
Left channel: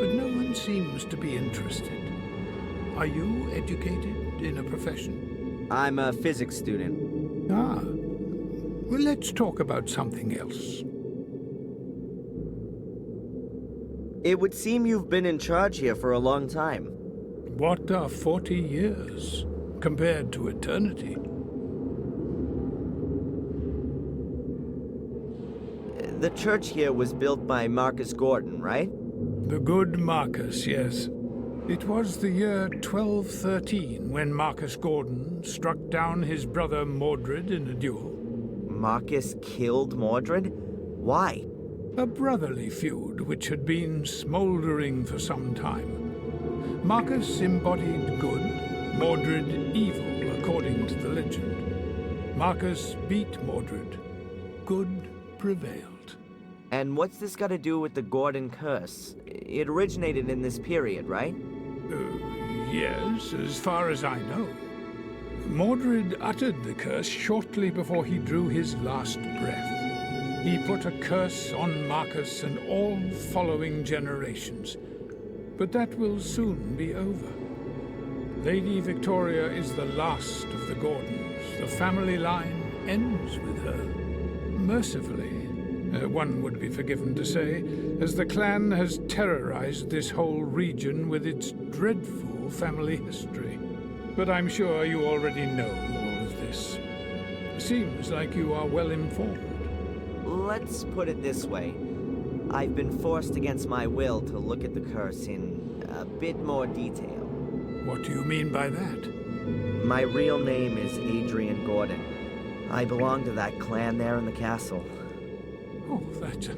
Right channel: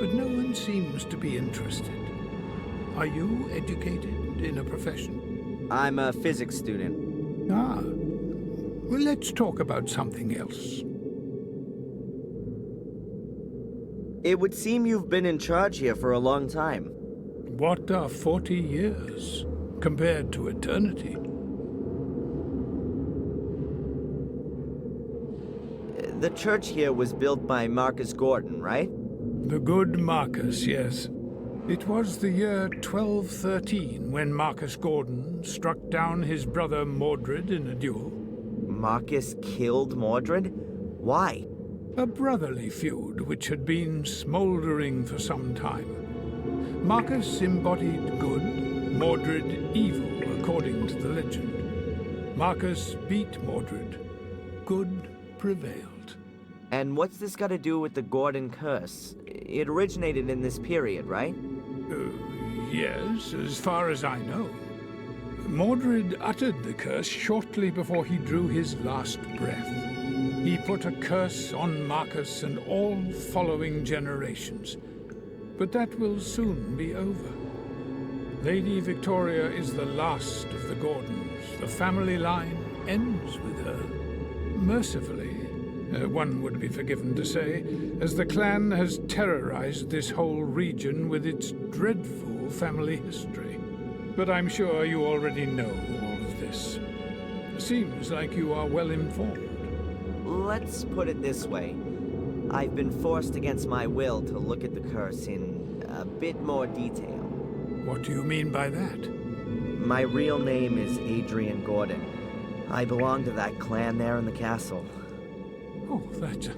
but no one seems to be interested. Are you educated in a profession? I'm a physics student. Ah. Well, let's talk about something else. It would seem you've been in charge here for a long time. What are 40 years compared to eternity? The church here was built by Marcus Gordon, right? The good Marcus, yes. It was the year 1213 when Marcus Gordon struck down his brother Mordred in a duel. Marcus killed Mordred? Why? A brotherly feud which had been smoldering for some time. Marcus embodied good, Mordred evil, according to the legend. Marcus beat Mordred. Good prevailed. And what's this got to do with the Gordon curse? It originated in this period, right? Yes, as far as I know. Mordred uttered the curse shortly before he drew his last breath. He put a curse on Marcus and all following generations. But that will soon be over. Lady Victoria is the last of the Gordons. The family line ends with her. Mercifully, one would be forgiven to say, as the clan has terrorized this whole region with its dreadful family history. But I'm sure you already know all of this. Seems like you are well informed. Let's put it this way. I've been forced against my will to look at the curse in a bit more detail. What do you mean by that? My real name is Adrian Gordon. I belong to that clan there in the castle. Oh, that's,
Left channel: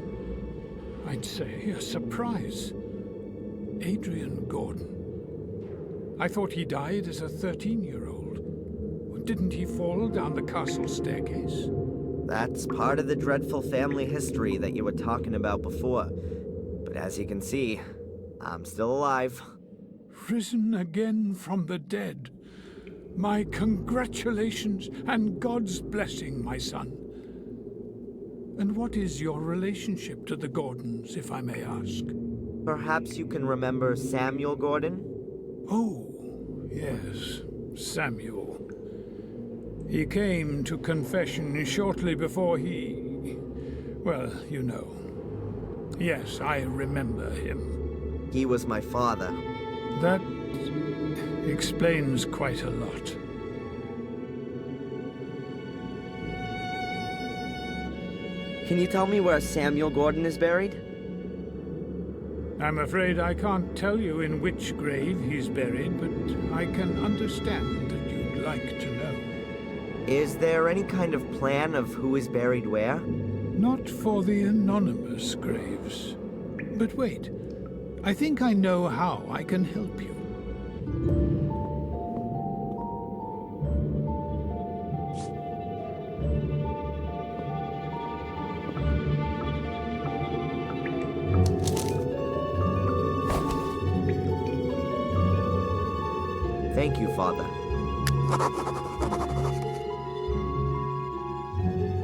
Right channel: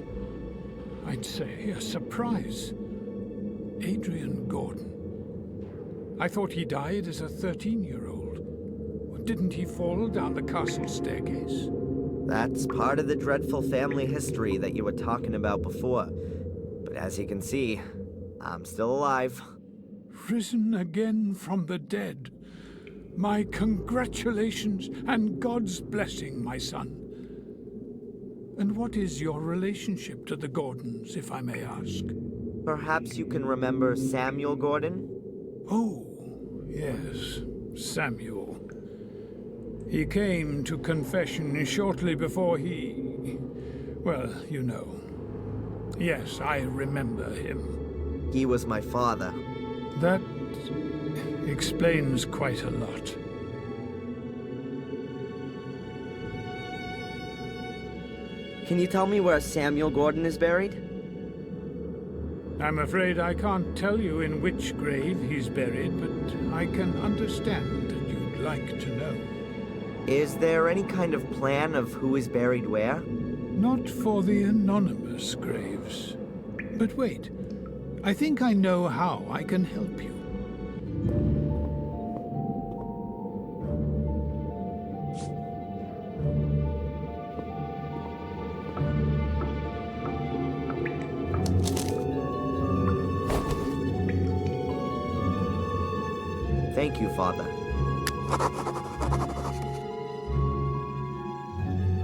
I'd say, a surprise. Adrian Gordon. I thought he died as a 13-year-old. Didn't he fall down the castle staircase? That's part of the dreadful family history that you were talking about before. But as you can see, I'm still alive. Risen again from the dead. My congratulations and God's blessing, my son. And what is your relationship to the Gordons, if I may ask? Perhaps you can remember Samuel Gordon? Oh, yes, Samuel. He came to confession shortly before he... well, you know. Yes, I remember him. He was my father. That explains quite a lot. Can you tell me where Samuel Gordon is buried? I'm afraid I can't tell you in which grave he's buried, but I can understand that you'd like to know. Is there any kind of plan of who is buried where? Not for the anonymous graves. But wait, I think I know how I can help you. Thank you, Father.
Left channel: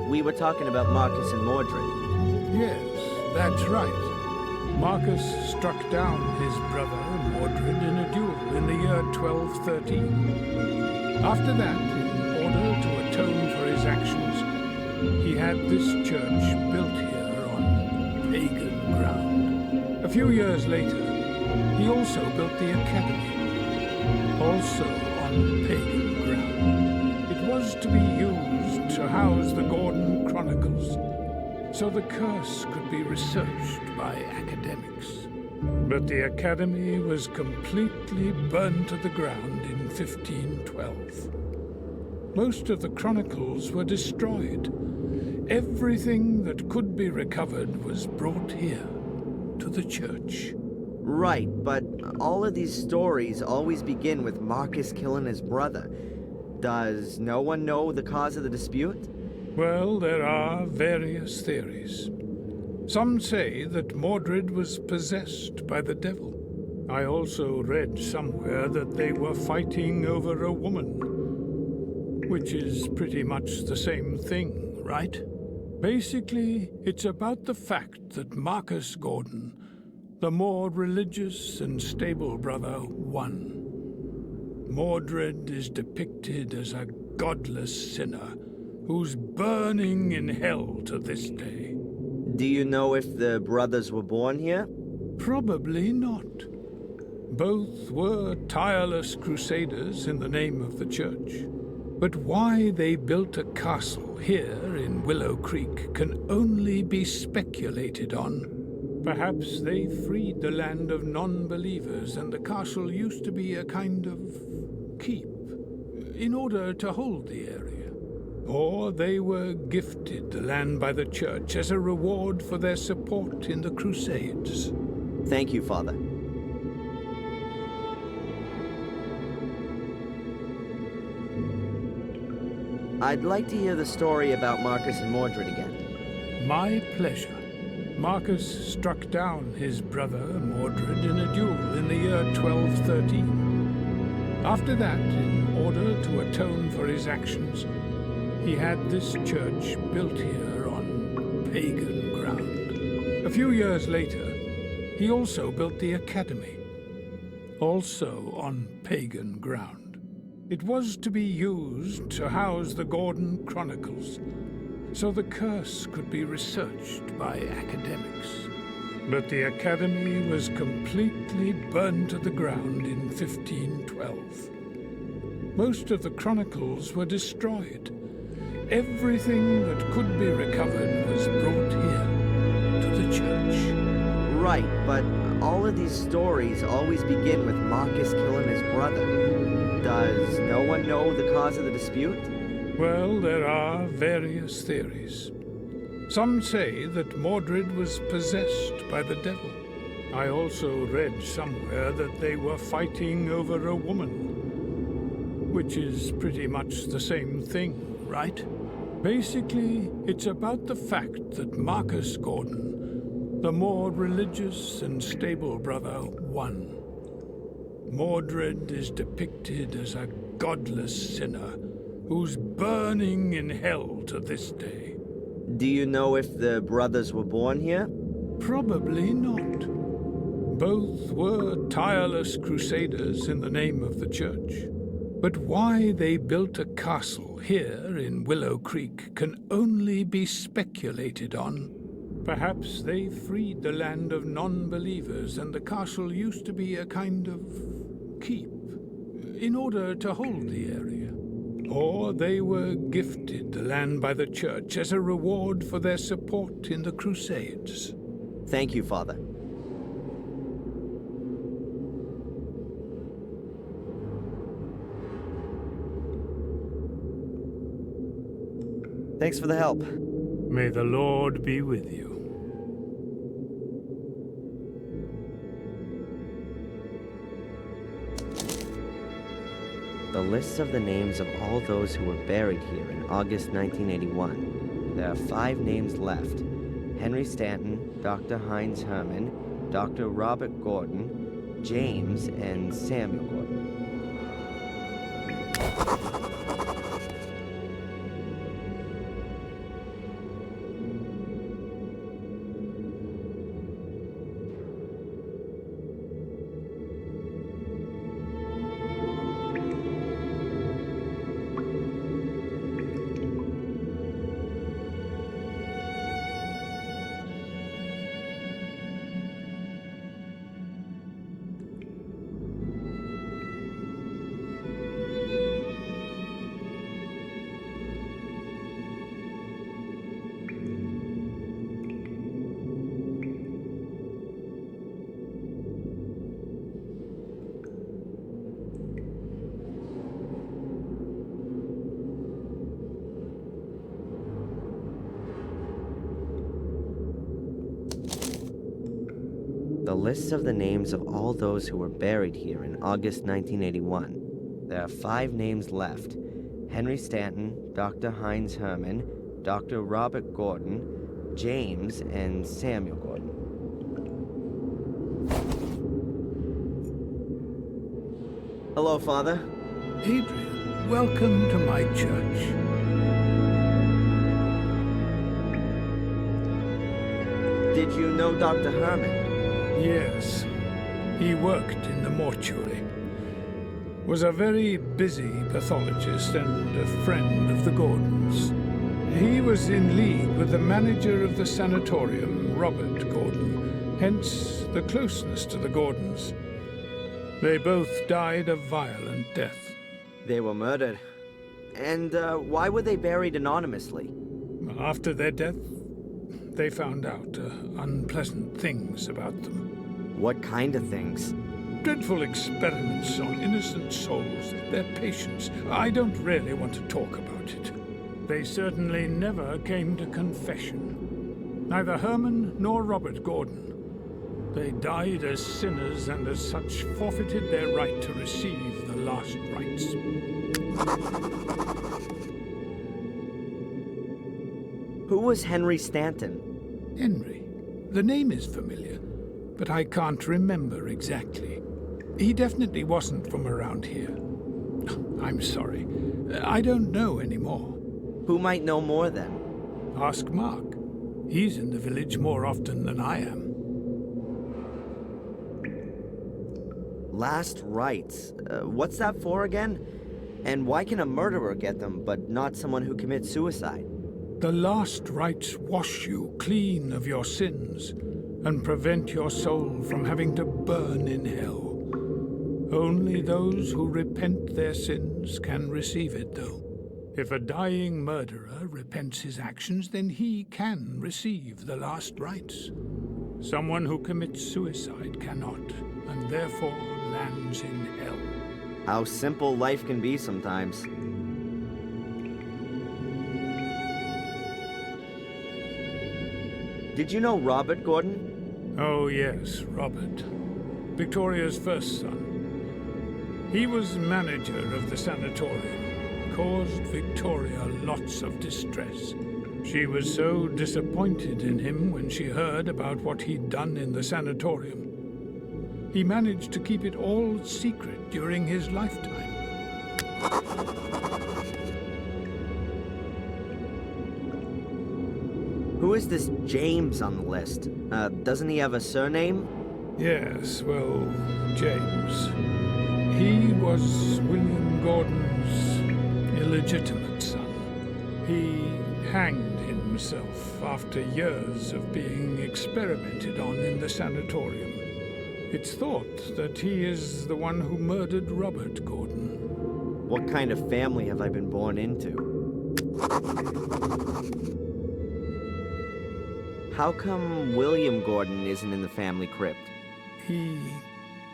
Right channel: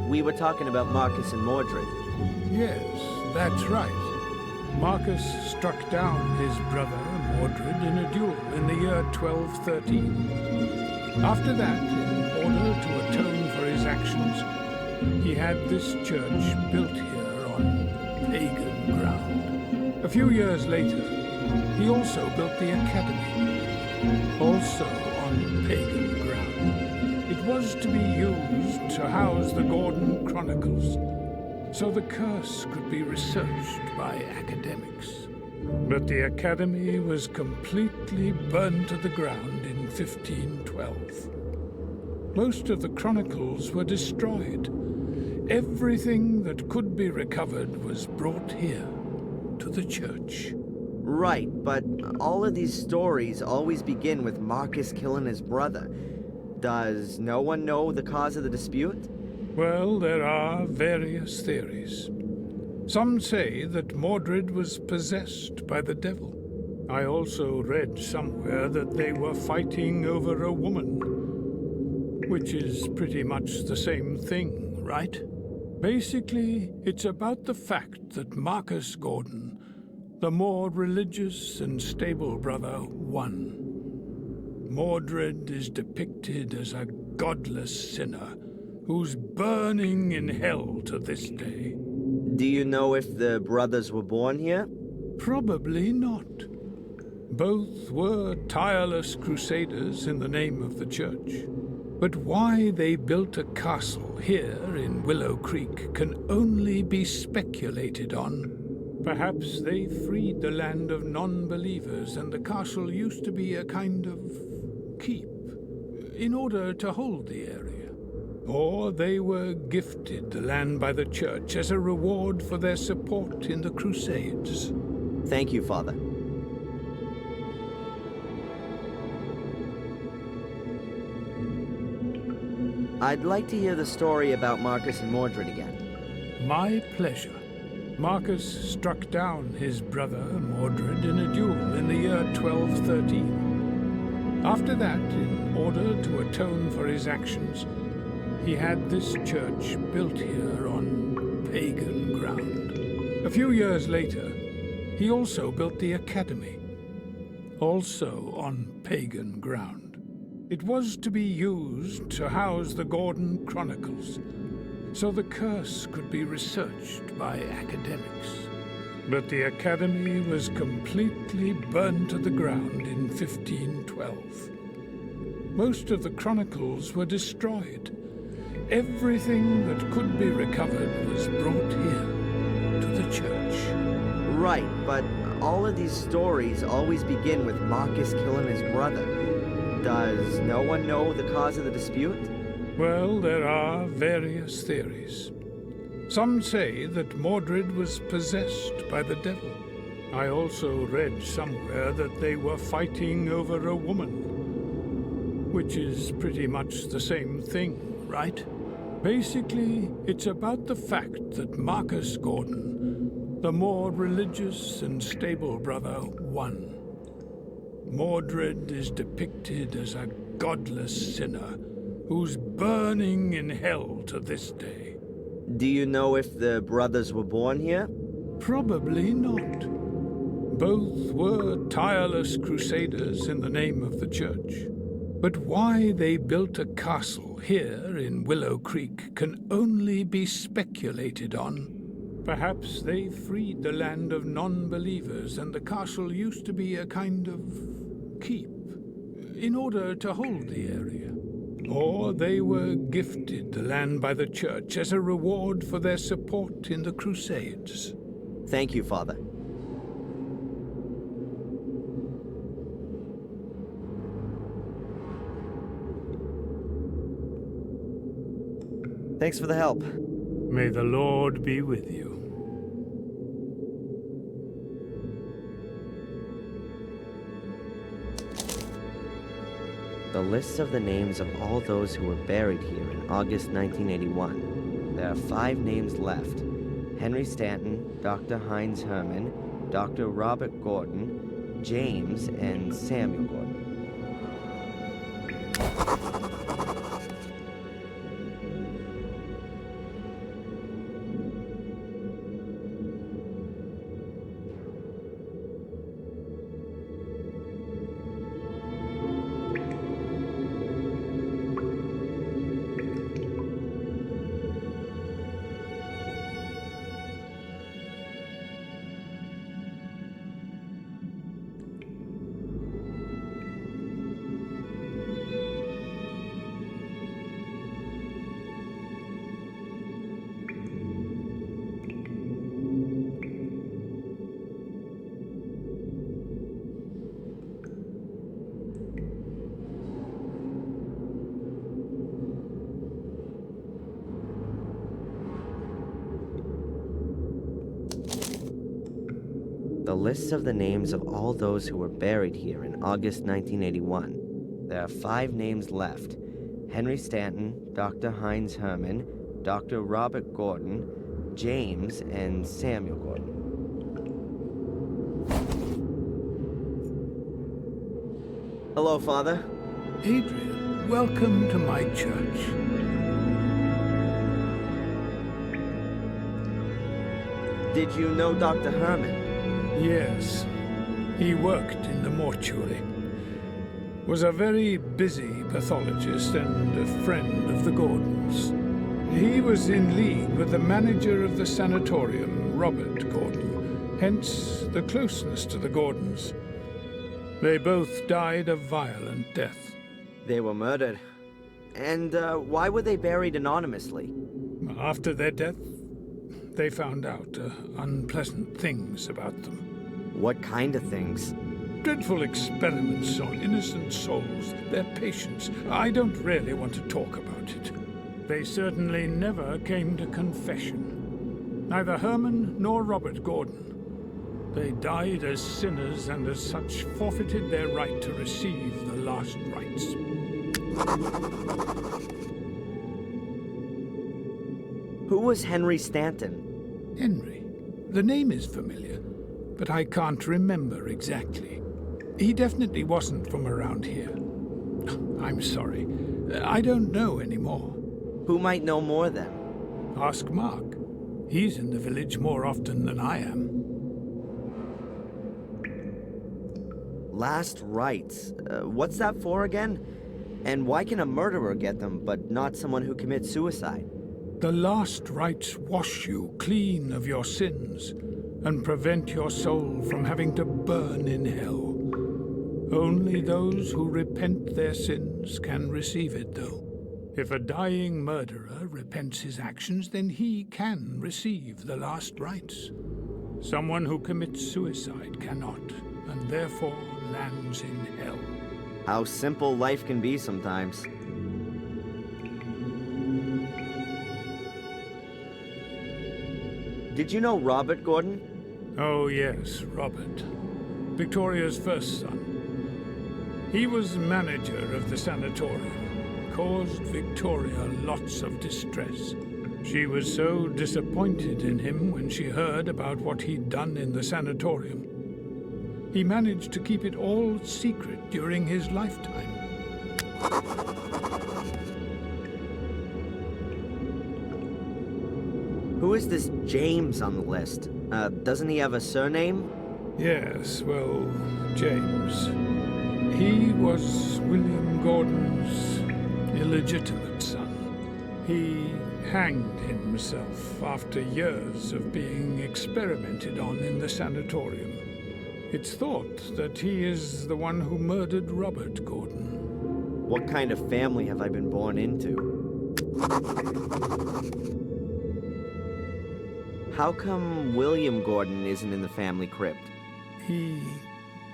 We were talking about Marcus and Mordred. Yes, that's right. Marcus struck down his brother Mordred in a duel in the year 1213. After that, in order to atone for his actions, he had this church built here on pagan ground. A few years later, he also built the academy, also on pagan ground. It was to be used to house the Gordon Chronicles, so the curse could be researched by academics. But the academy was completely burned to the ground in 1512. Most of the chronicles were destroyed. Everything that could be recovered was brought here, to the church. Right, but all of these stories always begin with Marcus killing his brother. Does no one know the cause of the dispute? Well, there are various theories. Some say that Mordred was possessed by the devil. I also read somewhere that they were fighting over a woman, which is pretty much the same thing, right? Basically, it's about the fact that Marcus Gordon, the more religious and stable brother, won. Mordred is depicted as a godless sinner who's burning in hell to this day. Do you know if the brothers were born here? Probably not. Both were tireless crusaders in the name of the church. But why they built a castle here in Willow Creek can only be speculated on. Perhaps they freed the land of non-believers and the castle used to be a kind of keep in order to hold the area. Or they were gifted the land by the church as a reward for their support in the Crusades. Thank you, Father. I'd like to hear the story about Marcus and Mordred again. My pleasure. Marcus struck down his brother Mordred in a duel in the year 1213. After that, in order to atone for his actions, he had this church built here on pagan ground. A few years later, he also built the academy, also on pagan ground. It was to be used to house the Gordon Chronicles, so the curse could be researched by academics. But the academy was completely burned to the ground in 1512. Most of the chronicles were destroyed. Everything that could be recovered was brought here, to the church. Right, but all of these stories always begin with Marcus killing his brother. Does no one know the cause of the dispute? Well, there are various theories. Some say that Mordred was possessed by the devil. I also read somewhere that they were fighting over a woman, which is pretty much the same thing, right? Basically, it's about the fact that Marcus Gordon, the more religious and stable brother, won. Mordred is depicted as a godless sinner who's burning in hell to this day. Do you know if the brothers were born here? Probably not. Both were tireless crusaders in the name of the church. But why they built a castle here in Willow Creek can only be speculated on. Perhaps they freed the land of non-believers and the castle used to be a kind of keep in order to hold the area. Or they were gifted the land by the church as a reward for their support in the Crusades. Thank you, Father. Thanks for the help. May the Lord be with you. The list of the names of all those who were buried here in August 1981. There are 5 names left. Henry Stanton, Dr. Heinz Herman, Dr. Robert Gordon, James, and Samuel Gordon. The list of the names of all those who were buried here in August 1981. There are 5 names left. Henry Stanton, Dr. Heinz Herman, Dr. Robert Gordon, James, and Samuel Gordon. Hello, Father. Adrian, welcome to my church. Did you know Dr. Herman? Yes. He worked in the mortuary. Was a very busy pathologist and a friend of the Gordons. He was in league with the manager of the sanatorium, Robert Gordon, hence the closeness to the Gordons. They both died a violent death. They were murdered. And why were they buried anonymously? After their death, they found out unpleasant things about them. What kind of things? Dreadful experiments on innocent souls, their patients. I don't really want to talk about it. They certainly never came to confession. Neither Herman nor Robert Gordon. They died as sinners and as such forfeited their right to receive the last rites. Who was Henry Stanton? Henry. The name is familiar, but I can't remember exactly. He definitely wasn't from around here. I'm sorry. I don't know anymore. Who might know more then? Ask Mark. He's in the village more often than I am. Last rites. What's that for again? And why can a murderer get them, but not someone who commits suicide? The last rites wash you clean of your sins and prevent your soul from having to burn in hell. Only those who repent their sins can receive it, though. If a dying murderer repents his actions, then he can receive the last rites. Someone who commits suicide cannot, and therefore lands in hell. How simple life can be sometimes. Did you know Robert Gordon? Oh yes, Robert. Victoria's first son. He was manager of the sanatorium. Caused Victoria lots of distress. She was so disappointed in him when she heard about what he'd done in the sanatorium. He managed to keep it all secret during his lifetime. Who is this James on the list? Doesn't he have a surname? Yes, well, James. He was William Gordon's illegitimate son. He hanged himself after years of being experimented on in the sanatorium. It's thought that he is the one who murdered Robert Gordon. What kind of family have I been born into? How come William Gordon isn't in the family crypt? He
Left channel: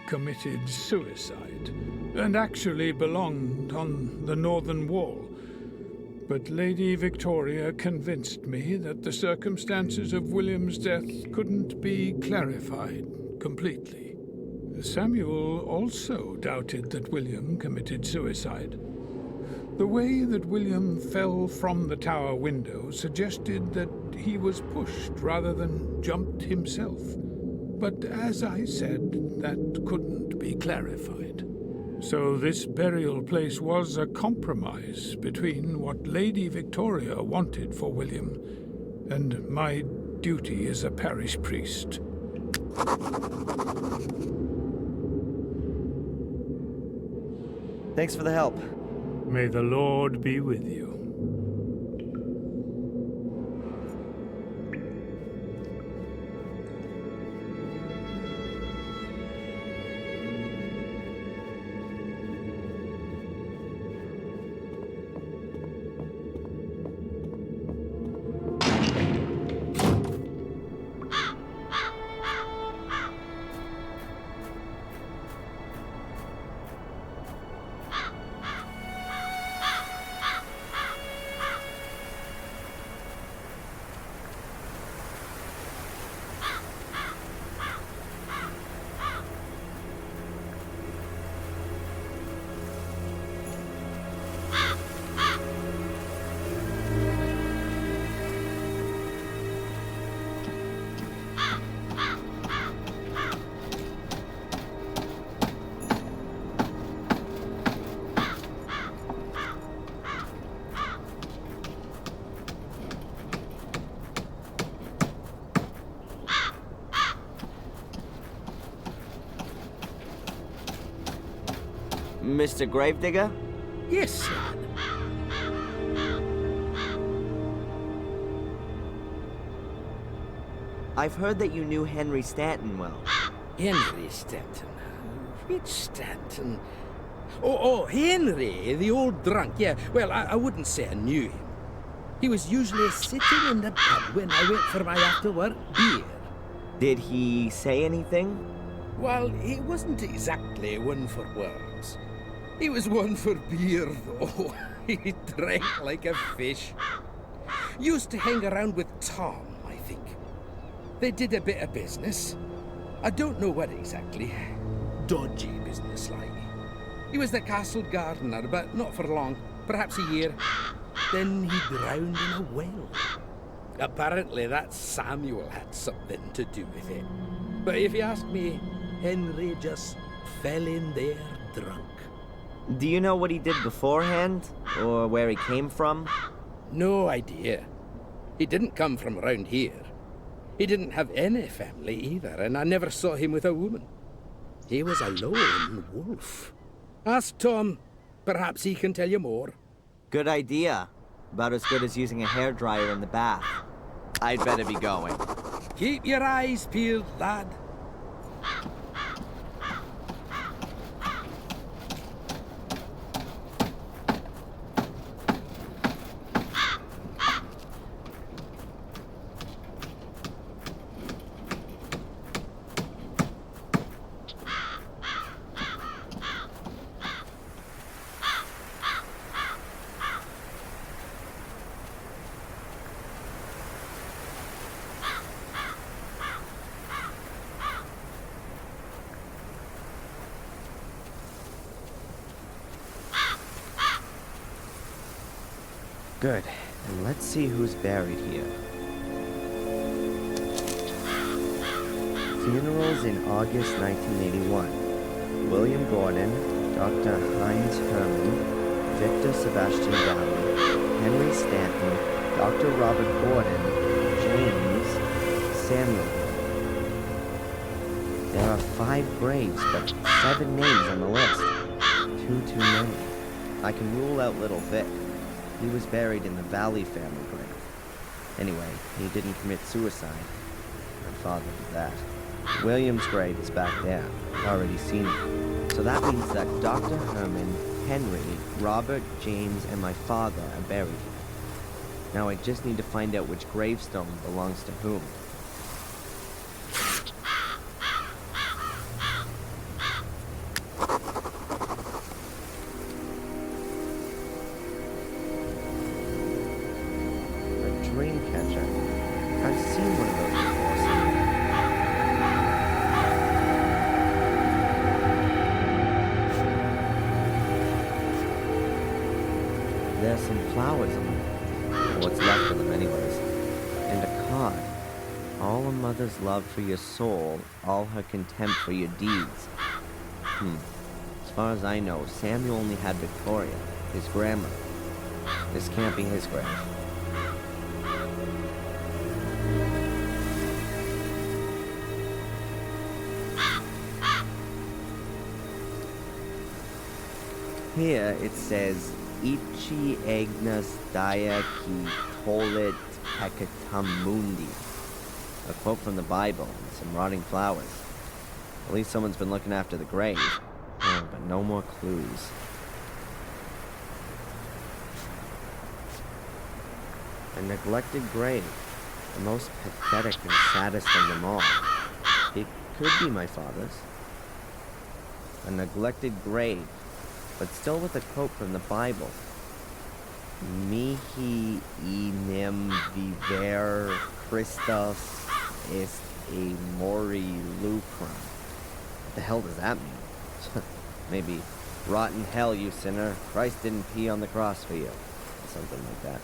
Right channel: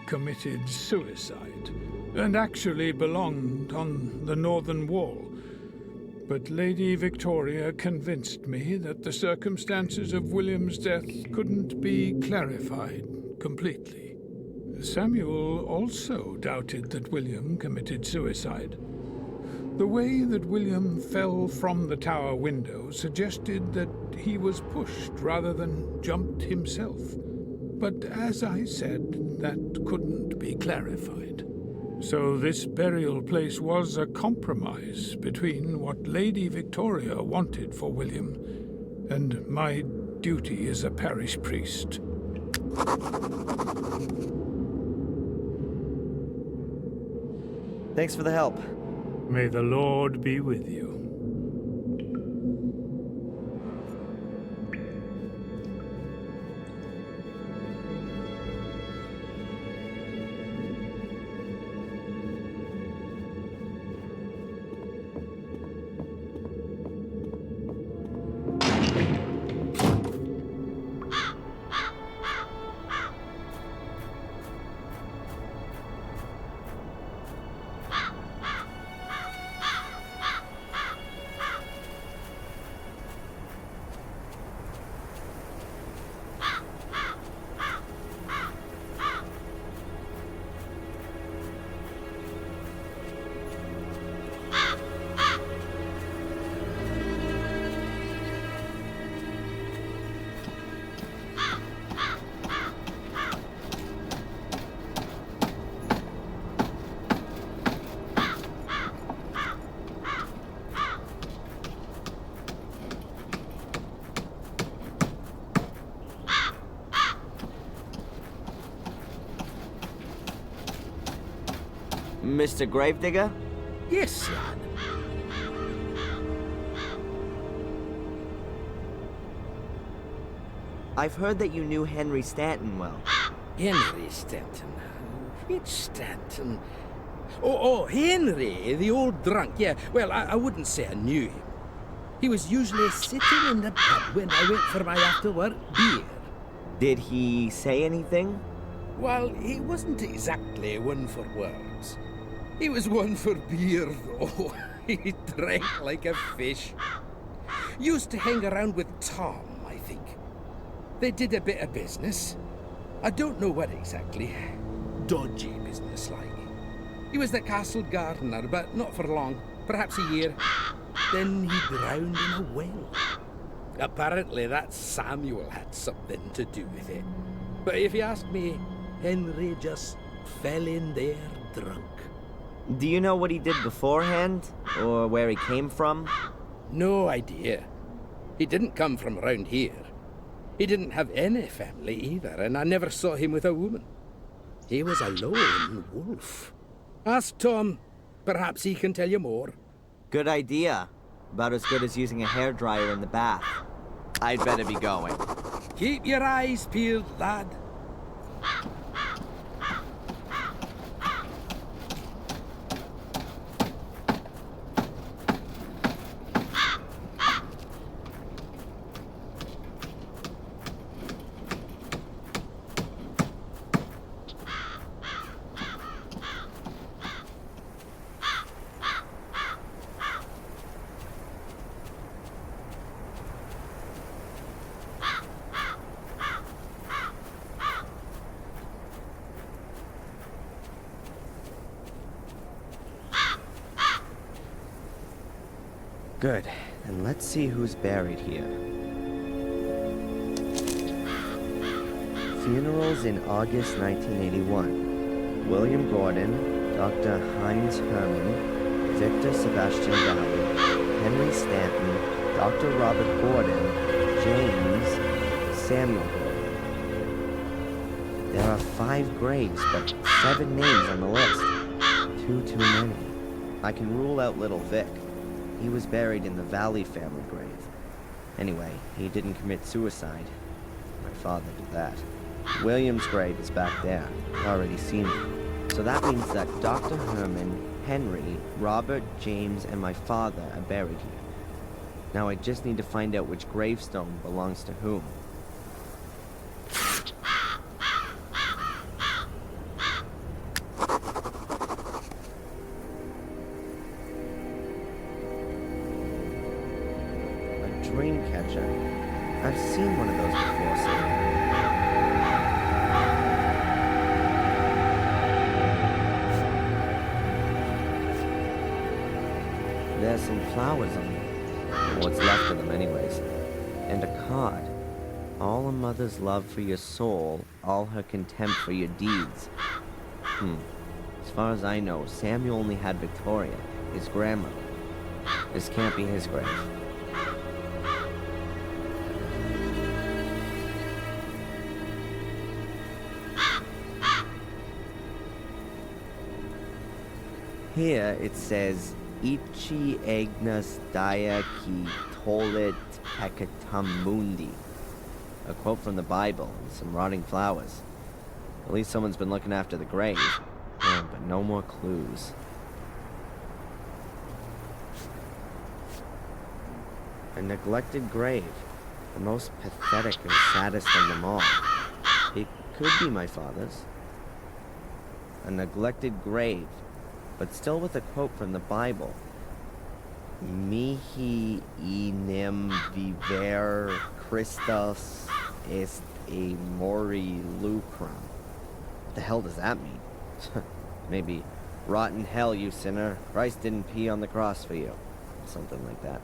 committed suicide, and actually belonged on the northern wall. But Lady Victoria convinced me that the circumstances of William's death couldn't be clarified completely. Samuel also doubted that William committed suicide. The way that William fell from the tower window suggested that he was pushed rather than jumped himself. But as I said, that couldn't be clarified. So this burial place was a compromise between what Lady Victoria wanted for William and my duty as a parish priest. Thanks for the help. May the Lord be with you. Mr. Gravedigger? Yes, lad. I've heard that you knew Henry Stanton well. Henry Stanton. Which Stanton? Oh, Henry, the old drunk. Yeah, well, I wouldn't say I knew him. He was usually sitting in the pub when I went for my after-work beer. Did he say anything? Well, he wasn't exactly one for words. He was one for beer, though. He drank like a fish. Used to hang around with Tom, I think. They did a bit of business. I don't know what exactly. Dodgy business, like. He was the castle gardener, but not for long. Perhaps a year. Then he drowned in a well. Apparently that Samuel had something to do with it. But if you ask me, Henry just fell in there drunk. Do you know what he did beforehand? Or where he came from? No idea. He didn't come from around here. He didn't have any family either, and I never saw him with a woman. He was a lone wolf. Ask Tom. Perhaps he can tell you more. Good idea. About as good as using a hairdryer in the bath. I'd better be going. Keep your eyes peeled, lad. Good. And let's see who's buried here. Funerals in August 1981. William Gordon, Dr. Heinz Hermann, Victor Sebastian Valley, Henry Stanton, Dr. Robert Gordon, James, Samuel Gordon. There are 5 graves, but 7 names on the list. Too many. I can rule out Little Vic. He was buried in the Valley family grave. Anyway, he didn't commit suicide. My father did that. William's grave is back there. I've already seen it. So that means that Dr. Herman, Henry, Robert, James, and my father are buried here. Now I just need to find out which gravestone belongs to whom. Dreamcatcher. I've seen one of those before somewhere. There's some flowers on them. Or what's left of them anyways. And a card. All a mother's love for your soul, all her contempt for your deeds. As far as I know, Samuel only had Victoria, his grandmother. This can't be his grave. Here it says, Ichi Agnes Dia Ki Tolit Peccatum Mundi. A quote from the Bible and some rotting flowers. At least someone's been looking after the grave. Oh, but no more clues. A neglected grave. The most pathetic and saddest of them all. It could be my father's. A neglected grave, but still with a quote from the Bible. Mihi enim viver Christus est a mori lucrum. What the hell does that mean? Maybe, rotten hell, you sinner. Christ didn't pee on the cross for you. Or something like that.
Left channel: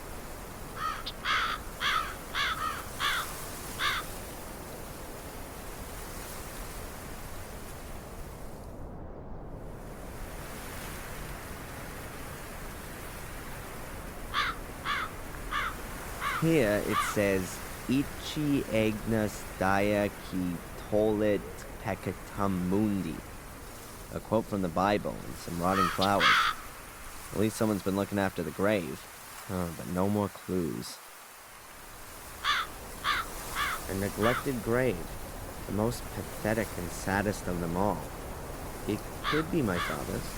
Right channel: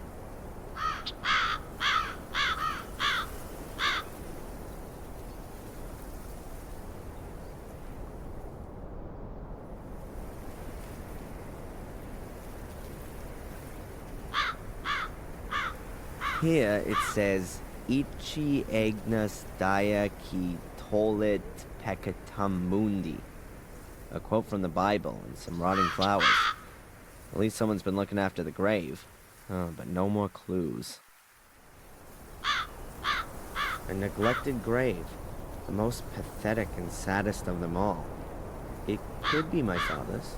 Here it says, Ichi Agnes Dia Ki Tolit Peccatum Mundi. A quote from the Bible and some rotting flowers. At least someone's been looking after the grave. Oh, but no more clues. A neglected grave. The most pathetic and saddest of them all. It could be my father's.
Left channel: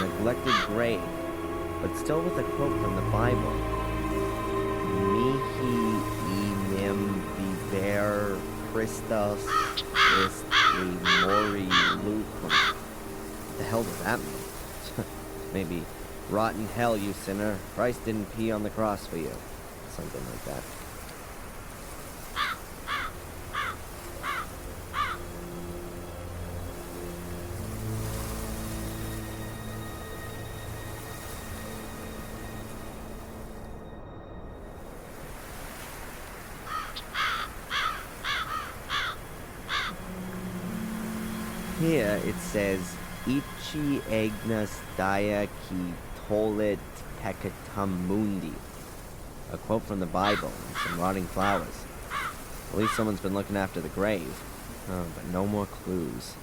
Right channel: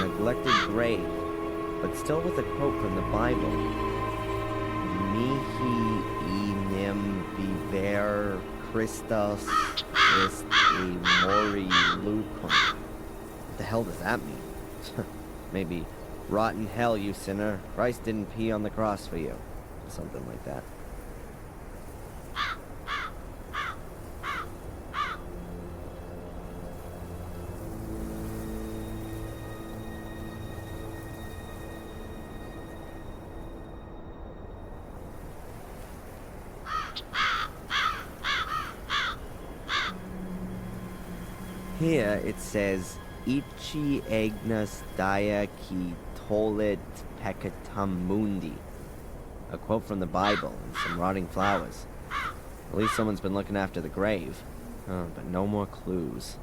Neglected grave, but still with a quote from the Bible. Mihi enim viver Christus est a mori lucrum. What the hell does that mean? Maybe, rotten hell, you sinner. Christ didn't pee on the cross for you. Or something like that. Here it says, Ichi Agnes Dia Ki Tolit Peccatum Mundi. A quote from the Bible and some rotting flowers. At least someone's been looking after the grave. Oh, but no more clues.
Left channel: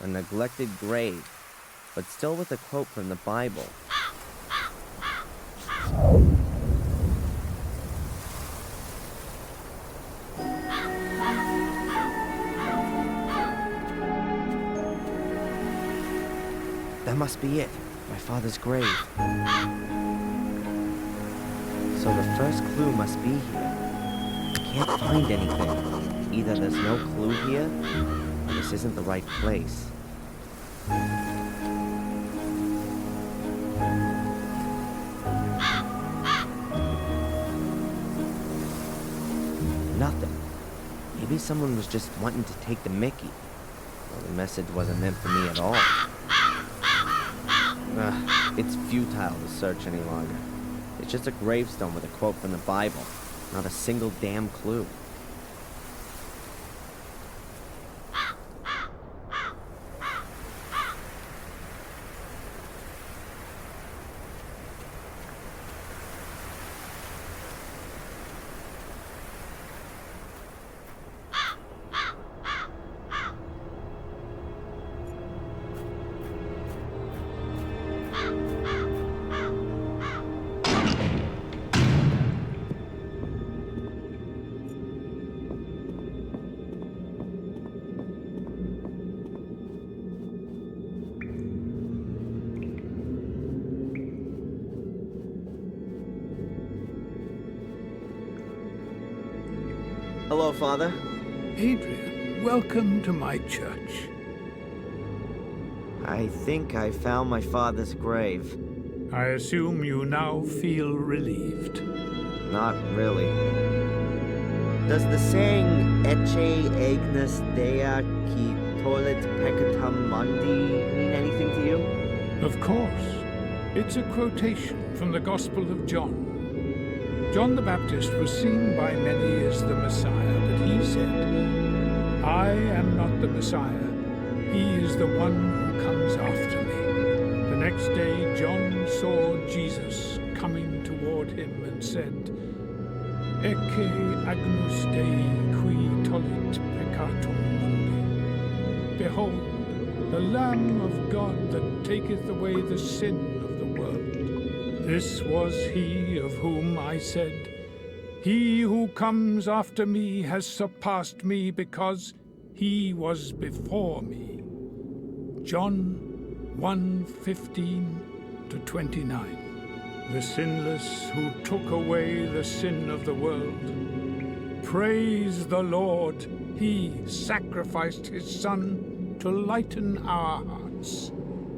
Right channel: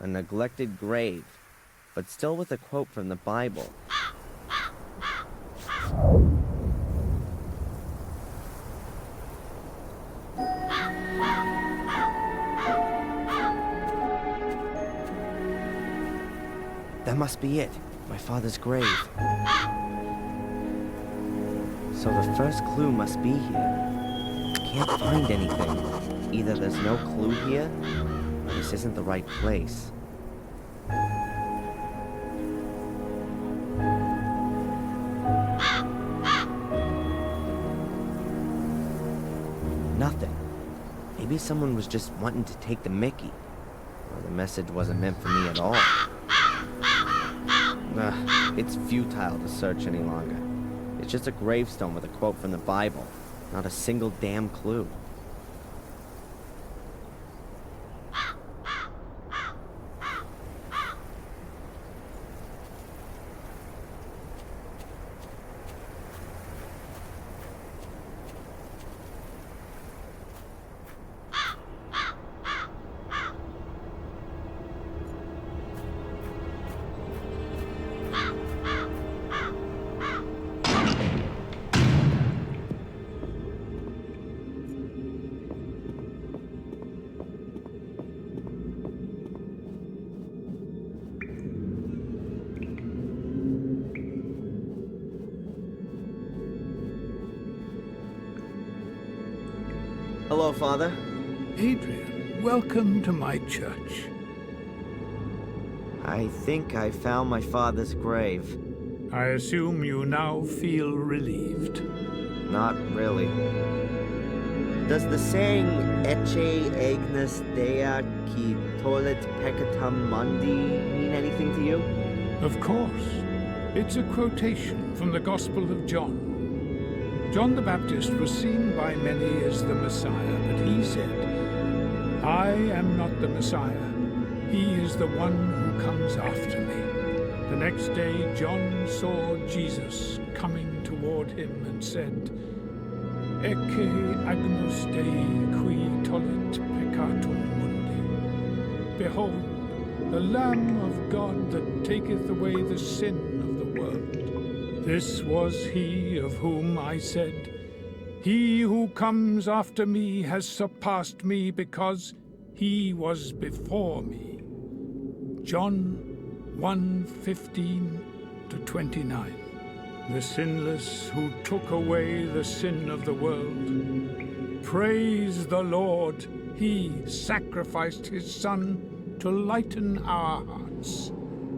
A neglected grave, but still with a quote from the Bible. That must be it. My father's grave. So the first clue must be here. I can't find anything. Either there's no clue here, or this isn't the right place. Nothing. Maybe someone was just wanting to take the mickey. Well, the message wasn't meant for me at all. It's futile to search any longer. It's just a gravestone with a quote from the Bible. Not a single damn clue. Hello, Father. Adrian, welcome to my church. I think I found my father's grave. I assume you now feel relieved. Not really. Does the saying Ecce Agnus Dea qui tollit peccatum mundi mean anything to you? Of course. It's a quotation from the Gospel of John. John the Baptist was seen by many as the Messiah, but he said, I am not the Messiah. He is the one who comes after me. The next day, John saw Jesus coming toward him and said, Ecce Agnus Dei qui tollit peccatum mundi. Behold, the Lamb of God that taketh away the sin of the world. This was he of whom I said, He who comes after me has surpassed me because he was before me. John 1:15-29. The sinless who took away the sin of the world. Praise the Lord, he sacrificed his Son to lighten our hearts.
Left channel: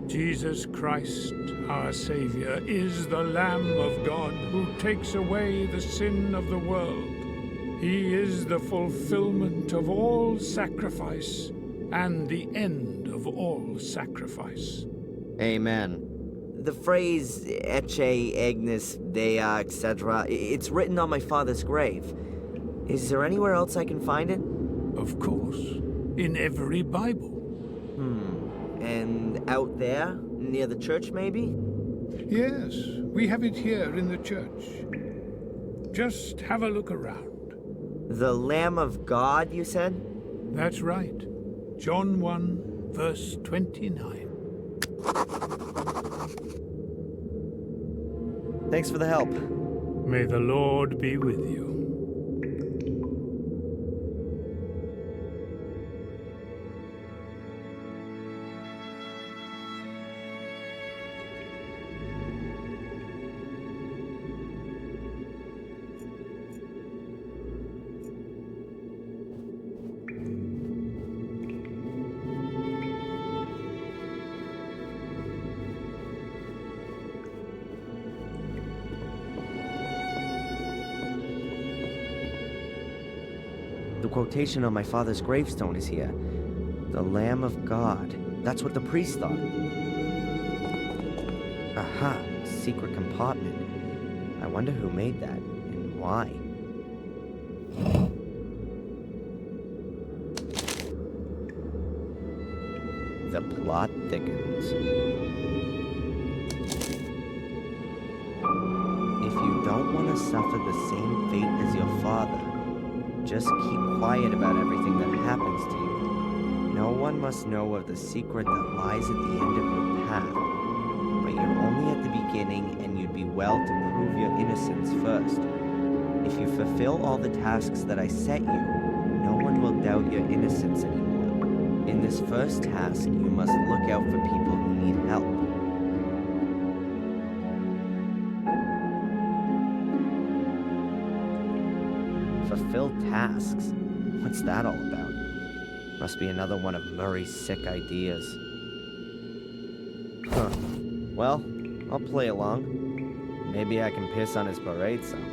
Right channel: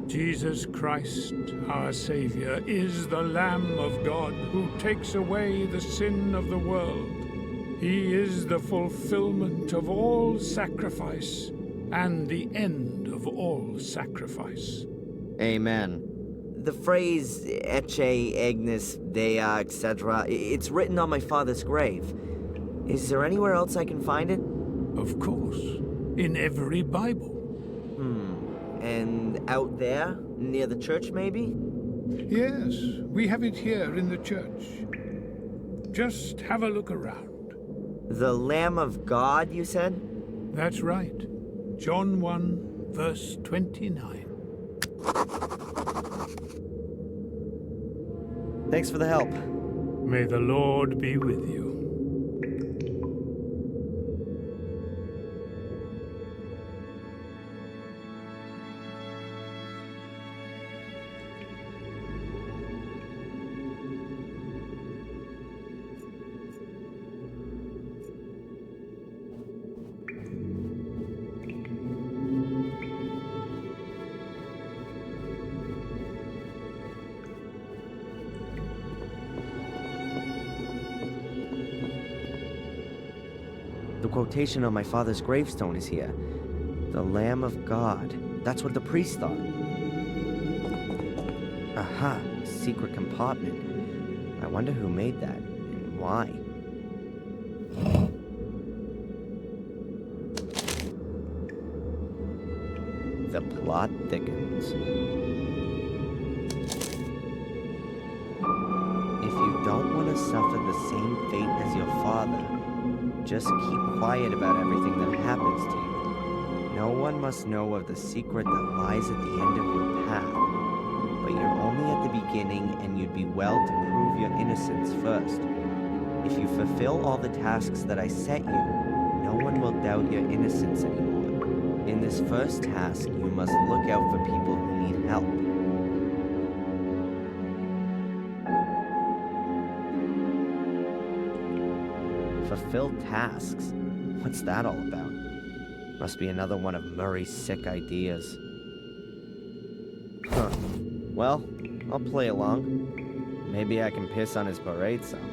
Jesus Christ, our Savior, is the Lamb of God who takes away the sin of the world. He is the fulfillment of all sacrifice and the end of all sacrifice. Amen. The phrase Ecce Agnus Dea, etc., it's written on my father's grave. Is there anywhere else I can find it? Of course. In every Bible. And out there, near the church, maybe? Yes, we have it here in the church. Just have a look around. The Lamb of God, you said? That's right. John 1:29. Thanks for the help. May the Lord be with you. The quotation on my father's gravestone is here. The Lamb of God. That's what the priest thought. Aha, secret compartment. I wonder who made that, and why. The plot thickens. If you don't want to suffer the same fate as your father, just keep quiet about everything that happens to you. No one must know of the secret that lies at the end of your path. But you're only at the beginning, and you'd be well to prove your innocence first. If you fulfill all the tasks that I set you, no one will doubt your innocence anymore. In this first task, you must look out for people who need help. Fulfill tasks? What's that all about? Must be another one of Murray's sick ideas. Huh. Well, I'll play along. Maybe I can piss on his parade some.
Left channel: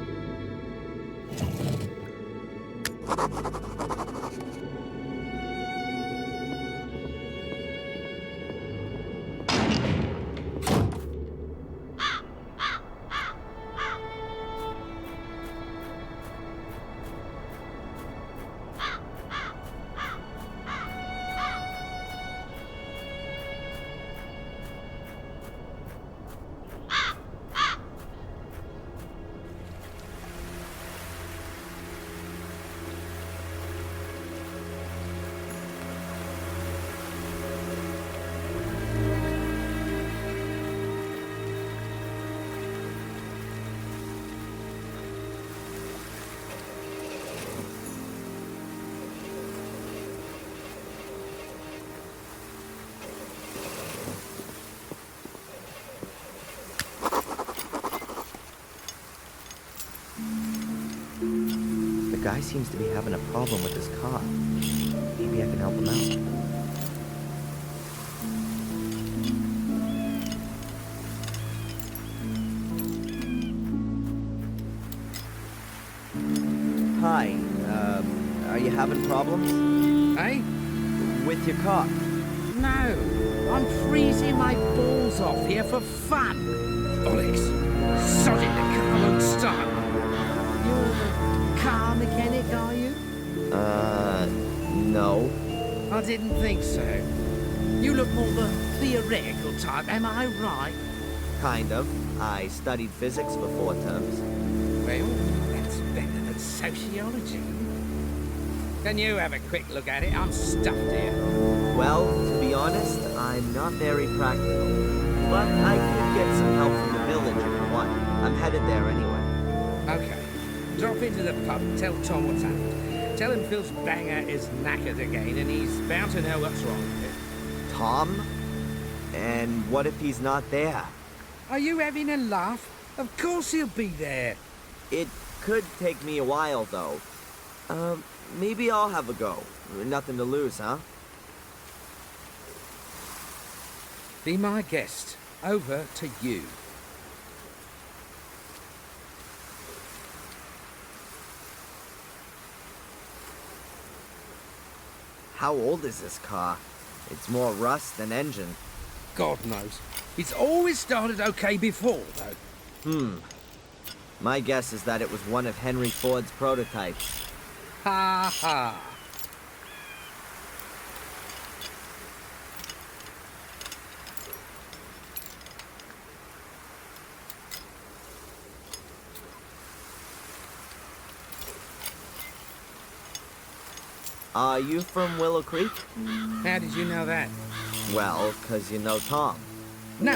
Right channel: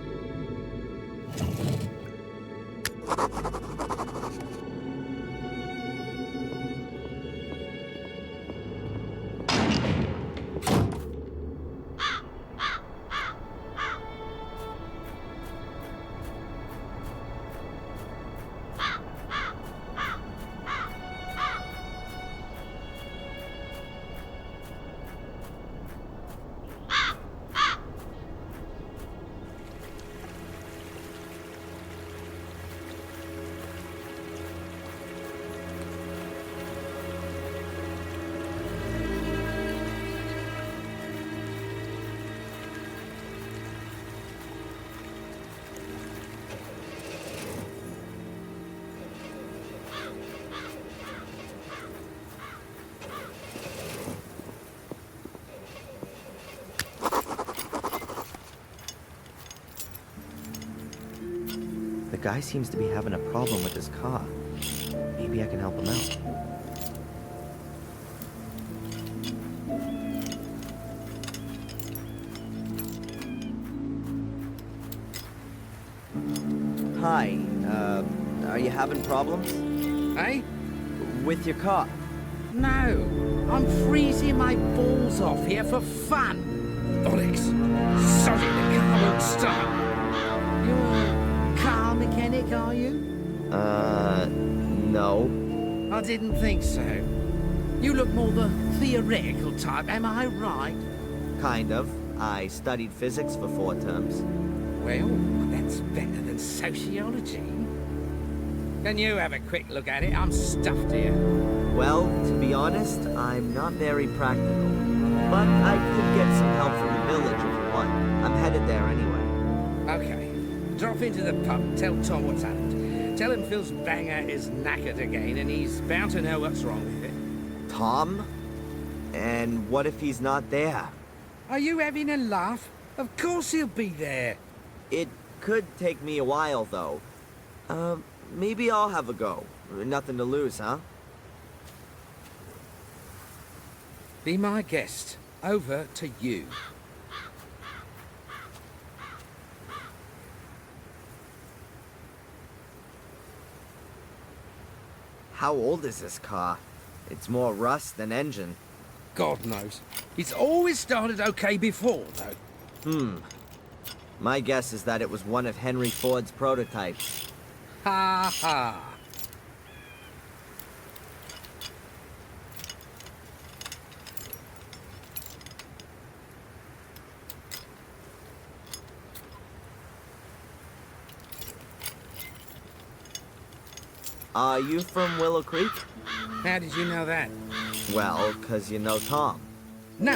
The guy seems to be having a problem with his car. Maybe I can help him out. Hi, are you having problems? Eh? With your car? No, I'm freezing my balls off here for fun. Bollocks. Sorry, the car won't start. You're a car mechanic, are you? No. I didn't think so. You look more the theoretical type, am I right? Kind of. I studied physics for 4 terms. Well, that's better than sociology. Can you have a quick look at it? I'm stuffed here. Well, to be honest, I'm not very practical. But I could get some help from the village if you want. I'm headed there anyway. Okay. Drop into the pub, tell Tom what's happened. Tell him Phil's banger is knackered again, and he's bound to know what's wrong with it. Tom? And what if he's not there? Are you having a laugh? Of course he'll be there. It could take me a while, though. Maybe I'll have a go. Nothing to lose, huh? Be my guest. Over to you. How old is this car? It's more rust than engine. God knows. It's always started okay before, though. My guess is that it was one of Henry Ford's prototypes. Ha ha. Are you from Willow Creek? How did you know that? Well, 'cause you know Tom. No,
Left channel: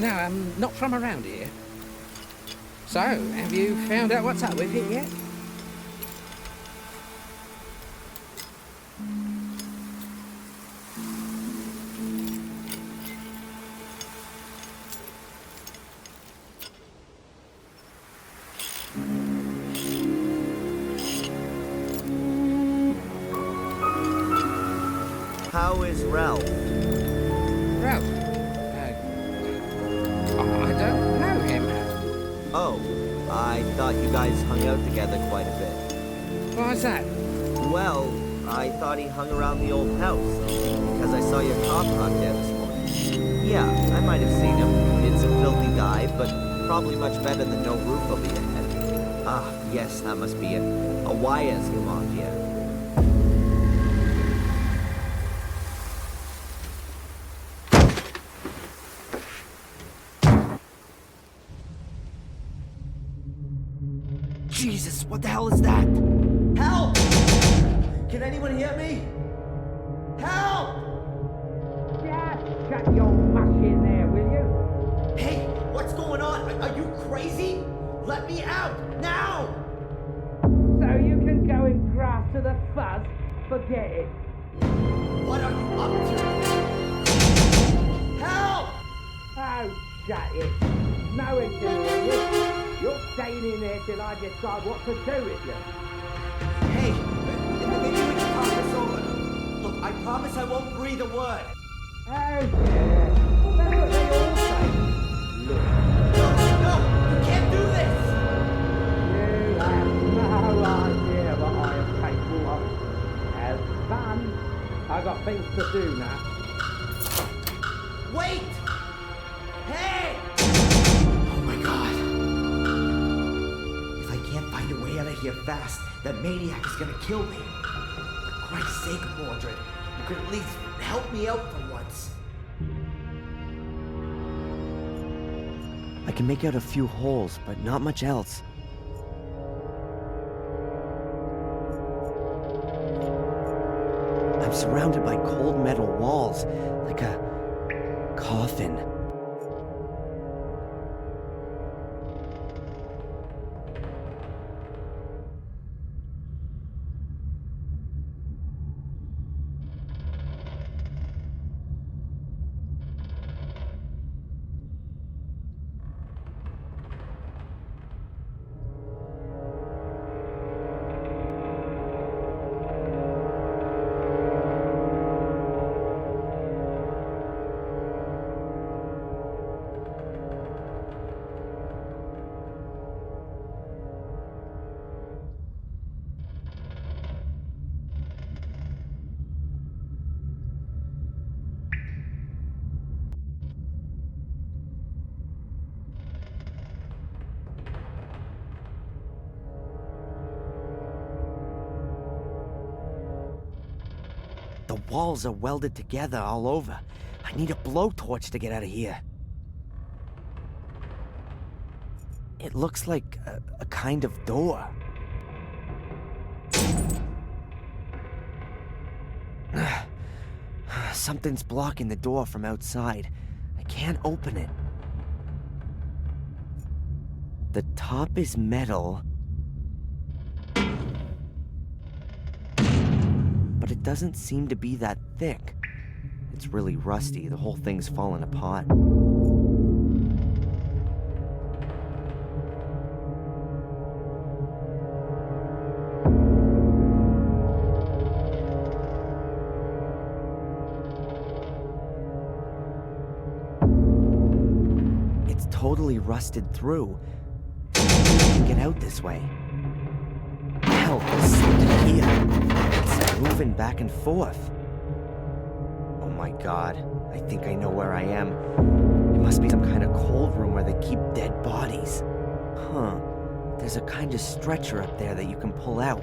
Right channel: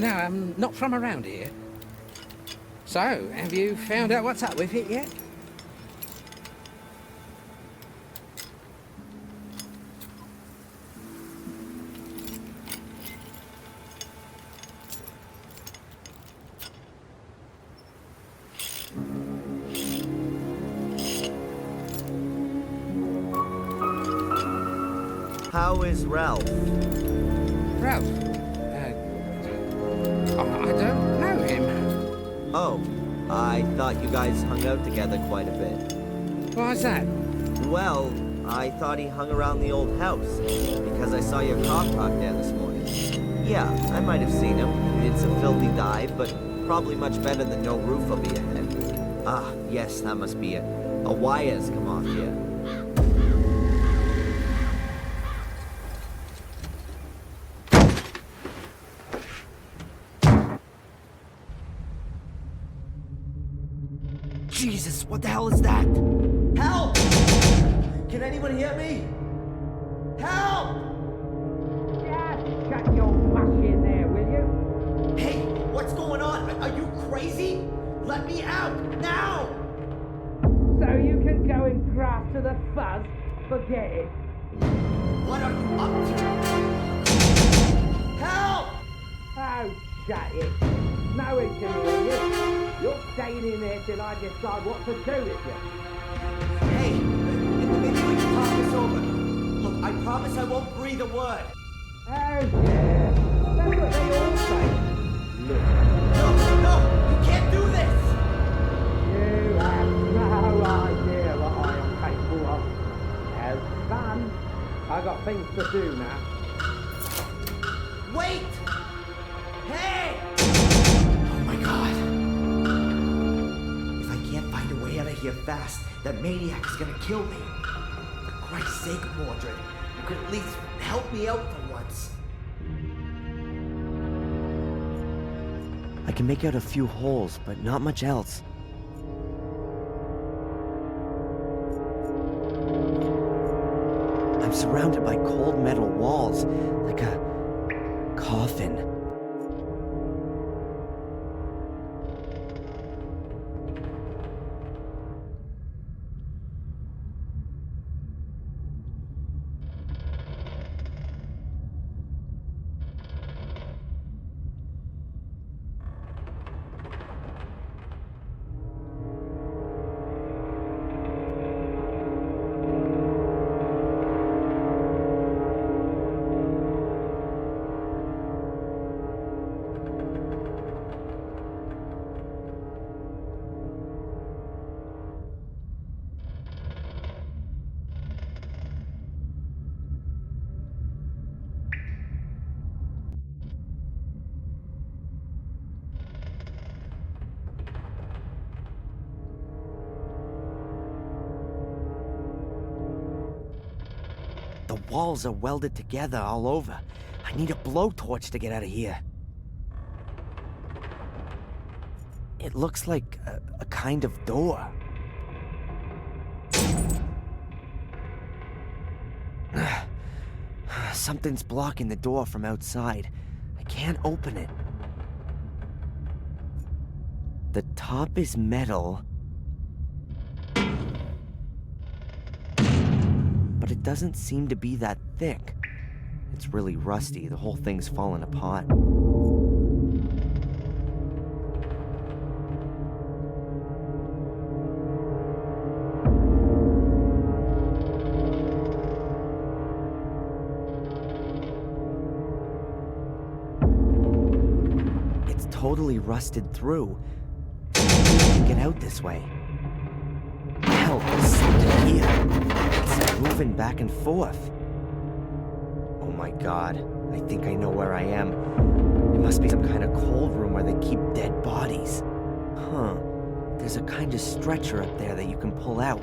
I'm not from around here. So, have you found out what's up with it yet? How is Ralph? Ralph? I don't know him. Oh, I thought you guys hung out together quite a bit. Why's that? Well, I thought he hung around the old house, because I saw your car parked there this morning. Yeah, I might have seen him. It's a filthy dive, but probably much better than no roof over your head. Ah, yes, that must be it. A wire's come off here. Jesus, what the hell is that? Help! Can anyone hear me? Help! Just shut your mush in there, will you? Hey, what's going on? Are you crazy? Let me out, now! So you can go and graft to the fuzz? Forget it. What are you up to? Help! Oh, shut it. No one can hear you. You're staying in there till I decide what to do with you. Hey, maybe we can talk this over. Look, I promise I won't breathe a word. Oh, yeah. That's what they all say. Look. No, you can't do this! You have no idea what I am capable of. Have fun. I've got things to do now. Wait! Hey! Oh my god. If I can't find a way out of here fast, that maniac is gonna kill me. For Christ's sake, Mordred, you could at least help me out for once. I can make out a few holes, but not much else. I'm surrounded by cold metal walls, like a coffin. walls are welded together all over. I need a blowtorch to get out of here. It looks like a kind of door. Something's blocking the door from outside. I can't open it. The top is metal, but it doesn't seem to be that thick. It's really rusty. The whole thing's fallen apart. It's totally rusted through. I can't get out this way. Hell, there's something here. It's moving back and forth. Oh my god, I think I know where I am. It must be some kind of cold room where they keep dead bodies. Huh. There's a kind of stretcher up there that you can pull out.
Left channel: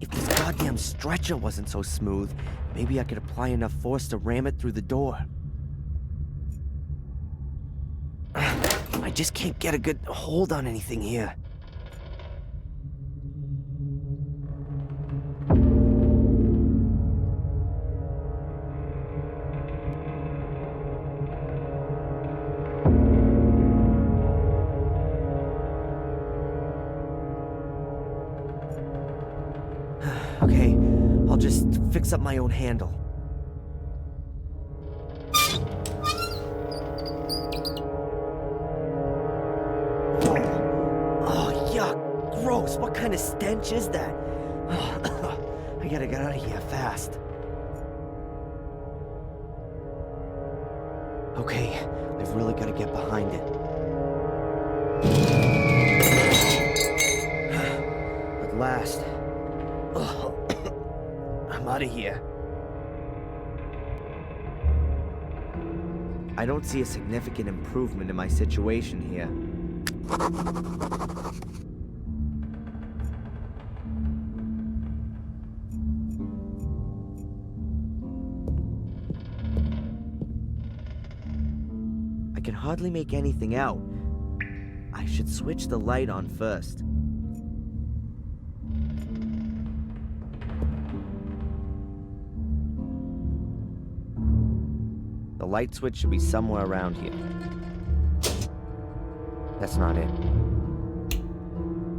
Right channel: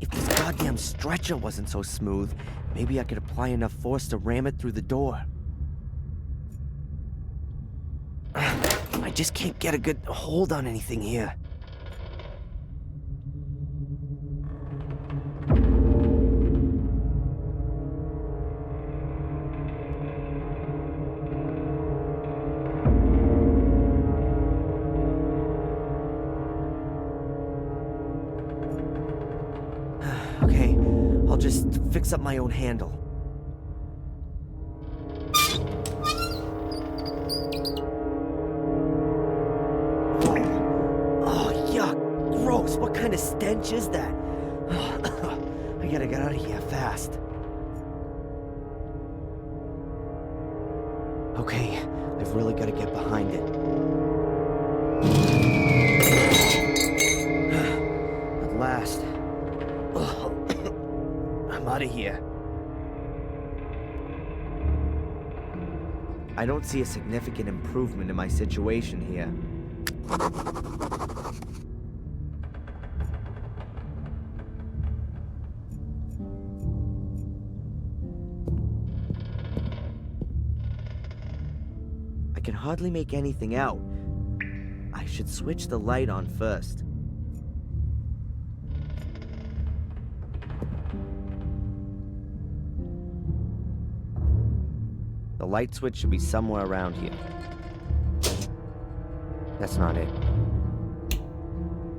If this goddamn stretcher wasn't so smooth, maybe I could apply enough force to ram it through the door. I just can't get a good hold on anything here. Okay, I'll just fix up my own handle. Gross, what kind of stench is that? I gotta get out of here fast. Okay, I've really gotta get behind it. At last. I'm out of here. I don't see a significant improvement in my situation here. I can hardly make anything out. I should switch the light on first. The light switch should be somewhere around here. That's not it.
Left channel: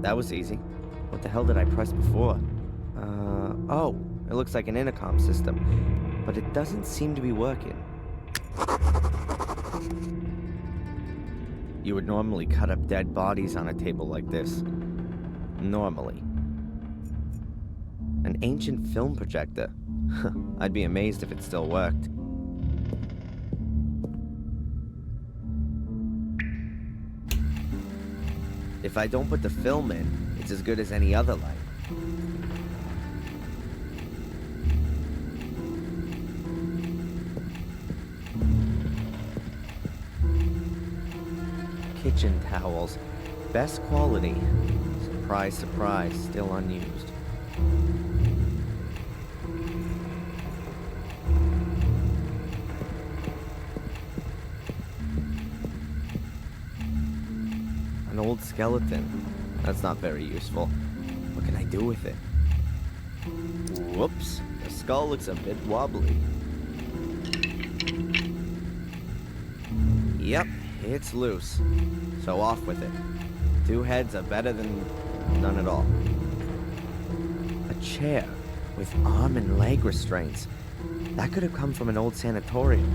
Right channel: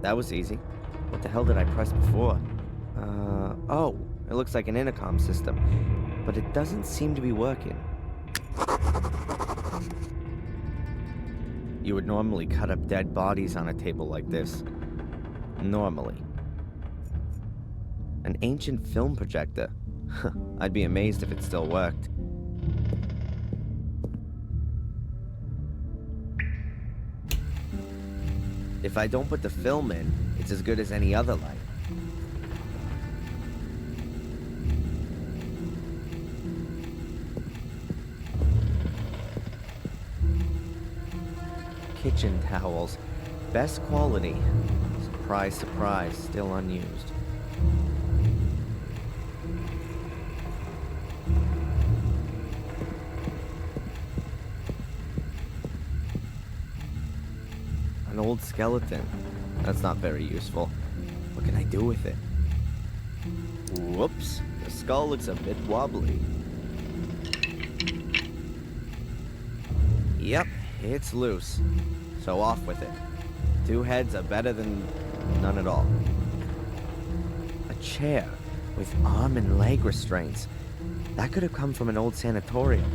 That was easy. What the hell did I press before? Oh, it looks like an intercom system, but it doesn't seem to be working. You would normally cut up dead bodies on a table like this. Normally. An ancient film projector. I'd be amazed if it still worked. If I don't put the film in, it's as good as any other light. Kitchen towels. Best quality. Surprise, surprise, still unused. An old skeleton. That's not very useful. What can I do with it? Whoops. The skull looks a bit wobbly. Yep, it's loose. So off with it. 2 heads are better than none at all. A chair with arm and leg restraints. That could have come from an old sanatorium.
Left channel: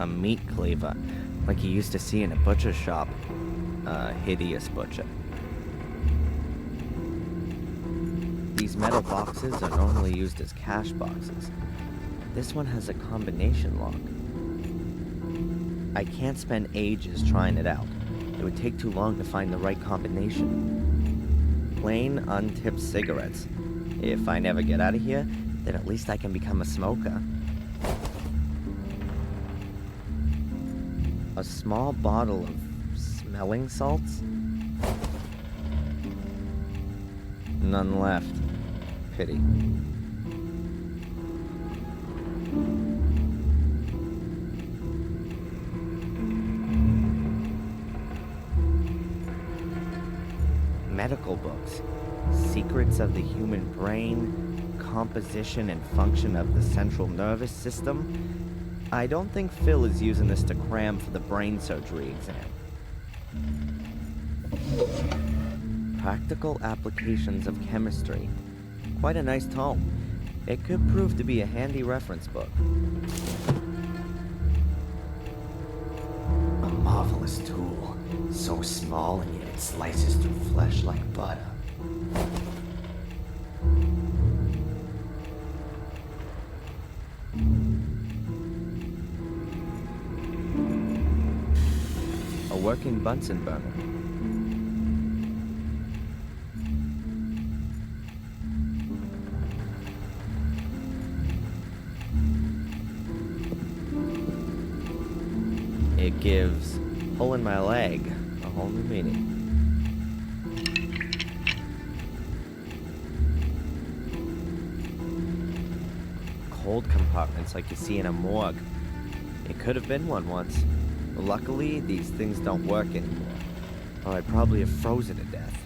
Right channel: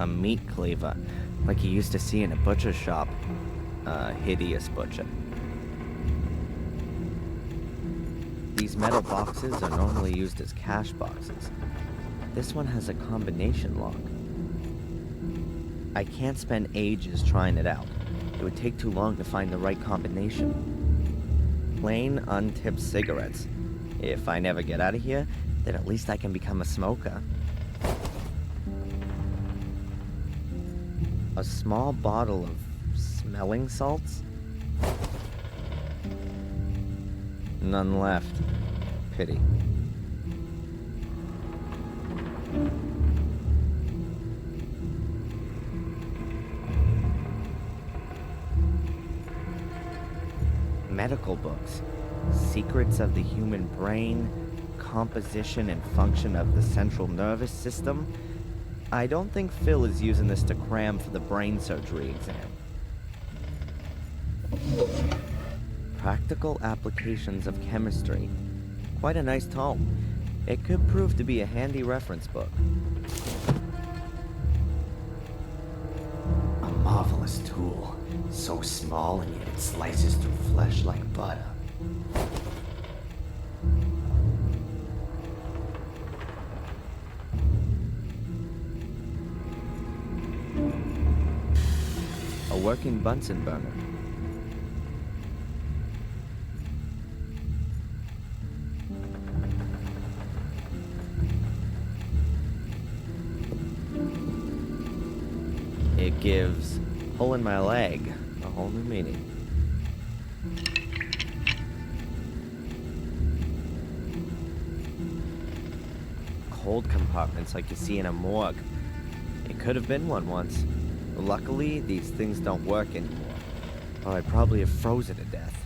A meat cleaver, like you used to see in a butcher shop. A hideous butcher. These metal boxes are normally used as cash boxes. This one has a combination lock. I can't spend ages trying it out. It would take too long to find the right combination. Plain, untipped cigarettes. If I never get out of here, then at least I can become a smoker. A small bottle of smelling salts? None left. Pity. Medical books. Secrets of the human brain, composition and function of the central nervous system. I don't think Phil is using this to cram for the brain surgery exam. Practical applications of chemistry. Quite a nice tome. It could prove to be a handy reference book. A marvelous tool. So small and yet it slices through flesh like butter. A working Bunsen burner. It gives hole in my leg a whole new meaning. Cold compartments like you see in a morgue. It could have been one once. Luckily, these things don't work anymore, or I'd probably have frozen to death.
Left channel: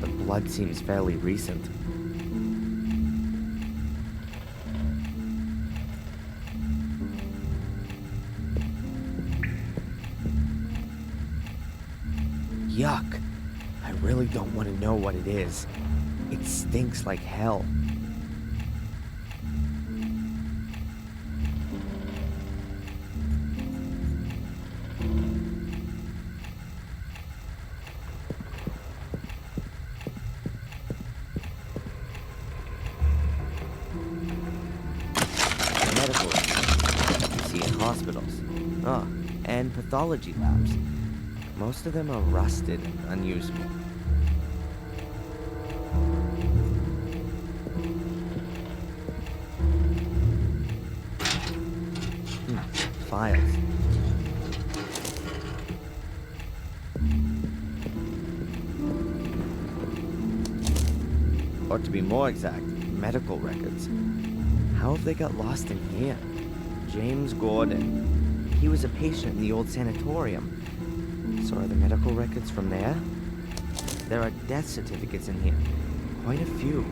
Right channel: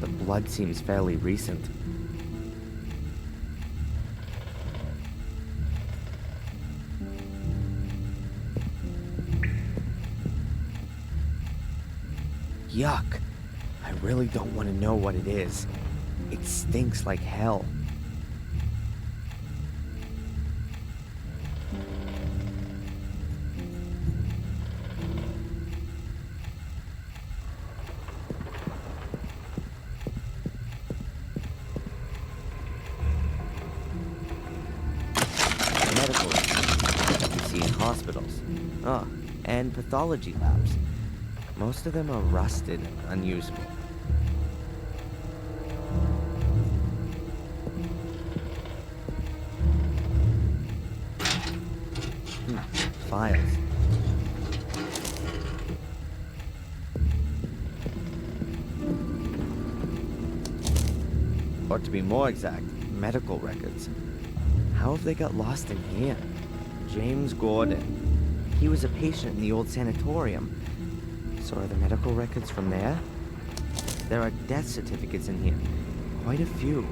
The blood seems fairly recent. Yuck. I really don't want to know what it is. It stinks like hell. Medical records you see in hospitals. Oh, and pathology labs. Most of them are rusted and unusable. Files. Or to be more exact, medical records. How have they got lost in here? James Gordon. He was a patient in the old sanatorium. So are the medical records from there? There are death certificates in here. Quite a few.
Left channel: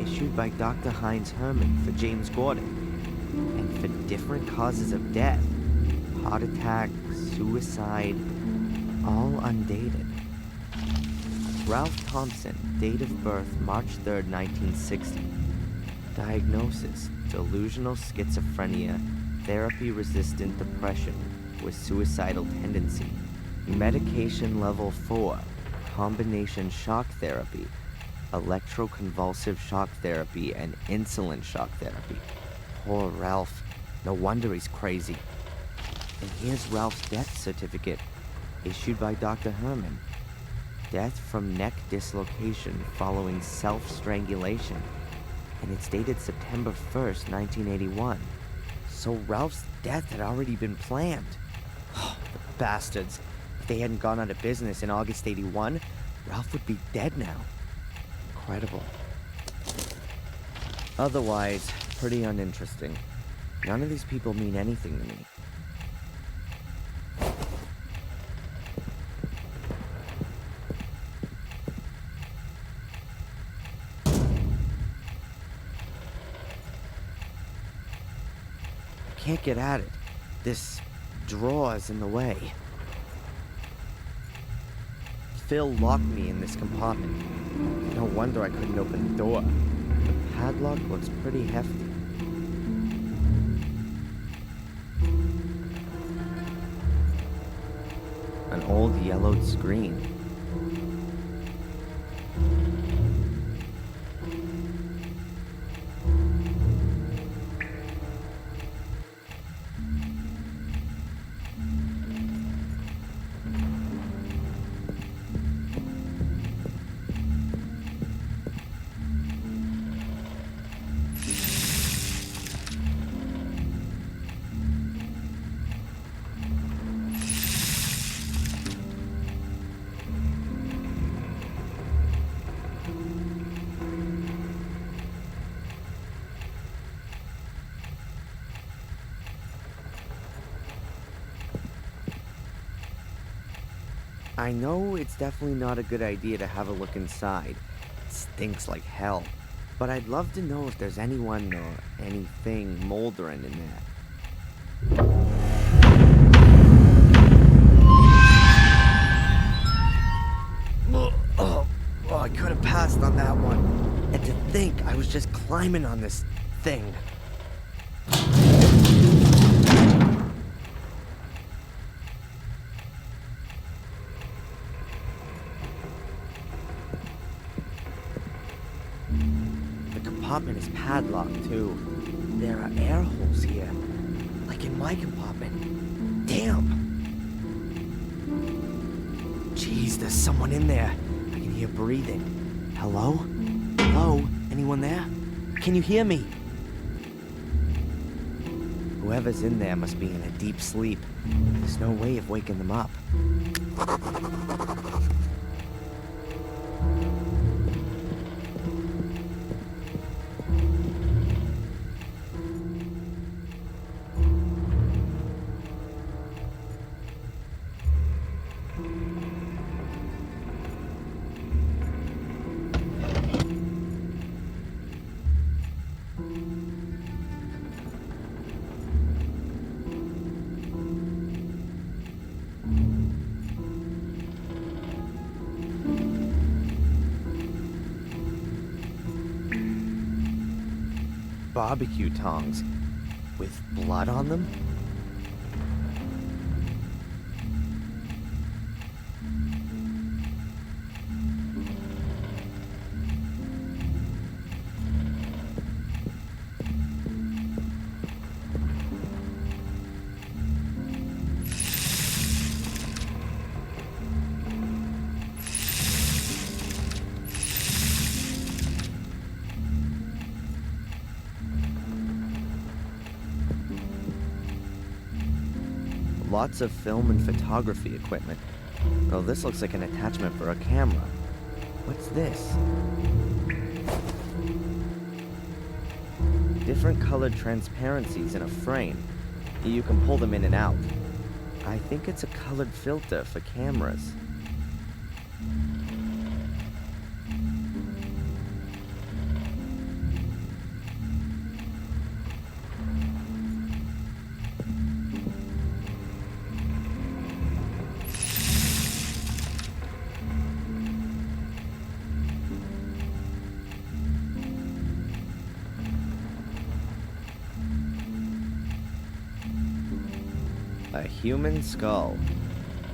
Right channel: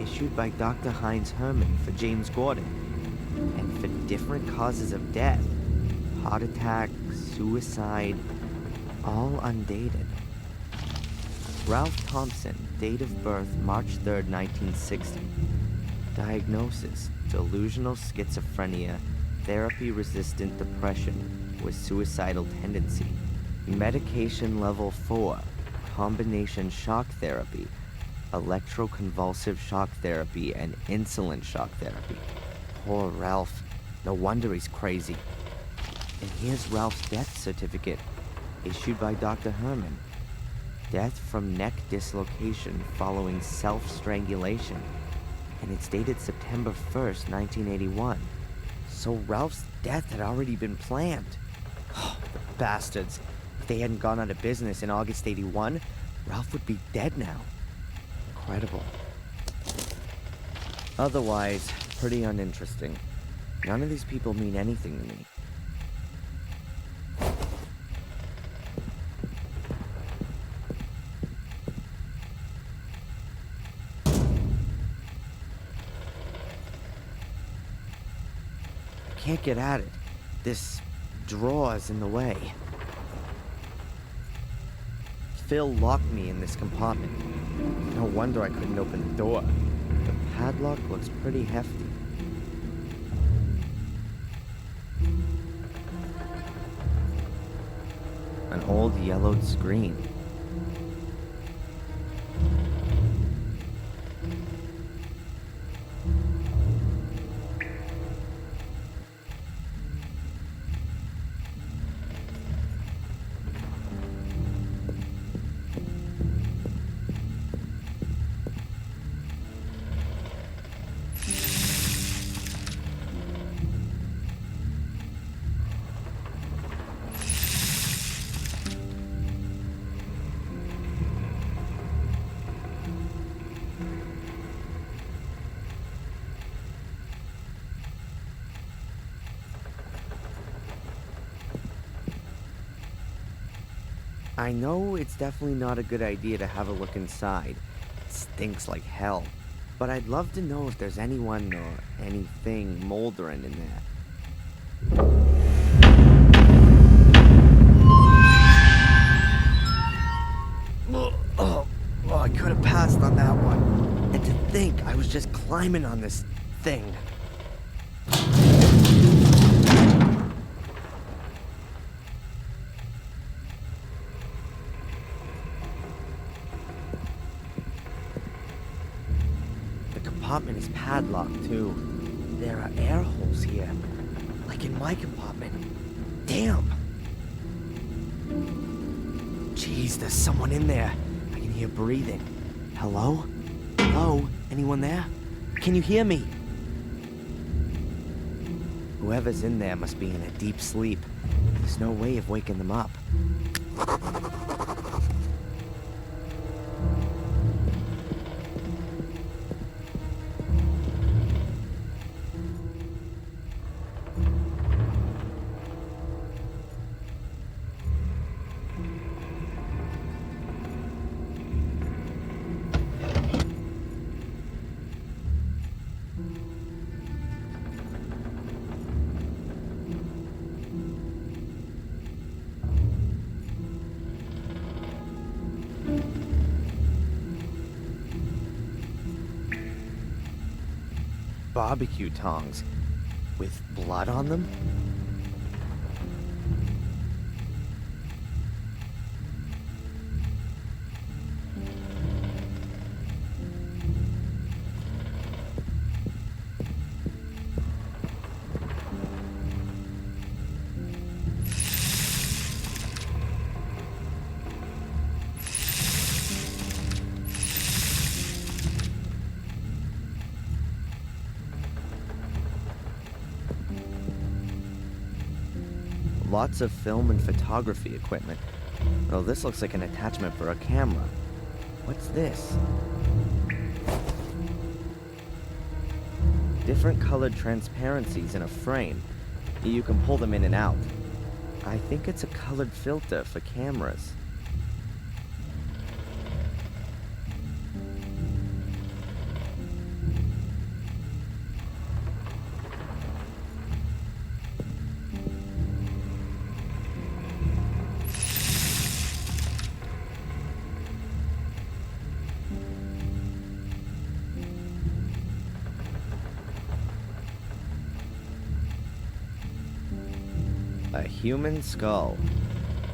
Issued by Dr. Heinz Herman for James Gordon. And for different causes of death. Heart attack, suicide, all undated. Ralph Thompson, date of birth March 3rd, 1960. Diagnosis, delusional schizophrenia, therapy-resistant depression with suicidal tendency. Medication level 4, combination shock therapy, electroconvulsive shock therapy, and insulin shock therapy. Poor Ralph. No wonder he's crazy. And here's Ralph's death certificate, issued by Dr. Herman. Death from neck dislocation following self-strangulation. And it's dated September 1st, 1981. So Ralph's death had already been planned. Oh, the bastards. If they hadn't gone out of business in August 81, Ralph would be dead now. Incredible. Otherwise, pretty uninteresting. None of these people mean anything to me. I can't get at it. This drawer's in the way. Phil locked me in this compartment. No wonder I couldn't open the door. The padlock looks pretty hefty. An old yellowed screen. I know it's definitely not a good idea to have a look inside. It stinks like hell. But I'd love to know if there's anyone or anything moldering in there. Oh, I could have passed on that one. And to think I was just climbing on this thing. The compartment is padlocked, too. There are air holes here, like in my compartment. Damn! Jeez, there's someone in there. I can hear breathing. Hello? Hello? Anyone there? Can you hear me? Whoever's in there must be in a deep sleep. There's no way of waking them up. Barbecue tongs with blood on them? Lots of film and photography equipment. Oh, this looks like an attachment for a camera. What's this? Different colored transparencies in a frame. You can pull them in and out. I think it's a colored filter for cameras. A human skull.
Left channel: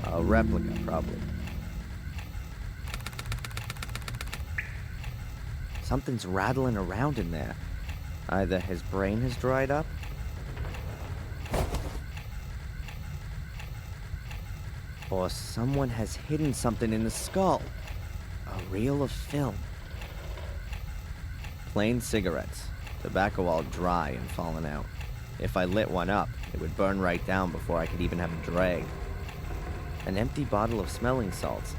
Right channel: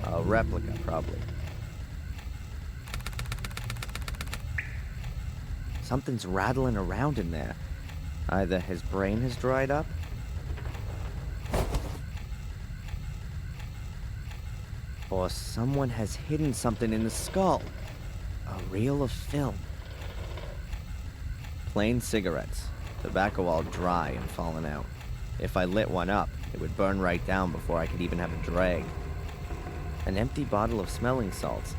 A replica, probably. Something's rattling around in there. Either his brain has dried up, or someone has hidden something in the skull. A reel of film. Plain cigarettes. Tobacco all dry and fallen out. If I lit one up, it would burn right down before I could even have a drag. An empty bottle of smelling salts.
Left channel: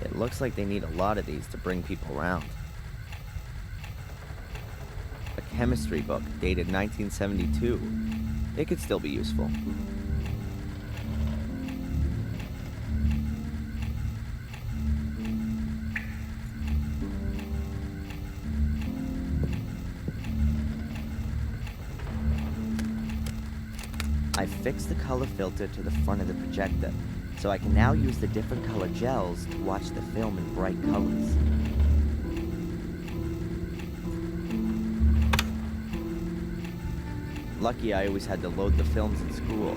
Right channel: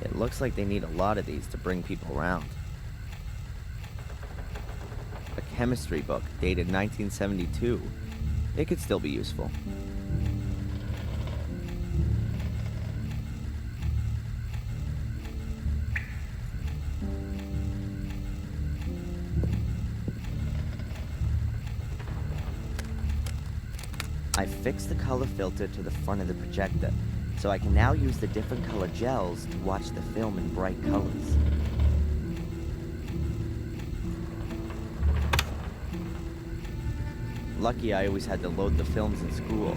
It looks like they need a lot of these to bring people around. A chemistry book dated 1972. It could still be useful. I fixed the color filter to the front of the projector, so I can now use the different color gels to watch the film in bright colors. Lucky I always had to load the films in school.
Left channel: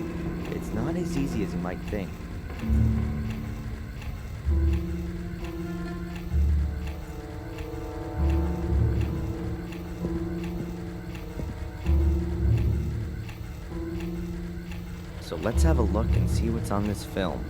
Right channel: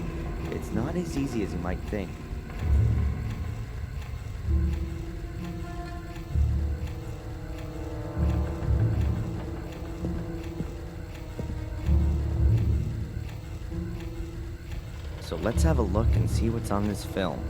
It's not as easy as you might think. So let's have a look and see what's on this film.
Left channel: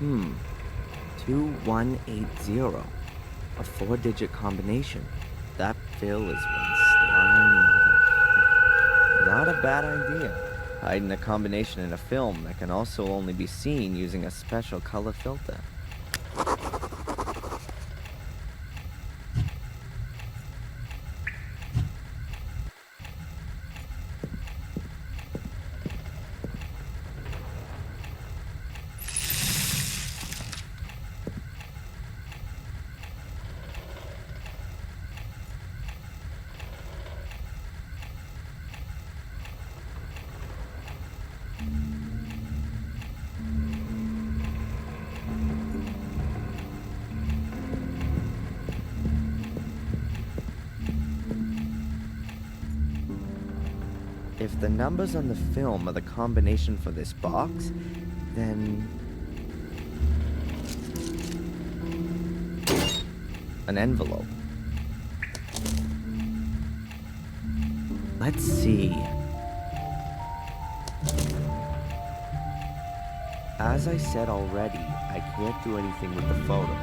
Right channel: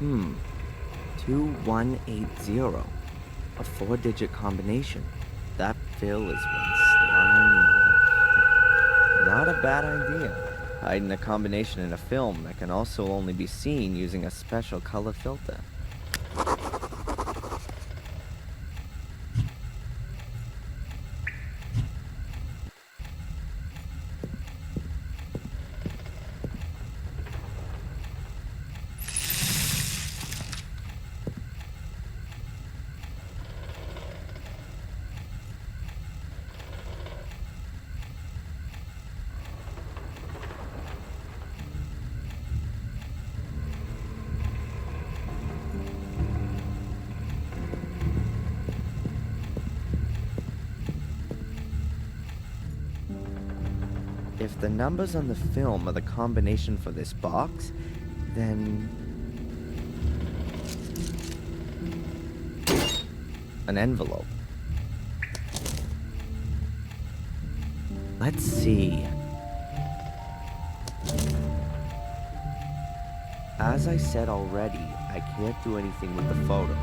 2180. A 4-digit combination. That Phil is one slime mother. Not a bad idea. Hiding a combination in a film that can also only be seen using a special color filter. If the numbers on the film are the combination for this box, then... an envelope. Let's see. As I said already, I can't do anything with the photo.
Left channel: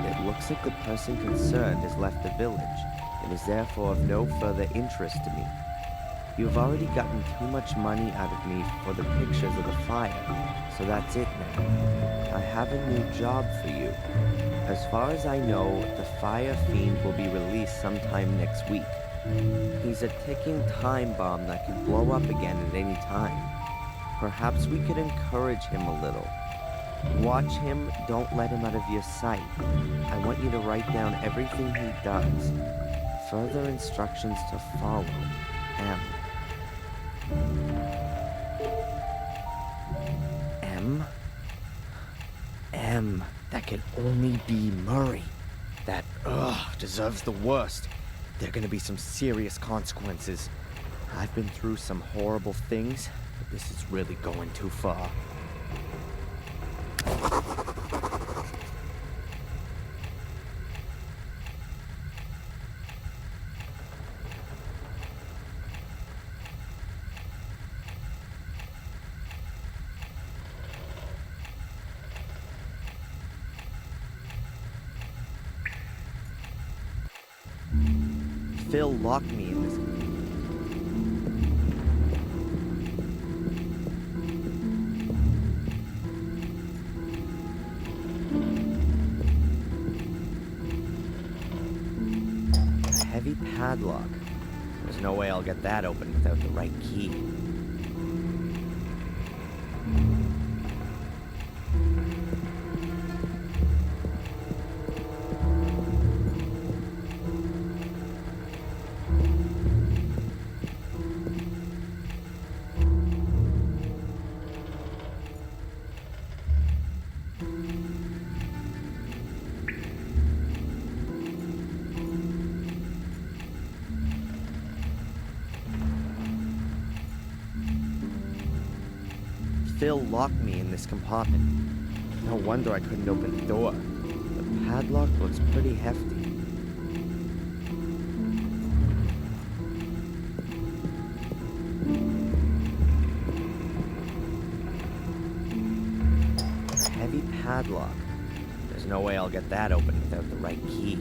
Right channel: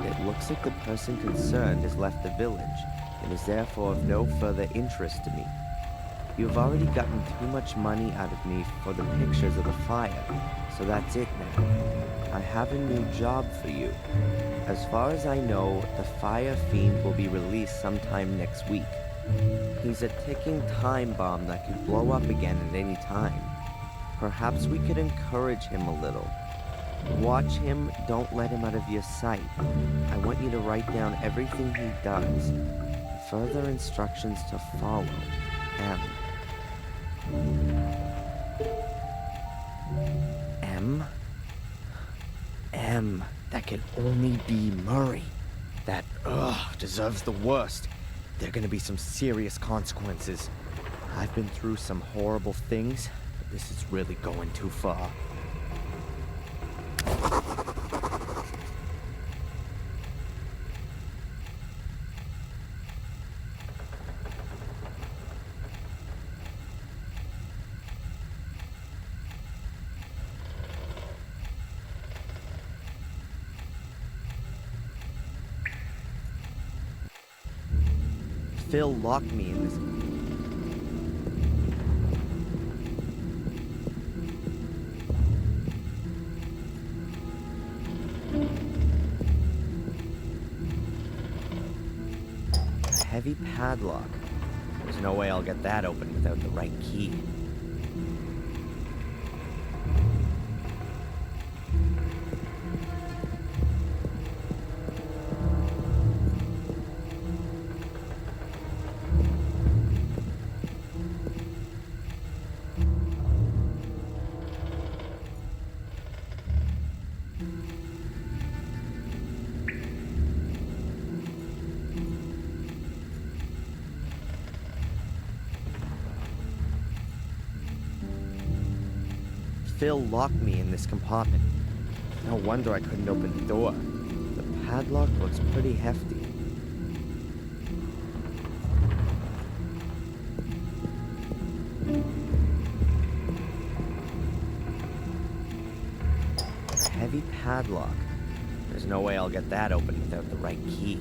It looks like the person concerned has left the village, and is therefore of no further interest to me. You've already gotten too much money out of me for the pictures of the fire, so that's it now. I have a new job for you. As far as I know, the Fire Fiend will be released sometime next week. He's a ticking time bomb that could blow up again at any time. Perhaps we could encourage him a little. Watch him, don't let him out of your sight. I want you to write down everything he does. Further instructions to follow. M. M? M. That can only be Murray. That, deserves the worst. There are gonna be some serious consequences. I've been through some horrible things, but this is really going too far. Phil locked me in this. A heavy padlock. There's no way I'll get that open without the right key. Phil locked me in this compartment. No wonder I couldn't open the door. The padlock looks pretty hefty. A heavy padlock. There's no way I'll get that open without the right key.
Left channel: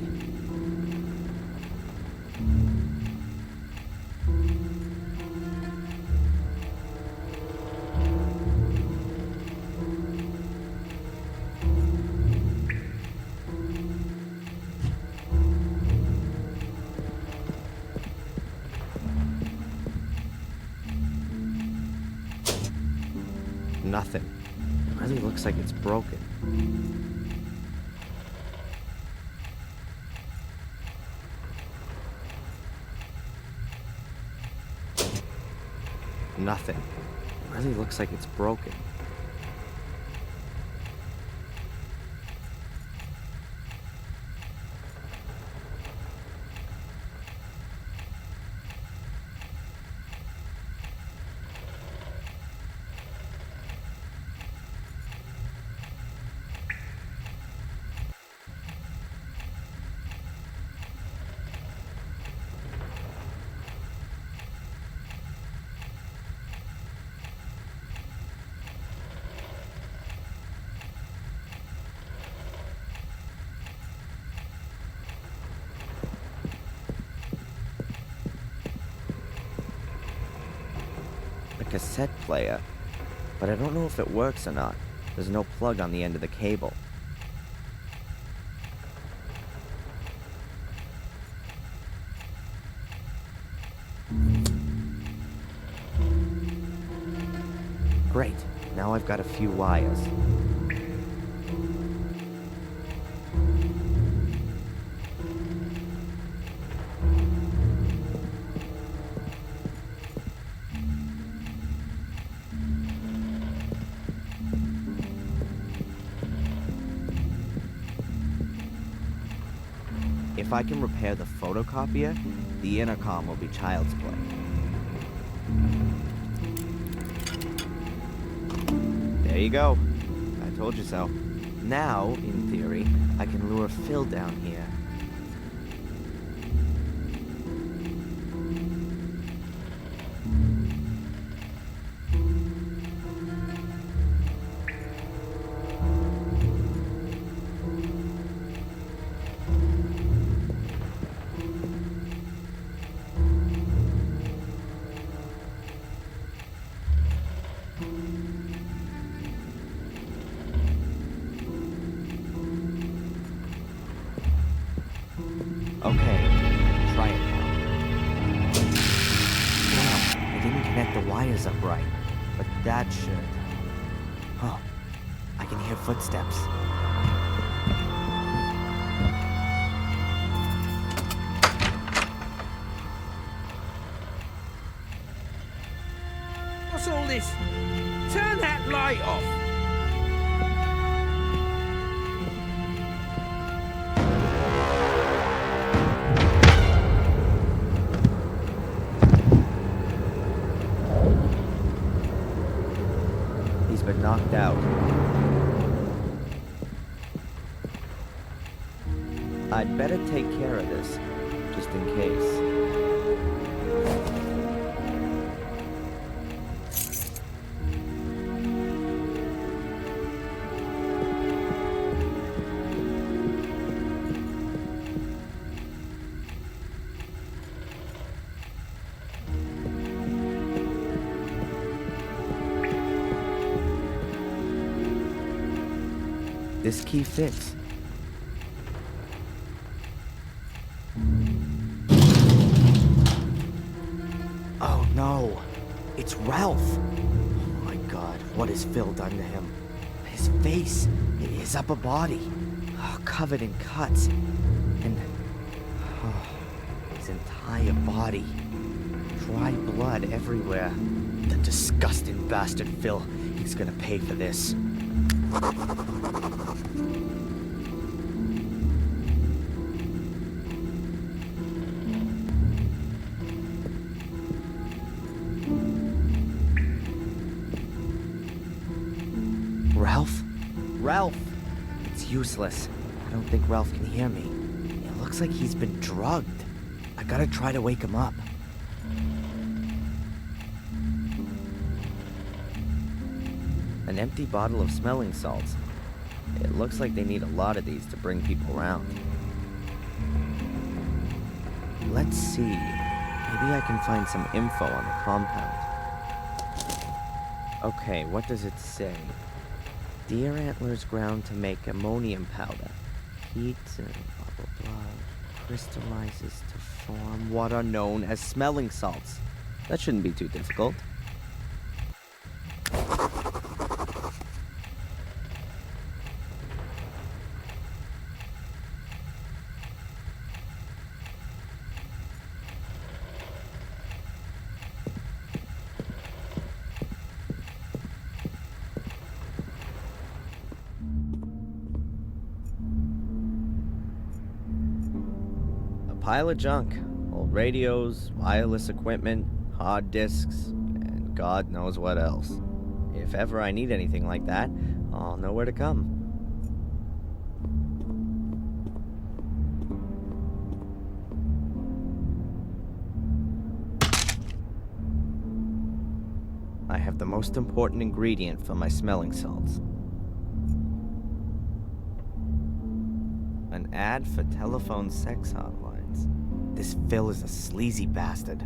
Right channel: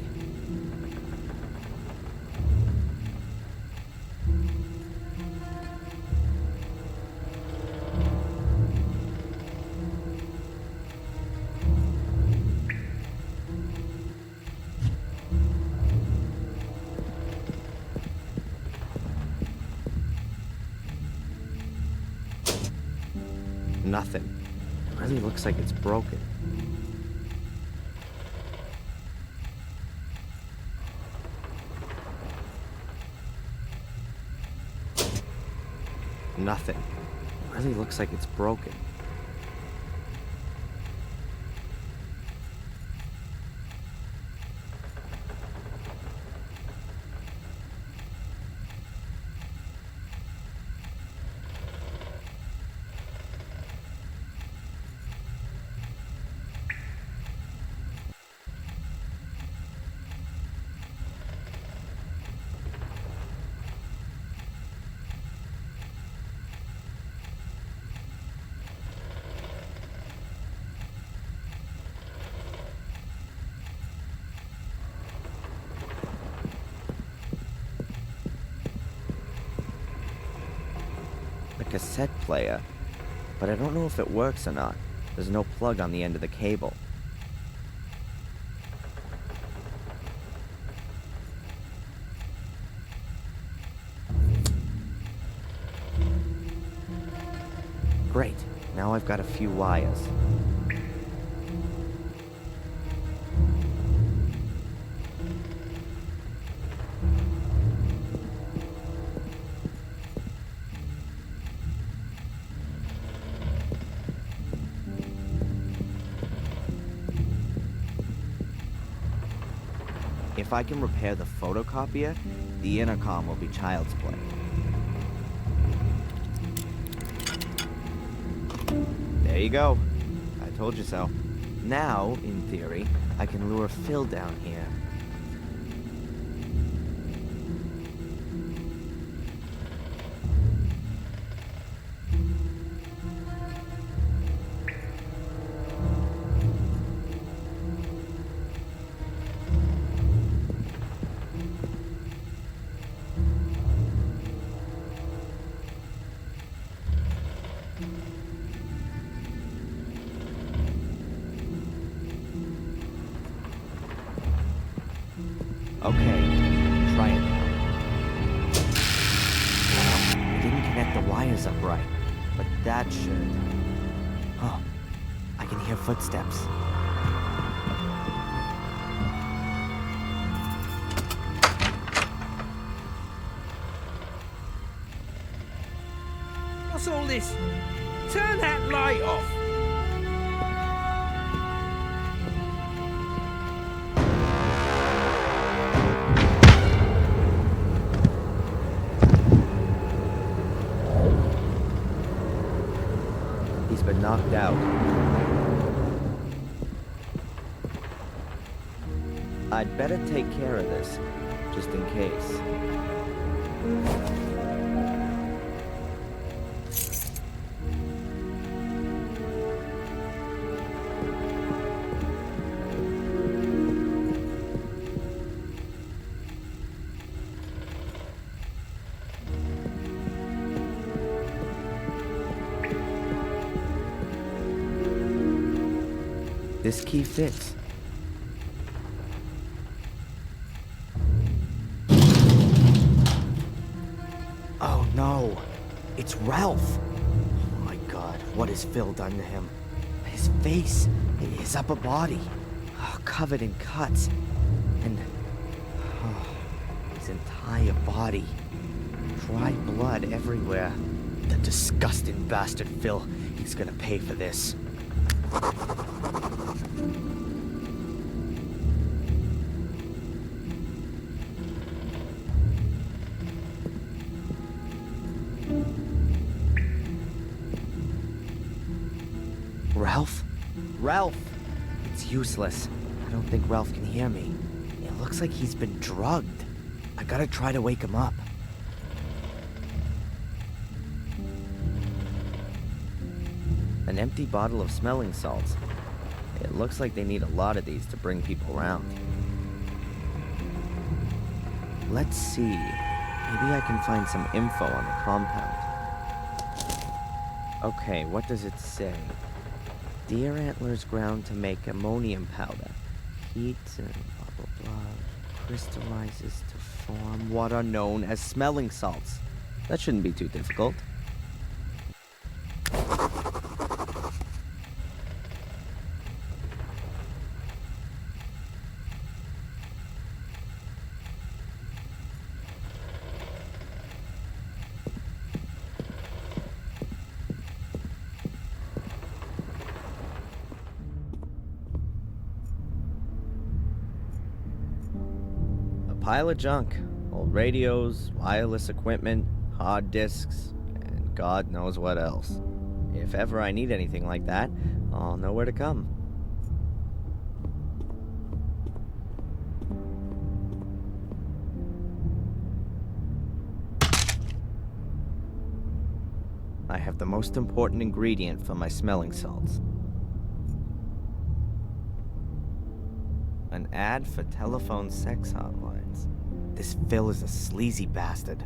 Nothing. It really looks like it's broken. Nothing. It really looks like it's broken. cassette player, but I don't know if it works or not. There's no plug on the end of the cable. Great, now I've got a few wires. If I can repair the photocopier, the intercom will be child's play. There you go. I told you so. Now, in theory, I can lure Phil down here. Okay, try it now. Damn, I didn't connect the wires up right, but that should... Oh, I can hear footsteps. What's all this? Turn that light off! He's been knocked out. I'd better take care of this, just in case. This key fits. Oh no, it's Ralph. Oh my God, what has Phil done to him? His face, his upper body, covered in cuts, and his entire body, dry blood everywhere. The disgusting bastard Phil, he's gonna pay for this. Ralph? Ralph! It's useless. I don't think Ralph can hear me. It looks like he's been drugged. I gotta try to wake him up. An empty bottle of smelling salts. It looks like they need a lot of these to bring people around. Let's see. Maybe I can find some info on the compound. Okay, what does it say? Deer antlers ground to make ammonium powder. Heat and blah blah blah. Crystallizes to form what are known as smelling salts. That shouldn't be too difficult. Pile of junk. Old radios, wireless equipment, hard disks, and God knows what else. If ever I need anything like that, I'll know where to come. I have the most important ingredient for my smelling salts. An ad for telephone sex hotlines. This Phil is a sleazy bastard.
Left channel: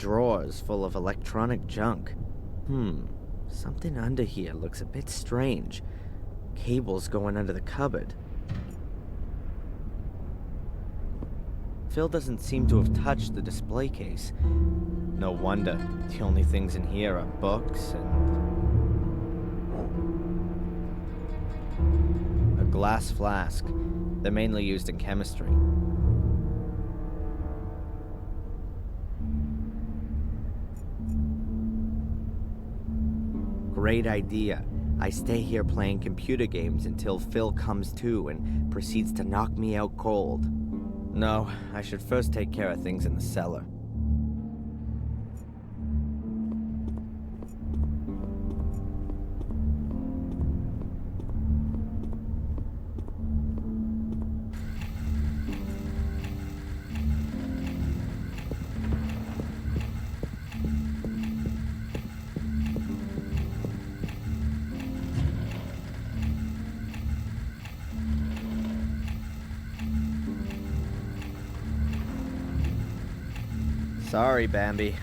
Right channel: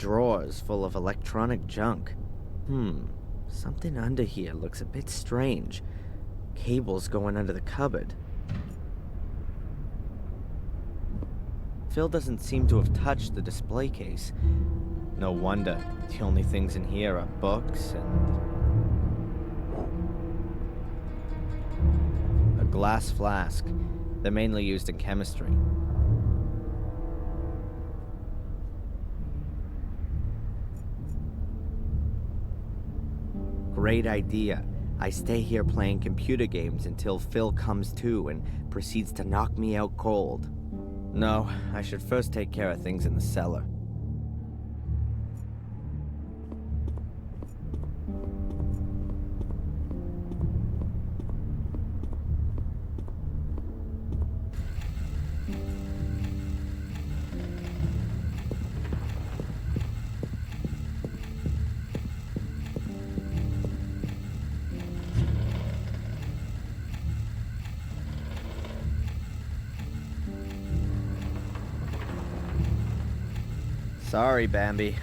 drawers full of electronic junk. Something under here looks a bit strange. Cables going under the cupboard. Phil doesn't seem to have touched the display case. No wonder. The only things in here are books and... a glass flask. They're mainly used in chemistry. Great idea. I stay here playing computer games until Phil comes to and proceeds to knock me out cold. No, I should first take care of things in the cellar. Sorry, Bambi,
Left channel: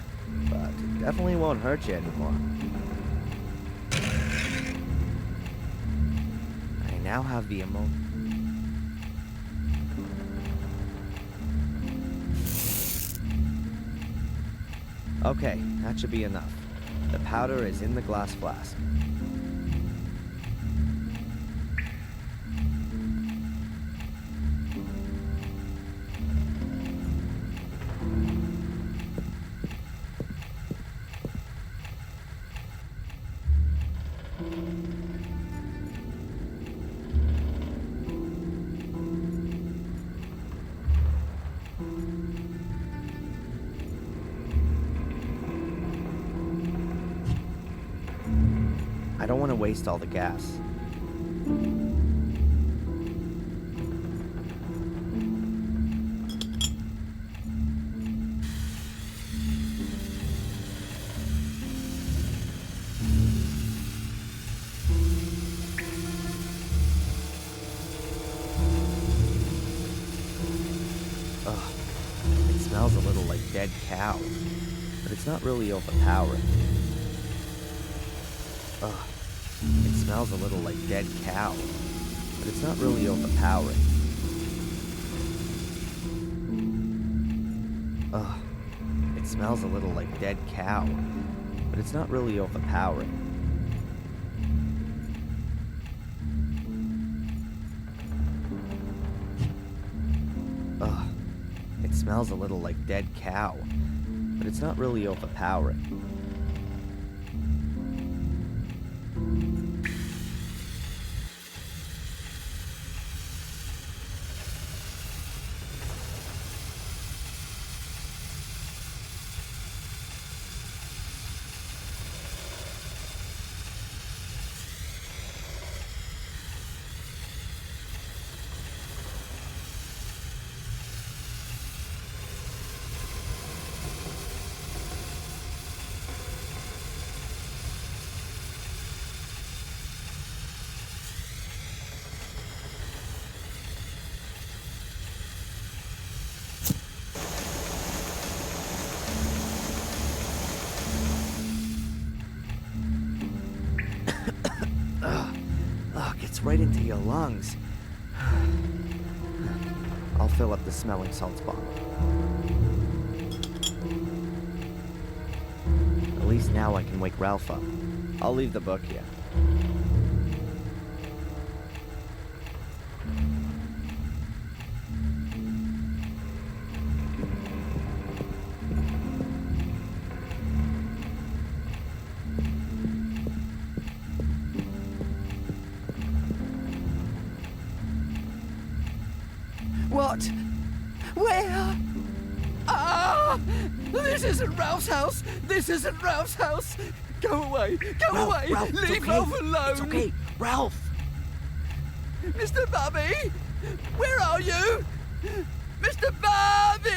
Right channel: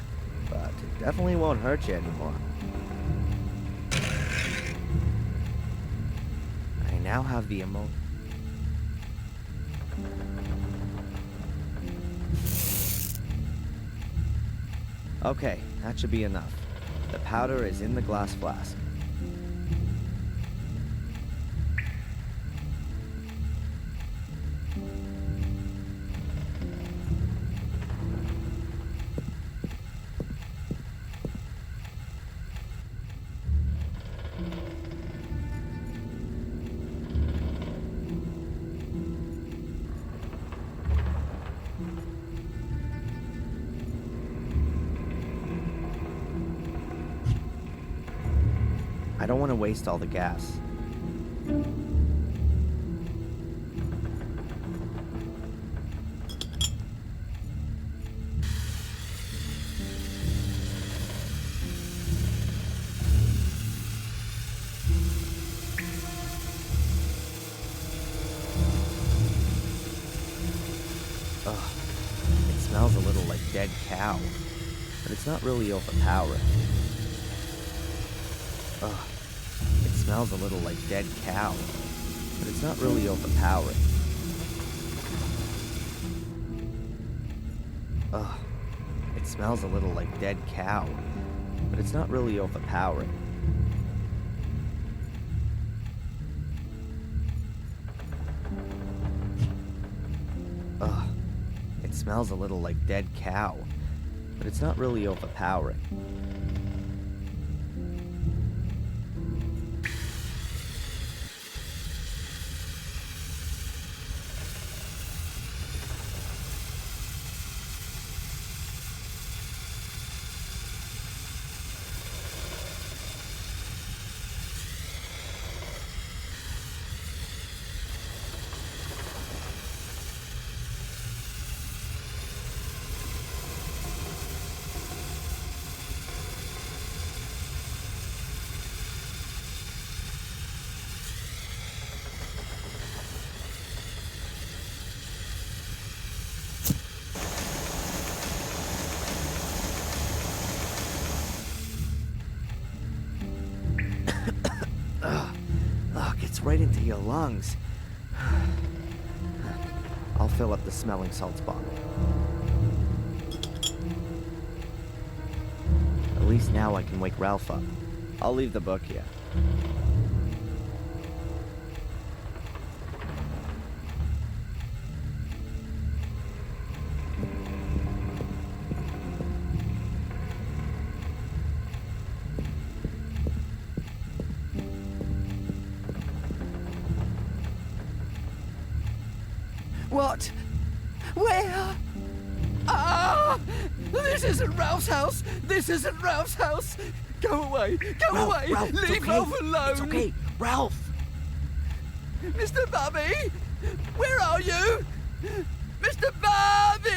but it definitely won't hurt you anymore. I now have the Okay, that should be enough. The powder is in the glass flask. I don't want to waste all the gas. Ugh, it smells a little like dead cow, but it's not really overpowering. Ugh, it smells a little like dead cow, but it's not really overpowering. Ugh, it smells a little like dead cow, but it's not really overpowering. Ugh, it smells a little like dead cow, but it's not really overpowering. Gets right into your lungs. I'll fill up the smelling salts bottle. At least now I can wake Ralph up. I'll leave the book here. What? Where? Ah! This isn't Ralph's house! This isn't Ralph's house! Go away! Go away! Ralph, Leave okay. Ralph alone! It's okay! Ralph! Mr. Bobby! Where are you? Mr. Bobby!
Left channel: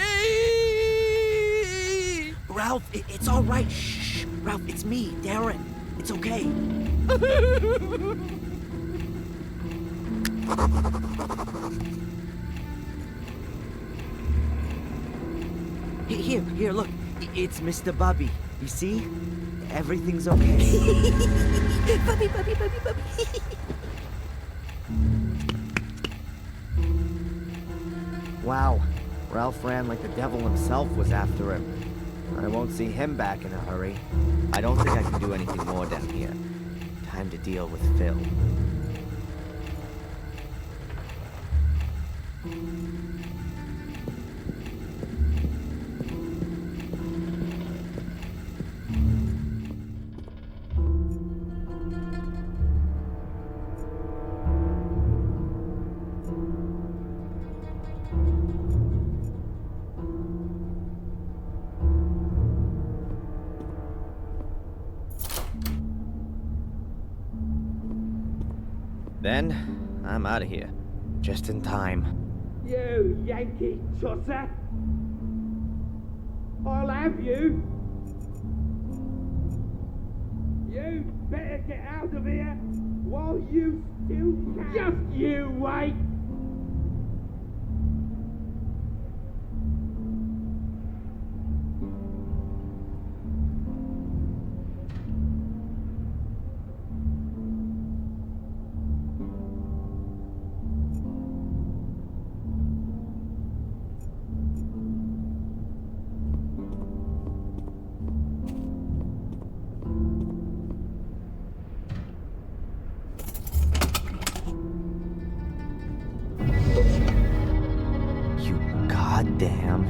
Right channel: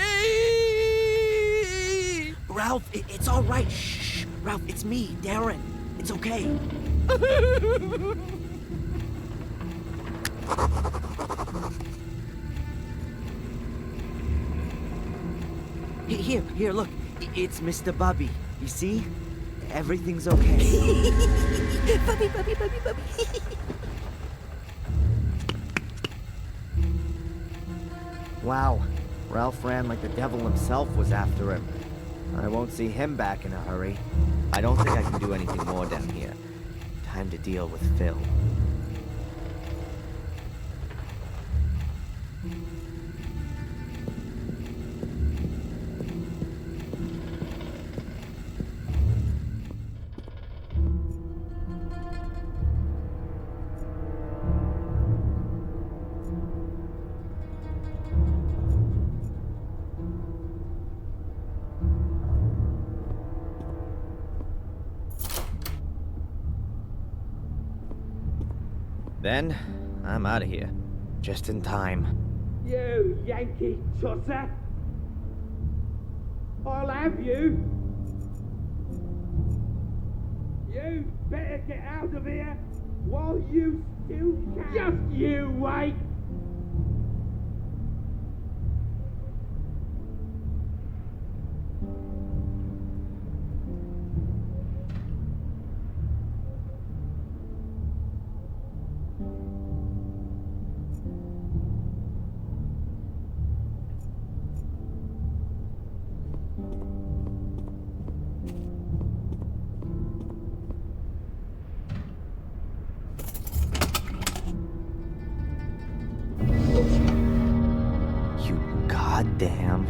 Ralph, it's all right. Shh! Ralph, it's me, Darren. It's okay. Here, look. It's Mr. Bubby. You see? Everything's okay. Bubby, Bubby, Bubby, Bubby. Wow. Ralph ran like the devil himself was after him. I won't see him back in a hurry. I don't think I can do anything more down here. Time to deal with Phil. Then, I'm out of here. Just in time. You Yankee tosser! I'll have you! You better get out of here while you still can! Just you wait! Goddamn.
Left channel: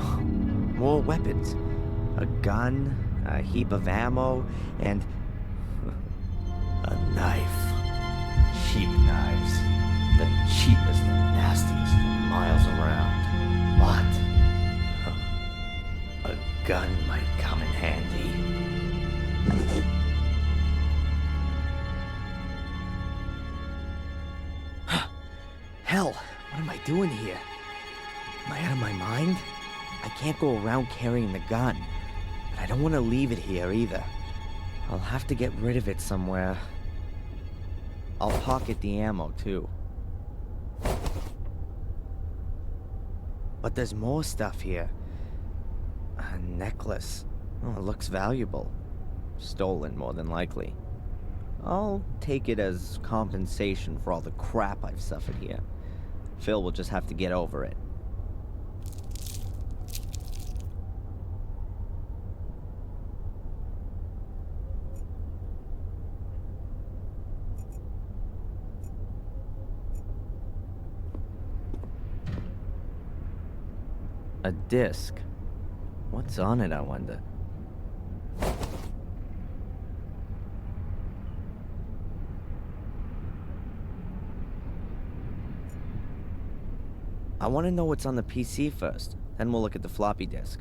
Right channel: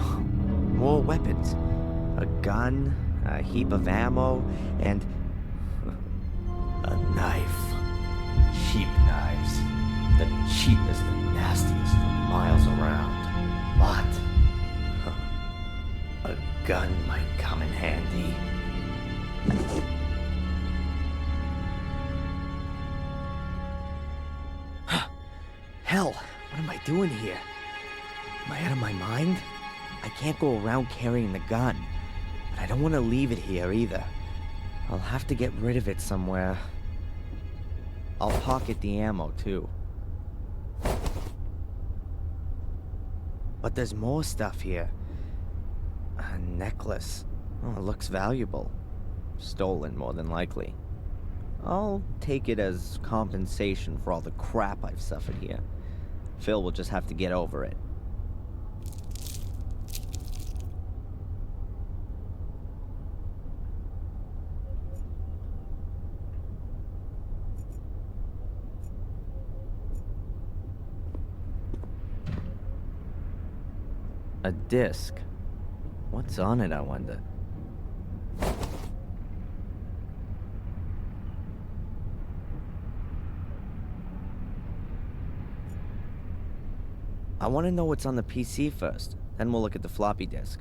More weapons. A gun, a heap of ammo, and a knife. Cheap knives. The cheapest and nastiest for miles around. But a gun might come in handy. Hell, what am I doing here? Am I out of my mind? I can't go around carrying the gun, but I don't want to leave it here either. I'll have to get rid of it somewhere. I'll pocket the ammo, too. But there's more stuff here. A necklace. Oh, it looks valuable. Stolen, more than likely. I'll take it as compensation for all the crap I've suffered here. Phil will just have to get over it. A disc. What's on it, I wonder? I want to know what's on the PC first, then we'll look at the floppy disk.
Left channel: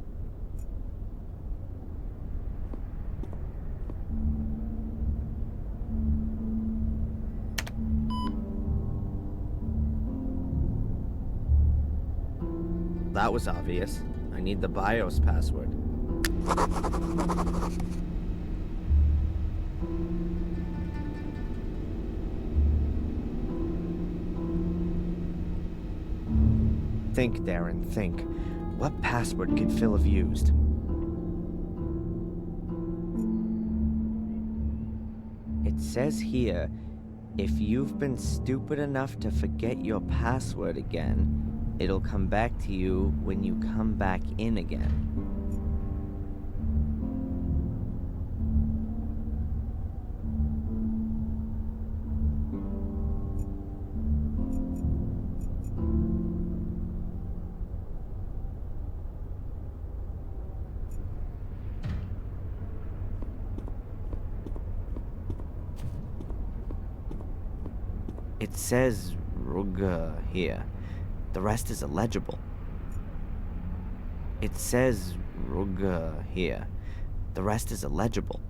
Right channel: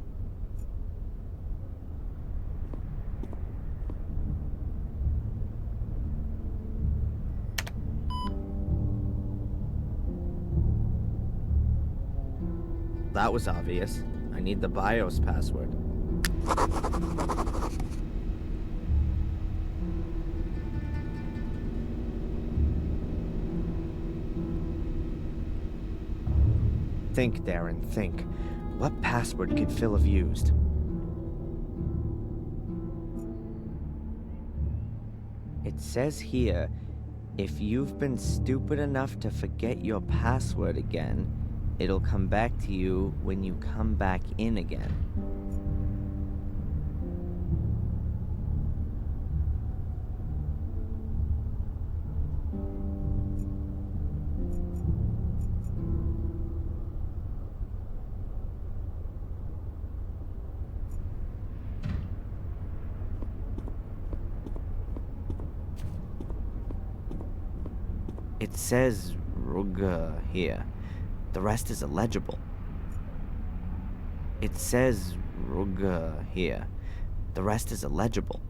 That was obvious. I need the BIOS password. Think, Darren, think. What password could Phil have used? It says here, if you've been stupid enough to forget your password again, it'll come back to you when you come back in again. It says Ruga here. The rest is illegible. It says Ruga here. The rest is illegible.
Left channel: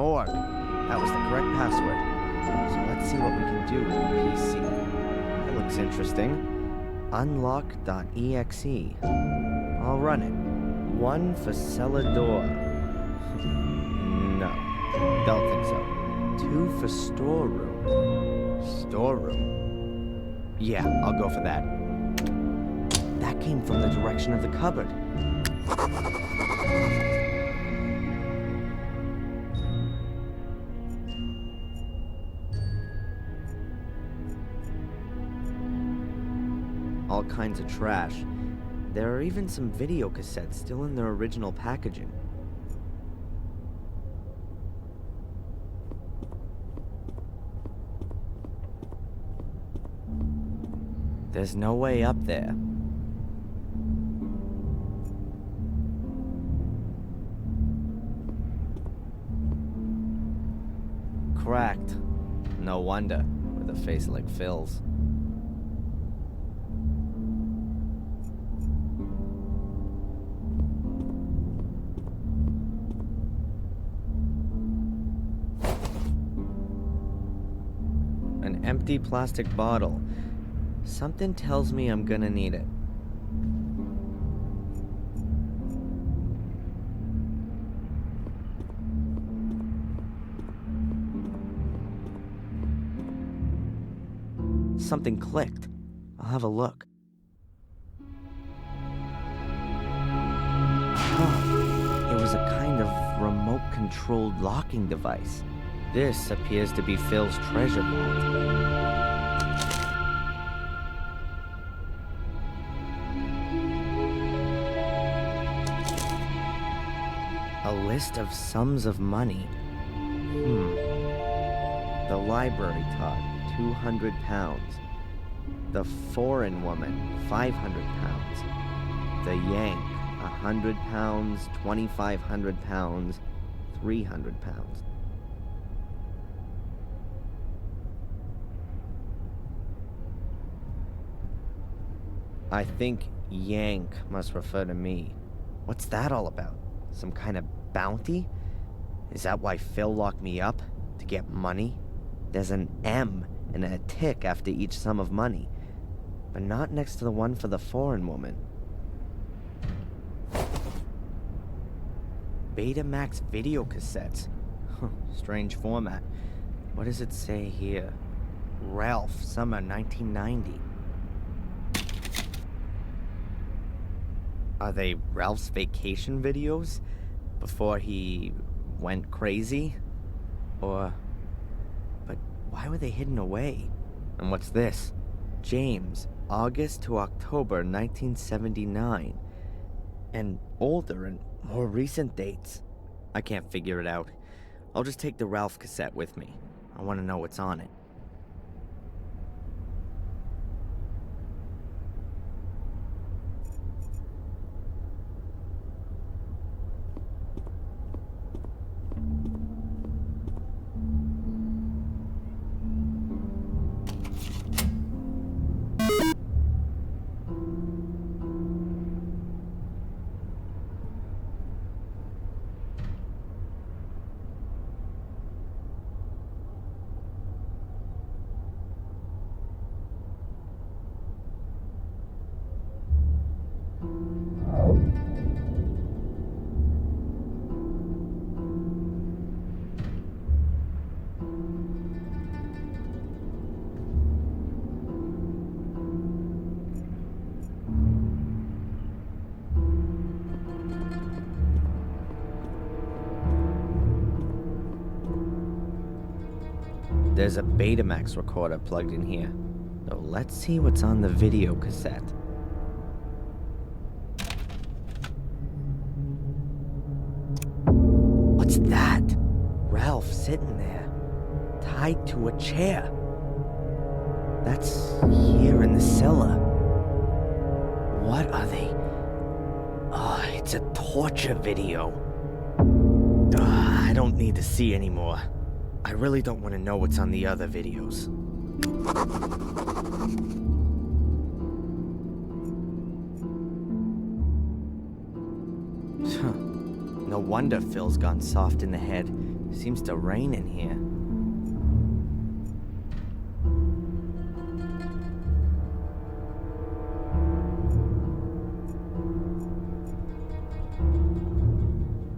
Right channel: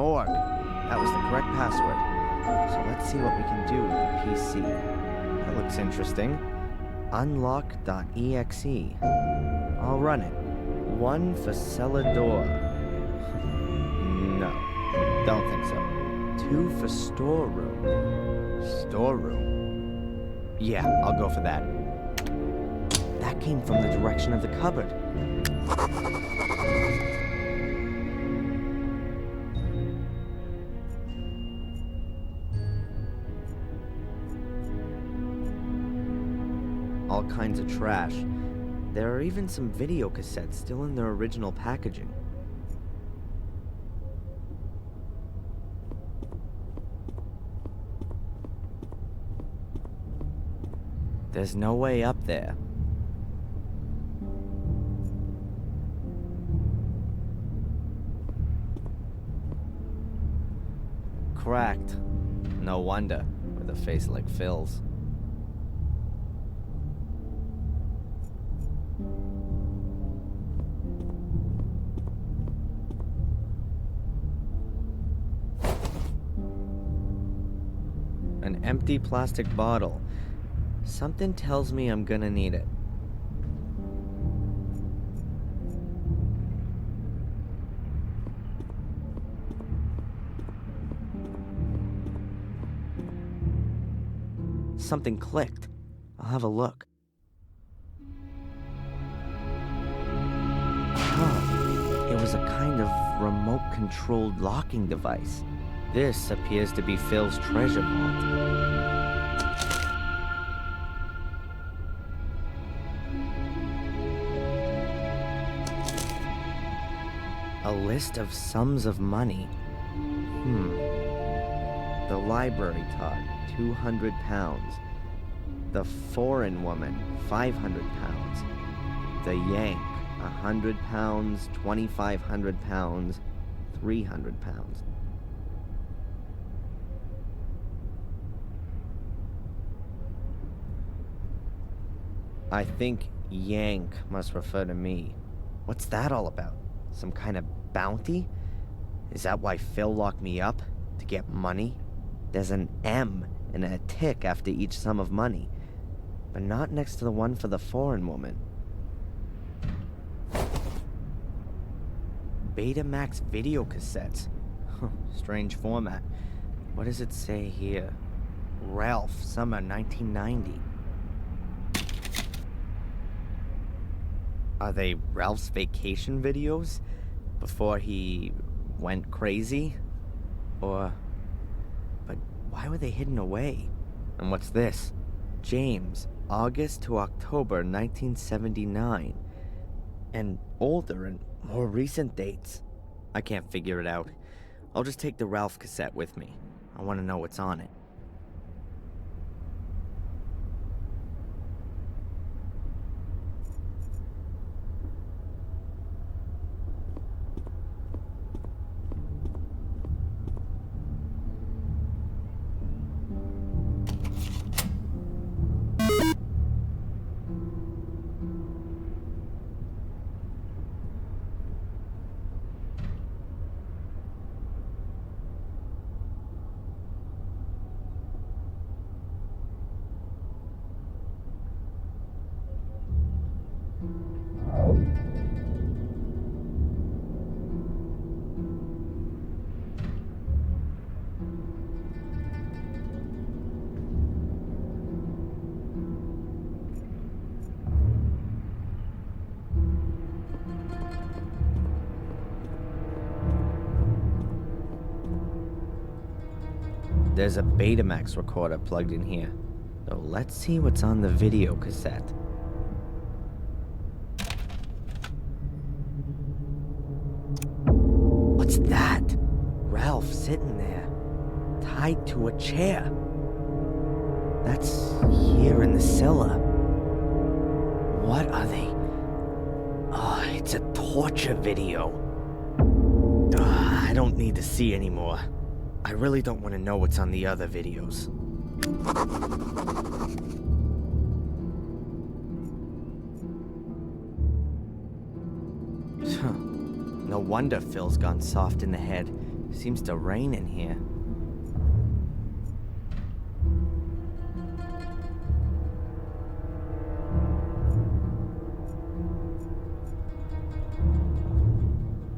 Morgue. That was the correct password. So let's see what we can do with the PC. That looks interesting. Unlock.exe. I'll run it. 1 for cellar door. No, don't think so. 2 for storeroom. Storeroom? Yeah, I'll go for that. That came from the direction of the cupboard. All kinds of trash. There are even some video cassettes still in their original packaging. There's no way up there. Cracked. No wonder, with a face like Phil's. An empty plastic bottle. Something tells me I'm gonna need it. Something clicked. I'll have a look. Huh. It was a kind of remote-controlled locking device. This appears to be Phil's treasure vault. A list of sums of money. The library taught, £200. The foreign woman, £500. The Yank, £100, £2,500, £300. I think Yank must refer to me. What's that all about? Some kind of bounty? Is that why Phil locked me up? To get money? There's an M and a tick after each sum of money, but not next to the one for the foreign woman. Betamax video cassettes. Strange format. What does it say here? Ralph, summer 1990. Are they Ralph's vacation videos? Before he went crazy? But why were they hidden away? And what's this? James, August to October 1979. And older and more recent dates. I can't figure it out. I'll just take the Ralph cassette with me. I want to know what's on it. There's a Betamax recorder plugged in here. So let's see what's on the video cassette. What's that? Ralph sitting there, tied to a chair. That's here in the cellar. What are they? Oh, it's a torture video. I don't need to see anymore. I really don't want to know what's on the other videos. No wonder Phil's gone soft in the head. Seems to rain in here.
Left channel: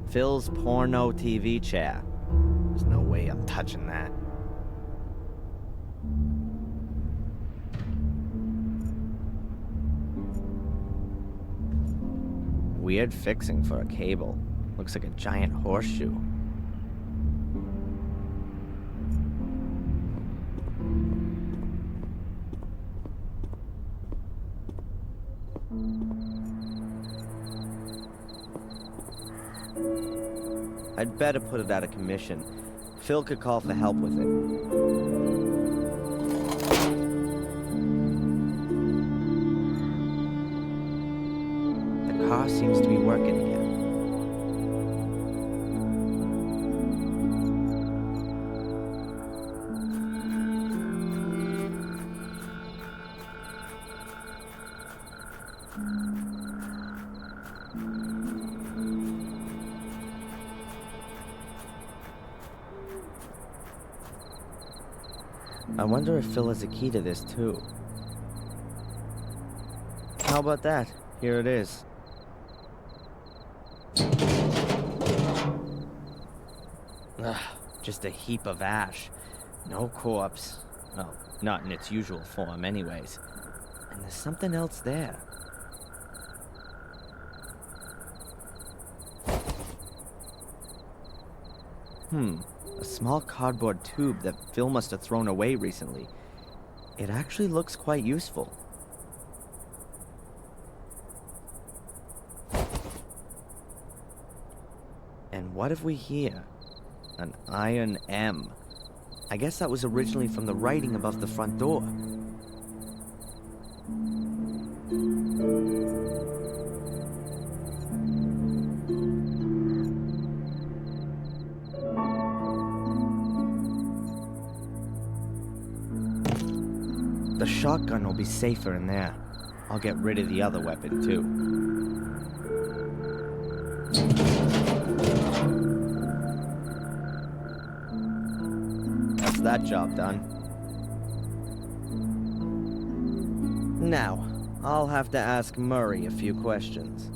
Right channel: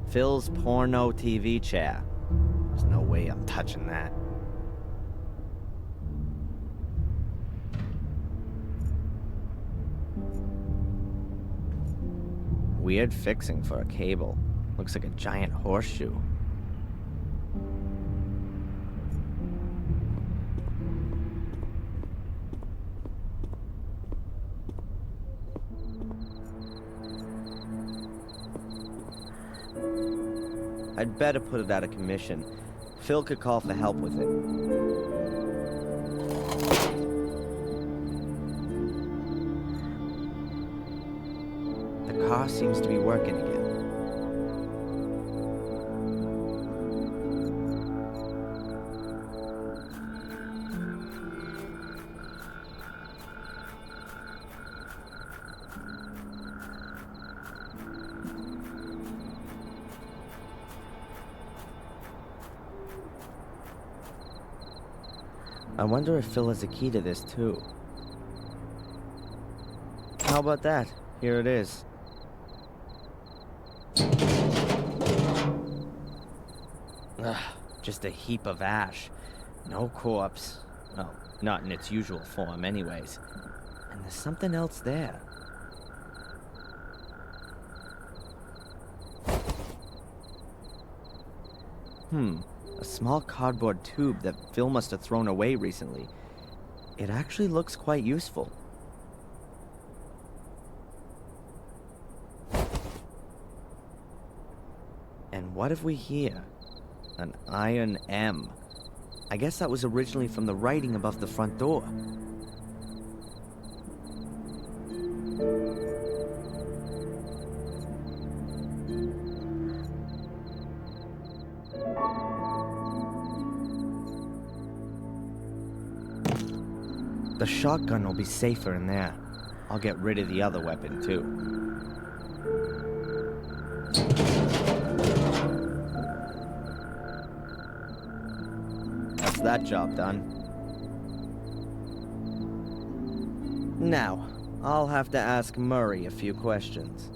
Phil's porno TV chair. There's no way I'm touching that. Weird fixing for a cable. Looks like a giant horseshoe. I'd better put it out of commission. Phil could call for help with it. The car seems to be working again. I wonder if Phil has a key to this, too. How about that? Here it is. Ugh, just a heap of ash. No corpse. Well, not in its usual form anyways. And there's something else there. A small cardboard tube that Phil must have thrown away recently. It actually looks quite useful. And what have we here? An iron M. I guess that was originally from the writing above the front door. The shotgun will be safer in there. I'll get rid of the other weapon, too. That's that job done. Now, I'll have to ask Murray a few questions.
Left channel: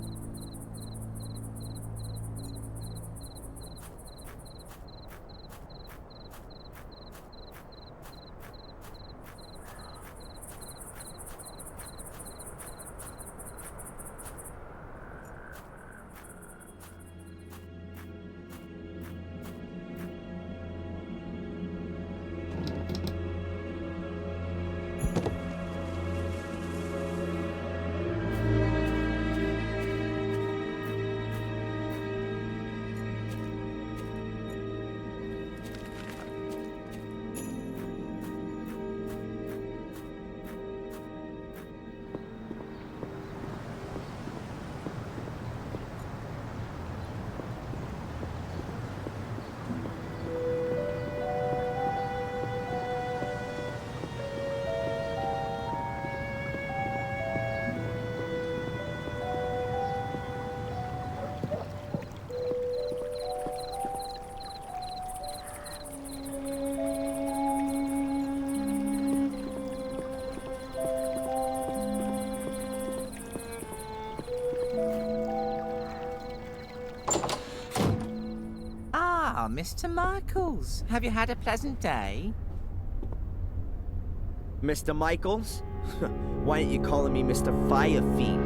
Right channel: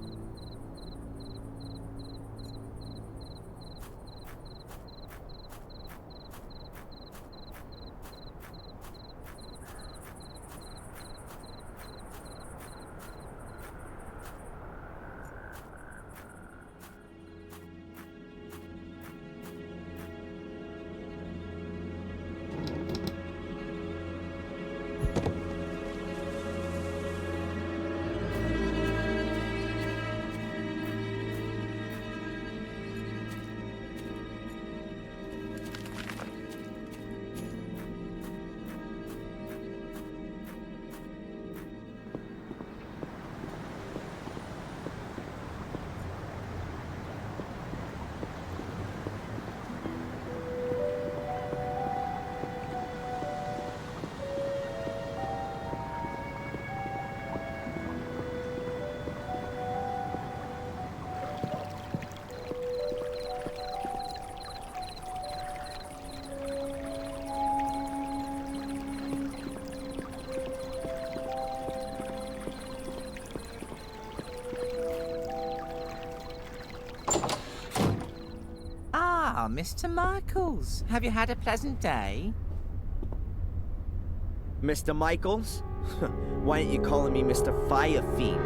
Mr. Michaels, have you had a pleasant day? Mr. Michaels? Why aren't you calling me Mr. Fire Fiend?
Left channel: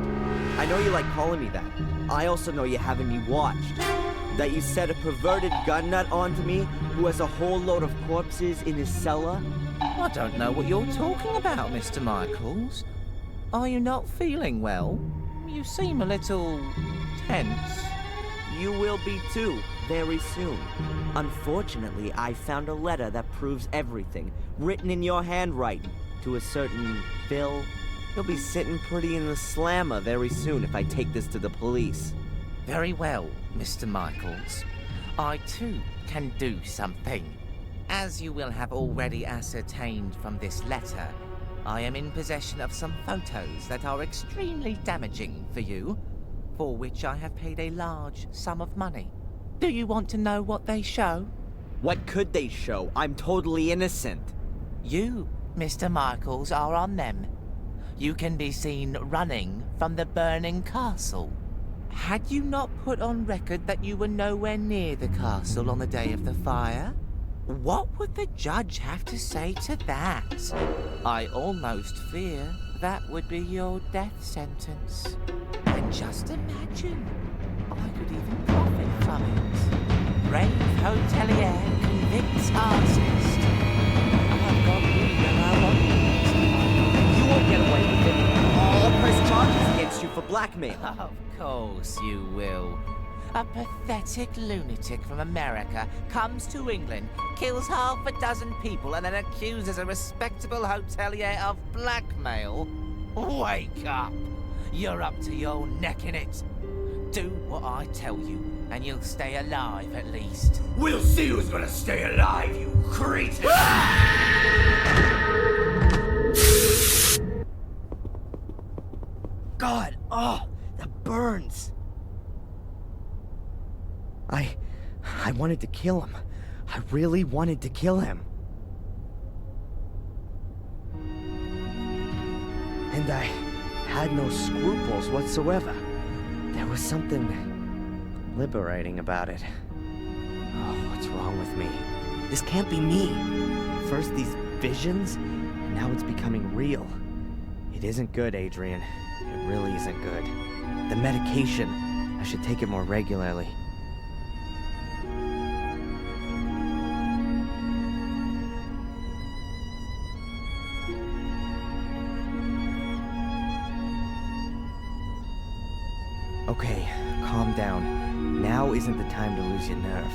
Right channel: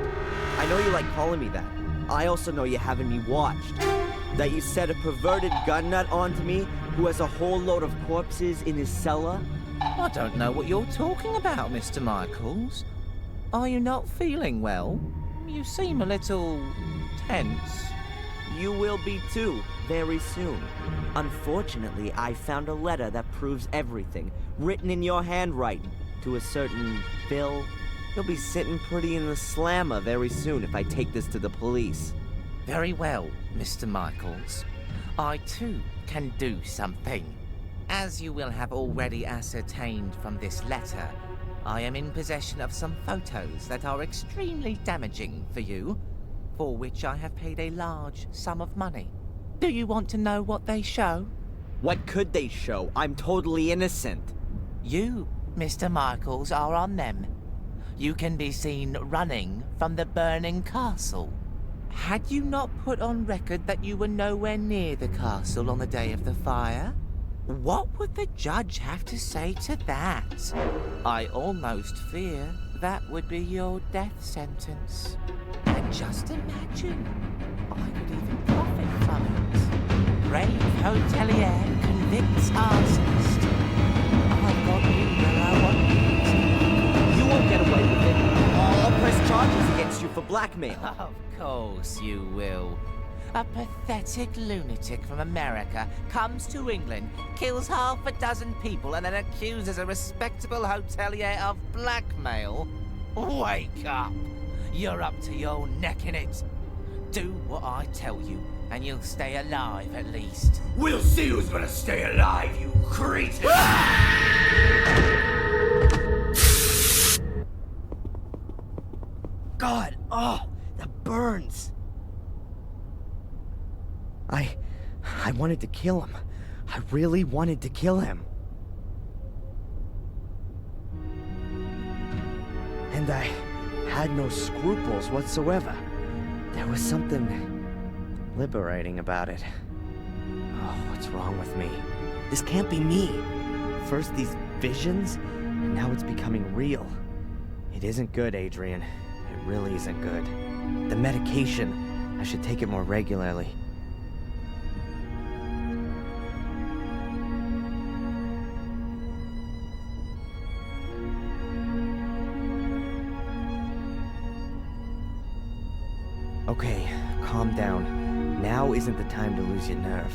I know you like calling me that. I also know you're having me watched. That you set a perverted gun nut onto me who has a whole load of corpses in his cellar? I don't know what you're talking about, Mr. Michaels. Are you not feeling well? You seem a little tense. You will be too, very soon. Unfortunately, I found a letter that proves everything, written in your handwriting, to a certain Phil. He'll be sitting pretty in the slammer very soon if I take this to the police. Very well, Mr. Michaels. I too can do something. As you will have already ascertained from this letter, I am in possession of some photos that are extremely damaging for you, for which I have paid a large sum of money. Do you want to know what they show? What could they show? I'm totally innocent. You, Mr. Michaels, are on them. You can be seen running from the burning castle. Had you not put on record that you were nowhere near the castle on the day of the fire? What would the judge have to say to that? I almost fear that would be your death sentence. And just imagine, I could even profit from it. Brave hotelier convicts arsonist. I've got you where I want you, Mr. Michael. You won't get away with it. I'll press charges against you for blackmail. Of course you will. A pathetic lunatic from America comes to England, kills half a dozen people, and then accuses a respectable hotelier of blackmail? Wake up! You're up to your neck in it. Do what I tell you, and you'll stay alive at least. We'll see who's gonna stay alive, you cretin! God, oh, that burns. I wanted to kill him. I really wanted to kill him. And I had no scruples whatsoever. There was something liberating about it. Oh, what's wrong with me? This can't be me. First these visions, and now it's becoming real. It isn't good, Adrian. It really isn't good. The medication, I should take it more regularly. Okay, calm down. Now isn't the time to lose your nerve.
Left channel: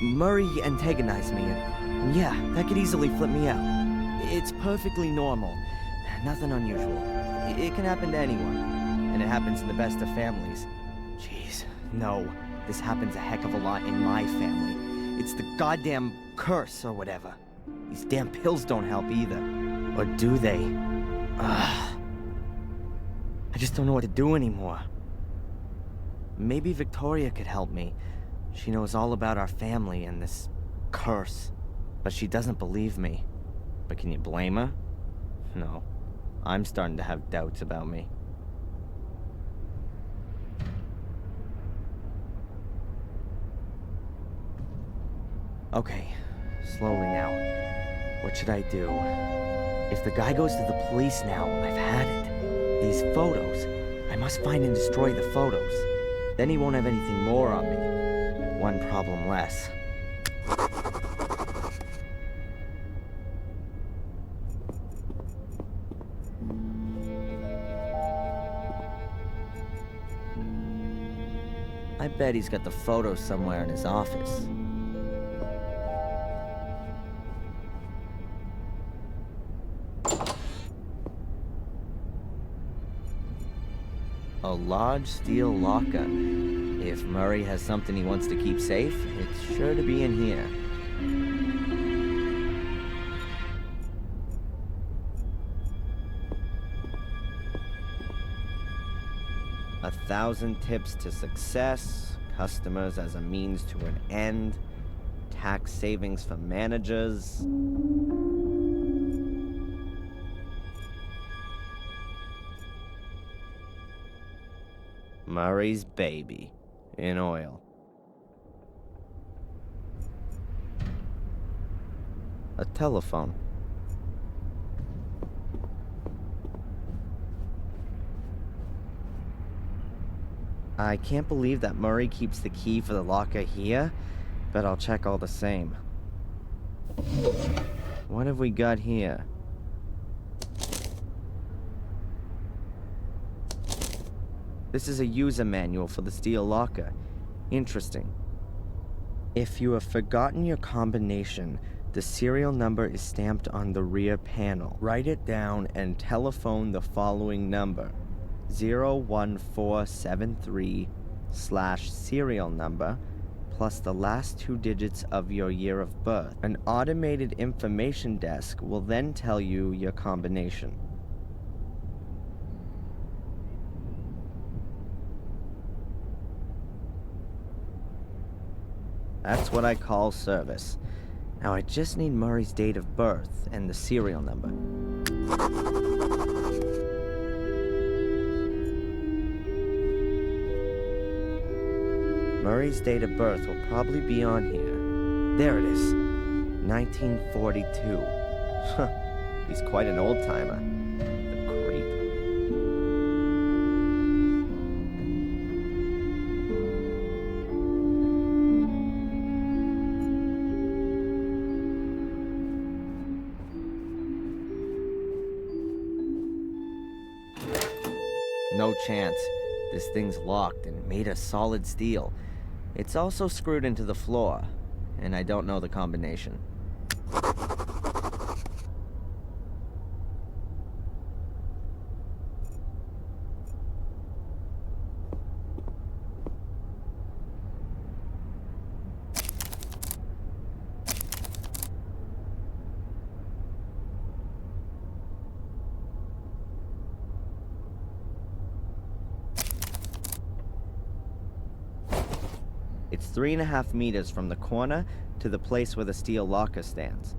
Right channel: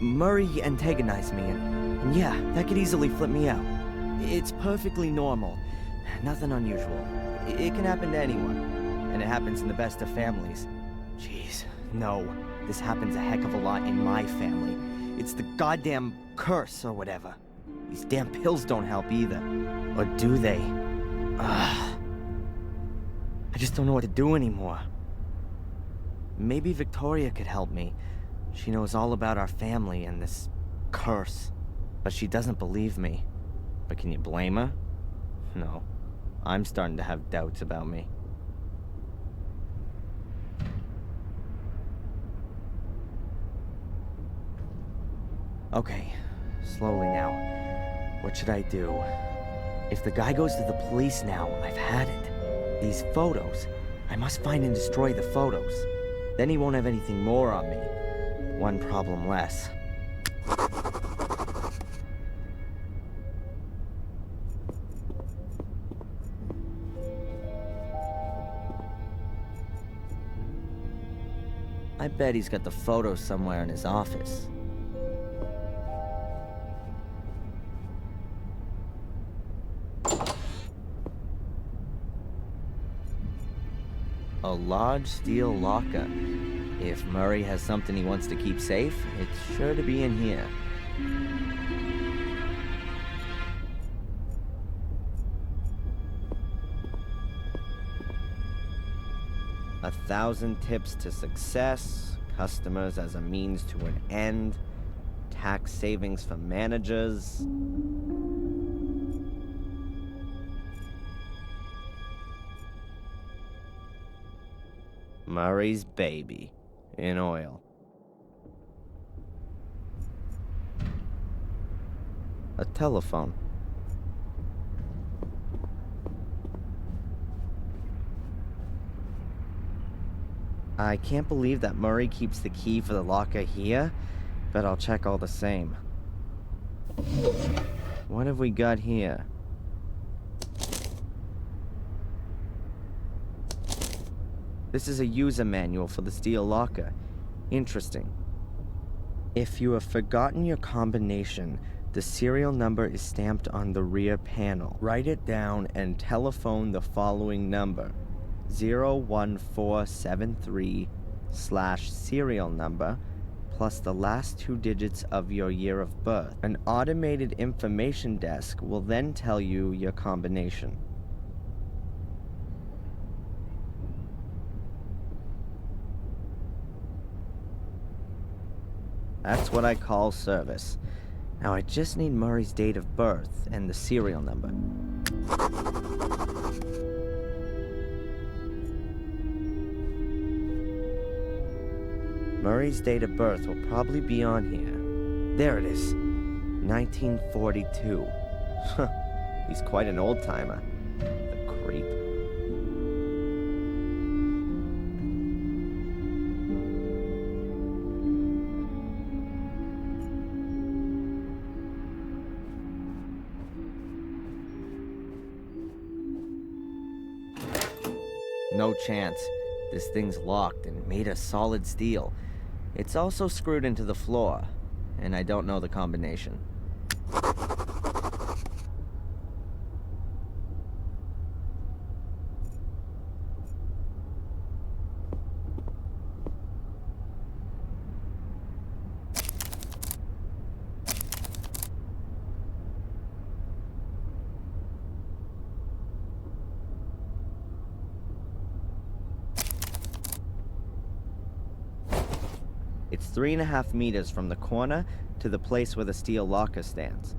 Murray antagonized me, and yeah, that could easily flip me out. It's perfectly normal. Nothing unusual. It can happen to anyone. And it happens in the best of families. Jeez, no. This happens a heck of a lot in my family. It's the goddamn curse or whatever. These damn pills don't help either. Or do they? Ugh. I just don't know what to do anymore. Maybe Victoria could help me. She knows all about our family and this curse. But she doesn't believe me. But can you blame her? No. I'm starting to have doubts about me. Okay, slowly now. What should I do? If the guy goes to the police now, I've had it. These photos. I must find and destroy the photos. Then he won't have anything more on me. One problem less. I bet he's got the photos somewhere in his office. A large steel locker. If Murray has something he wants to keep safe, it's sure to be in here. "1,000 tips to success, customers as a means to an end, tax savings for managers." Murray's baby, in oil. A telephone. I can't believe that Murray keeps the key for the locker here, but I'll check all the same. What have we got here? This is a user manual for the steel locker. Interesting. If you have forgotten your combination, the serial number is stamped on the rear panel. Write it down and telephone the following number: 01473/serial number plus the last 2 digits of your year of birth. An automated information desk will then tell you your combination. That's what I call service. Now I just need Murray's date of birth and the serial number. Murray's date of birth will probably be on here. There it is. 1942. He's quite an old-timer. The creep. No chance. This thing's locked and made of solid steel. It's also screwed into the floor, and I don't know the combination. It's 3.5 meters from the corner to the place where the steel locker stands.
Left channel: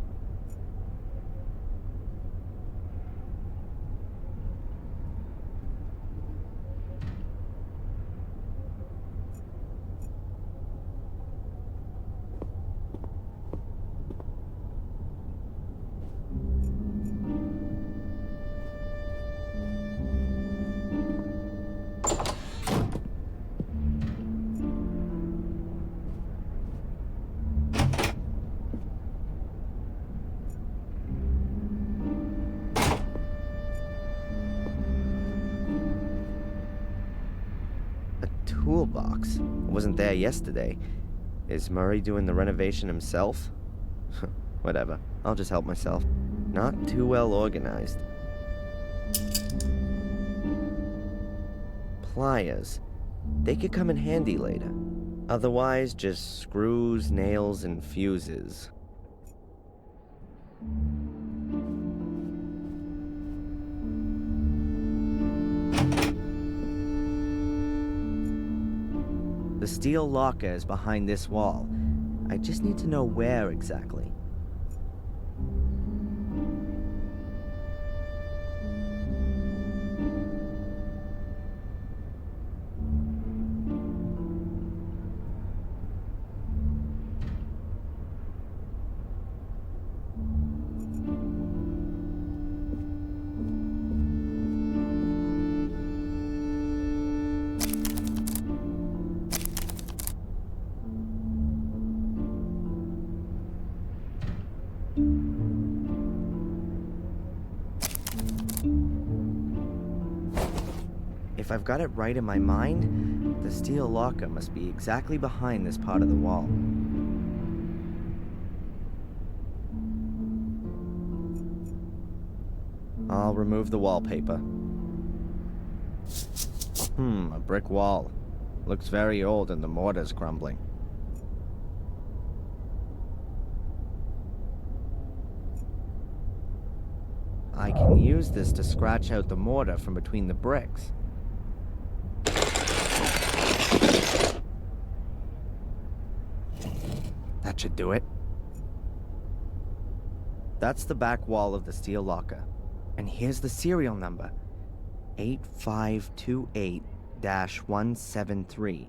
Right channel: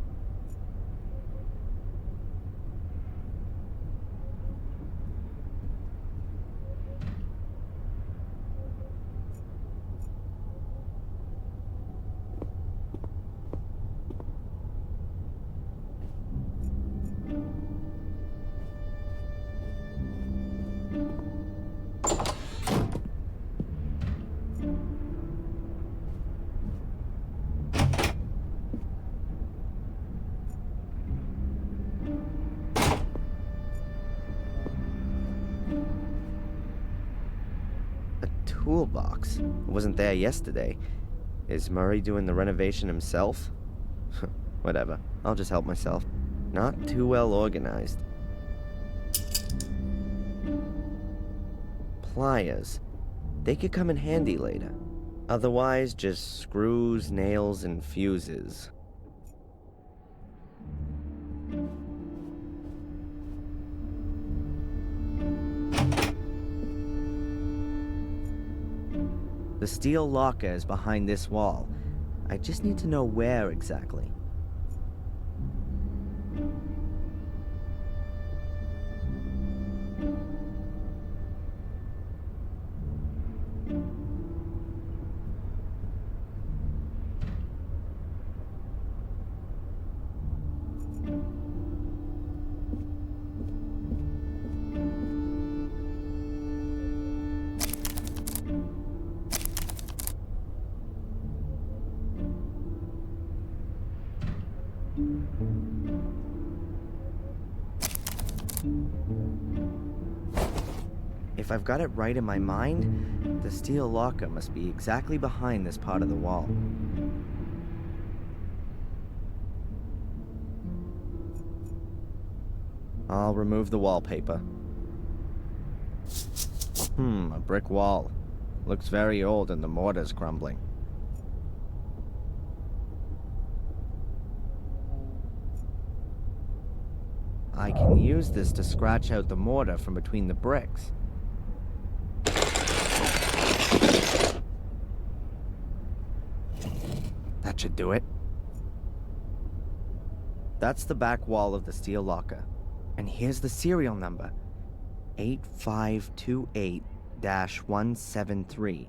Toolbox. It wasn't there yesterday. Is Murray doing the renovation himself? Whatever. I'll just help myself. Not too well organized. Pliers. They could come in handy later. Otherwise, just screws, nails, and fuses. The steel locker is behind this wall. I just need to know where exactly. If I've got it right in my mind, the steel locker must be exactly behind this part of the wall. I'll remove the wallpaper. A brick wall. Looks very old and the mortar's crumbling. I can use this to scratch out the mortar from between the bricks. That should do it. That's the back wall of the steel locker. And here's the serial number. 8528-173.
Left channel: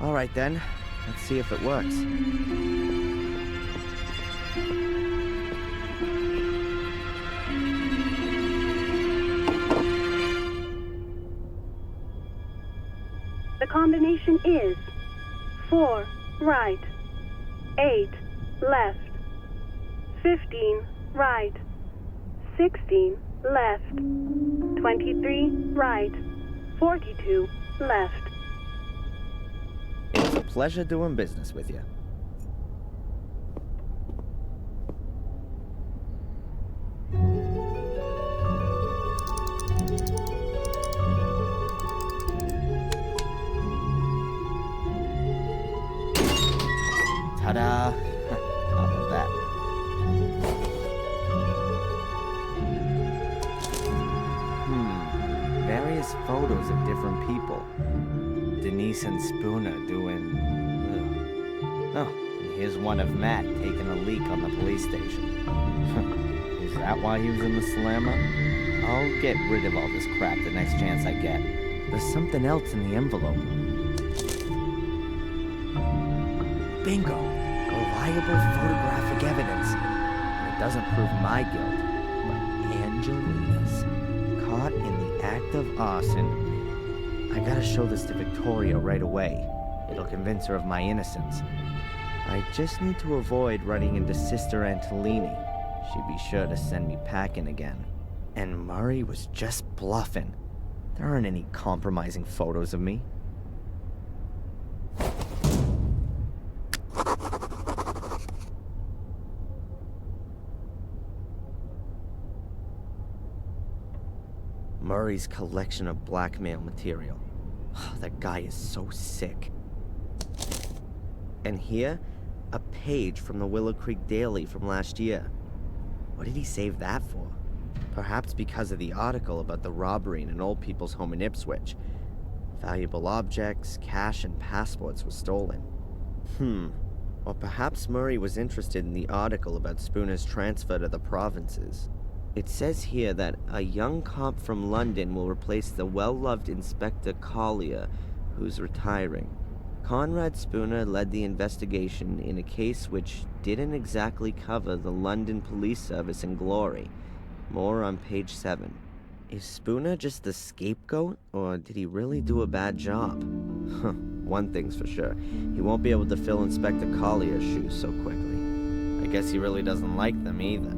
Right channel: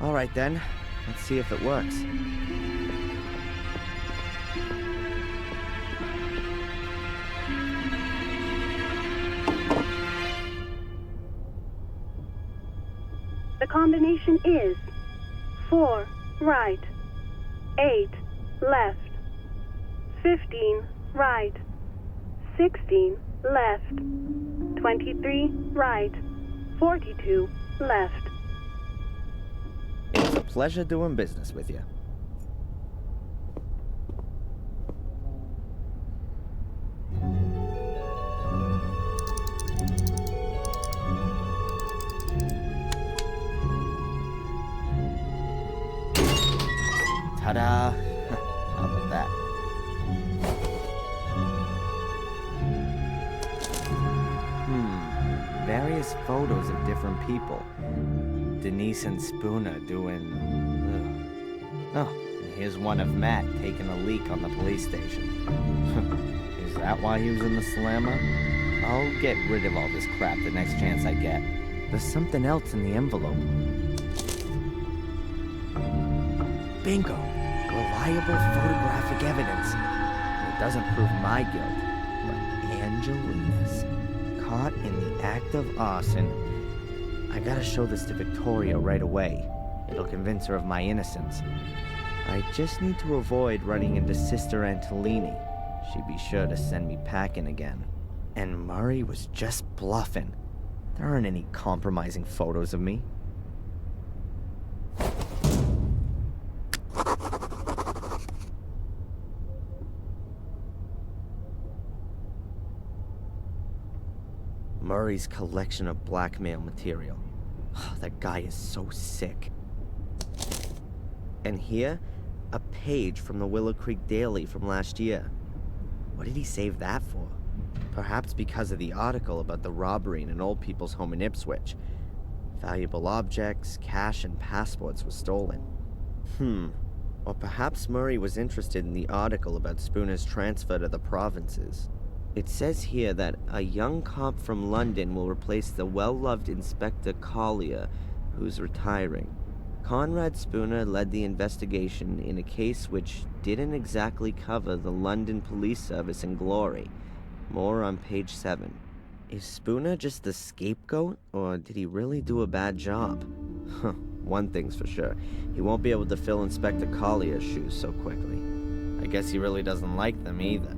All right then, let's see if it works. The combination is 4 right, 8 left, 15 right, 16 left. 23 right. 42 left. It's a pleasure doing business with you. Ta-da! How about that? Various photos of different people. Denise and Spooner doing... Oh, and here's one of Matt taking a leak on the police station. Is that why he was in the slammer? I'll get rid of all this crap the next chance I get. There's something else in the envelope. Bingo! Reliable photographic evidence. And it doesn't prove my guilt, but Angelina's. Caught in the act of arson. I gotta show this to Victoria right away. It'll convince her of my innocence. I just need to avoid running into Sister Antolini. She'd be sure to send me packing again. And Murray was just bluffing. There aren't any compromising photos of me. Murray's collection of blackmail material. Oh, that guy is so sick. And here, a page from the Willow Creek Daily from last year. What did he save that for? Perhaps because of the article about the robbery in an old people's home in Ipswich. Valuable objects, cash, and passports were stolen. Or perhaps Murray was interested in the article about Spooner's transfer to the provinces. It says here that a young cop from London will replace the well-loved Inspector Collier, who's retiring. Conrad Spooner led the investigation in a case which didn't exactly cover the London police service in glory. More on page 7. Is Spooner just the scapegoat, or did he really do a bad job? One thing's for sure, he won't be able to fill Inspector Collier's shoes so quickly. I guess he really doesn't like them either.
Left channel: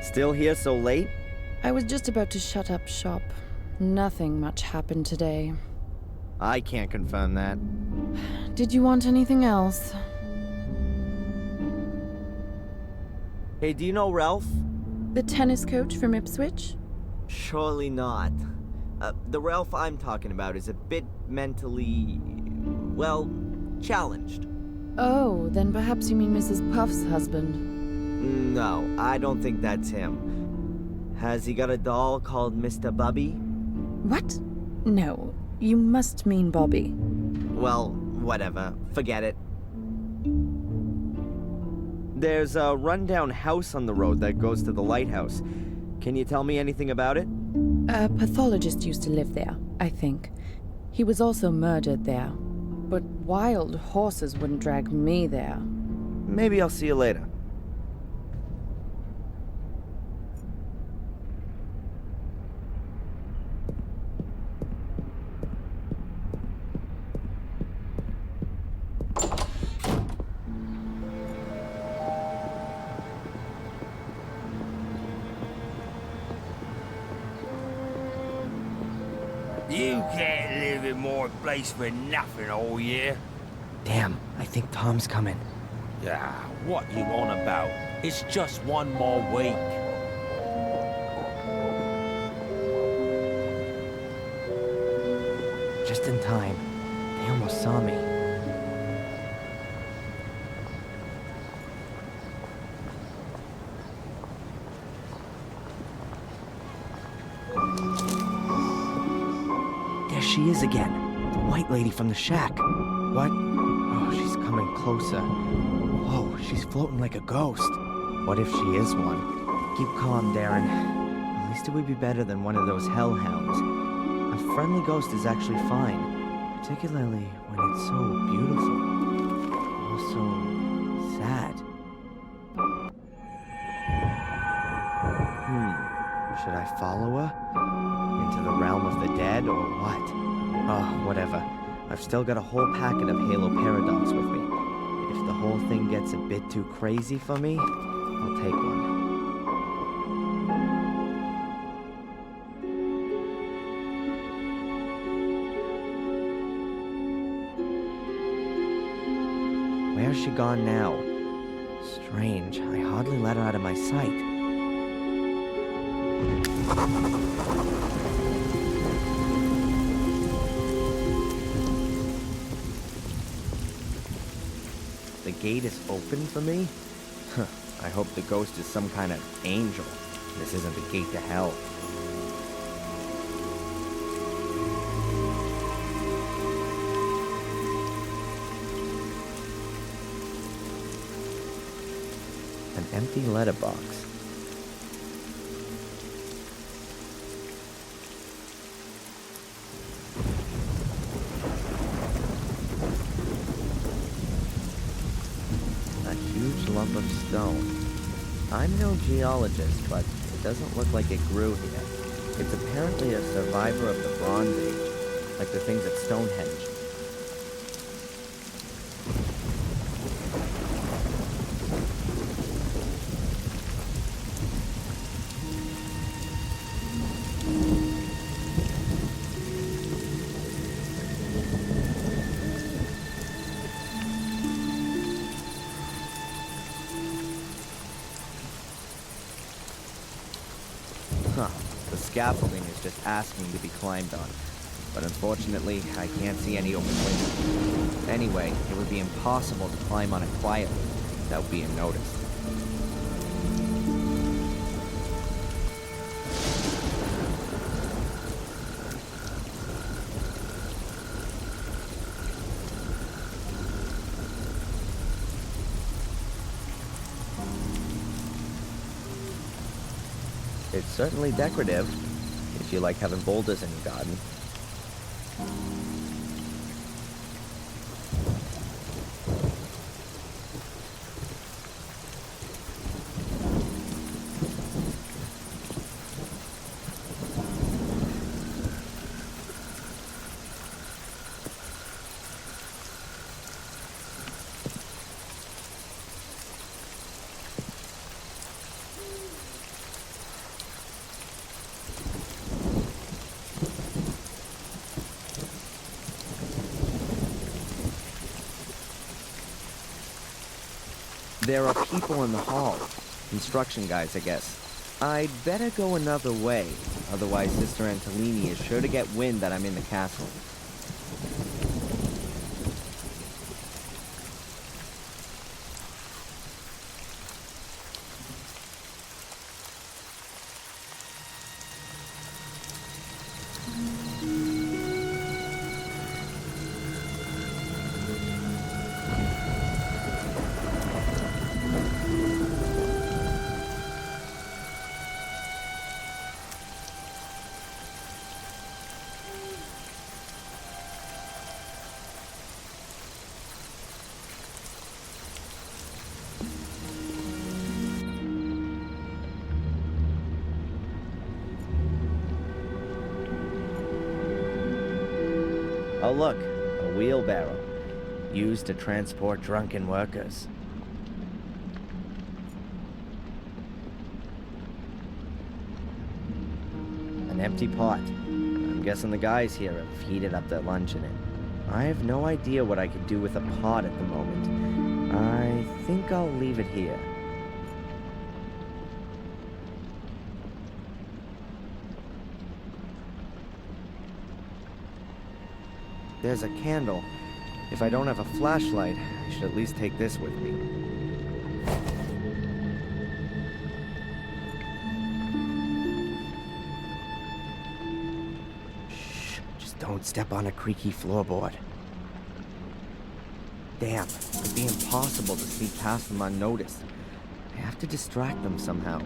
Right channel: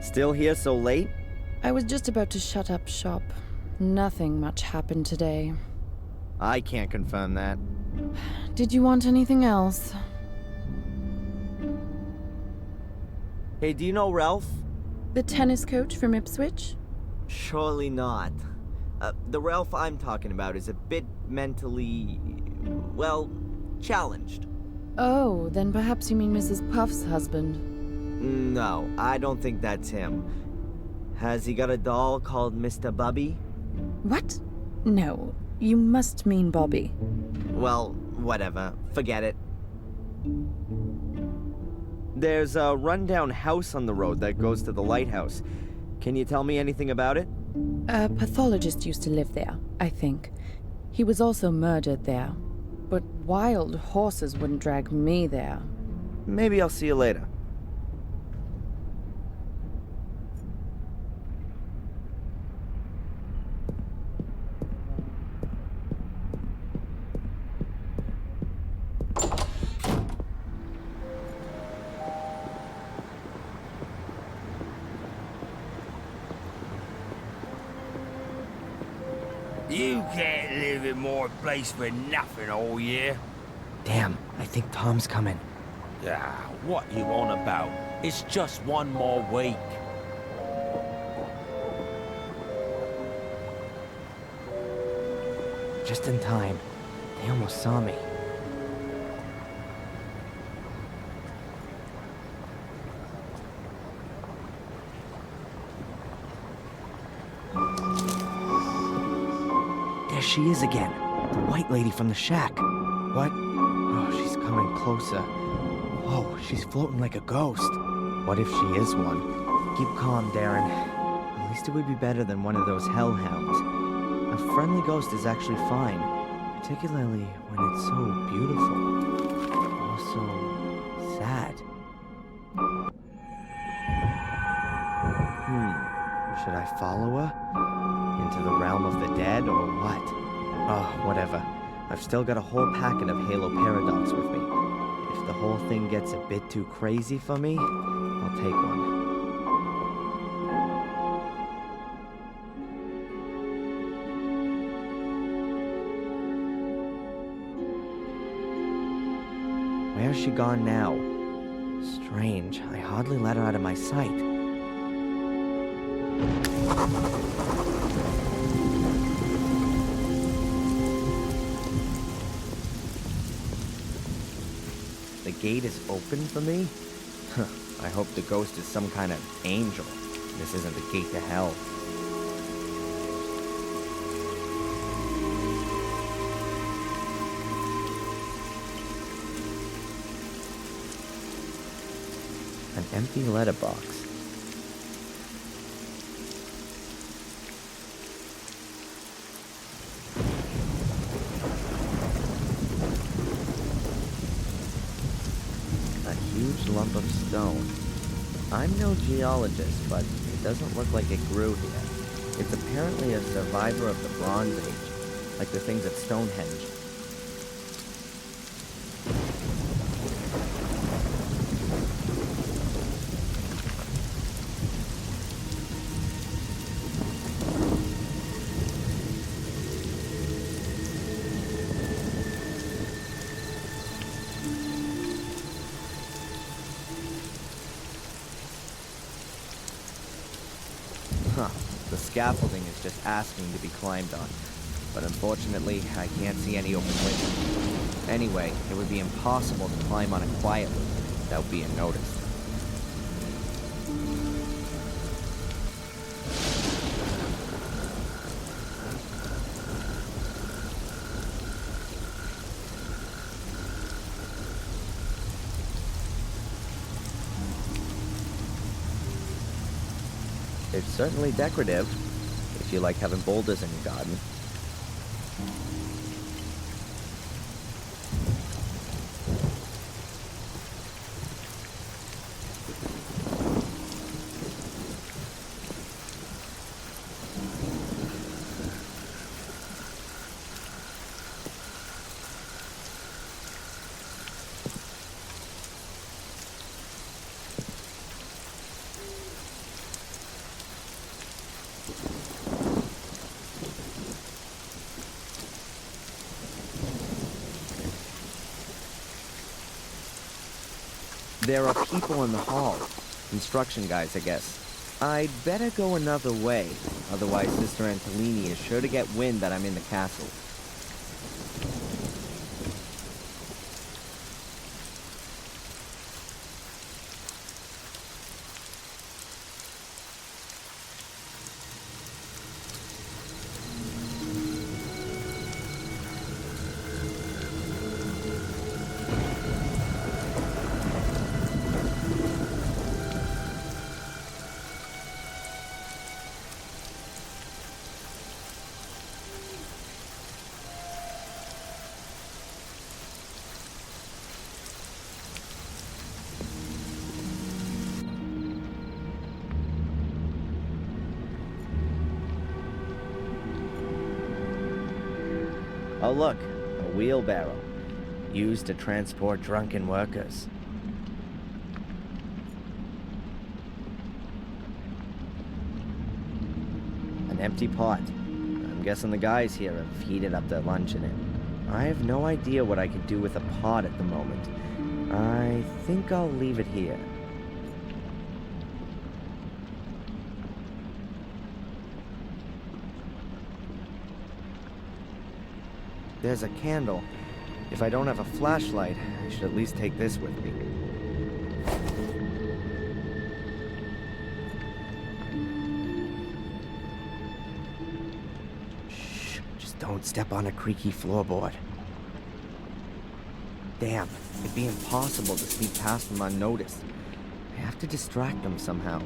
Still here so late? I was just about to shut up shop. Nothing much happened today. I can't confirm that. Did you want anything else? Hey, do you know Ralph? The tennis coach from Ipswich? Surely not. The Ralph I'm talking about is a bit mentally... well, challenged. Oh, then perhaps you mean Mrs. Puff's husband. No, I don't think that's him. Has he got a doll called Mr. Bubby? What? No, you must mean Bobby. Well, whatever. Forget it. There's a rundown house on the road that goes to the lighthouse. Can you tell me anything about it? A pathologist used to live there, I think. He was also murdered there. But wild horses wouldn't drag me there. Maybe I'll see you later. You can't live in more place for nothing all year. Damn, I think Tom's coming. Yeah, what you on about? It's just one more week. Just in time. They almost saw me. There she is again. The white lady from the shack. What? Oh, she's coming closer. Whoa, she's floating like a ghost. What if she is one? Keep calm, Darren. At least it would be better than one of those hellhounds. A friendly ghost is actually fine, particularly when it's so beautiful. Also, sad. Should I follow her? Into the realm of the dead, or what? Oh, whatever. I've still got a whole packet of Halo Paradox with me. If the whole thing gets a bit too crazy for me, I'll take one. Where's she gone now? Strange, I hardly let her out of my sight. The gate is open for me? I hope the ghost is some kind of angel. This isn't the gate to hell. An empty letterbox. A huge lump of stone. I'm no geologist, but it doesn't look like it grew here. It's apparently a survivor of the Bronze Age, like the things at Stonehenge. The scaffolding is just asking to be climbed on, but unfortunately, I can't see any open windows. Anyway, it would be impossible to climb on it quietly without being noticed. It's certainly decorative, if you like having boulders in your garden. There are people in the hall. Construction guys, I guess. I'd better go another way, otherwise Sister Antolini is sure to get wind that I'm in the castle. Oh look, a wheelbarrow, used to transport drunken workers. An empty pot, I'm guessing the guys here have heated up their lunch in it. I have no idea what I could do with a pot at the moment. I think I'll leave it here. There's a candle. If I don't have a flashlight, I should at least take this with me. Shh, just don't step on a creaky floorboard. Damn, it'd be impossible to sneak past them unnoticed. I have to distract them somehow.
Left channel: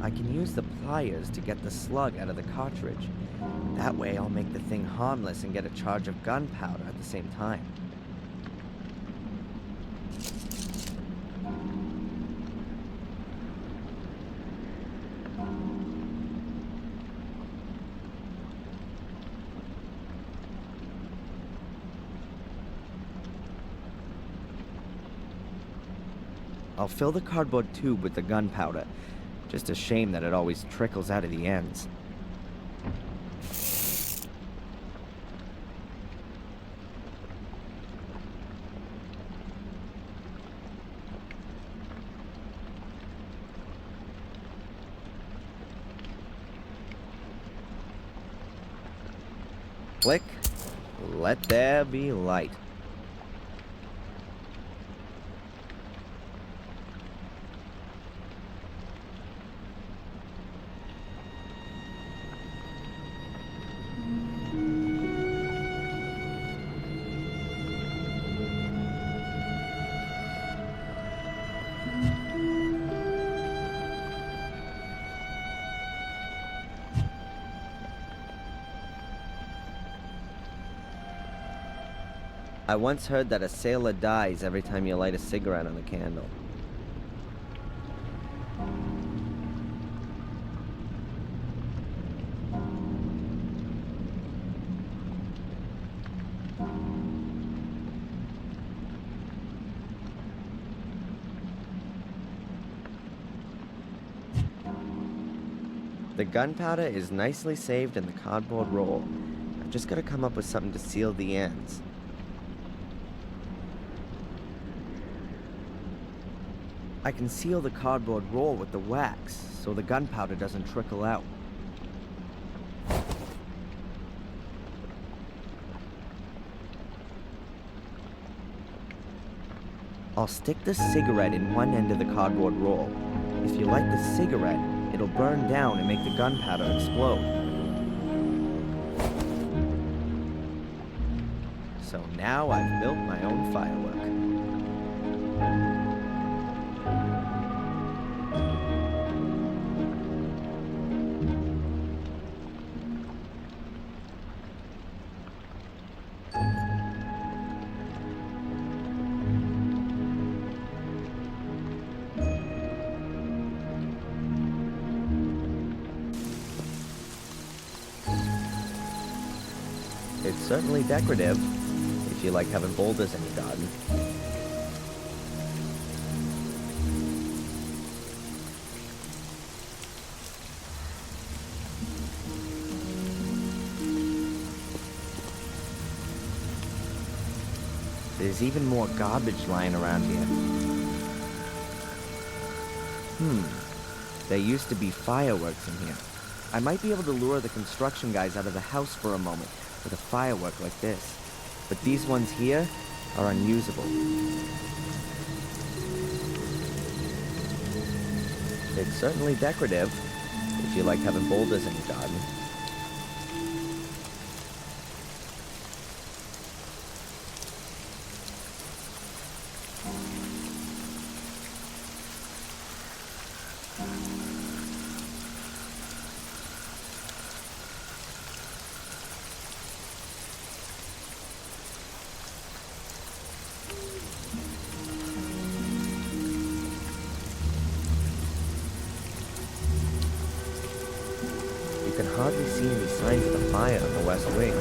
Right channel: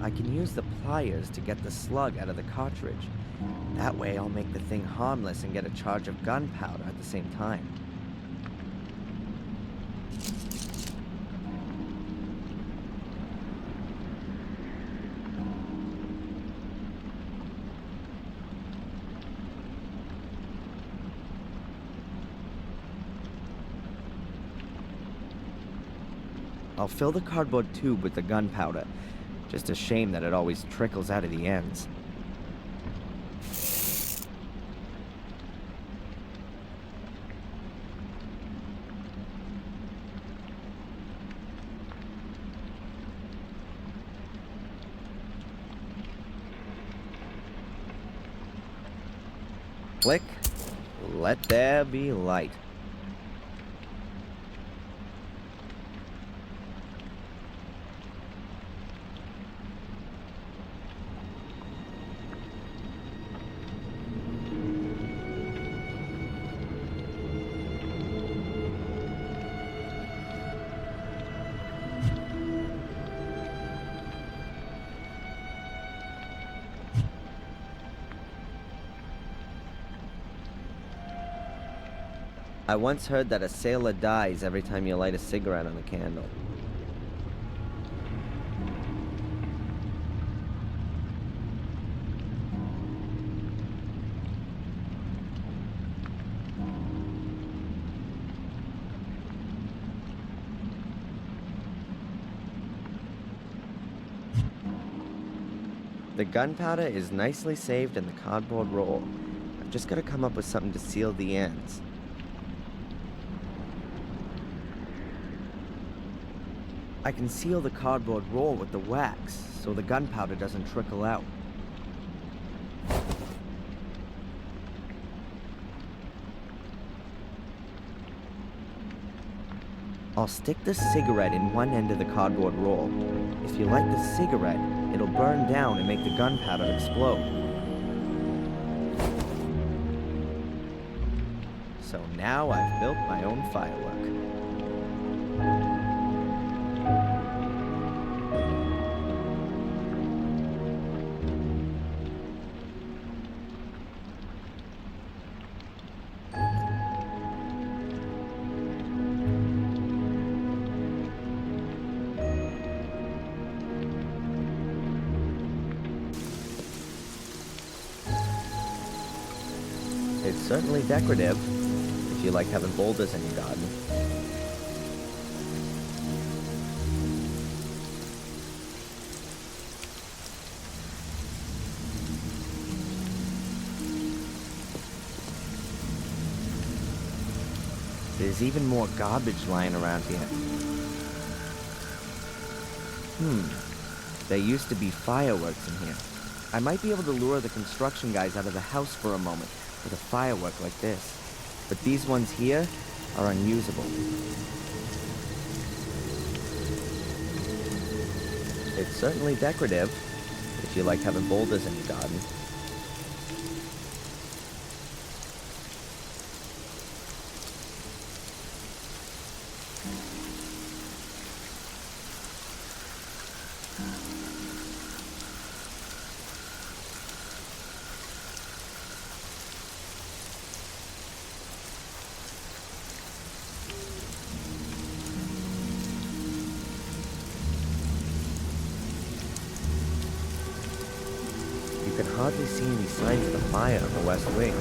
I can use the pliers to get the slug out of the cartridge. That way I'll make the thing harmless and get a charge of gunpowder at the same time. I'll fill the cardboard tube with the gunpowder. Just a shame that it always trickles out of the ends. Click. Let there be light. I once heard that a sailor dies every time you light a cigarette on a candle. The gunpowder is nicely saved in the cardboard roll. I've just got to come up with something to seal the ends. I can seal the cardboard roll with the wax, so the gunpowder doesn't trickle out. I'll stick the cigarette in one end of the cardboard roll. If you light the cigarette, it'll burn down and make the gunpowder explode. So now I've built my own firework. It's certainly decorative, if you like having boulders in your garden. There's even more garbage lying around here. There used to be fireworks in here. I might be able to lure the construction guys out of the house for a moment with a firework like this. But these ones here are unusable. It's certainly decorative, if you like having boulders in your garden. can hardly see any signs of the fire on the west wing.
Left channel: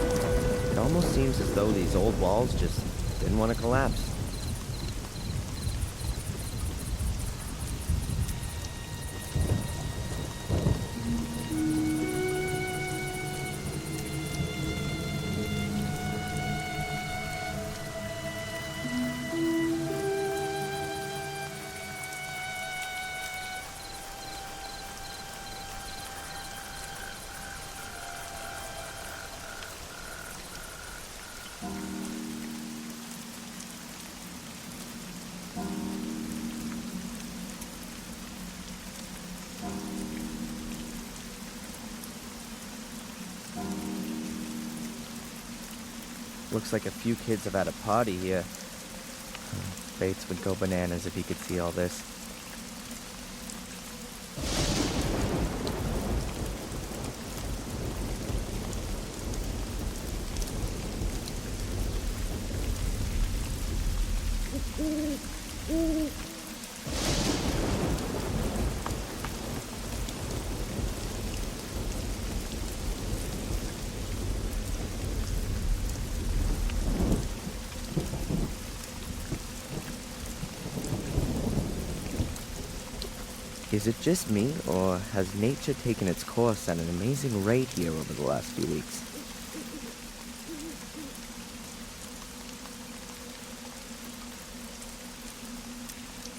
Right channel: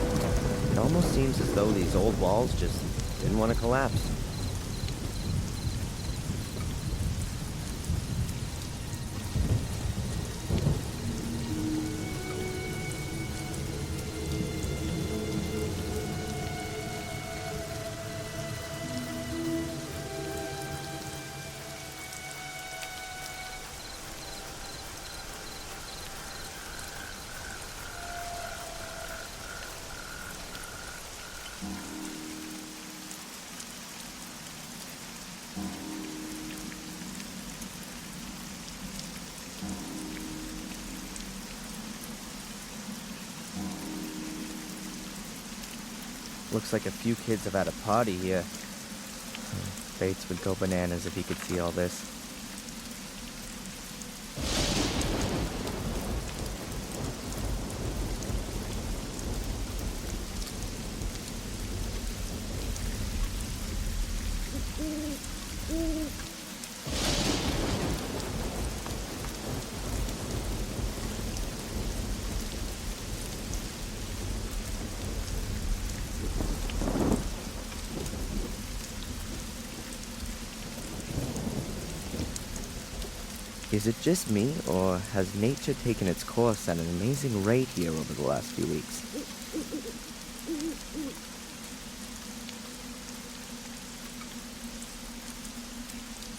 It almost seems as though these old walls just didn't want to collapse. Looks like a few kids have had a party here. Bates would go bananas if he could see all this. Is it just me, or has nature taken its course at an amazing rate here over the last few weeks?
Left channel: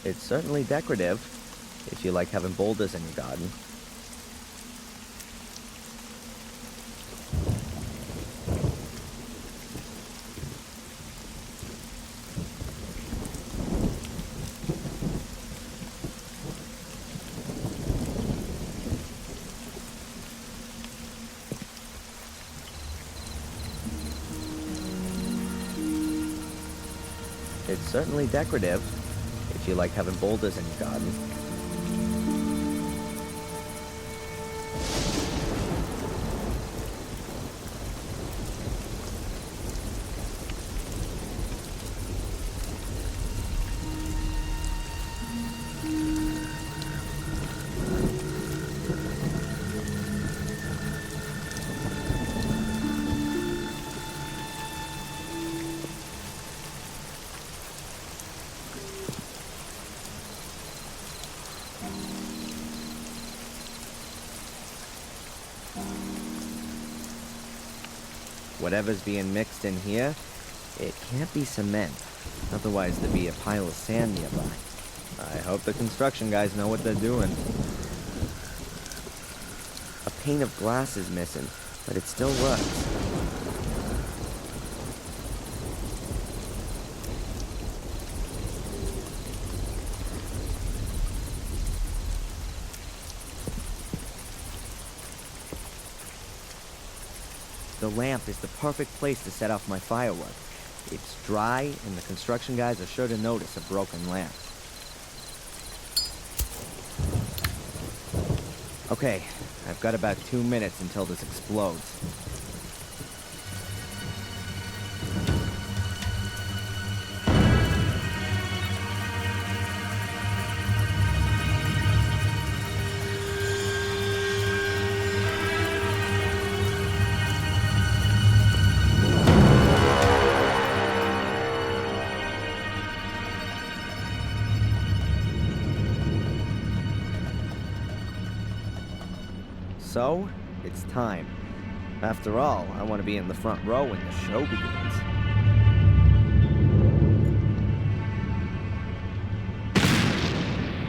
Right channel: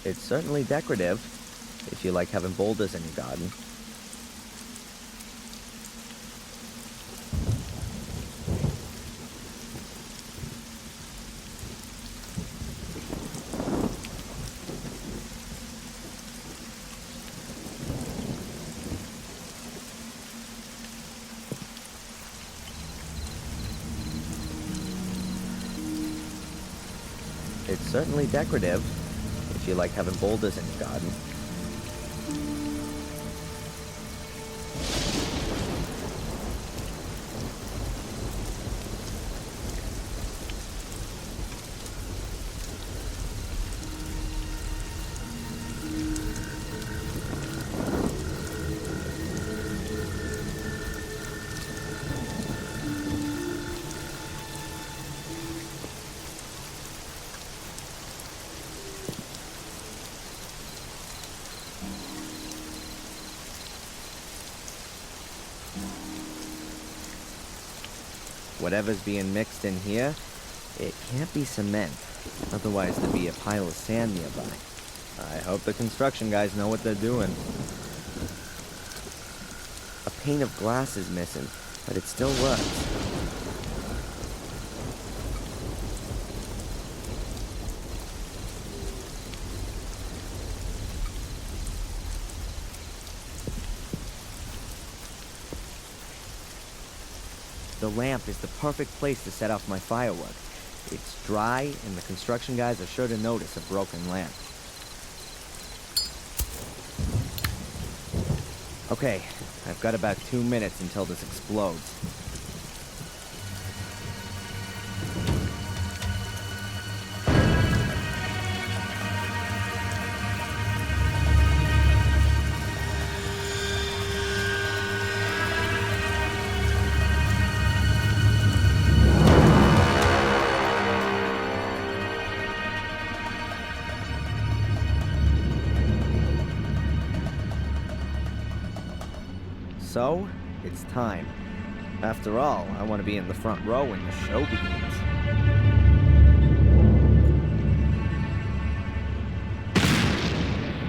It's certainly decorative, if you like having boulders in your garden. It's certainly decorative, if you like having boulders in your garden. Whatever's being mixed in here, it can't be cement. Otherwise there'd be a pile of sand nearby. I hope the construction guys know what they're doing. A pane of glass is missing, but it still works. The lamp is the perfect place to set off my firework. It's dry, and the construction guys are sure to notice a broken lamp. Okay, I've got about 2 minutes until this explodes. So, it's time. After all, I want to be in the front row when the show begins.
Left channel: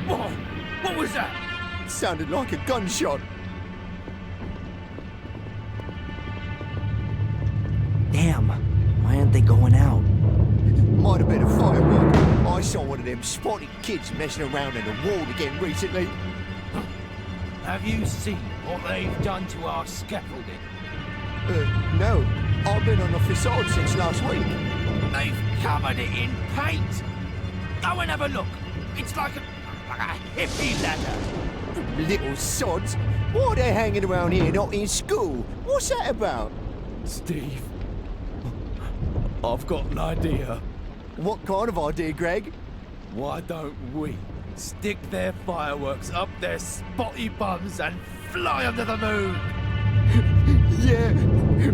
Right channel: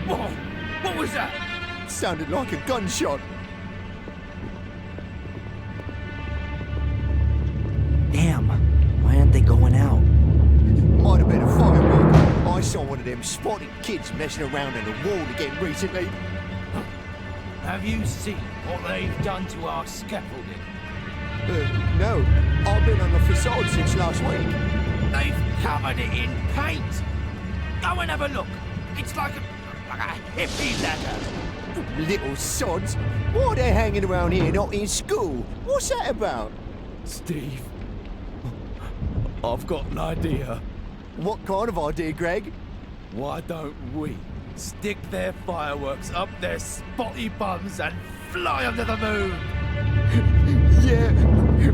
Whoa! What was that? Sounded like a gunshot. Damn, why aren't they going out? Might have been a firework. I saw one of them spotted kids messing around in the wall again recently. Have you seen what they've done to our scaffolding? No. I've been on the facade since last week. They've covered it in paint. Go and have a look. It's like a hippie ladder. Little sods. Why are they hanging around here, not in school? What's that about? Steve, I've got an idea. What kind of idea, Greg? Why don't we stick their fireworks up their spotty bums and fly under the moon? Yeah,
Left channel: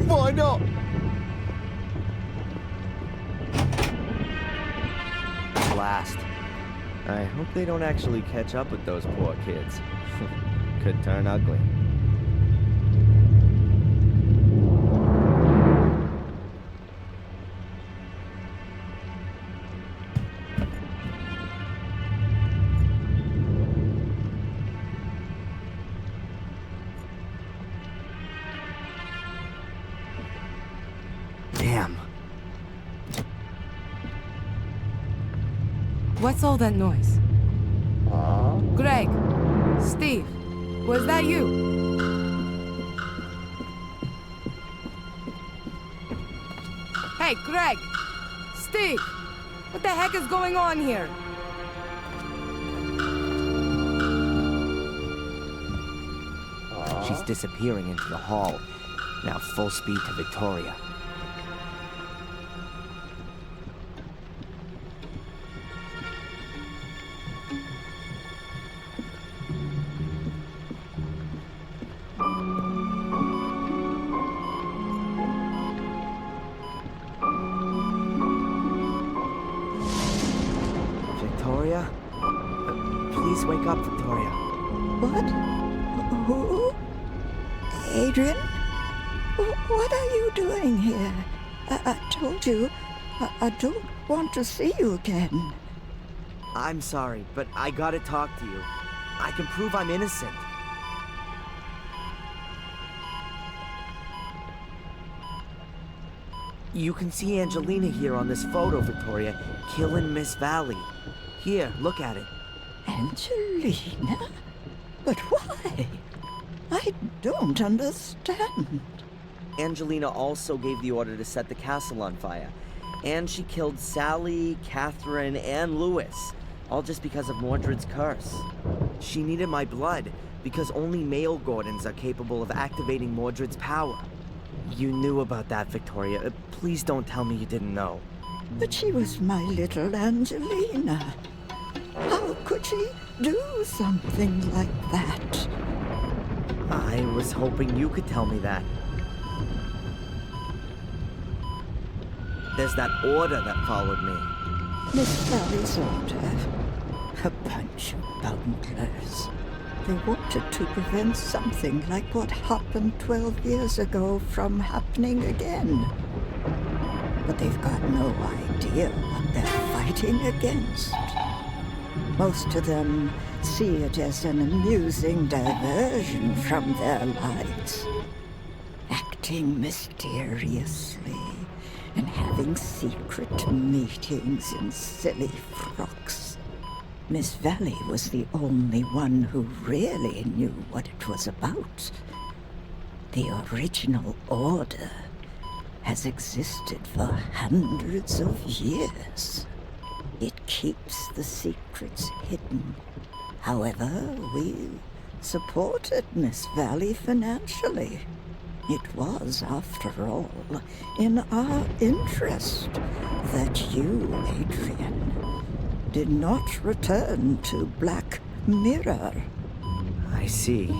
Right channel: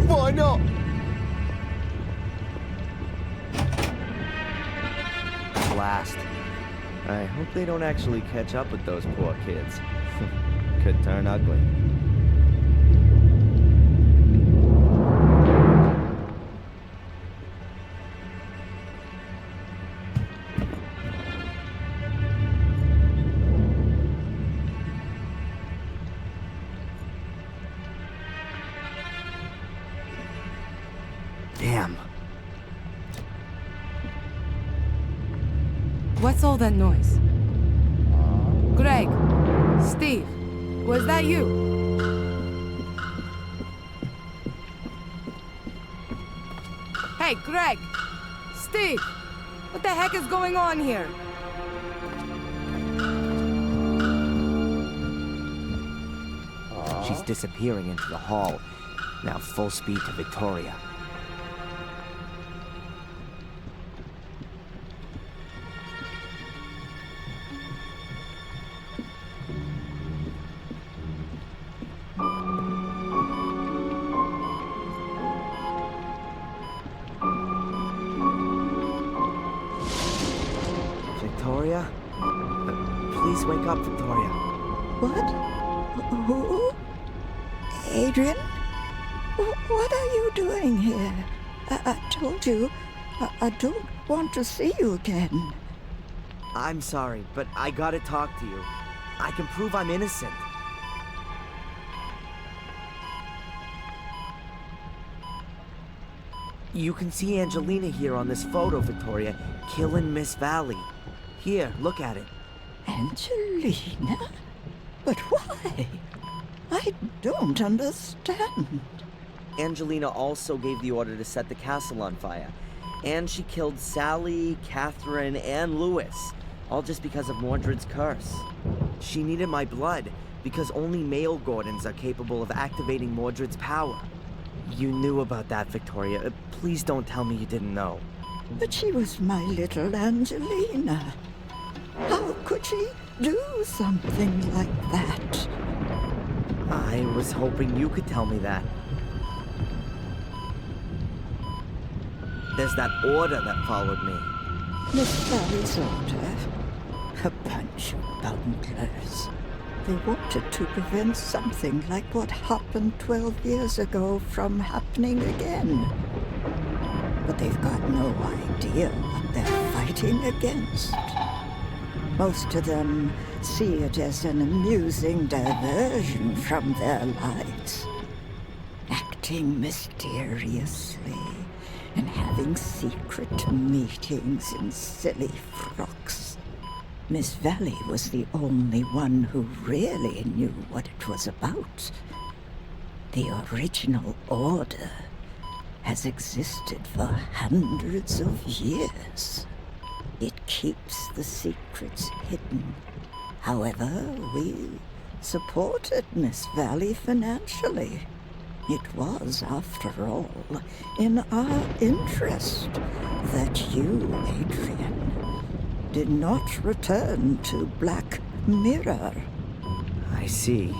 why not? Blast. I hope they don't actually catch up with those poor kids. Could turn ugly. Damn. What's all that noise? Greg! Steve! Was that you? Hey, Greg! Steve! What the heck is going on here? She's disappearing into the hall. Now full speed to Victoria. Victoria? Please wake up, Victoria. What? Who? Adrian? What are you doing here? I told you, I don't want to see you again. I'm sorry, but I gotta talk to you. I can prove I'm innocent. You can see Angelina here on this photo, Victoria, killing Miss Valley. Here, look at it. Angelina? But why? I don't understand. Angelina also gave the order to set the castle on fire. And she killed Sally, Catherine, and Lewis. All just because of Mordred's curse. She needed my blood, because only male Gordons are capable of activating Mordred's power. You knew about that, Victoria. Please don't tell me you didn't know. But she was my little Angelina. How could she do something like that? I was hoping you could tell me that. There's that order that followed me. Miss Valley's order? A bunch of bunglers. They wanted to prevent something like what happened 12 years ago from happening again. But they've got no idea what they're fighting against. Most of them see it as an amusing diversion from their lives. Acting mysteriously and having secret meetings in silly frocks. Miss Valley was the only one who really knew what it was about. The original order has existed for hundreds of years. It keeps the secrets hidden. However, we supported Miss Valley financially. It was, after all, in our interest that you, Adrian, did not return to Black Mirror. I see.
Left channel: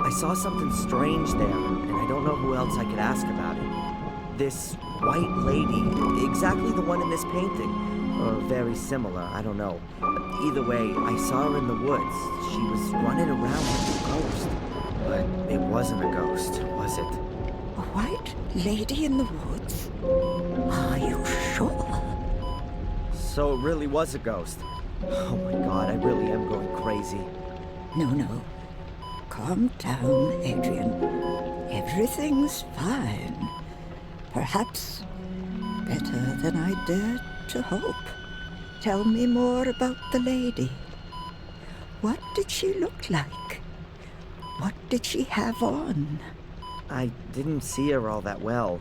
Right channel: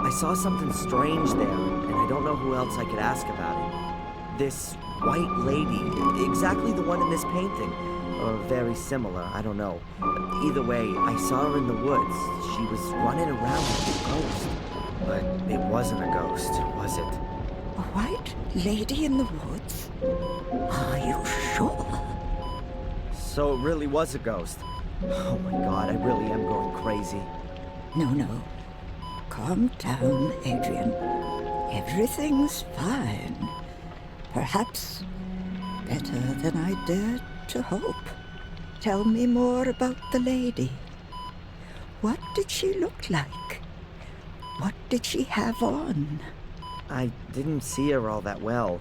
I saw something strange there, and I don't know who else I could ask about it. This white lady, exactly the one in this painting, or very similar, I don't know. Either way, I saw her in the woods. She was running around like a ghost. But it wasn't a ghost, was it? A white lady in the woods? Are you sure? So it really was a ghost. Oh my god, I really am going crazy. No. Calm down, Adrian. Everything's fine. Perhaps better than I dared to hope. Tell me more about the lady. What did she look like? What did she have on? I didn't see her all that well.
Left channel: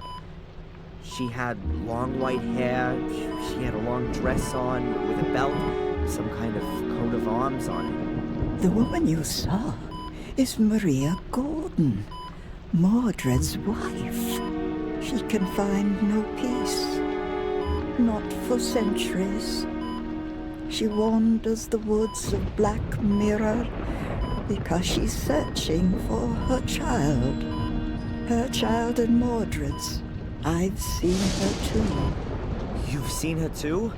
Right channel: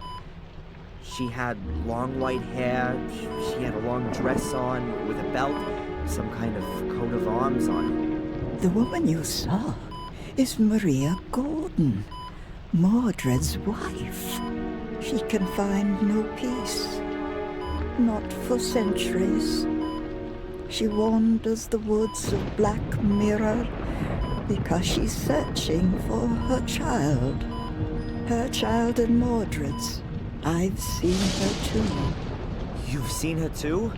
She had long white hair, she had a long dress on with a belt, some kind of coat of arms on it. The woman you saw is Maria Gordon, Mordred's wife. She can find no peace, not for centuries. She wanders the woods of Black Mirror, Because she's searching for her child. Her child and Mordred's. I've seen her too. You've seen her too?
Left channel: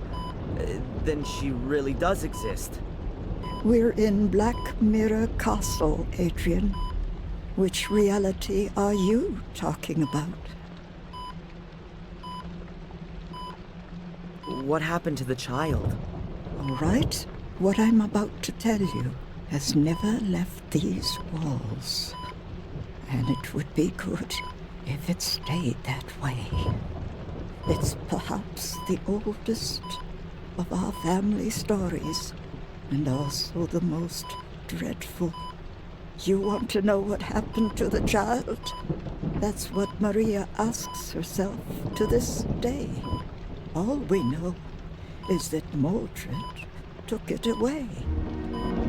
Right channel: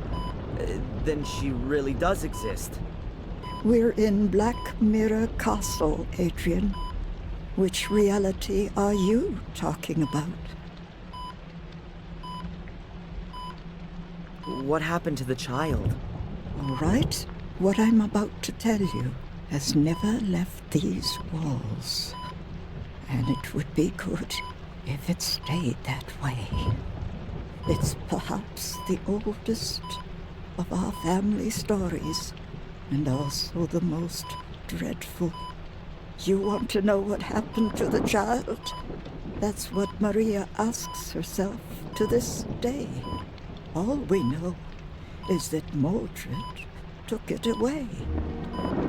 Then she really does exist. We're in Black Mirror Castle, Adrian. Which reality are you talking about? What happened to the child? All right, what I'm about to tell you has never left these walls. And it would be good if it stayed that way. It's perhaps the oldest of our family stories, and also the most dreadful. You want to know what happened to the child? That's what Maria asks herself to this day. All we know is that Mordred took it away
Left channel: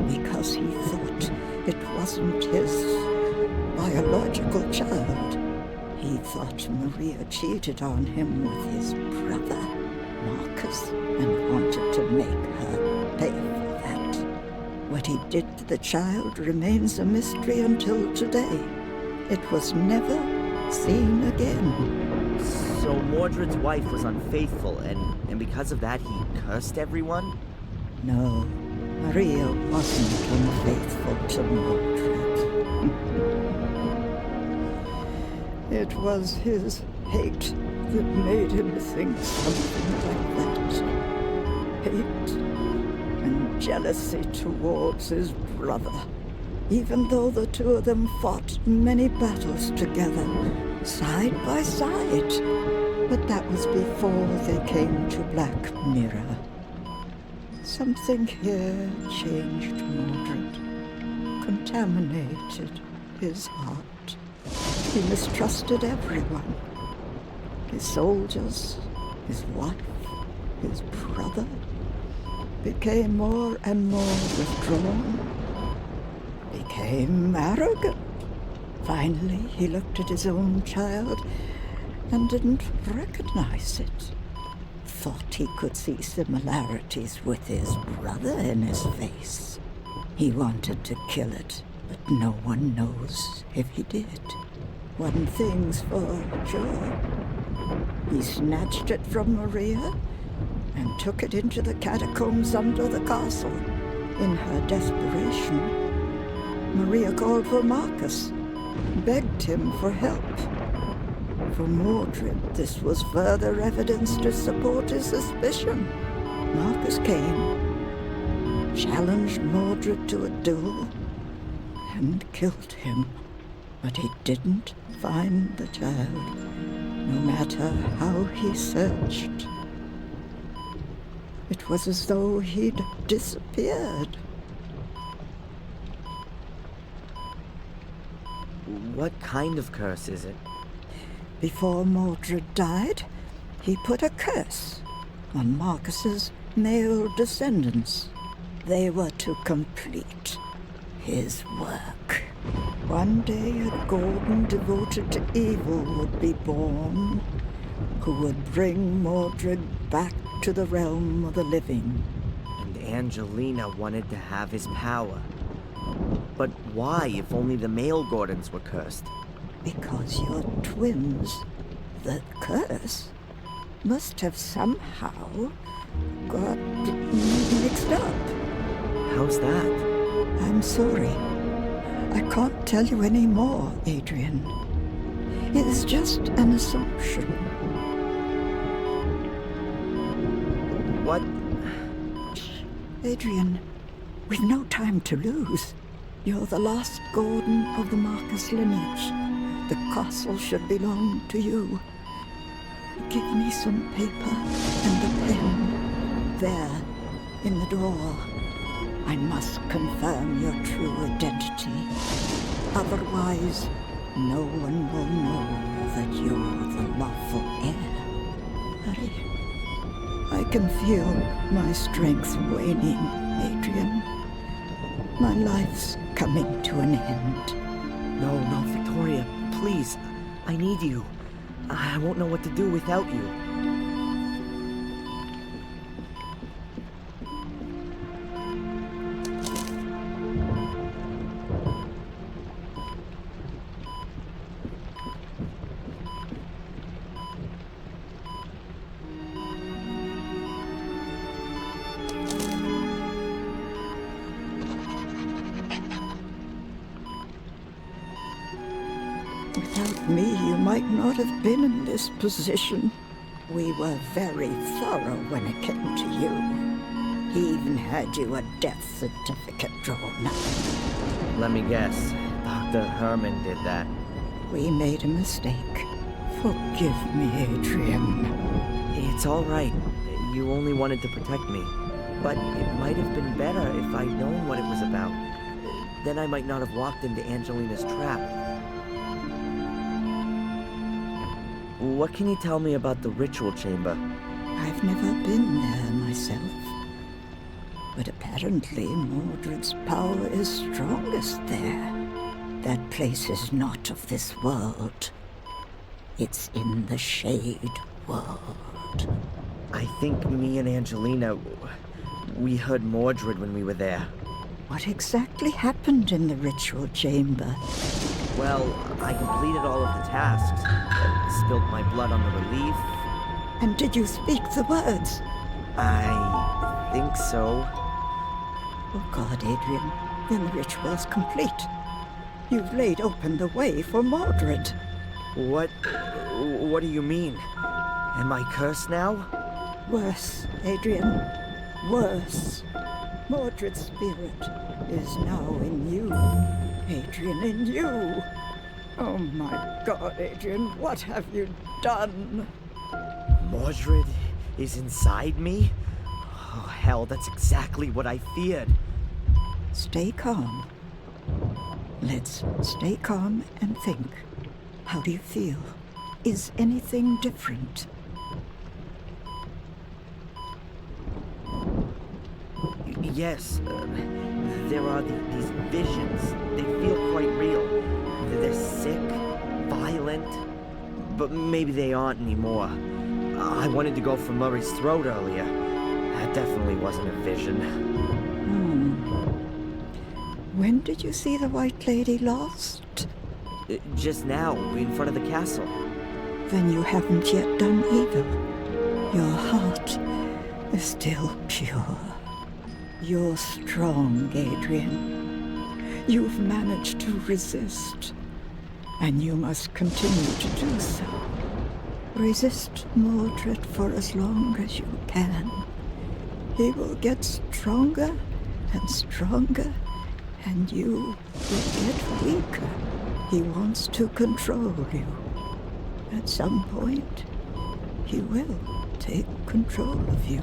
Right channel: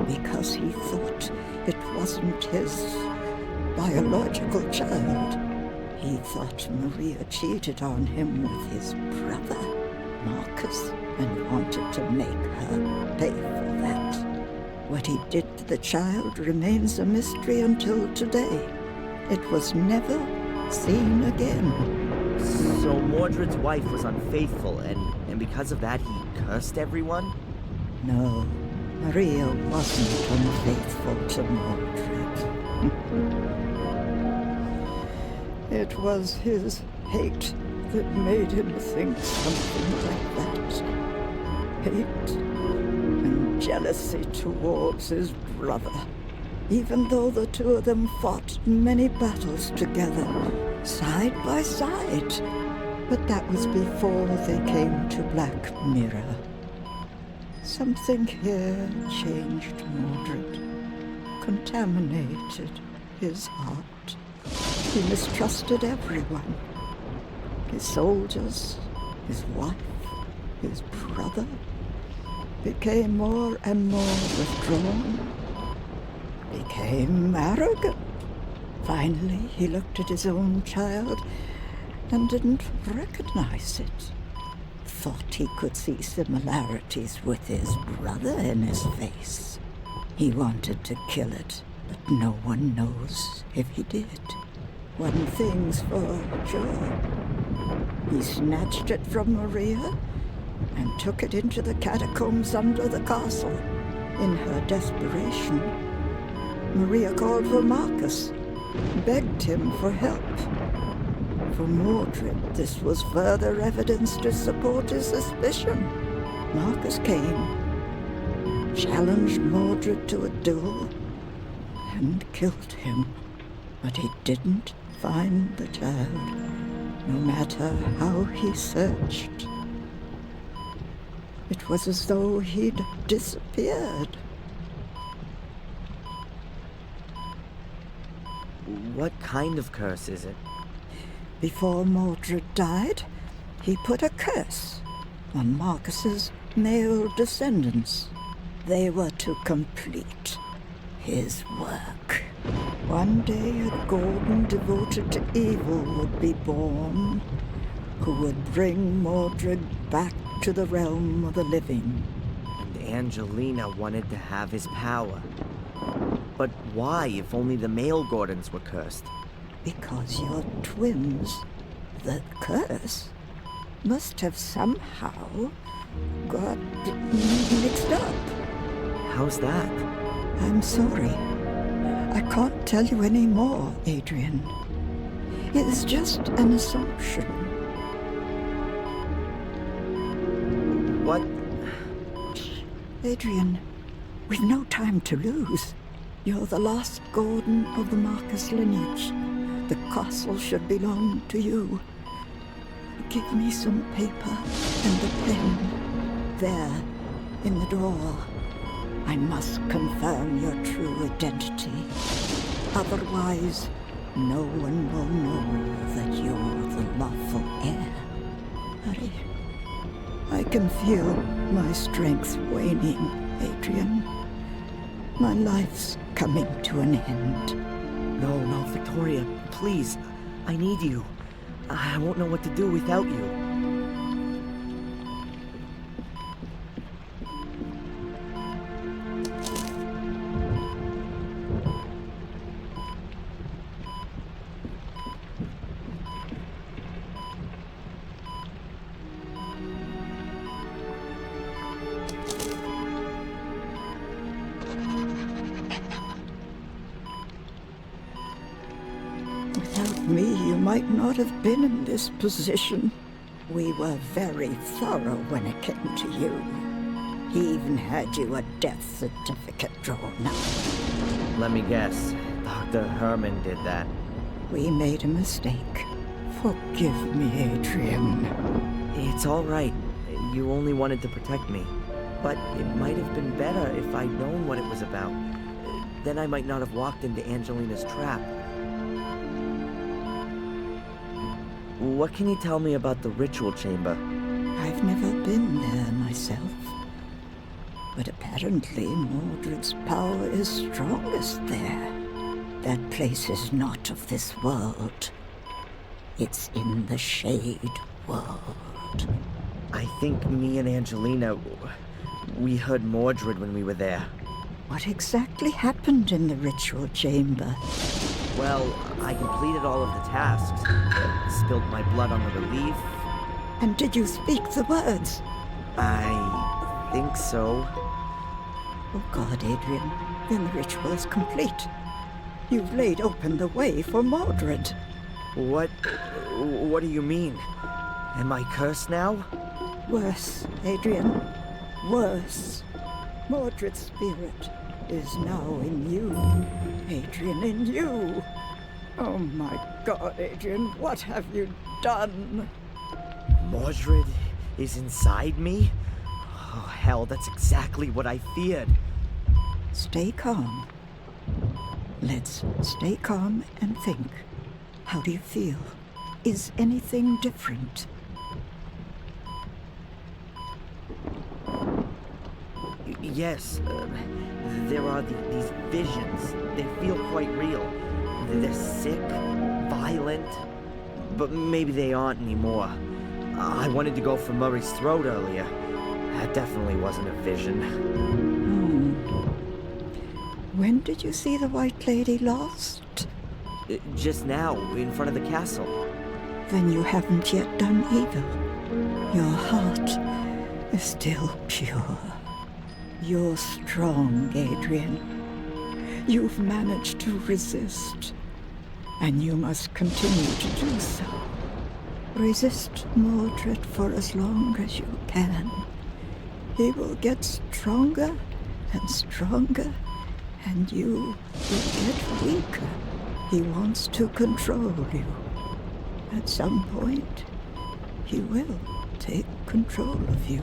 because he thought it wasn't his biological child. He thought Maria cheated on him with his brother, Marcus, and wanted to make her pay for that. What he did to the child remains a mystery until today. It was never seen again. So Mordred's wife was unfaithful, and because of that he cursed everyone? No, Maria wasn't unfaithful to Mordred. It was his hate that made him think something like that. Hate and jealousy towards his brother, even though the two of them fought many battles together, side by side. But that was before they came to Black Mirror. Something here changed Mordred, contaminated his heart. He mistrusted everyone. His soldiers, his wife, his brother. Became more and more withdrawn. Became arrogant. Finally, he looked at his own child and didn't recognize it. Thought he could see similarities with his brother in his face. He wanted to kill it, but no one knows if he did. One thing's for sure. He snatched it from Maria and took it into the catacombs under the castle. In her desperation, Maria called for Marcus, begged him for help. For Mordred, this was further evidence to support his suspicion. Marcus came, challenged Mordred to a duel, and killed him. But he didn't find the child, no matter how he searched. It was as though he'd disappeared. What kind of curse is it? Before Mordred died, he put a curse on Marcus's male descendants. They were to complete his work. One day a Gordon devoted to evil would be born, who would bring Mordred back to the realm of the living. And Angelina wanted to have his power. But why, if only the male Gordons were cursed? Because you're twins. The curse must have somehow got mixed up. How's that? I'm sorry. I can't tell you any more, Adrian. It's just an assumption. What? Adrian, we've no time to lose. You're the last Gordon of the Marcus lineage. The castle should belong to you. Give me some paper and a pen. There, in the drawer. I must confirm your true identity. Otherwise, no one will know that you're the lawful heir. Hurry. I can feel my strength waning, Adrian. My life's coming to an end. No, Victoria, please. I need you. I won't know what to do without you. Without me, you might not have been in this position. We were very thorough when it came to you. He even had you a death certificate drawn up. Let me guess. Dr. Herman did that. We made a mistake. Forgive me, Adrian. It's all right. You only wanted to protect me. But it might have been better if I'd known what it was about. Then I might not have walked into Angelina's trap. What can you tell me about the ritual chamber? I've never been there myself. But apparently Mordred's power is strongest there. That place is not of this world. It's in the Shade World. I think me and Angelina, we heard Mordred when we were there. What exactly happened in the ritual chamber? Well, I completed all of the tasks. Spilt my blood on the relief. And did you speak the words? I think so. Oh God, Adrian, then the ritual's complete. You've laid open the way for Mordred. What do you mean? Am I cursed now? Worse, Adrian. Worse. Mordred's spirit is now in you. Adrian, in you. Oh my God, Adrian, what have you done? Mordred is inside me? Oh, hell, that's exactly what I feared. Stay calm. Let's stay calm and think. How do you feel? Is anything different? Yes, there are these visions. They feel quite real. They're sick, violent, but maybe they aren't anymore. I wanted to go for Murray's throat earlier. That definitely wasn't a vision. When did you see the White Lady last? Just now, in front of the castle. Then you haven't yet done evil. Your heart is still pure. You're strong, Adrian. You've managed to resist, and you must continue to do so. Resist Mordred for as long as you can. He will get stronger and stronger, and you will get weaker. He wants to control you. At some point, he will take control of you.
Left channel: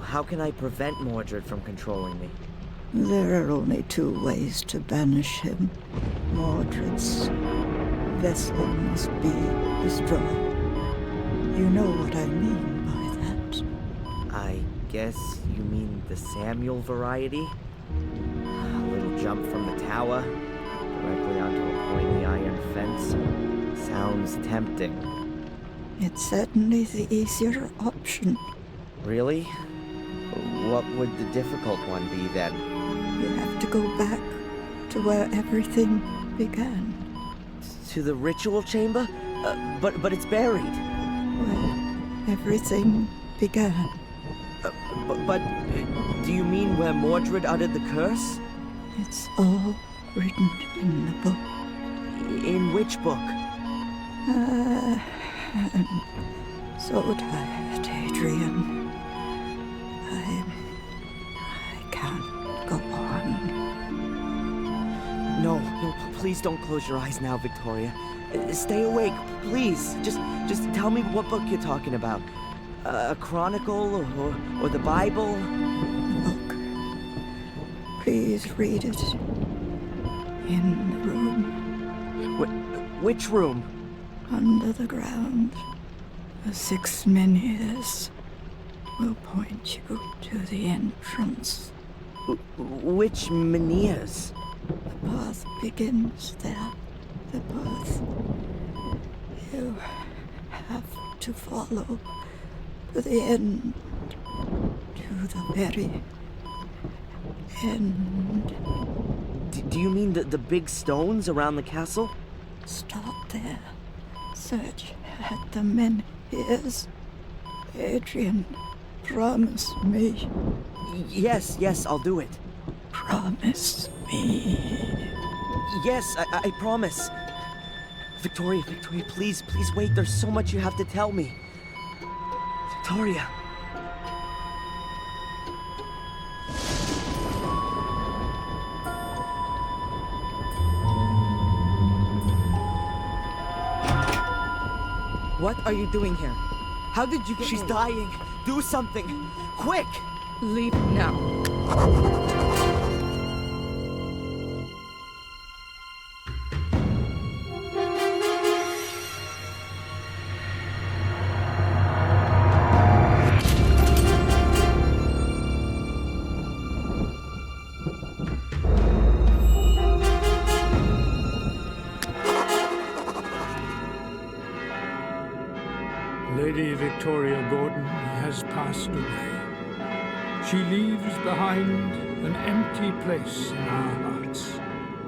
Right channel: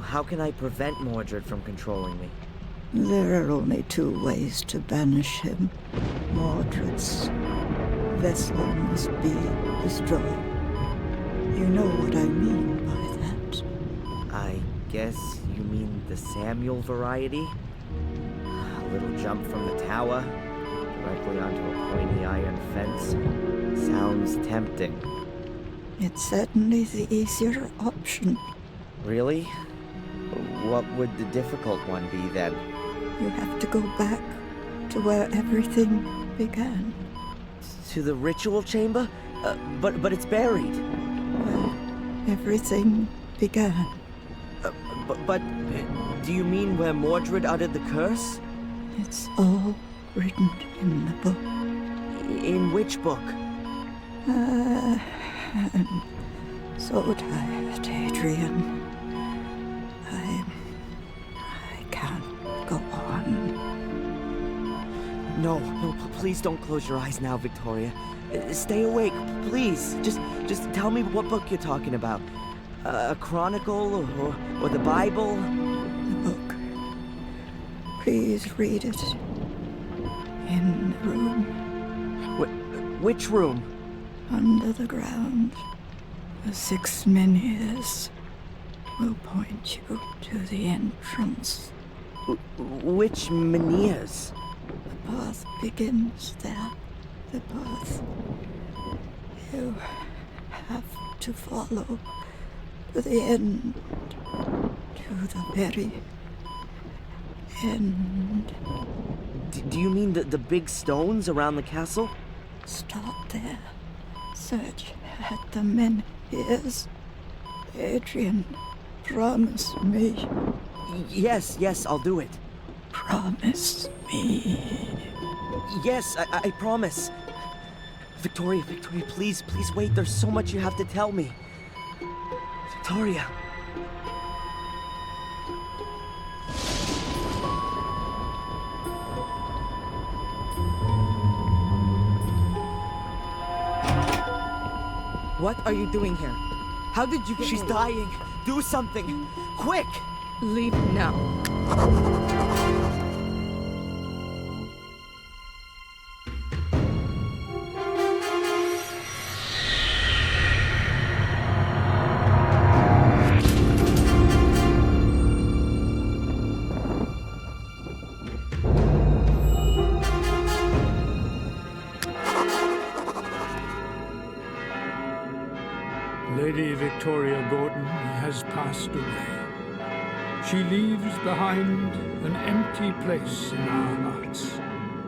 How can I prevent Mordred from controlling me? There are only two ways to banish him. Mordred's vessel must be destroyed. You know what I mean by that. I guess you mean the Samuel variety? A little jump from the tower, directly onto a pointy iron fence. Sounds tempting. It's certainly the easier option. Really? What would the difficult one be then? You have to go back to where everything began. To the ritual chamber? But it's buried. Where everything began. But do you mean where Mordred uttered the curse? It's all written in the book. In which book? I'm so tired, Adrian. I can't go on. No, please don't close your eyes now, Victoria. Stay awake, please. Just tell me what book you're talking about. A chronicle or the Bible? The book. Please read it. In the room. Which room? Under the ground. The 6 menhirs will point you to the entrance. Which menhirs? The path begins there. The path. You have to follow to the end. To the very end. Do you mean the big stones around the castle? Stop there. Search at the menhirs. Adrian, promise me. Yes, I'll do it. promise me? Yes, I promise. Victoria, please wait. There's so much you have to tell me. Victoria. What are you doing here? How did you get She's in? dying. Do something. Quick! Leave now. Lady Victoria Gordon has passed away. She leaves behind an empty place in our hearts.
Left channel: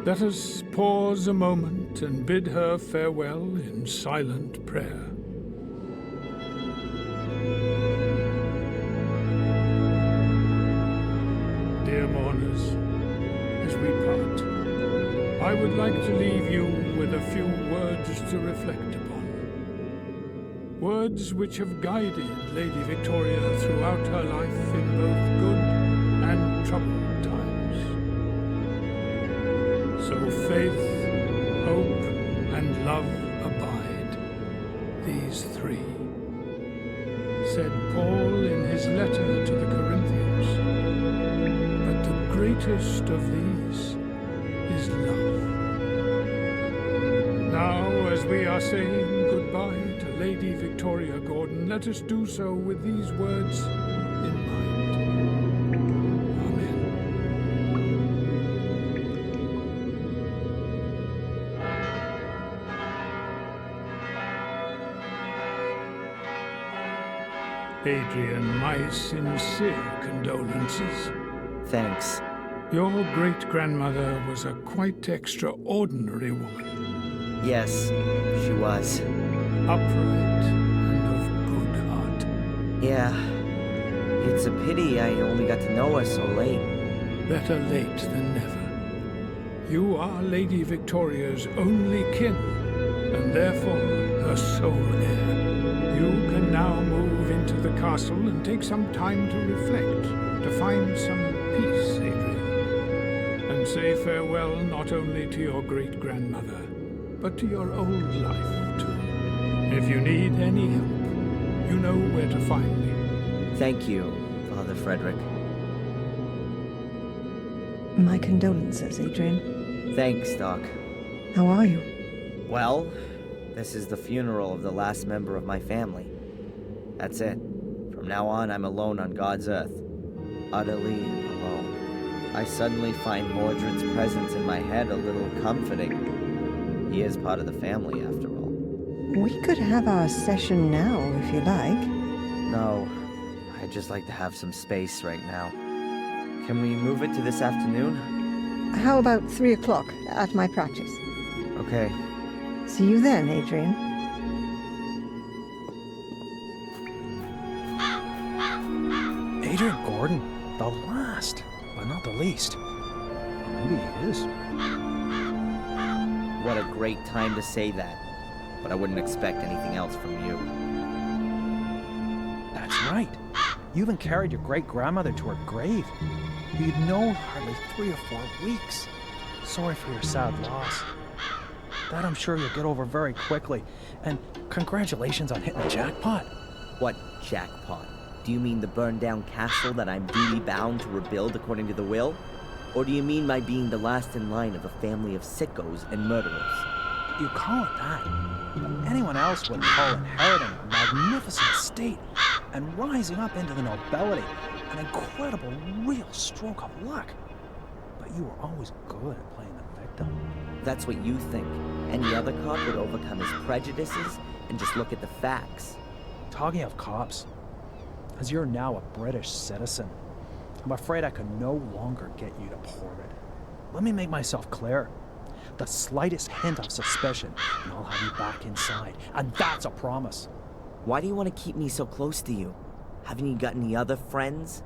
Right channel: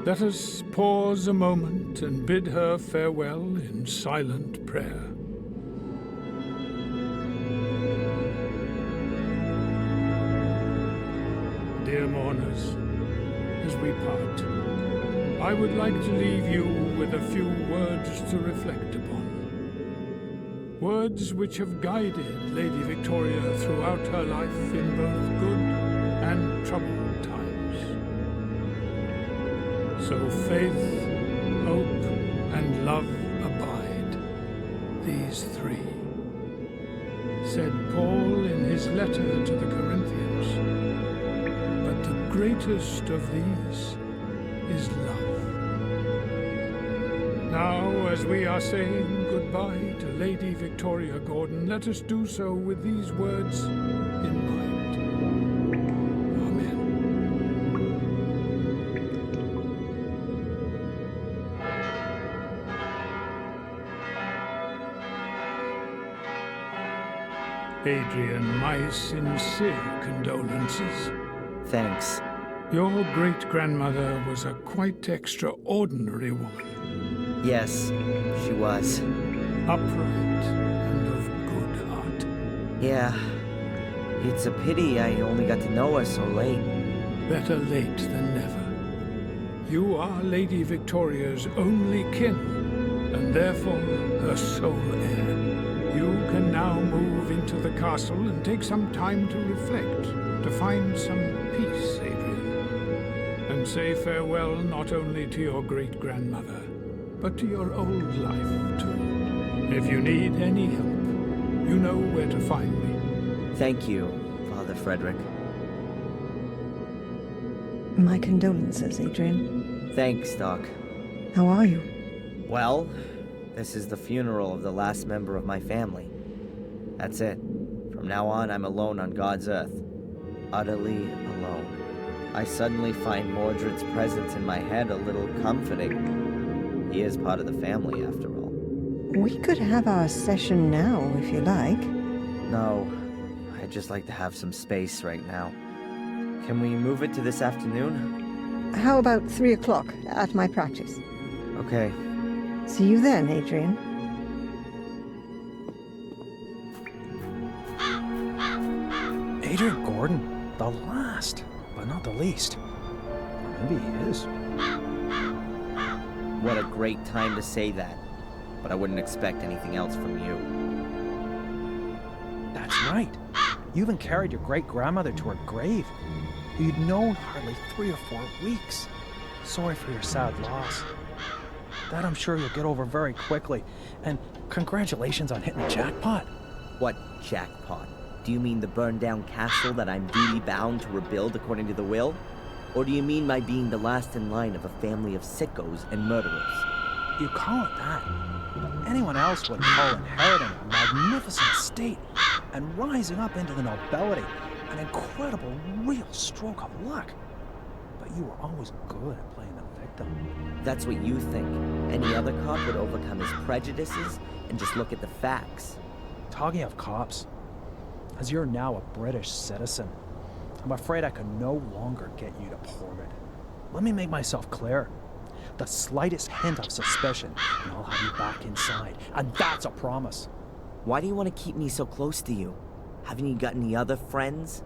Let us pause a moment and bid her farewell in silent prayer. Dear mourners, as we part, I would like to leave you with a few words to reflect upon. Words which have guided Lady Victoria throughout her life in both good and troubled times. So faith, hope, and love abide, these three, said Paul in his letter to the Corinthians. But the greatest of these is love. Now, as we are saying goodbye to Lady Victoria Gordon, let us do so with these words in mind. Amen. Adrian, my sincere condolences. Thanks. Your great-grandmother was a quite extraordinary woman. Yes, she was. Upright and of good heart. Yeah. It's a pity I only got to know her so late. Better late than never. You are Lady Victoria's only kin, and therefore her sole heir. You can now move into the castle and take some time to reflect, to find some peace, Adrian. And say farewell not only to your great-grandmother, but to your old life, too. If you need any help, you know where to find me. Thank you, Father Frederick. My condolences, Adrian. Thanks, Doc. How are you? Well, this is the funeral of the last member of my family. That's it. From now on, I'm alone on God's earth. Utterly alone. I suddenly find Mordred's presence in my head a little comforting. He is part of the family, after all. We could have our session now, if you like. No, I'd just like to have some space right now. Can we move it to this afternoon? How about 3 o'clock at my practice? Okay. See you then, Adrian. Adrian Gordon, the last, but not the least. Or maybe he is. What a great time to say that. But I wouldn't expect anything else from you. That's right. You even carried your great-grandmother to her grave, who you'd known hardly 3 or 4 weeks. Sorry for your sad loss. That I'm sure you'll get over very quickly. And congratulations on hitting the jackpot. What jackpot? Do you mean the burned-down castle that I'm duty-bound to rebuild according to the will? Or do you mean my being the last in line of a family of sickos and murderers? You call it that, but anyone else would call inheriting a magnificent estate and rising up into the nobility an incredible, real stroke of luck. But you were always good at playing the victim. That's what you think. Any other cop would overcome his prejudices and just look at the facts. Talking of cops, as you're now a British citizen, I'm afraid I can no longer get you deported. Let me make myself clear. The slightest hint of suspicion, and I'll have you back inside. And that's a promise. Why do you want to keep me so close to you? Haven't you got any other friends?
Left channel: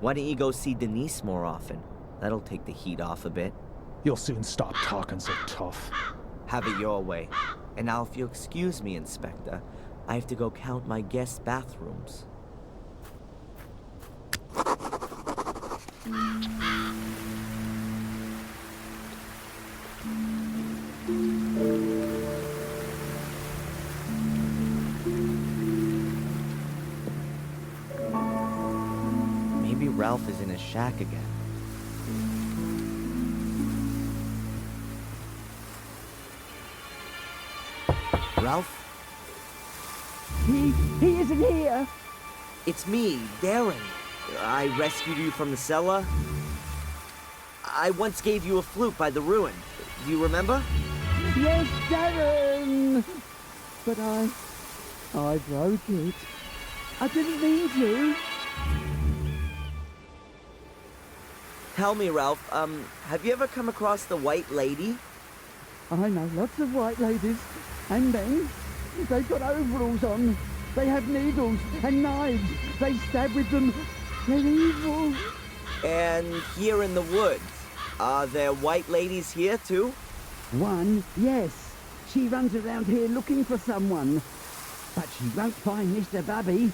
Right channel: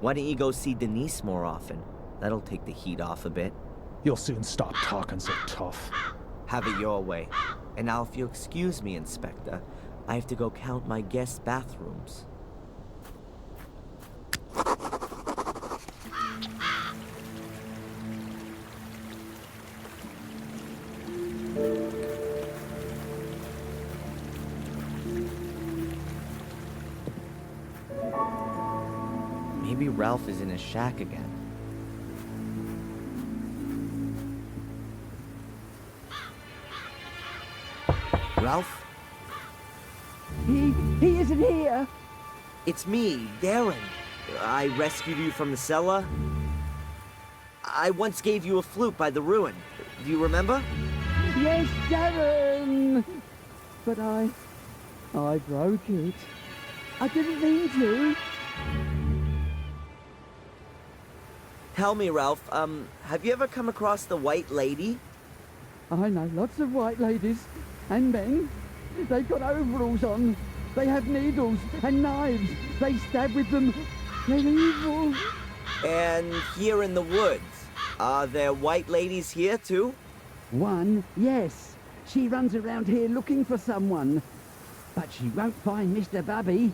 Why don't you go see Denise more often? That'll take the heat off a bit. You'll soon stop talking so tough. Have it your way. And now, if you'll excuse me, Inspector, I have to go count my guest bathrooms. Maybe Ralph is in his shack again. Ralph? He isn't here. It's me, Darren. I rescued you from the cellar. I once gave you a flute by the ruin. Do you remember? Yes, Darren. But I broke it. I didn't mean to. Tell me, Ralph, have you ever come across the White Lady? I know lots of white ladies and men. They've got overalls on. They have needles and knives. They stab with them. They're evil. And here in the woods, are there white ladies here too? One, yes. She runs around here looking for someone. But she won't find Mr. Bubby.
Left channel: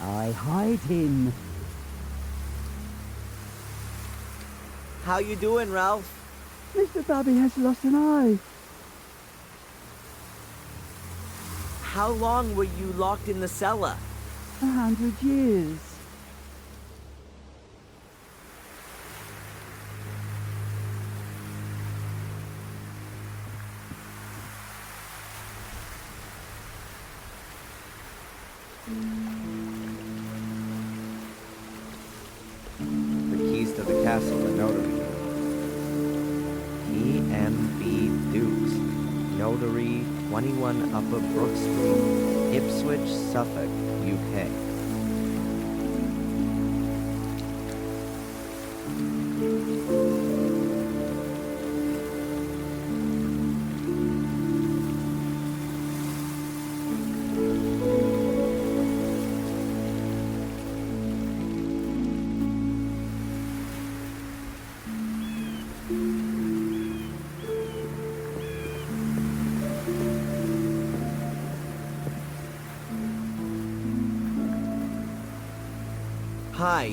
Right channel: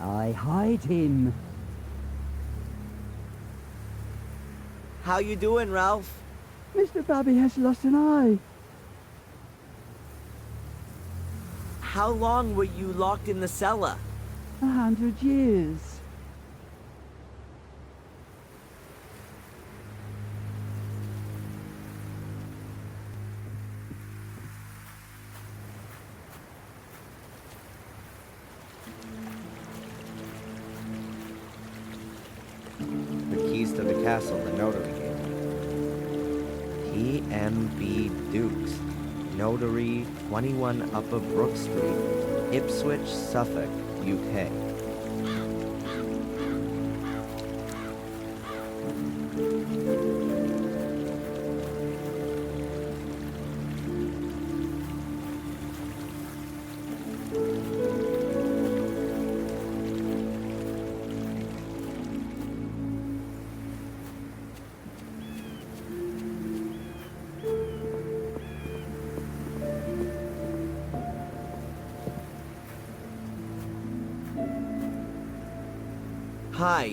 I hide him. How you doing, Ralph? Mr. Bubby has lost an eye. How long were you locked in the cellar? 100 years. The keys to the castle the notary gave me. T.M.B. Dukes. Notary, 21 Upper Brook Street, Ipswich, Suffolk, UK. Hi,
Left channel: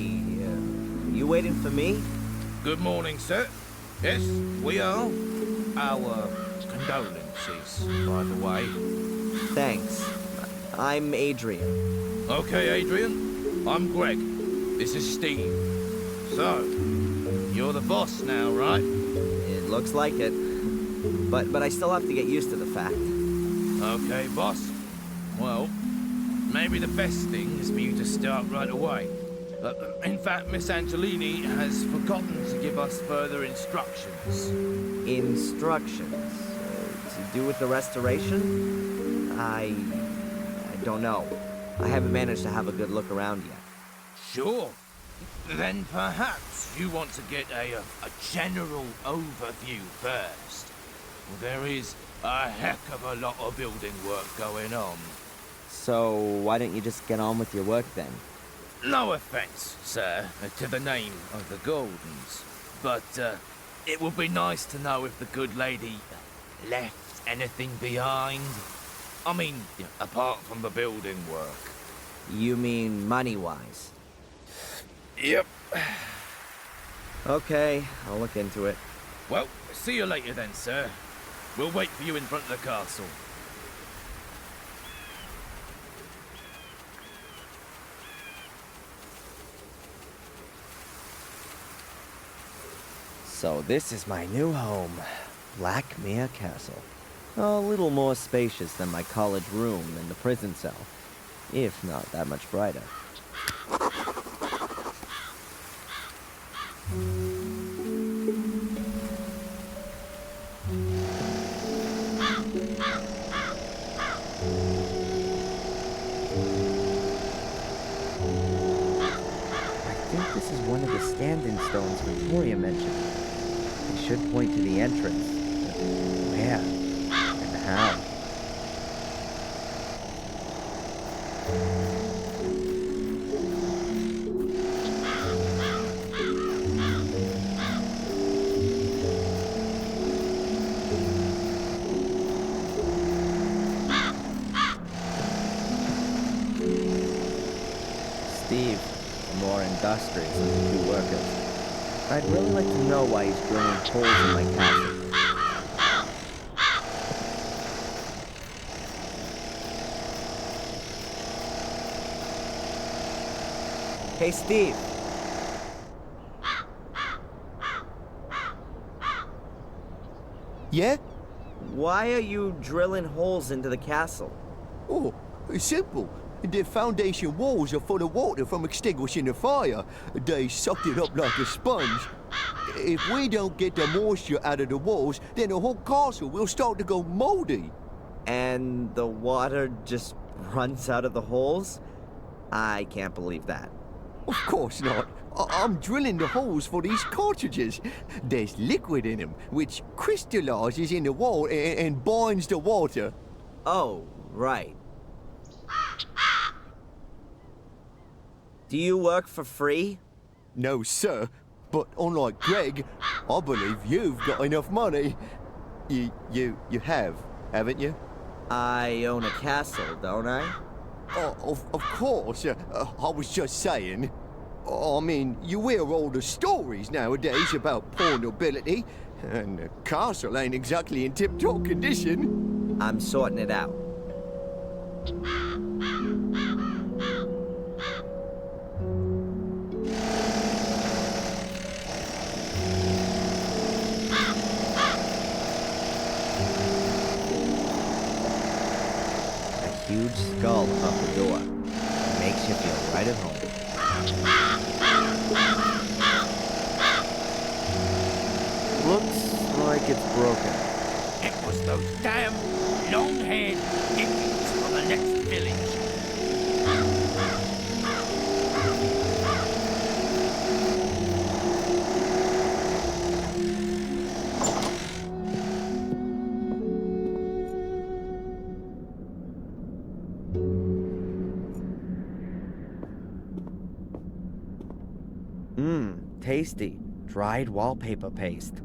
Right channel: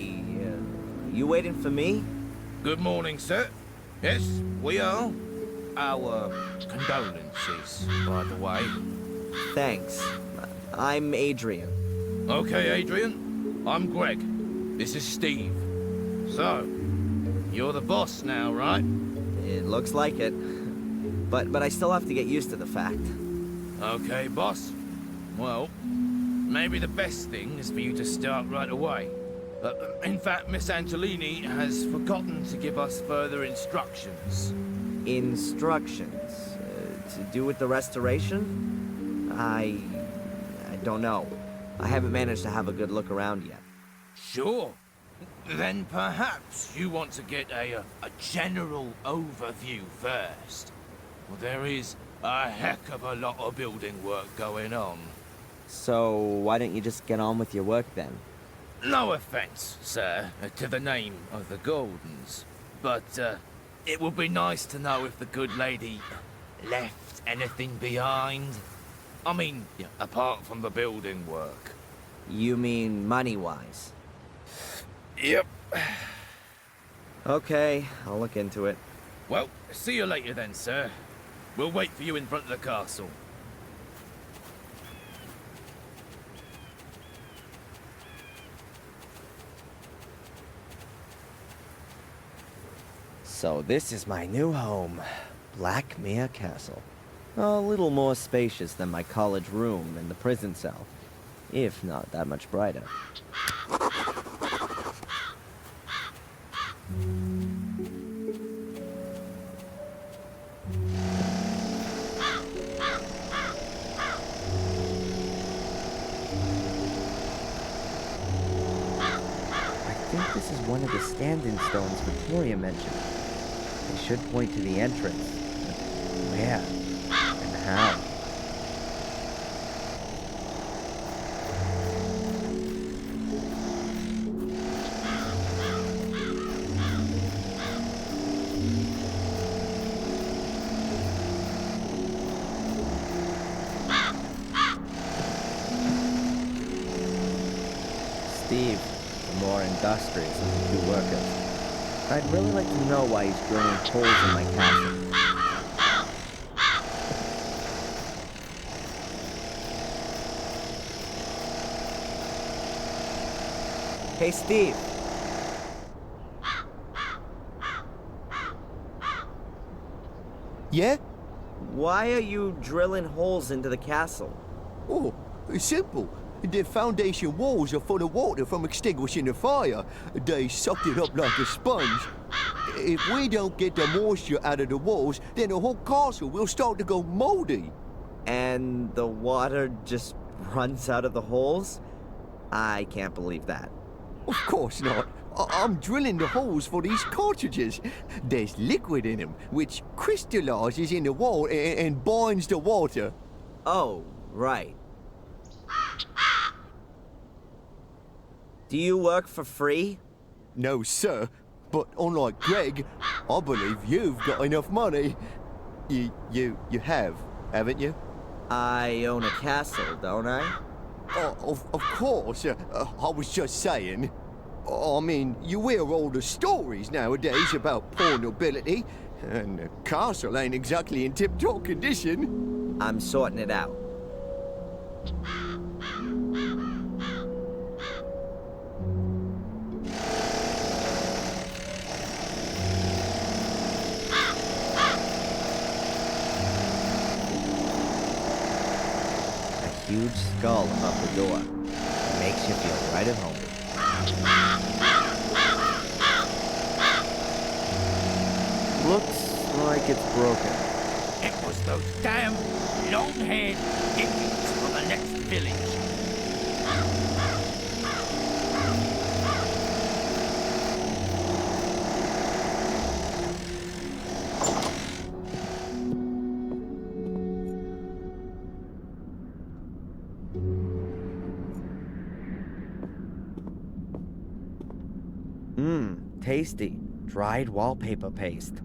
you waiting for me? Good morning, sir. Yes, we are. Our condolences, by the way. Thanks. I'm Adrian. Okay, Adrian. I'm Greg. This is Steve. So, you're the boss now, right? It looks like it. But I still have to get used to the fact. Okay, boss. Well, maybe the best thing is for you to start right away. In fact, Miss Angelini has forgotten to give us further instructions. Instructions? To do with the restoration? I don't know. I haven't managed to have a good look around yet. Sure. Then perhaps you want to get a general overview first. Well, there is a heck of a lot of building work going on. So why don't you just get on with your work then? No offense, sir, to the name of the Gordons, but it would be nice to know if the good lady left anything behind. I mean, apart from the building work. You mean money-wise? Yep. Okay, I'll look into it. Well, see you later then, sir. We'll wait for you in front of the castle. So this is my new home, Blackmere Castle. A little more spacious than my college room and the prison cell, if not that much brighter. I think this is one of the stand-in stones Victoria mentioned. They should point to the entrance. But where? And how? industrious of the two workers. I'd really like to know why he's drilling holes in my castle. Hey, Steve. Yeah? Why are you drilling holes into the castle? Oh, it's simple. The foundation walls are full of water from extinguishing the fire. They sucked it up like a sponge. If we don't get the moisture out of the walls, then the whole castle will start to go moldy. And the water just runs out of the holes? I can't believe that. Of course not. I'm drilling the holes for these cartridges. There's liquid in them, which crystallizes in the wall and binds the water. Oh, right. Do you work for free? No, sir. But unlike Greg, I believe you've got enough money. You have, haven't you? I own a castle, don't I? Oh, of course. I was just saying. I mean, you hear all the stories nowadays about poor nobility, and the castle ain't exactly in tip-top condition. I'm sorting it out. A huge skull above the door. It makes you feel right at home. Looks like it's broken. It was those damn long-haired Indians from the next village. Tasty. Dried wallpaper paste.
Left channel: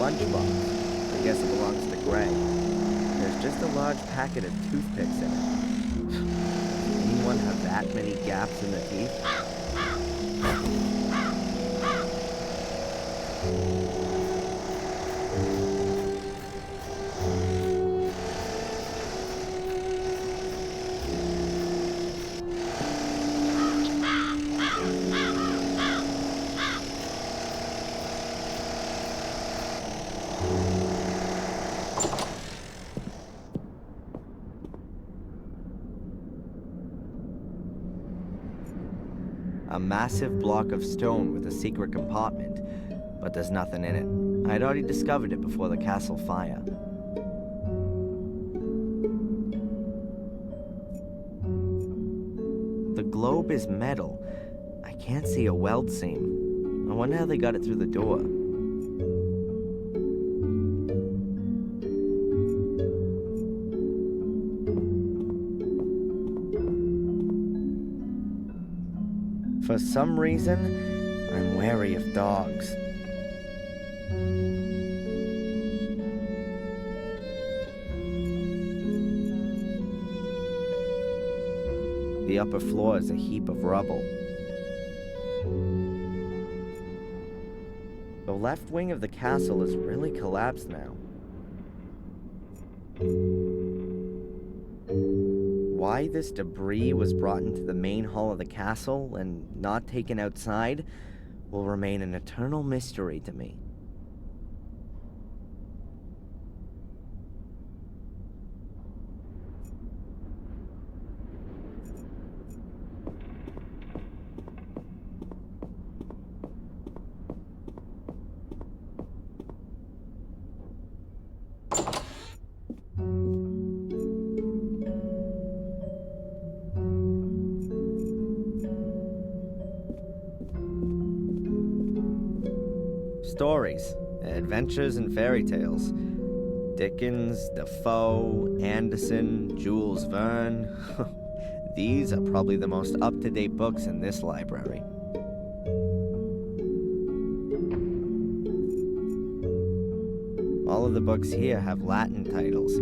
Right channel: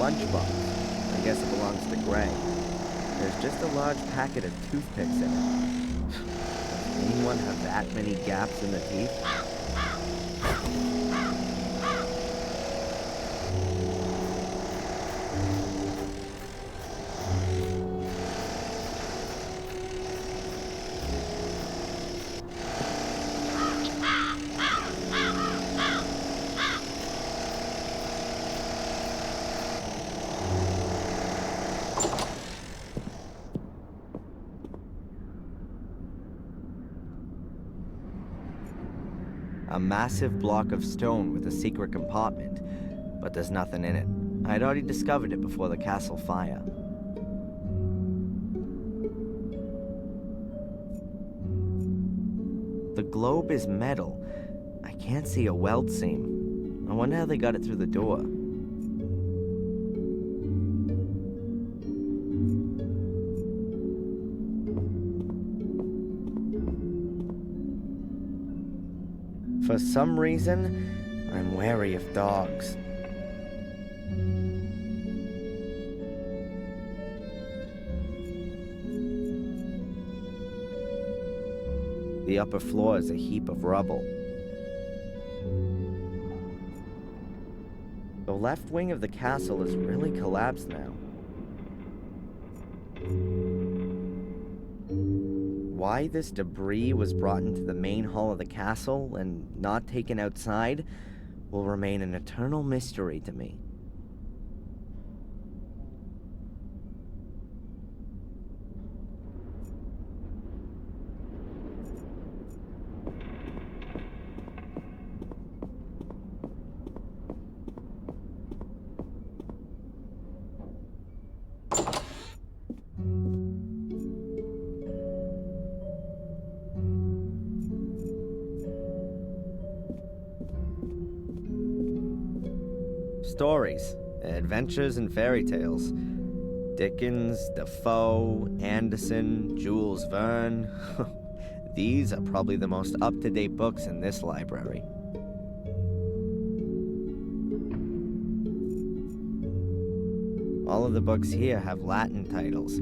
Lunchbox. I guess it belongs to Greg. There's just a large packet of toothpicks in it. Does anyone have that many gaps in the teeth? A massive block of stone with a secret compartment, but there's nothing in it. I'd already discovered it before the castle fire. The globe is metal. I can't see a weld seam. I wonder how they got it through the door. For some reason, I'm wary of dogs. The upper floor is a heap of rubble. The left wing of the castle is really collapsed now. Why this debris was brought into the main hall of the castle and not taken outside will remain an eternal mystery to me. stories, adventures, and fairy tales. Dickens, Defoe, Anderson, Jules Verne. These are probably the most up-to-date books in this library. All of the books here have Latin titles.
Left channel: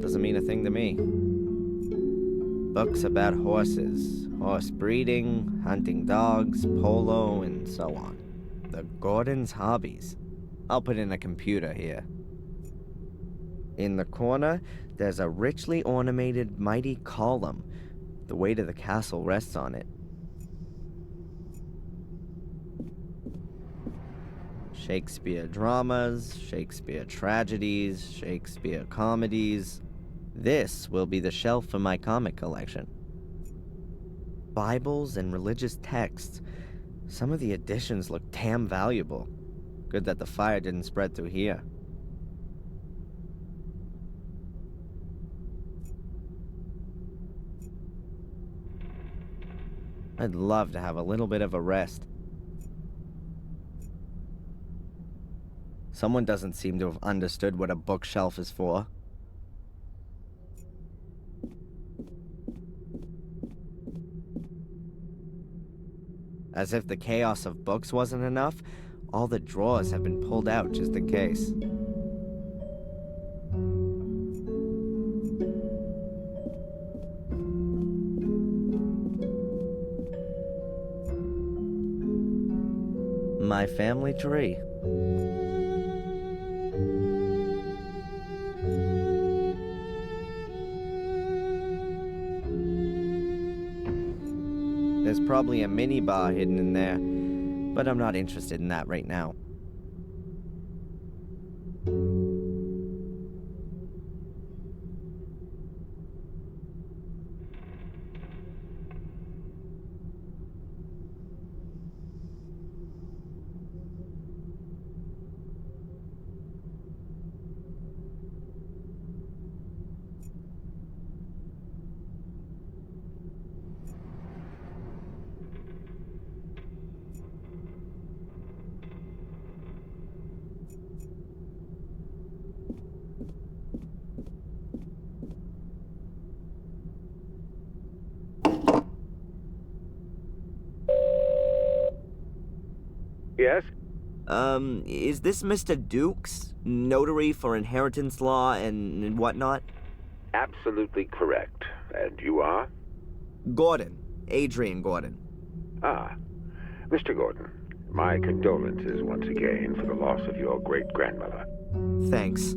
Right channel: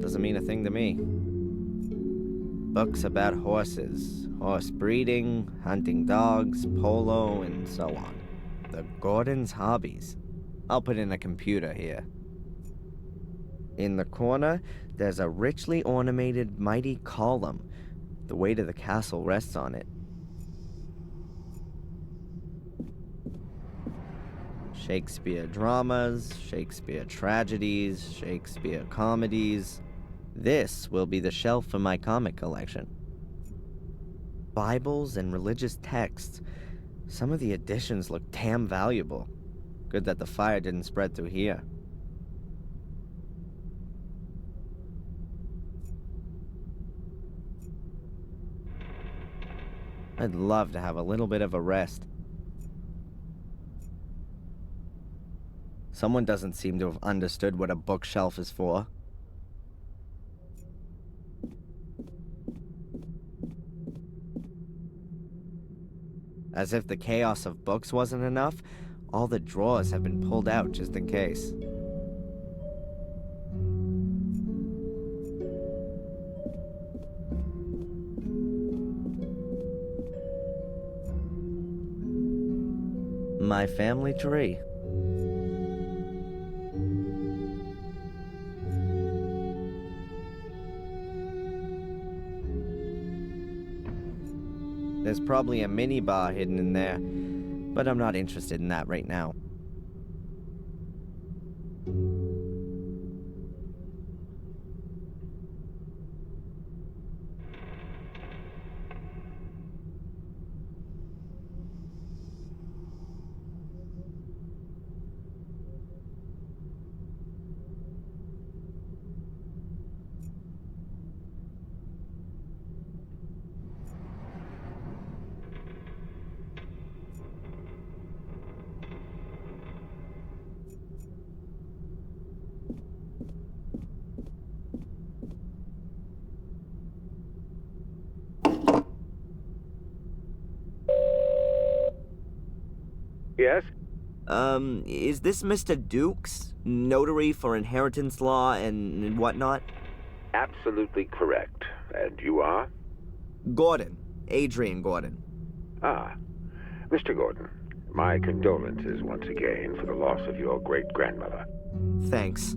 Doesn't mean a thing to me. Books about horses, horse breeding, hunting dogs, polo, and so on. The Gordon's hobbies. I'll put in a computer here. In the corner, there's a richly ornamented mighty column. The weight of the castle rests on it. Shakespeare dramas, Shakespeare tragedies, Shakespeare comedies. This will be the shelf for my comic collection. Bibles and religious texts. Some of the editions look damn valuable. Good that the fire didn't spread through here. I'd love to have a little bit of a rest. Someone doesn't seem to have understood what a bookshelf is for. As if the chaos of books wasn't enough, all the drawers have been pulled out just in case. My family tree. There's probably a mini bar hidden in there, but I'm not interested in that right now. Yes? Is this Mr. Dukes? Notary for inheritance law and whatnot? Absolutely correct. And you are? Gordon. Adrian Gordon. Ah. Mr. Gordon, my condolences once again for the loss of your great-grandmother. Thanks.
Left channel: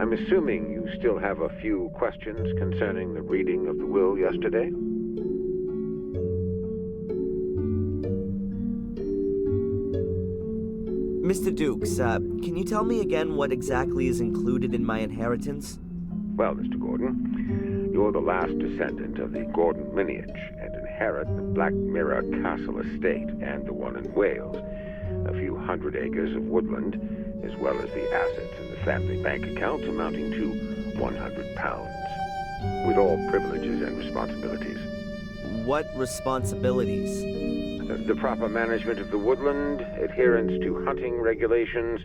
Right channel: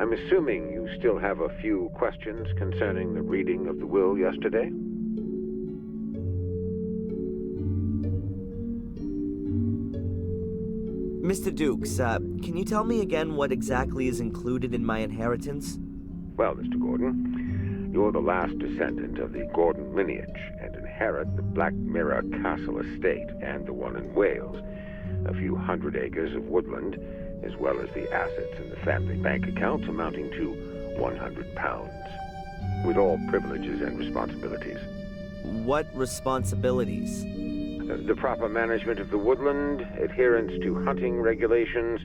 I'm assuming you still have a few questions concerning the reading of the will yesterday? Mr. Dukes, can you tell me again what exactly is included in my inheritance? Well, Mr. Gordon, you're the last descendant of the Gordon lineage and inherit the Black Mirror Castle estate and the one in Wales, a few 100 acres of woodland, as well as the assets in the family bank account amounting to £100, with all privileges and responsibilities. What responsibilities? The proper management of the woodland, adherence to hunting regulations,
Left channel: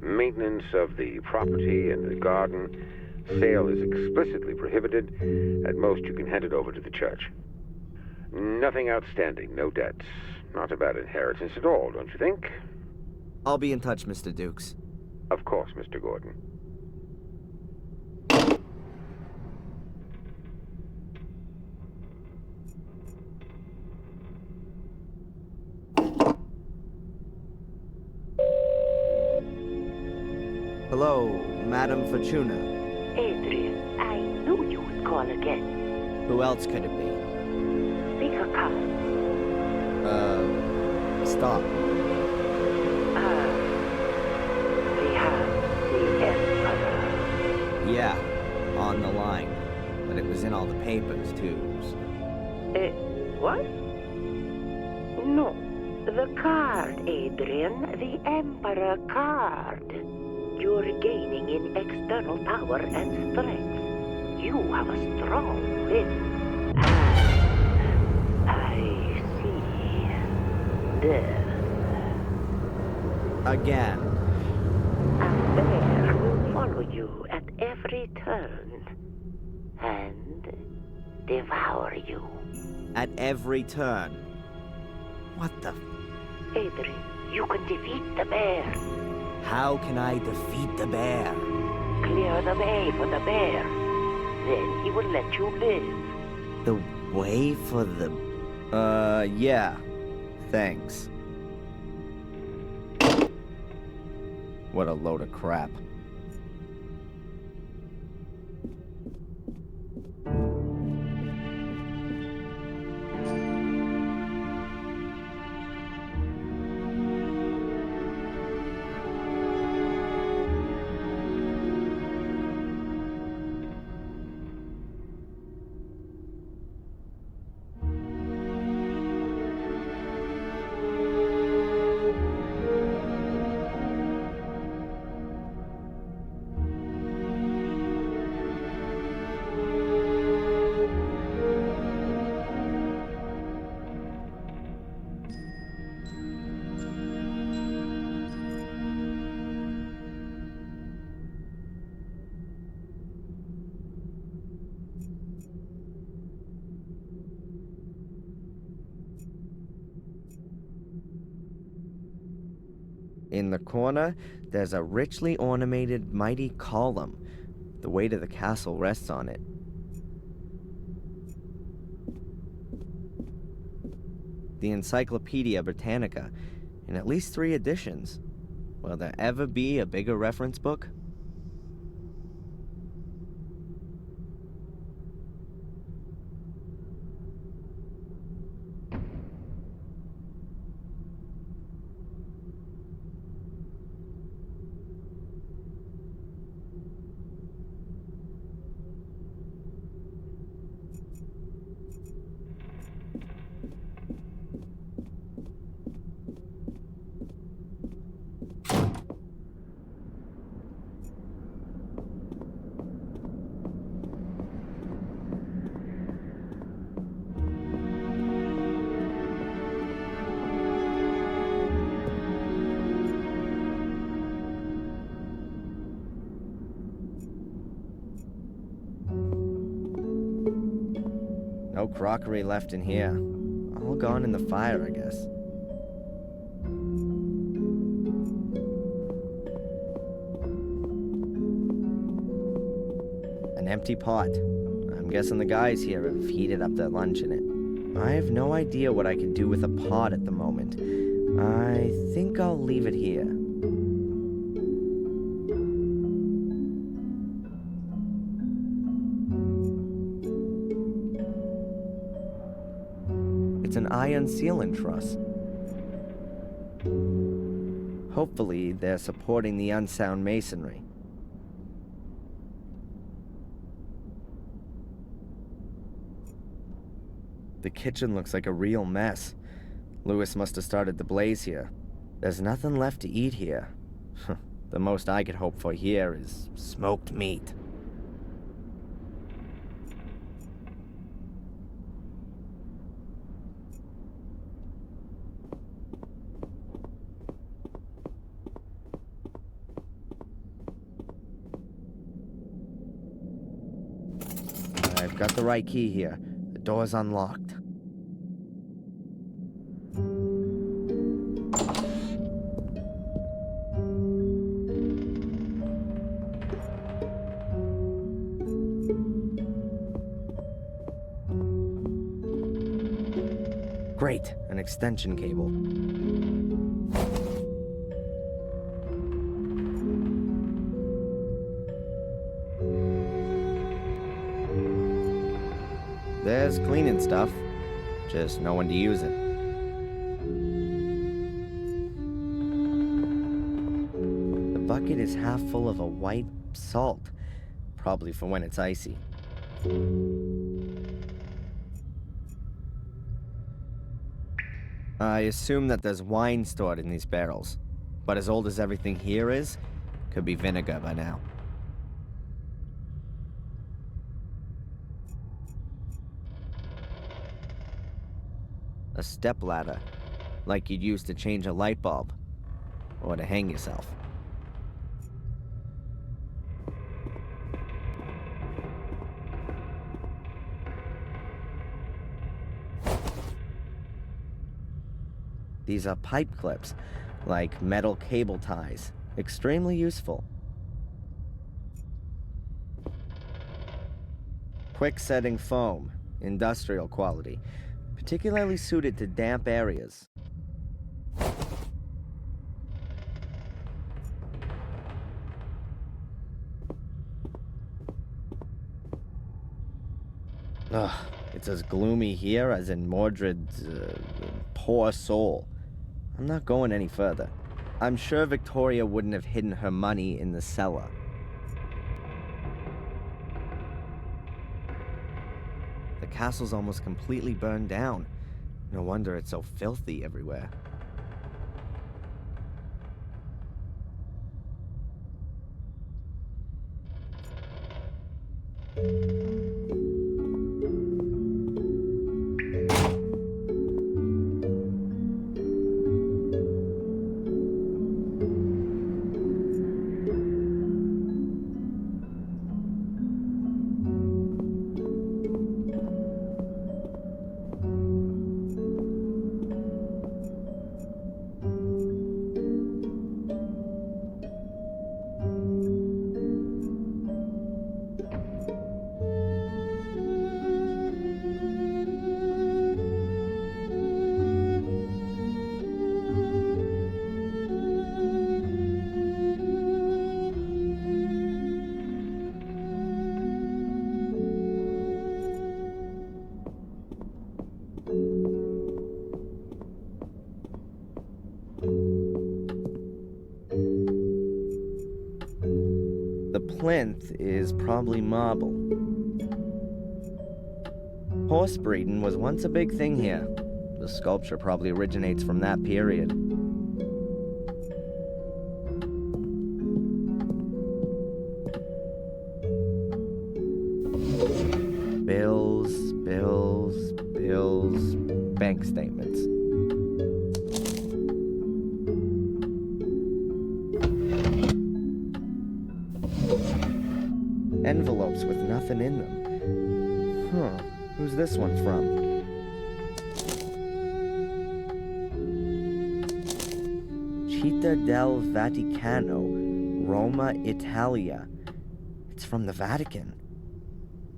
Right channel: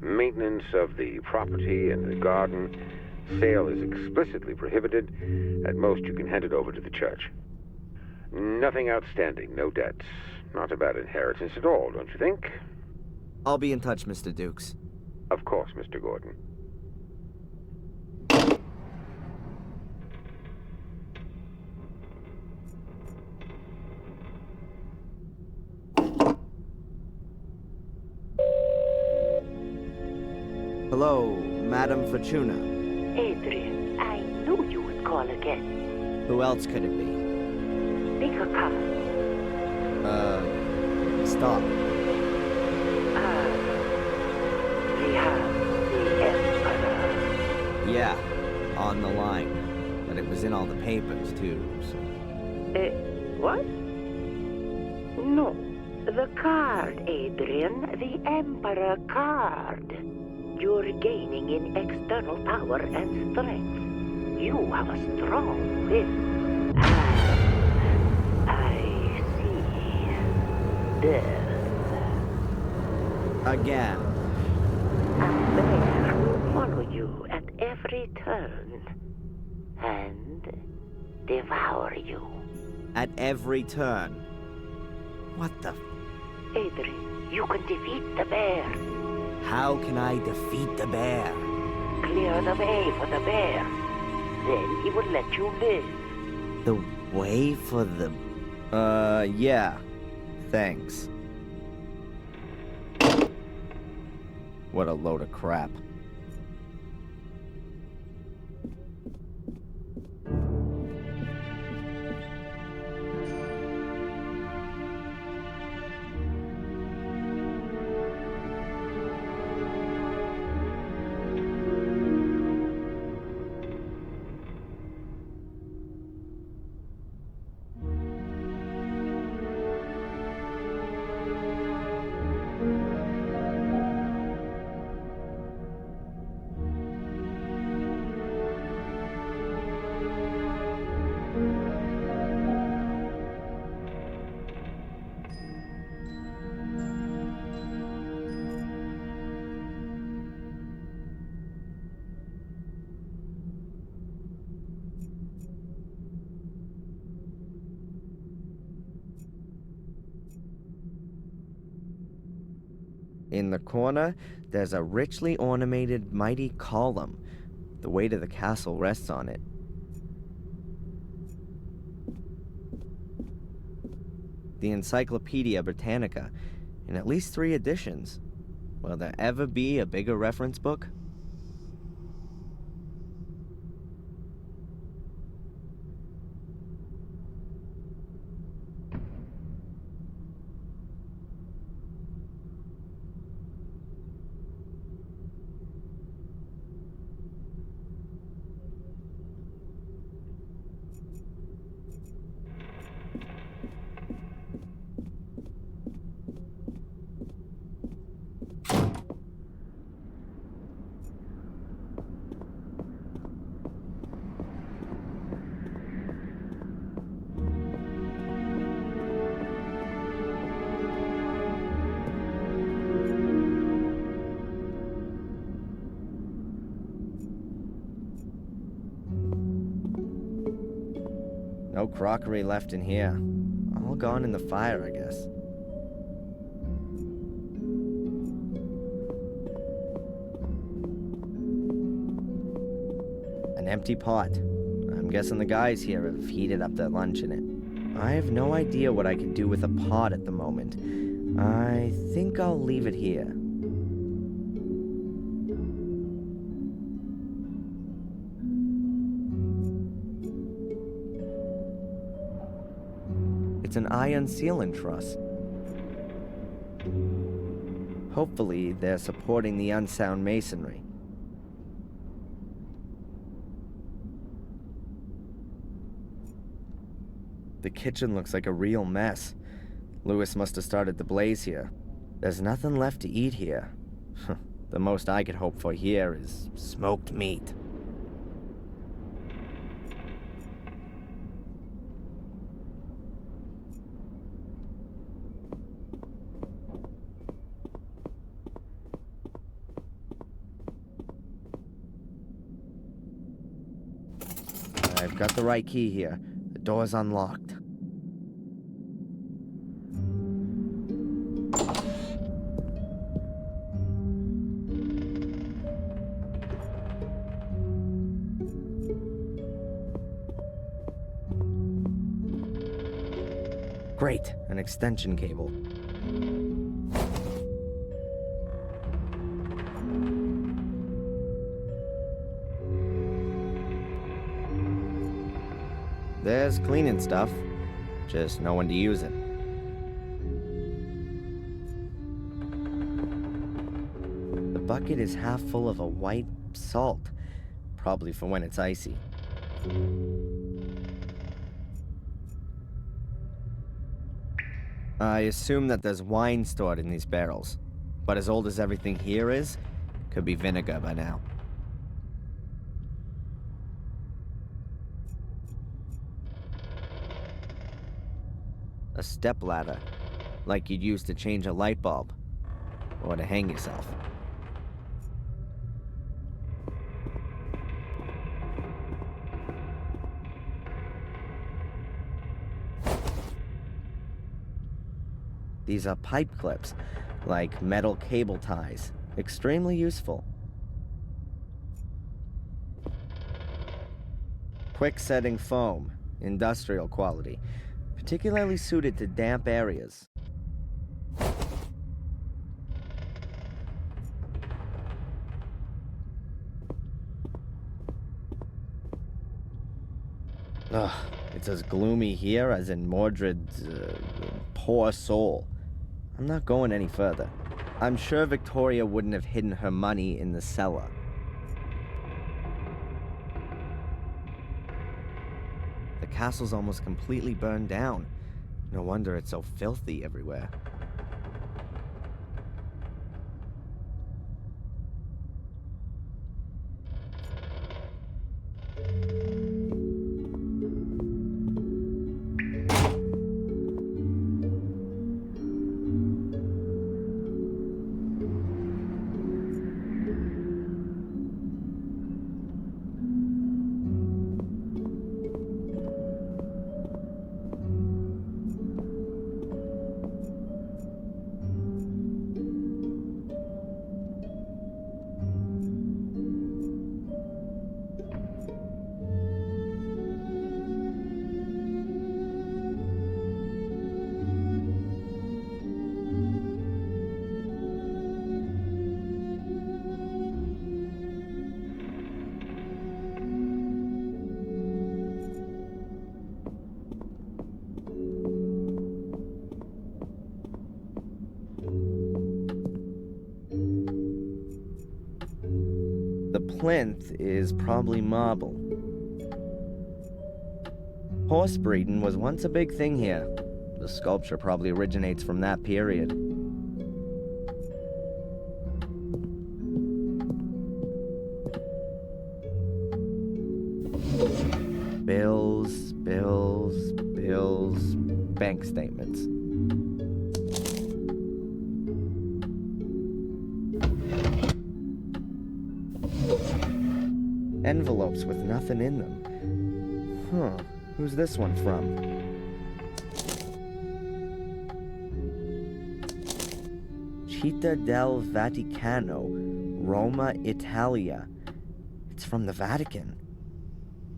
maintenance of the property and the garden. Sale is explicitly prohibited. At most, you can hand it over to the church. Nothing outstanding, no debts. Not a bad inheritance at all, don't you think? I'll be in touch, Mr. Dukes. Of course, Mr. Gordon. Hello, Madame Fortuna. Adrian, I knew you would call again. Who else could it be? Pick a card. Stop. We have the Emperor. Yeah, on the line. But it was in all the papers, too, so... What? No. The card, Adrian. The Emperor card. You're gaining in external power and strength. You have a strong will. I see. Death. Again. A bear will follow you at every turn and devour you. At every turn. What the... Adrian, you can defeat the bear. How can I defeat the bear? Clear the way for the bear. Then he will let you live. The way for the... yeah. Thanks. What a load of crap. In the corner, there's a richly ornamented mighty column. The weight of the castle rests on it. The Encyclopedia Britannica, in at least 3 editions. Will there ever be a bigger reference book? No crockery left in here. All gone in the fire, I guess. An empty pot. I'm guessing the guys here have heated up their lunch in it. I have no idea what I can do with a pot at the moment. I think I'll leave it here. It's an iron ceiling truss. Hopefully, they're supporting the unsound masonry. The kitchen looks like a real mess. Lewis must have started the blaze here. There's nothing left to eat here. The most I could hope for here is smoked meat. I've got the right key here. The door's unlocked. Great, an extension cable. There's cleaning stuff, just no one to use it. The bucket is half full of a white salt, probably for when it's icy. I assume that there's wine stored in these barrels, but as old as everything here is, could be vinegar by now. A stepladder, like you'd use to change a light bulb. or to hang yourself. These are pipe clips, like metal cable ties. Extremely useful. Quick setting foam, industrial quality, particularly suited to damp areas. Ugh, it's as gloomy here as in Mordred's poor soul. I'm not going any further. I'm sure Victoria wouldn't have hidden her money in the cellar. The castle's almost completely burned down. No wonder it's so filthy everywhere. The plinth is probably marble. Horse breeding was once a big thing here. The sculpture probably originates from that period. Bills, bank statements. Envelopes with nothing in them. Huh, who's this one from? Città del Vaticano, Roma, Italia. It's from the Vatican.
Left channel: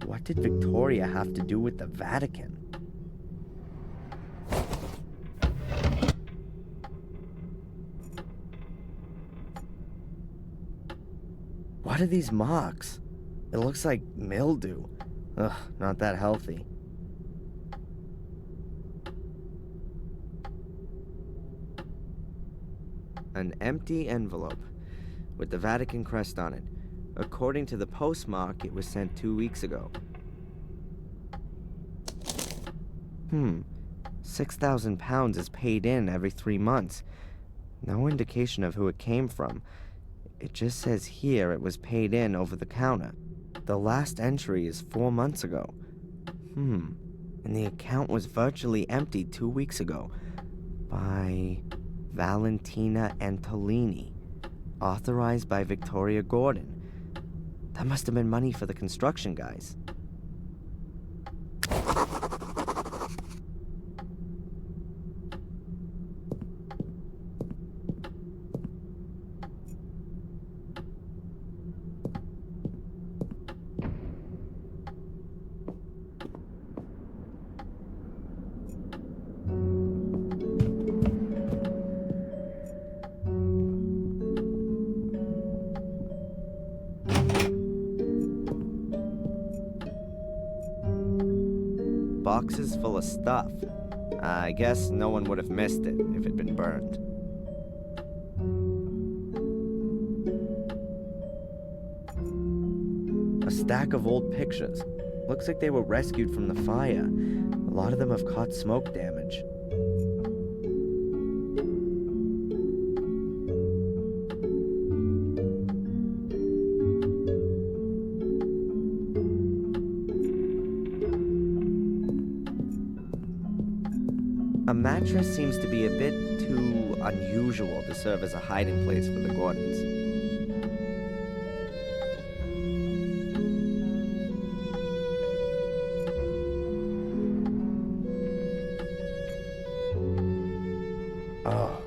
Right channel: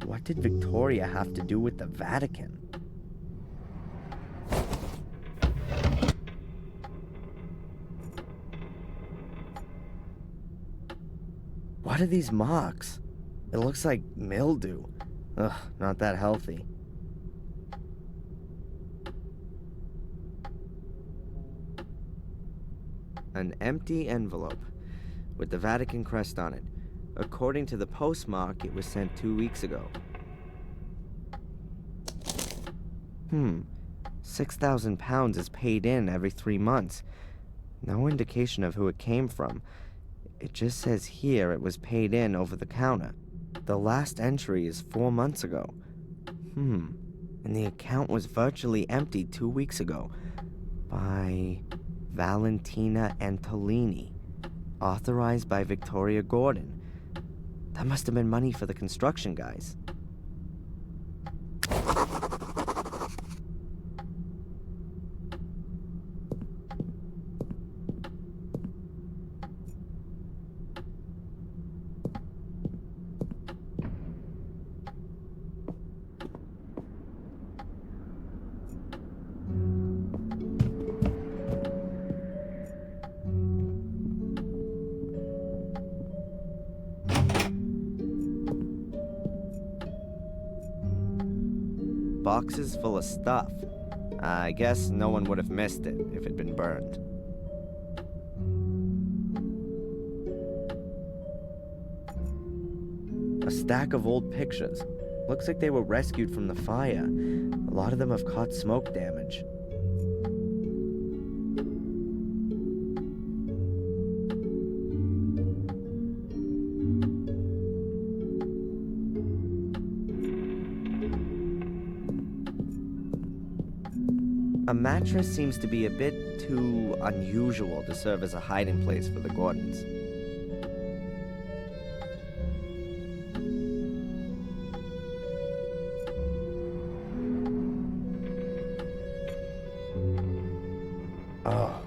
What did Victoria have to do with the Vatican? What are these marks? It looks like mildew. Ugh, not that healthy. An empty envelope with the Vatican crest on it. According to the postmark, it was sent 2 weeks ago. 6,000 pounds is paid in every 3 months. No indication of who it came from. It just says here it was paid in over the counter. The last entry is 4 months ago. And the account was virtually empty 2 weeks ago by Valentina Antolini, authorized by Victoria Gordon. That must have been money for the construction guys. Boxes full of stuff. I guess no one would have missed it if it'd been burned. A stack of old pictures. Looks like they were rescued from the fire. A lot of them have caught smoke damage. A mattress seems to be a bit too unusual to serve as a hiding place for the Gordons. Oh,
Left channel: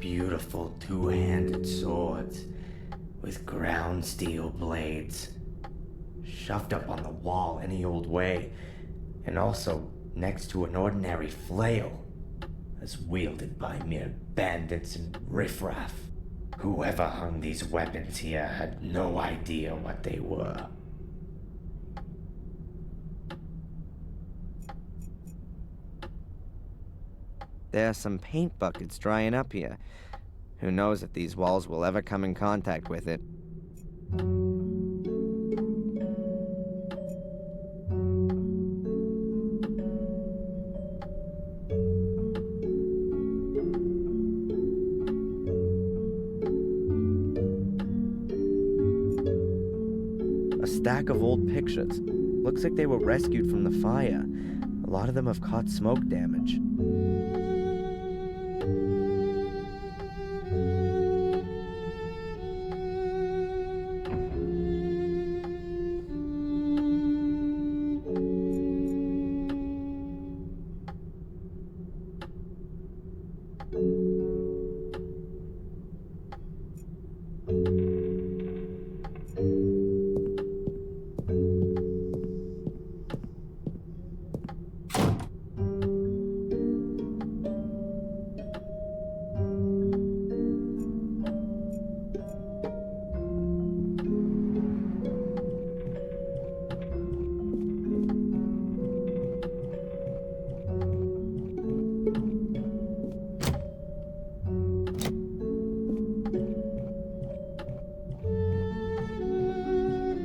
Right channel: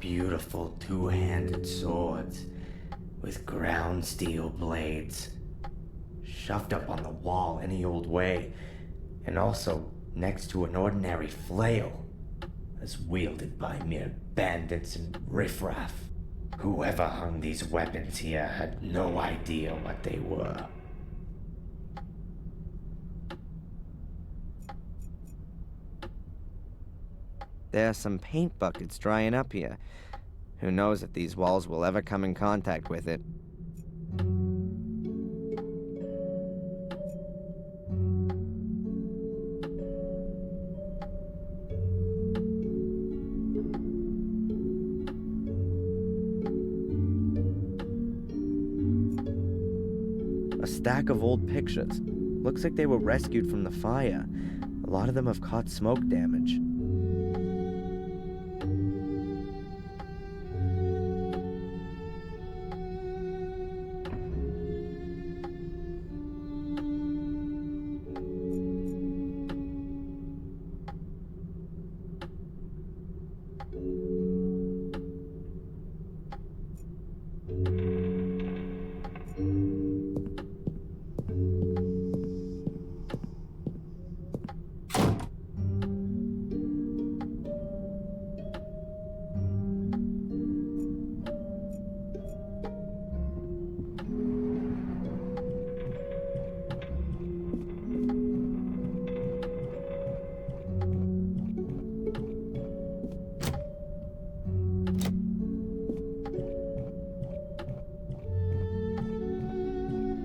beautiful two-handed swords with ground steel blades, shoved up on the wall any old way, and also next to an ordinary flail, as wielded by mere bandits and riffraff. Whoever hung these weapons here had no idea what they were. There are some paint buckets drying up here. Who knows if these walls will ever come in contact with it. A stack of old pictures. Looks like they were rescued from the fire. A lot of them have caught smoke damage.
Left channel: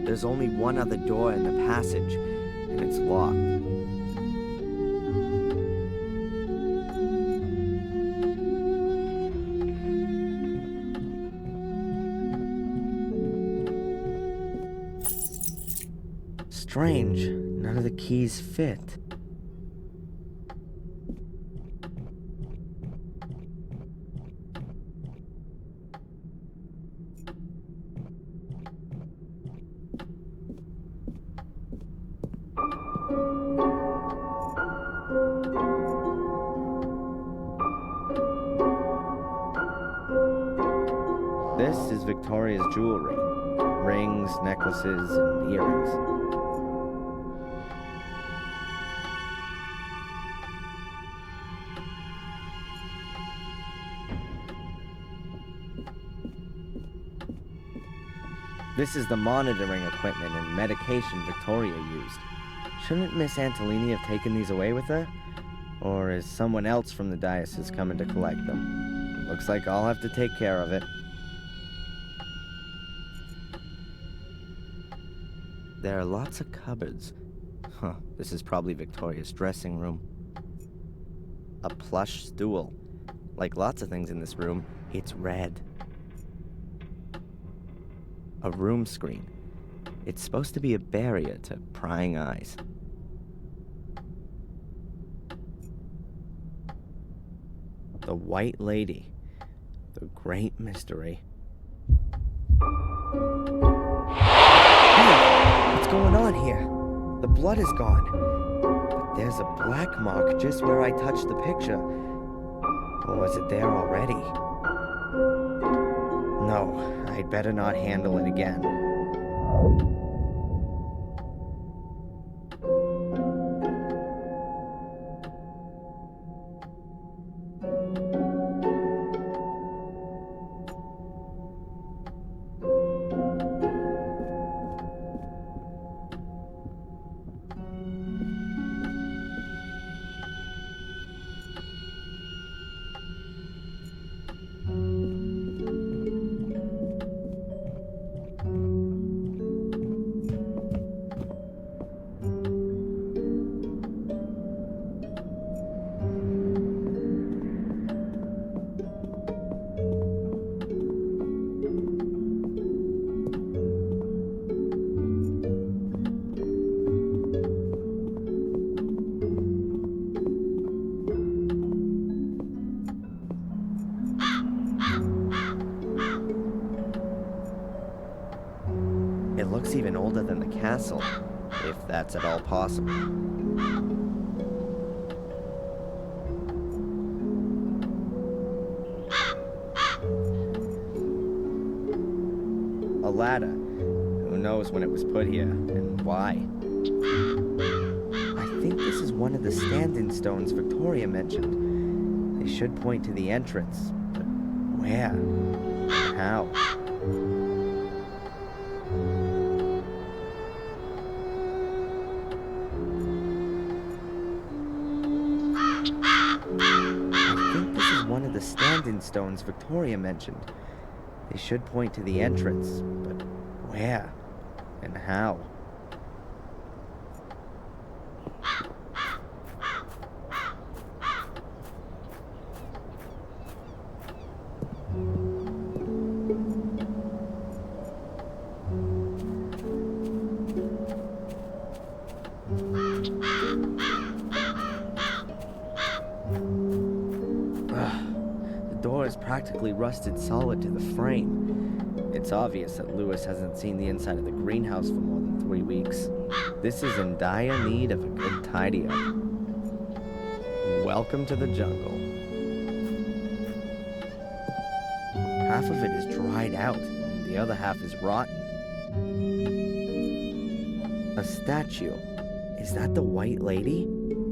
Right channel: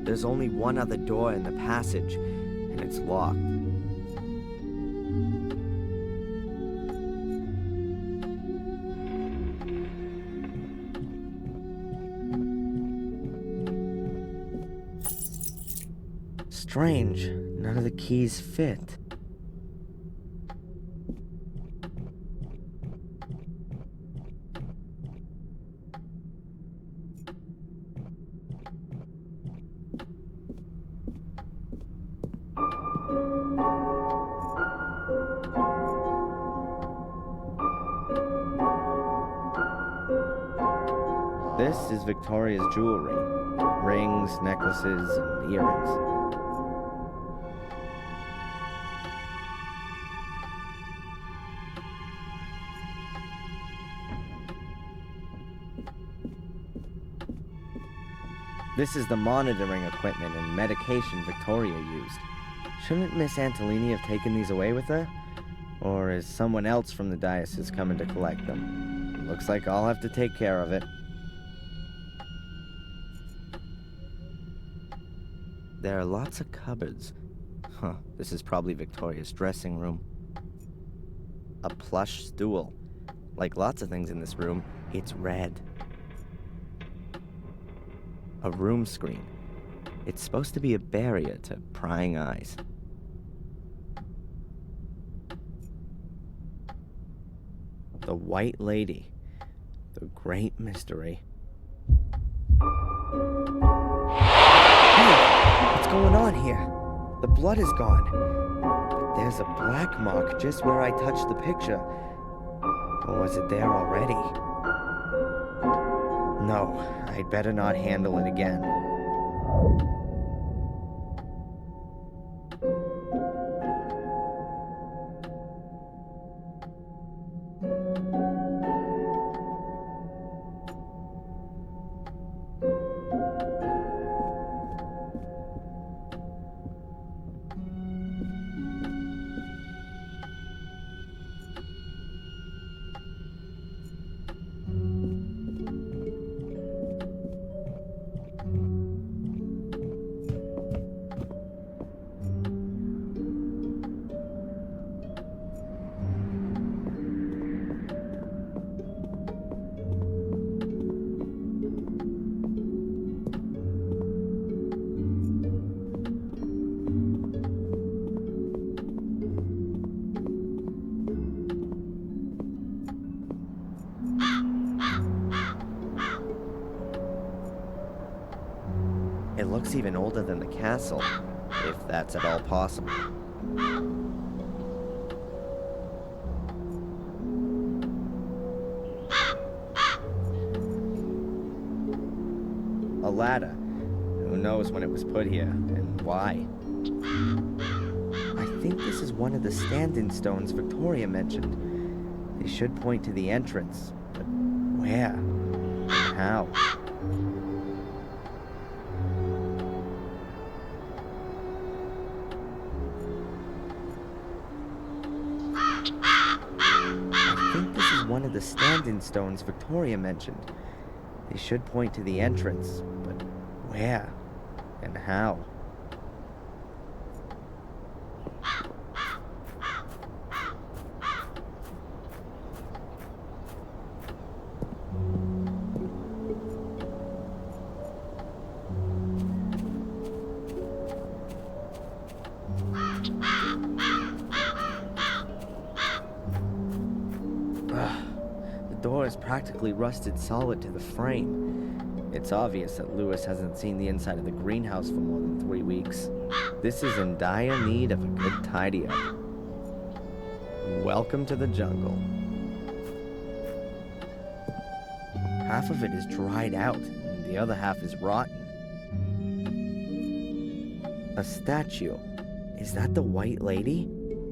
There's only one other door in the passage, and it's locked. Strange, none of the keys fit. This is Victoria's jewelry. Rings, necklaces, and earrings. This is the monitoring equipment and medication Victoria used. Shouldn't Miss Antolini have taken these away with her? Or is someone else from the diocese coming to collect them? Looks like I'll have to take care of it. There are lots of cupboards. Huh, this is probably Victoria's dressing room. A plush stool. Like lots of things in this room, it's red. A room screen. It's supposed to be a barrier to prying eyes. The White Lady. The great mystery. What's going on here? The blood is gone. But there's a black mark just where I touched the picture. Or was it there already? No, I'd better not handle it again. looks even older than the castle, if that's at all possible. A ladder. Who knows when it was put here, and why? I think this is one of the stand-in stones Victoria mentioned. They should point to the entrance, but where? And how? I think this is one of the stand-in stones Victoria mentioned. They should point to the entrance, but where? And how? The door is practically rusted solid to the frame. It's obvious that Lewis hasn't seen the inside of the greenhouse for more than 3 weeks. This is in dire need of a good tidy up. Welcome to the jungle. Half of it is dried out, and the other half is rotten. A statue. Is that the White Lady?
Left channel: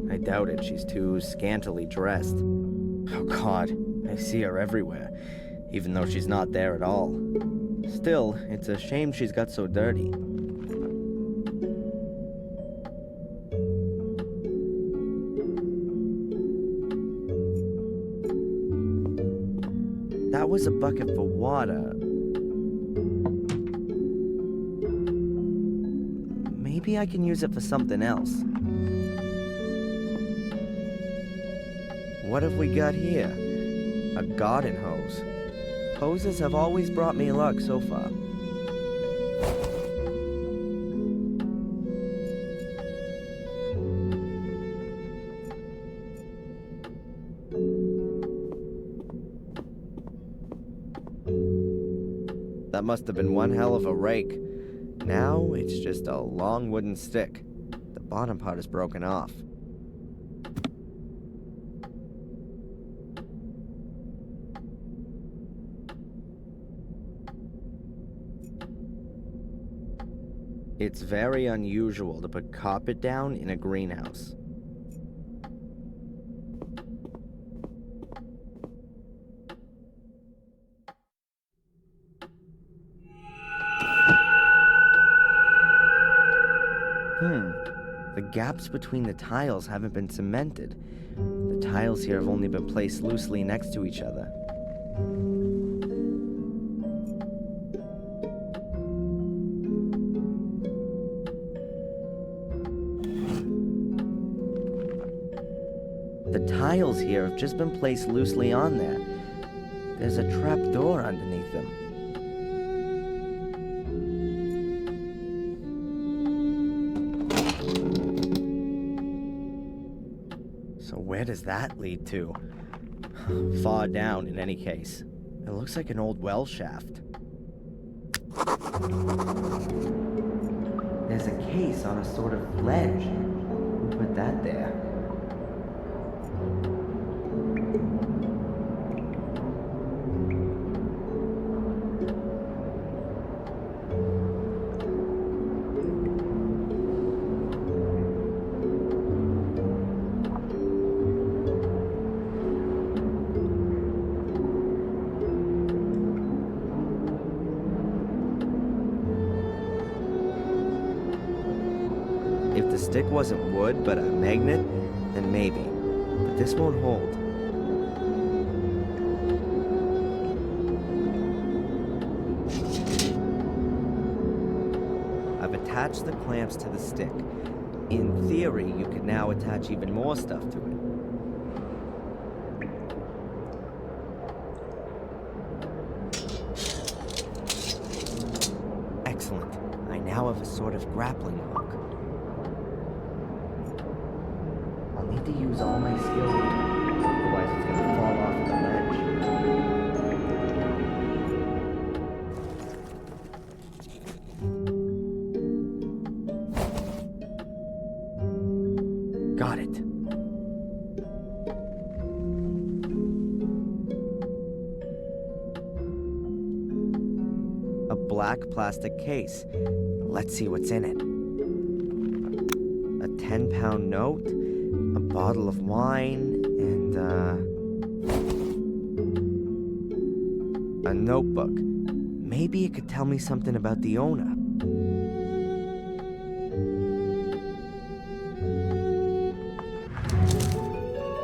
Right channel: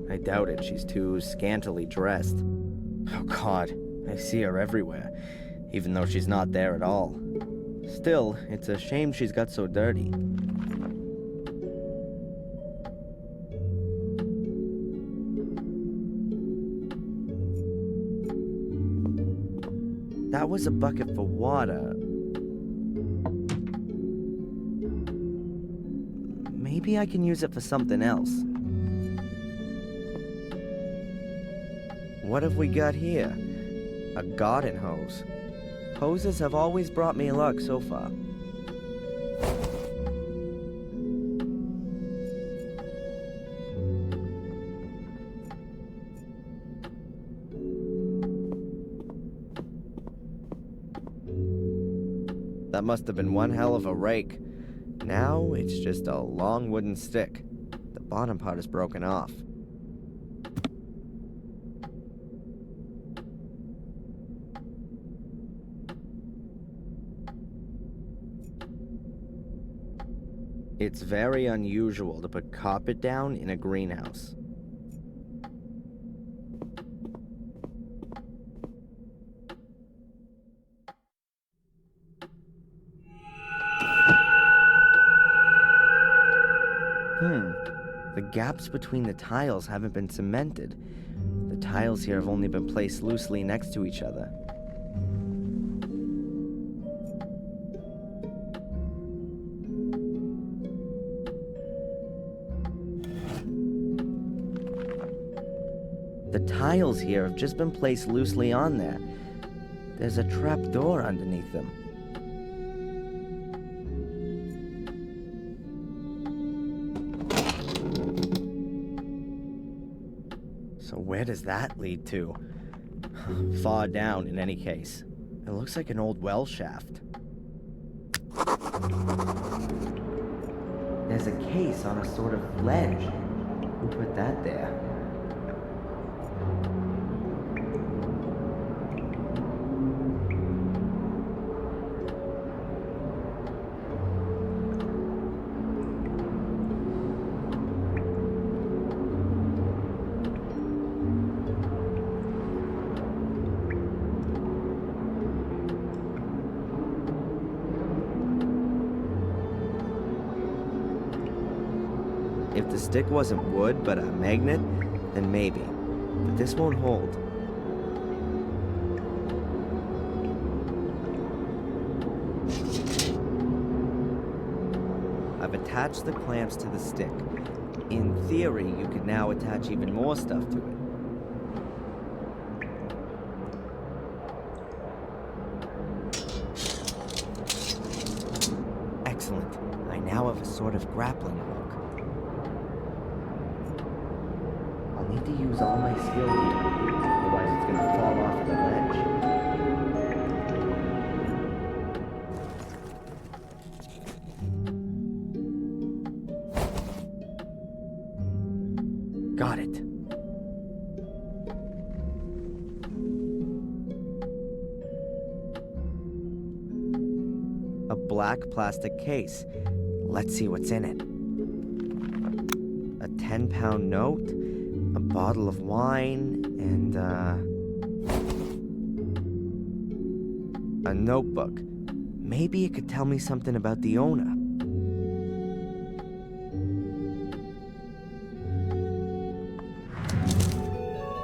I doubt it. She's too scantily dressed. Oh God, I see her everywhere, even though she's not there at all. Still, it's a shame she's got so dirty. That was a bucket for water. Maybe I can use it for something else. What have we got here? A garden hose. Hoses have always brought me luck so far. That must have been one hell of a rake. Now it's just a long wooden stick. The bottom part is broken off. It's very unusual to put carpet down in a greenhouse. The gaps between the tiles haven't been cemented. The tiles here have only been placed loosely next to each other. The tiles here have just been placed loosely on there. There's a trap door underneath them. So where does that lead to? Far down, in any case. It looks like an old well shaft. There's a case on a sort of ledge. Who put that there? If the stick wasn't wood but a magnet, then maybe. But this won't hold. I've attached the clamps to the stick. In theory, you could now attach even more stuff to it. Excellent. I now have a sort of grappling hook. I'll need to use all my skill here, otherwise it's gonna fall off of the ledge. Got it. A black plastic case. Let's see what's in it. A 10-pound note, a bottle of wine, and a notebook. Maybe it could tell me something about the owner.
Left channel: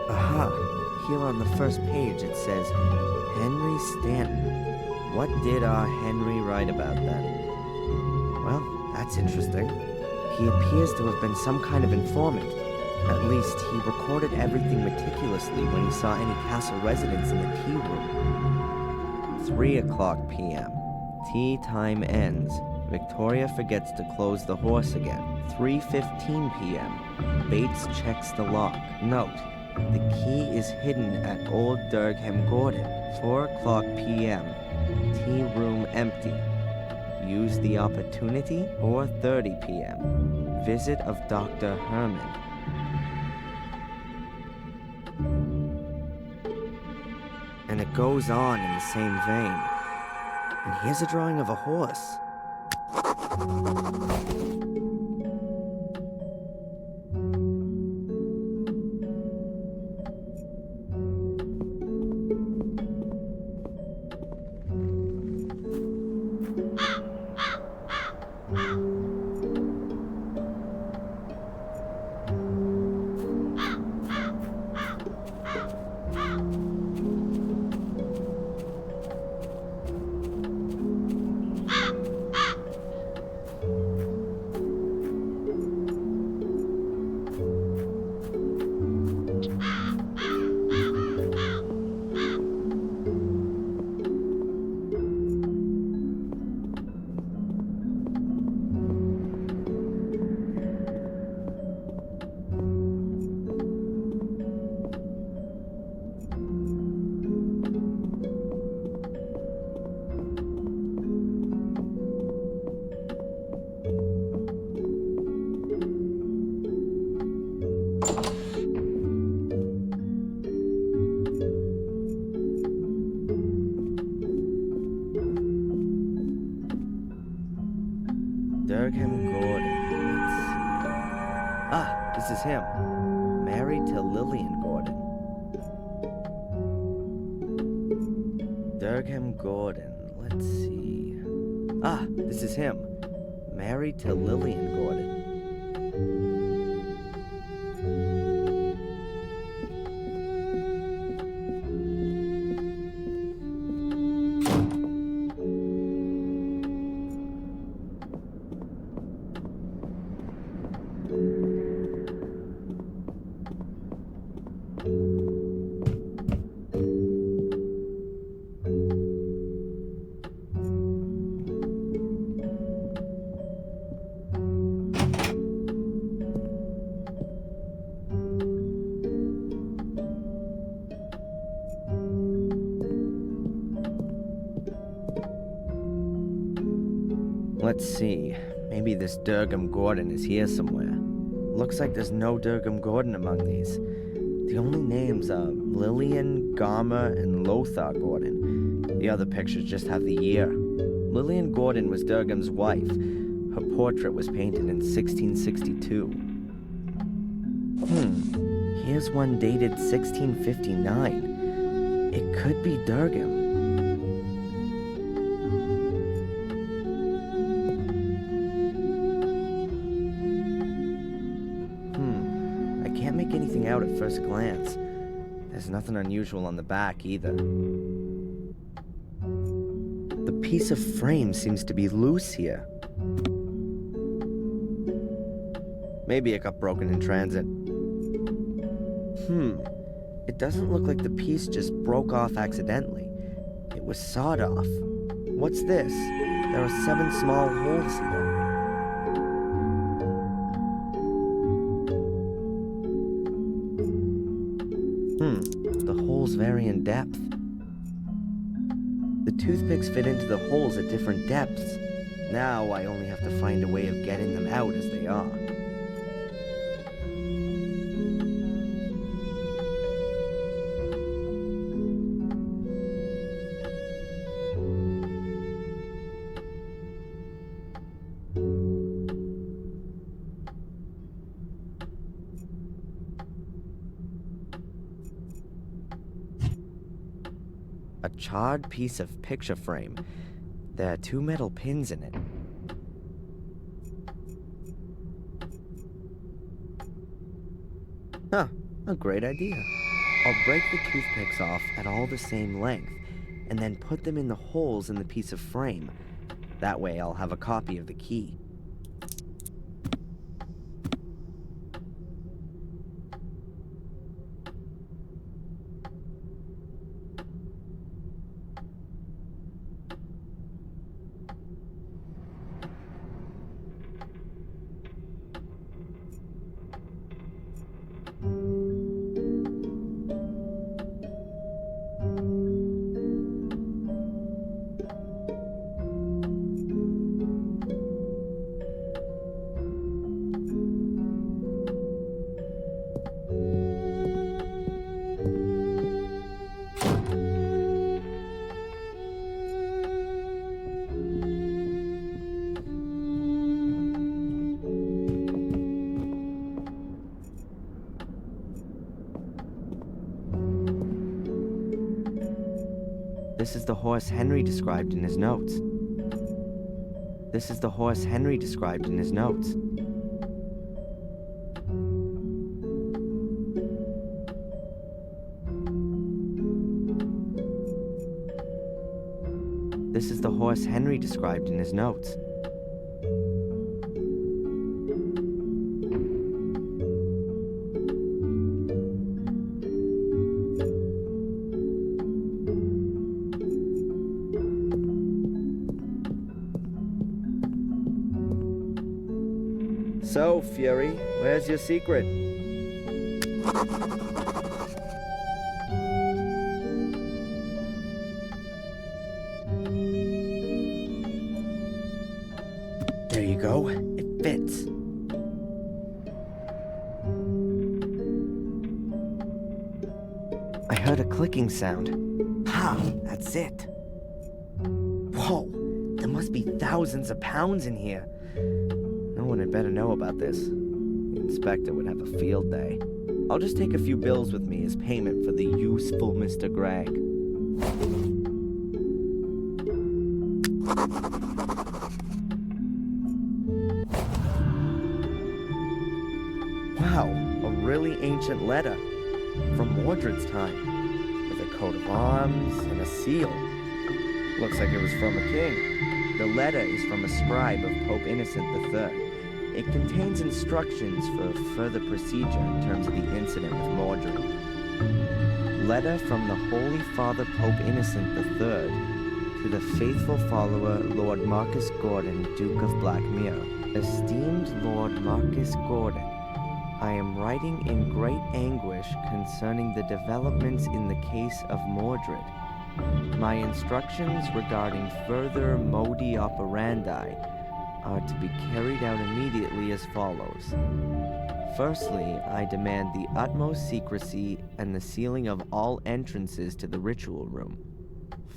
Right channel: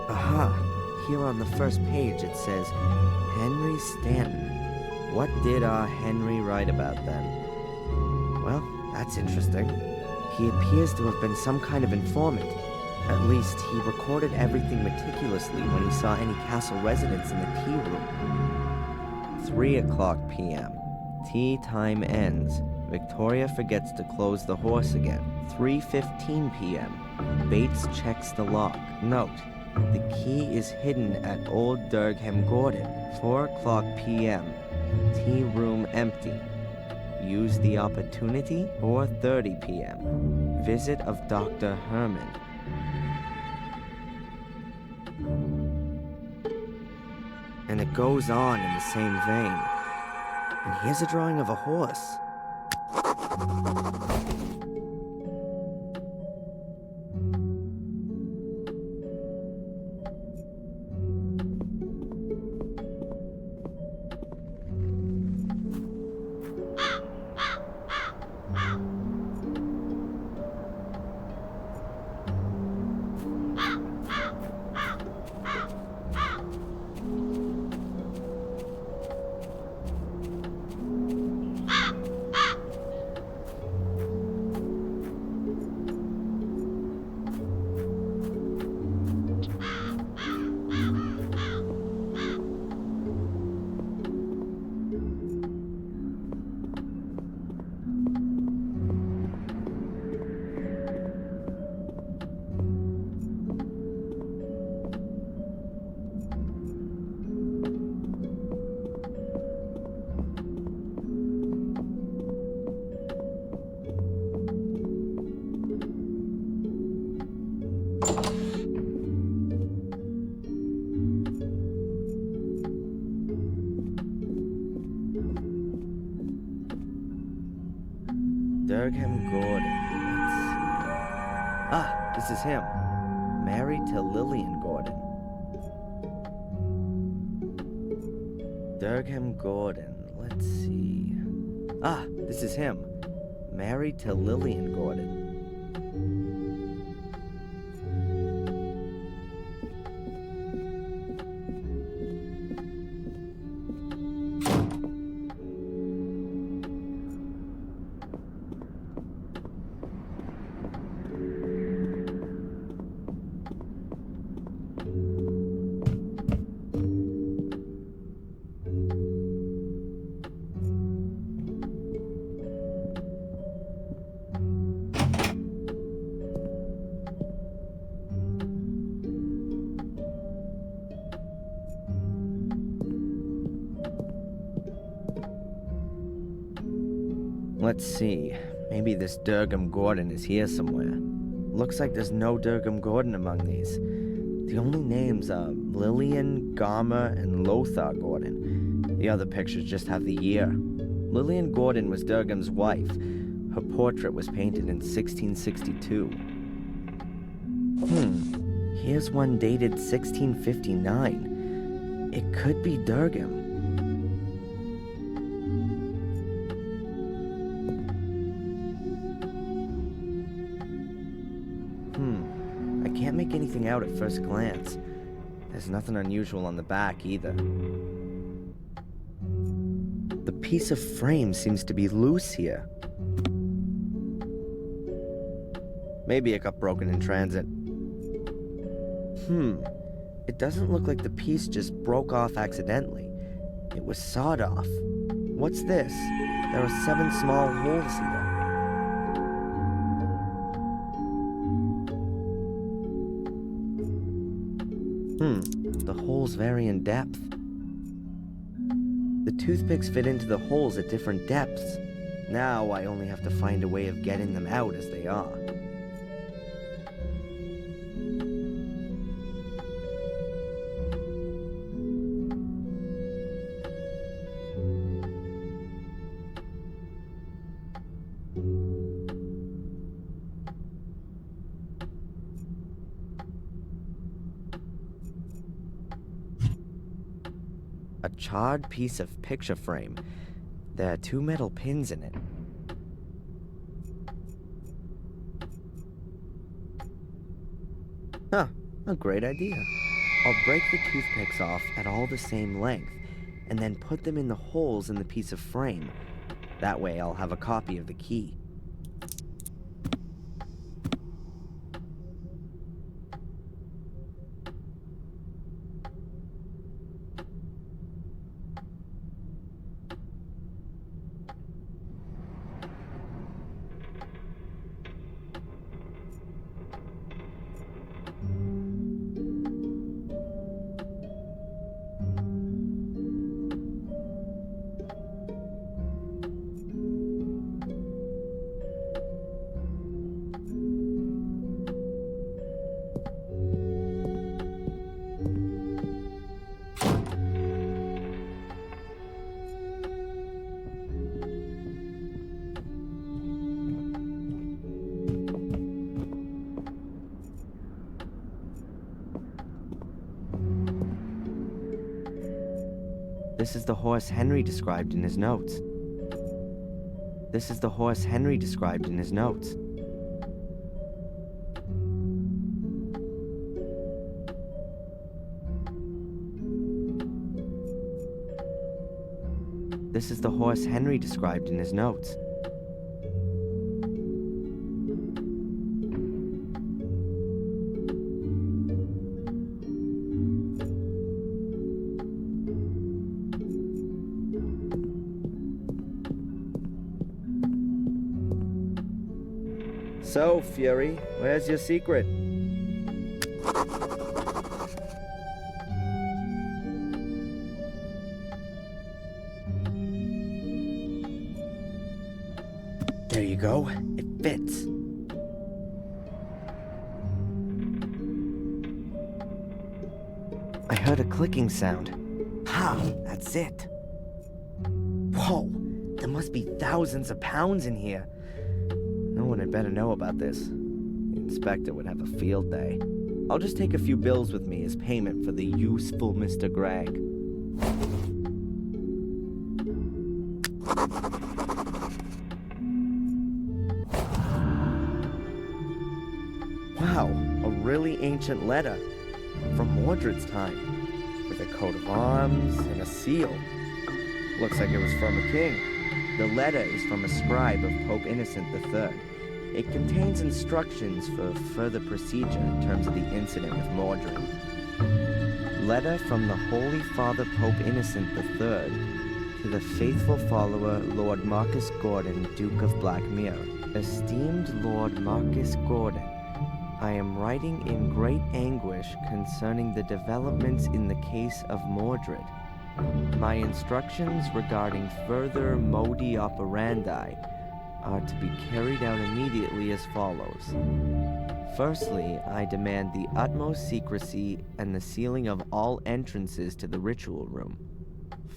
Aha, here on the first page it says, Henry Stanton. What did our Henry write about then? Well, that's interesting. He appears to have been some kind of informant. At least, he recorded everything meticulously when he saw any castle residents in the tea room. 3:00 p.m. Tea time ends. Victoria forgets to close the horse again. 3:15 p.m. Bates checks the lock. Note, the key is hidden at Old Durgham Gordon. 4:00 p.m. Tea room empty. Use the opportunity. 4:30 p.m. Visit of Dr. Herman. And it goes on in the same vein. And here's a drawing of a horse. Durgham Gordon. Let's see. Ah, this is him. Married to Lillian Gordon. Durgham Gordon. Let's see. Ah, this is him. Married to Lillian Gordon. Let's see. Maybe this Durgham Gordon is here somewhere. Looks like there's no Durgham Gordon among these. The only names are Lillian, Garmer, and Lothar Gordon. The other pictures just have the year. Lillian Gordon was Durgham's wife. Her portrait was painted in 1662. Here's one dated 1659. It could be Durgham. I can't make anything out at first glance. There's nothing unusual on the back either. The piece of frame seems to be loose here. Maybe it got broken in transit. It doesn't look like the piece just broke off accidentally. It was sawed off. What's this? There are 7 small holes here. The holes vary in depth. The toothpicks fit into the holes at different depths. Now I only have to find a way of getting them out as they are. A charred piece of picture frame. There are 2 metal pins in it. Huh, a great idea. I'll break the toothpicks off at all the same length, and then put them in the holes in the piece of frame. That way I'll have a copy of the key. This is the horse Henry described in his notes. This is the horse Henry described in his notes. This is the horse Henry described in his notes. So, Fury, where's your secret? There you go. It fits. I heard a clicking sound. Ha! That's it. Whoa! There must be thousands of pounds in here. No one had better know about this. The inspector would have a field day. I'll just take a few bills with me as payment for the useful Mr. Gregg. Wow, a really ancient letter. From Mordred's time. With a coat of arms and a seal. Looks like it was from a king. The letter is from a scribe of Pope Innocent III. It contains instructions for further procedure in terms of the incident with Mordred. Letter from the Holy Father Pope Innocent III to the faithful follower Lord Marcus Gordon, Duke of Blackmere. Esteemed Lord Marcus Gordon, I am writing in great anguish concerning the developments in the case of Mordred. My instructions regarding further modi operandi are to be carried out immediately as follows. Firstly, I demand the utmost secrecy and the sealing of all entrances to the ritual room.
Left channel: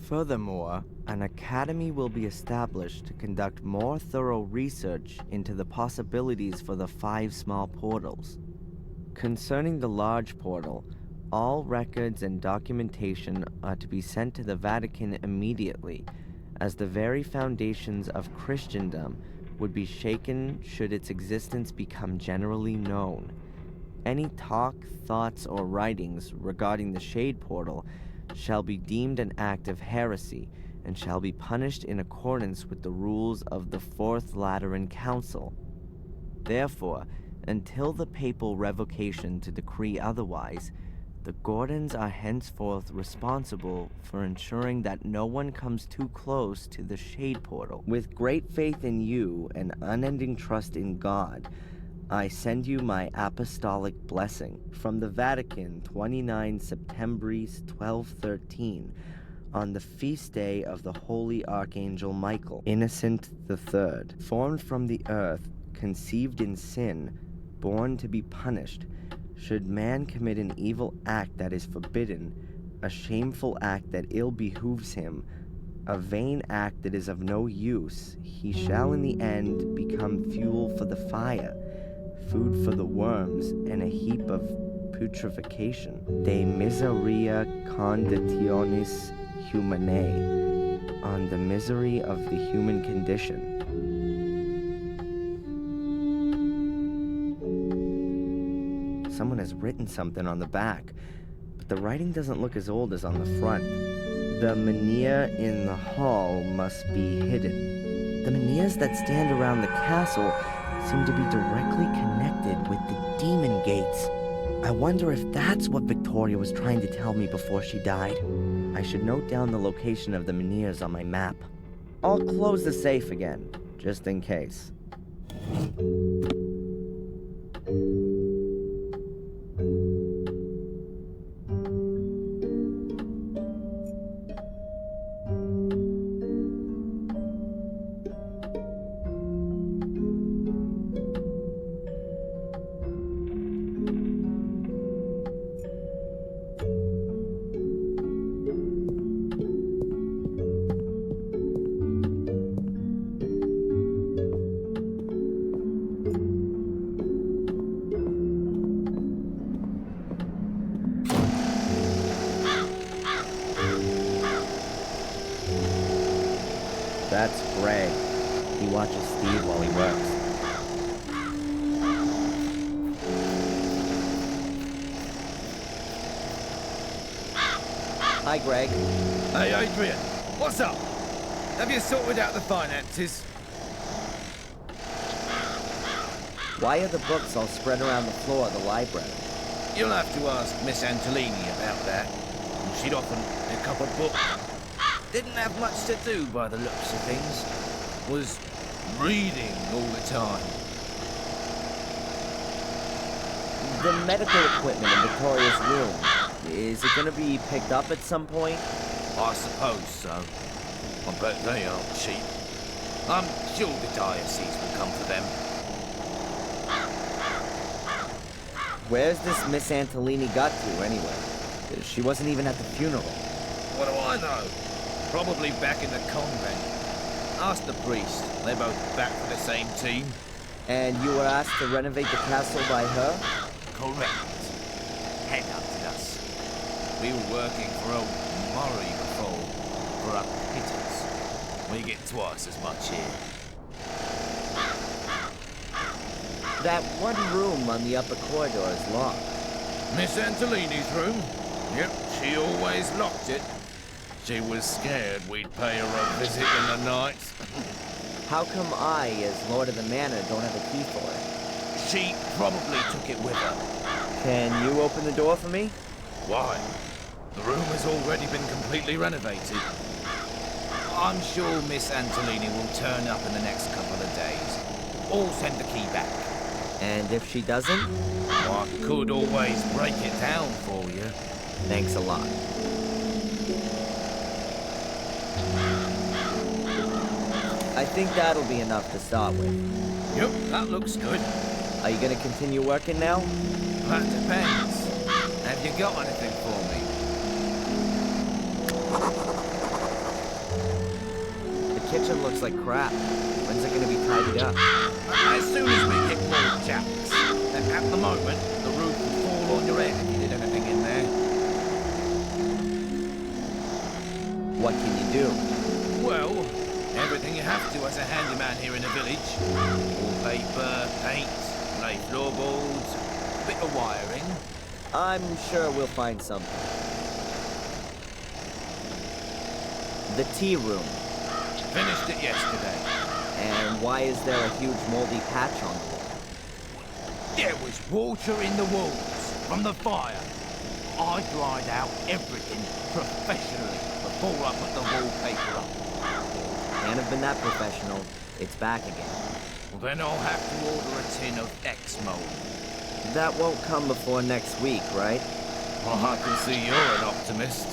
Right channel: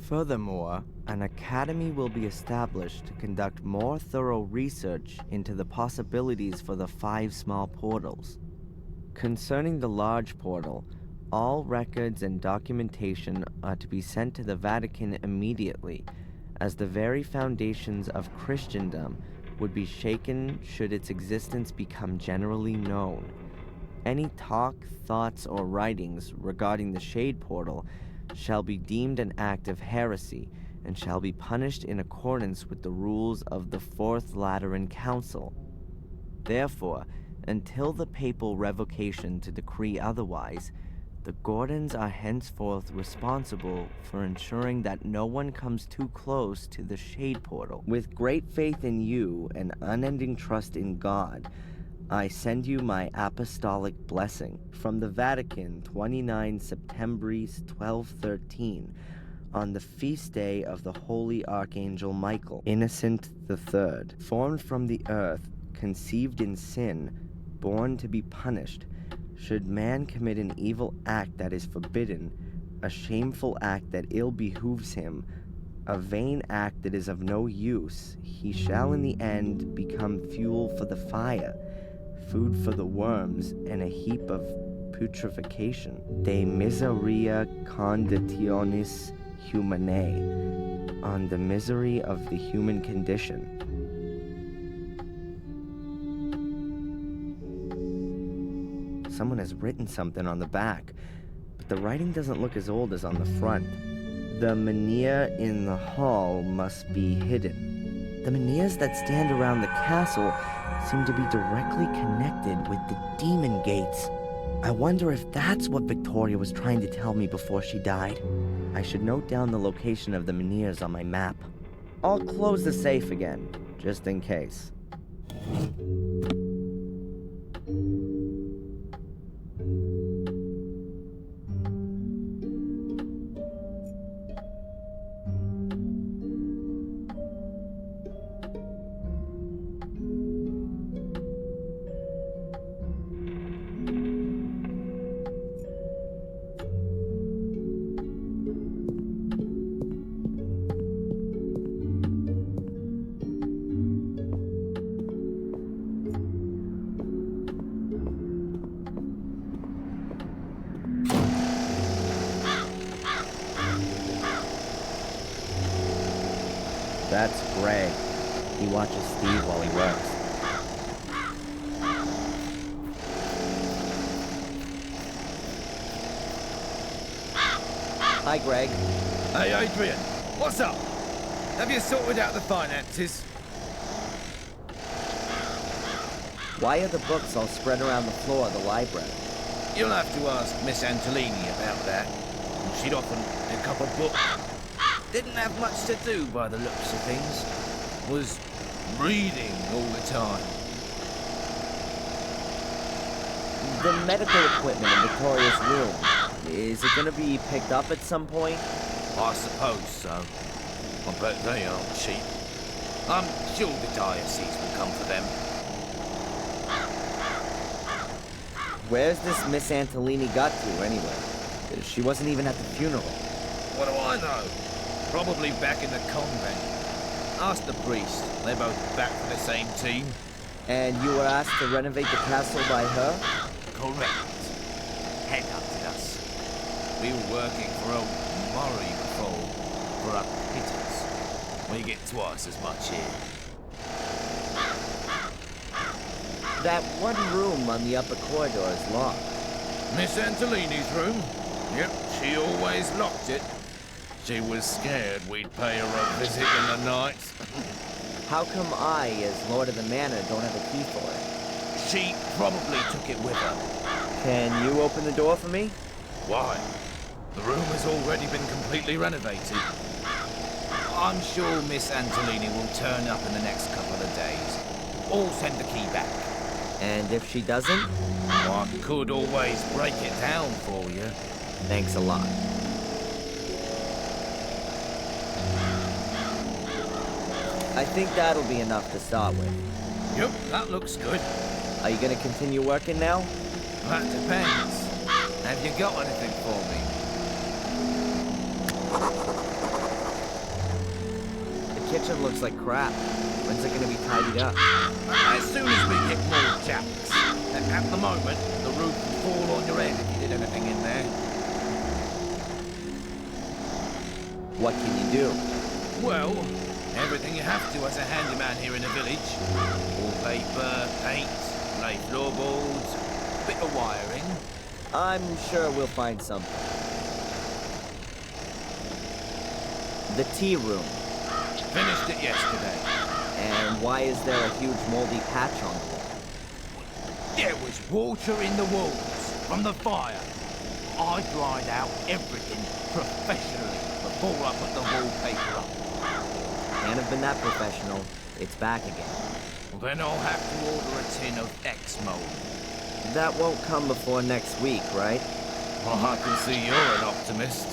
Furthermore, an academy will be established to conduct more thorough research into the possibilities for the 5 small portals. Concerning the large portal, all records and documentation are to be sent to the Vatican immediately, as the very foundations of Christendom would be shaken should its existence become generally known. Any talk, thoughts, or writings regarding the Shade Portal shall be deemed an act of heresy and shall be punished in accordance with the rules of the Fourth Lateran Council. Therefore, until the papal revocation to decree otherwise, the Gordons are henceforth responsible for ensuring that no one comes too close to the Shade Portal. With great faith in you and unending trust in God, I send you my apostolic blessing from the Vatican, 29 Septembris 1213, on the feast day of the Holy Archangel Michael, Innocent III, formed from the earth, conceived in sin, born to be punished. Should man commit an evil act that is forbidden, a shameful act that ill behooves him, a vain act that is of no use, he shall in the end become fuel for the fire, food for the worms, and a heap of putrefaction. De miseria conditionis Humanae on the misery of the human condition. Someone has written something on the back, but the writing doesn't look as old as on the front. The menhir in the hall must be hidden. The menhirs that stand around the castle seem to be directly connected with the demon gates. I wonder if that's what Victoria was trying to tell me before she died. I should note down the location of the menhirs on my map. I'll close the safe again, just in case. That's Greg. He watches Steve while he works. Hi, Greg. Hey, Adrian. What's up? Have you sorted out the finances? Why are the books all spread around the floor of the library? You'll have to ask Miss Antolini about that. She'd often pick up a book. Didn't have much to do by the looks of things. Was reading all the time. The medical equipment in Victoria's room, is it gonna be picked up at some point? I suppose so. I bet they aren't cheap. I'm sure the diocese will come for them. Where's this Miss Antolini got to, anyway? She wasn't even at the funeral. What do I know? Probably back in the convent. Ask the priest. They're both back for the same team. And you were asked to renovate the castle by her? Correct. Head up to us. We were working for old Murray before, for a pittance. We get twice as much here. That one room on the upper corridor is locked. Miss Antolini's room? Yep, she always locked it. She was scared we'd pay her a visit in the night. How come I, as Lord of the Manor, don't have a key for it? She probably took it with her. Can you open the door for me? Why? The room has already been completely renovated. I'm sure Miss Antolini will turn up in the next couple of days. Or send the key back. And if she doesn't? I could always break it down for you. Thanks a lot. I think that'll be enough to start with. Yep, that looks good. Are you gonna continue working now? That depends. Have you got anything for me? The kitchen looks like crap. When's it gonna be tidied up? As soon as we get more jacks. At the moment, the roof will fall on your head if you did anything in there. What can you do? Well, everything you have to as a handyman here in the village. Wallpaper, paint, lay floorboards, bit of wiring. I'm sure we'll find something. The tea room. Finished it yesterday. And why is there a huge moldy patch on the wall? There was water in the walls from the fire. I dried out everything professionally before I put the wallpaper up. Can't have been that professional. It's back again. Well, then I'll have to order a tin of X-Mold. That won't come before next week, right? Well, I can see you're an optimist.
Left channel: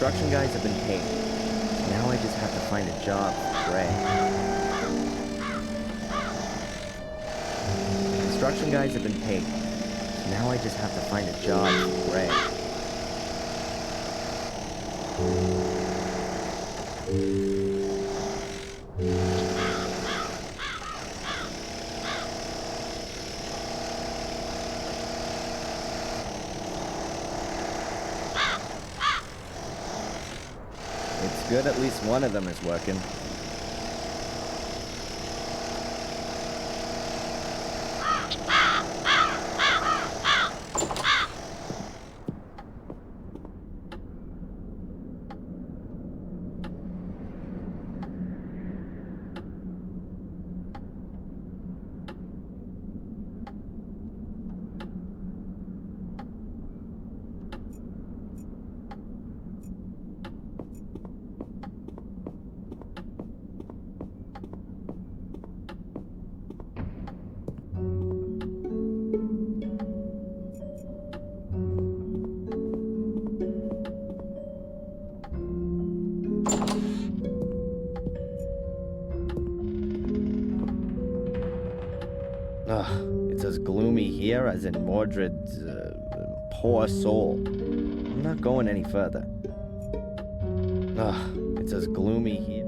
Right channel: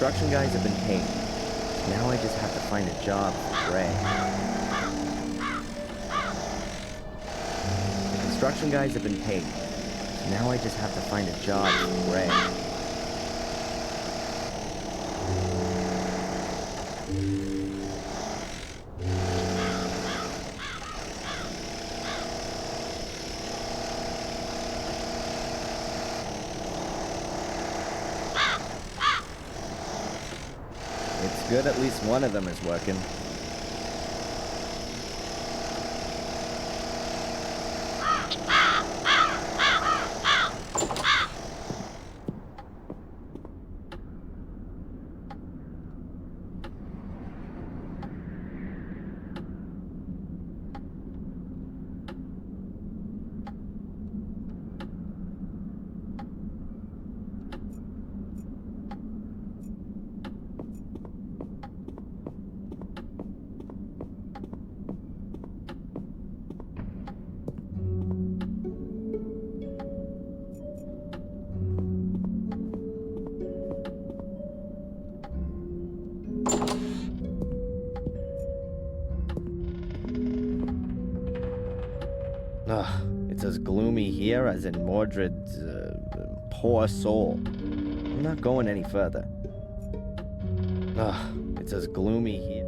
construction guys have been paid. Now I just have to find a job for Gray. The construction guys have been paid. Now I just have to find a job for Gray. It's good at least one of them is working. Ugh, it's as gloomy here as in Mordred's poor soul. I'm not going any further. Ugh, it's as gloomy here.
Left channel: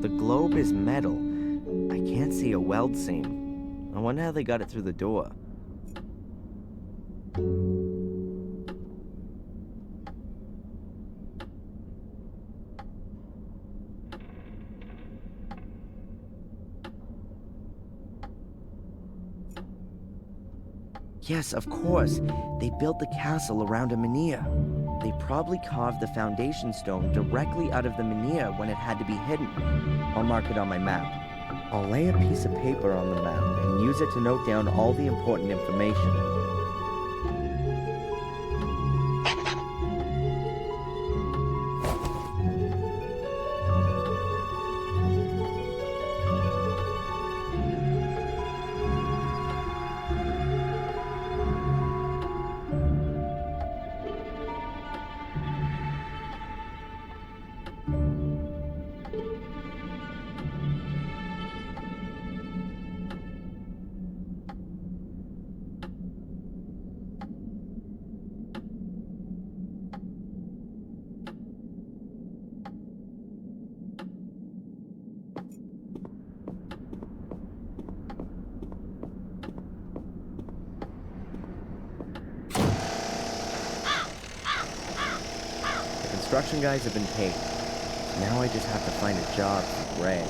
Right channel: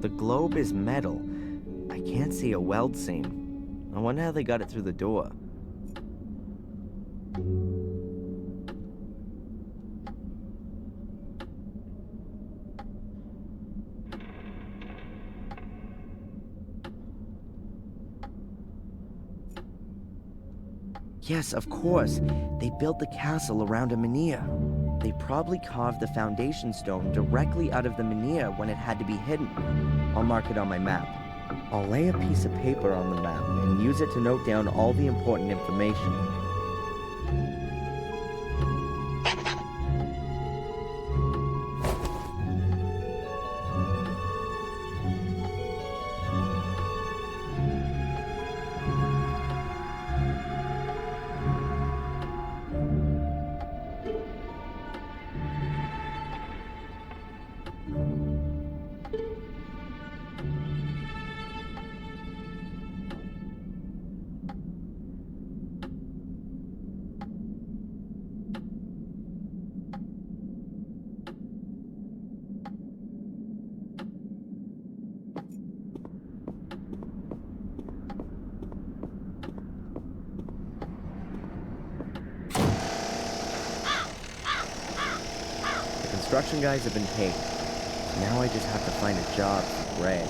The globe is metal. I can't see a weld seam. I wonder how they got it through the door. Yes, of course. They built the castle around a menhir. They probably carved the foundation stone directly out of the menhir when it had to be hidden. I'll mark it on my map. I'll lay a piece of paper on the map and use it to note down all the important information. construction guys have been paid. Now I just have to find a job for Greg.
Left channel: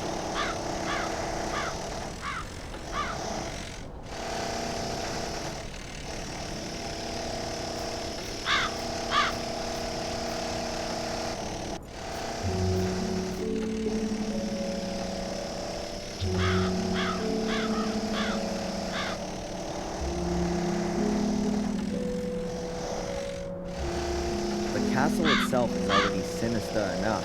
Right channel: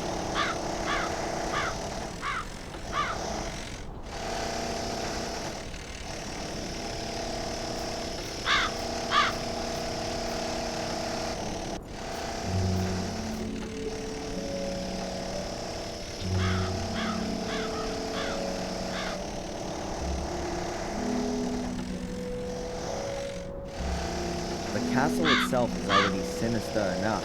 The castle itself is already sinister enough,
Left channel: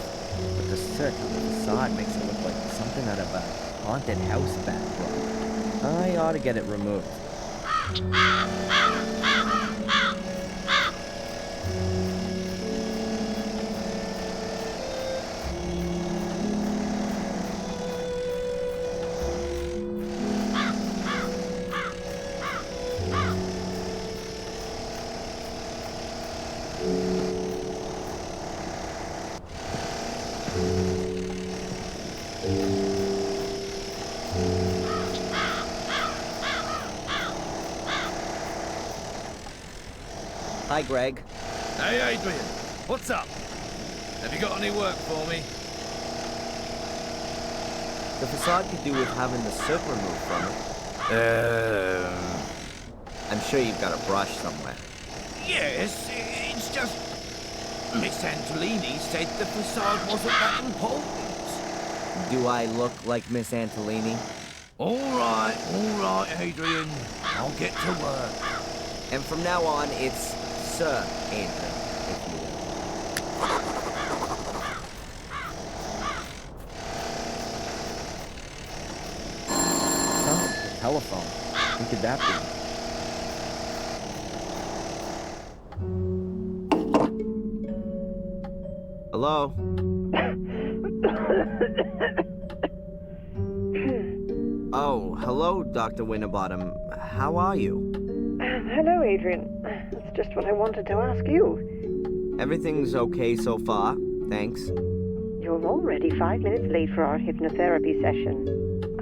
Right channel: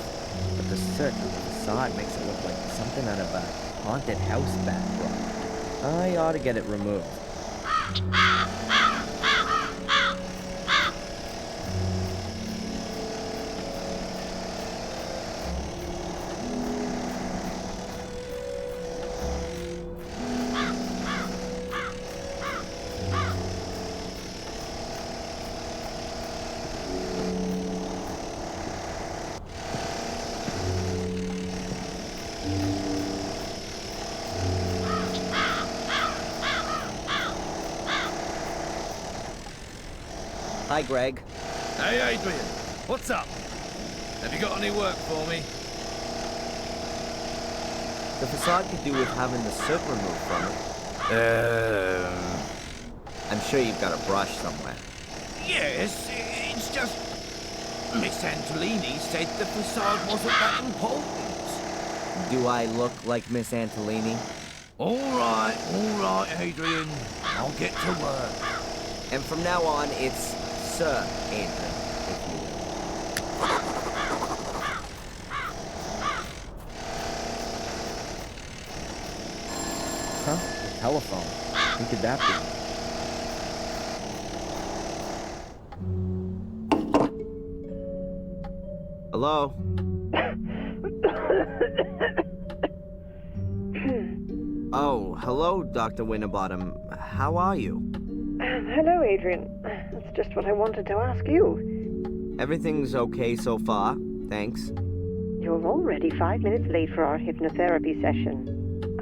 but the soot on the facade makes it look like something out of a haunted house backdrop. I ought to get it removed. Hi, Greg. Hey, Adrian. What's up? Have you got any work for me? The facade could do with having the soot removed from it. I'm sure you've got a brush somewhere. Yes, it's just... Miss Antolini said the facade wasn't that important. Do I look like Miss Antolini? All right, Adrian. I'll get to work. And from now on, it's Sir Adrian, if you will. Huh? The telephone. Who could that be? Hello? Oh, hello, Dr. Winterbottom. How are you? Hello, Adrian. That's just what I wanted to ask you. Everything's okay so far, thanks. You're already 5 minutes late for our hypnotherapy session.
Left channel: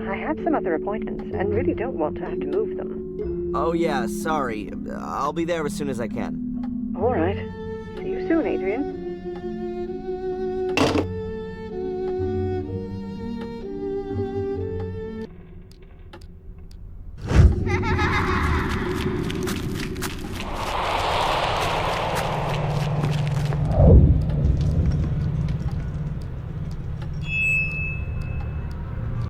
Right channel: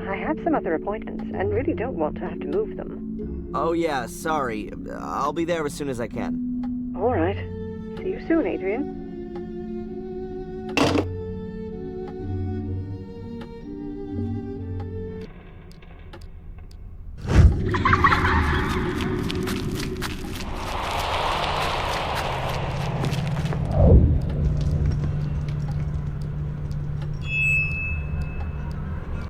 I have some other appointments and really don't want to have to move them. Oh yeah, sorry. I'll be there as soon as I can. All right. See you soon, Adrian.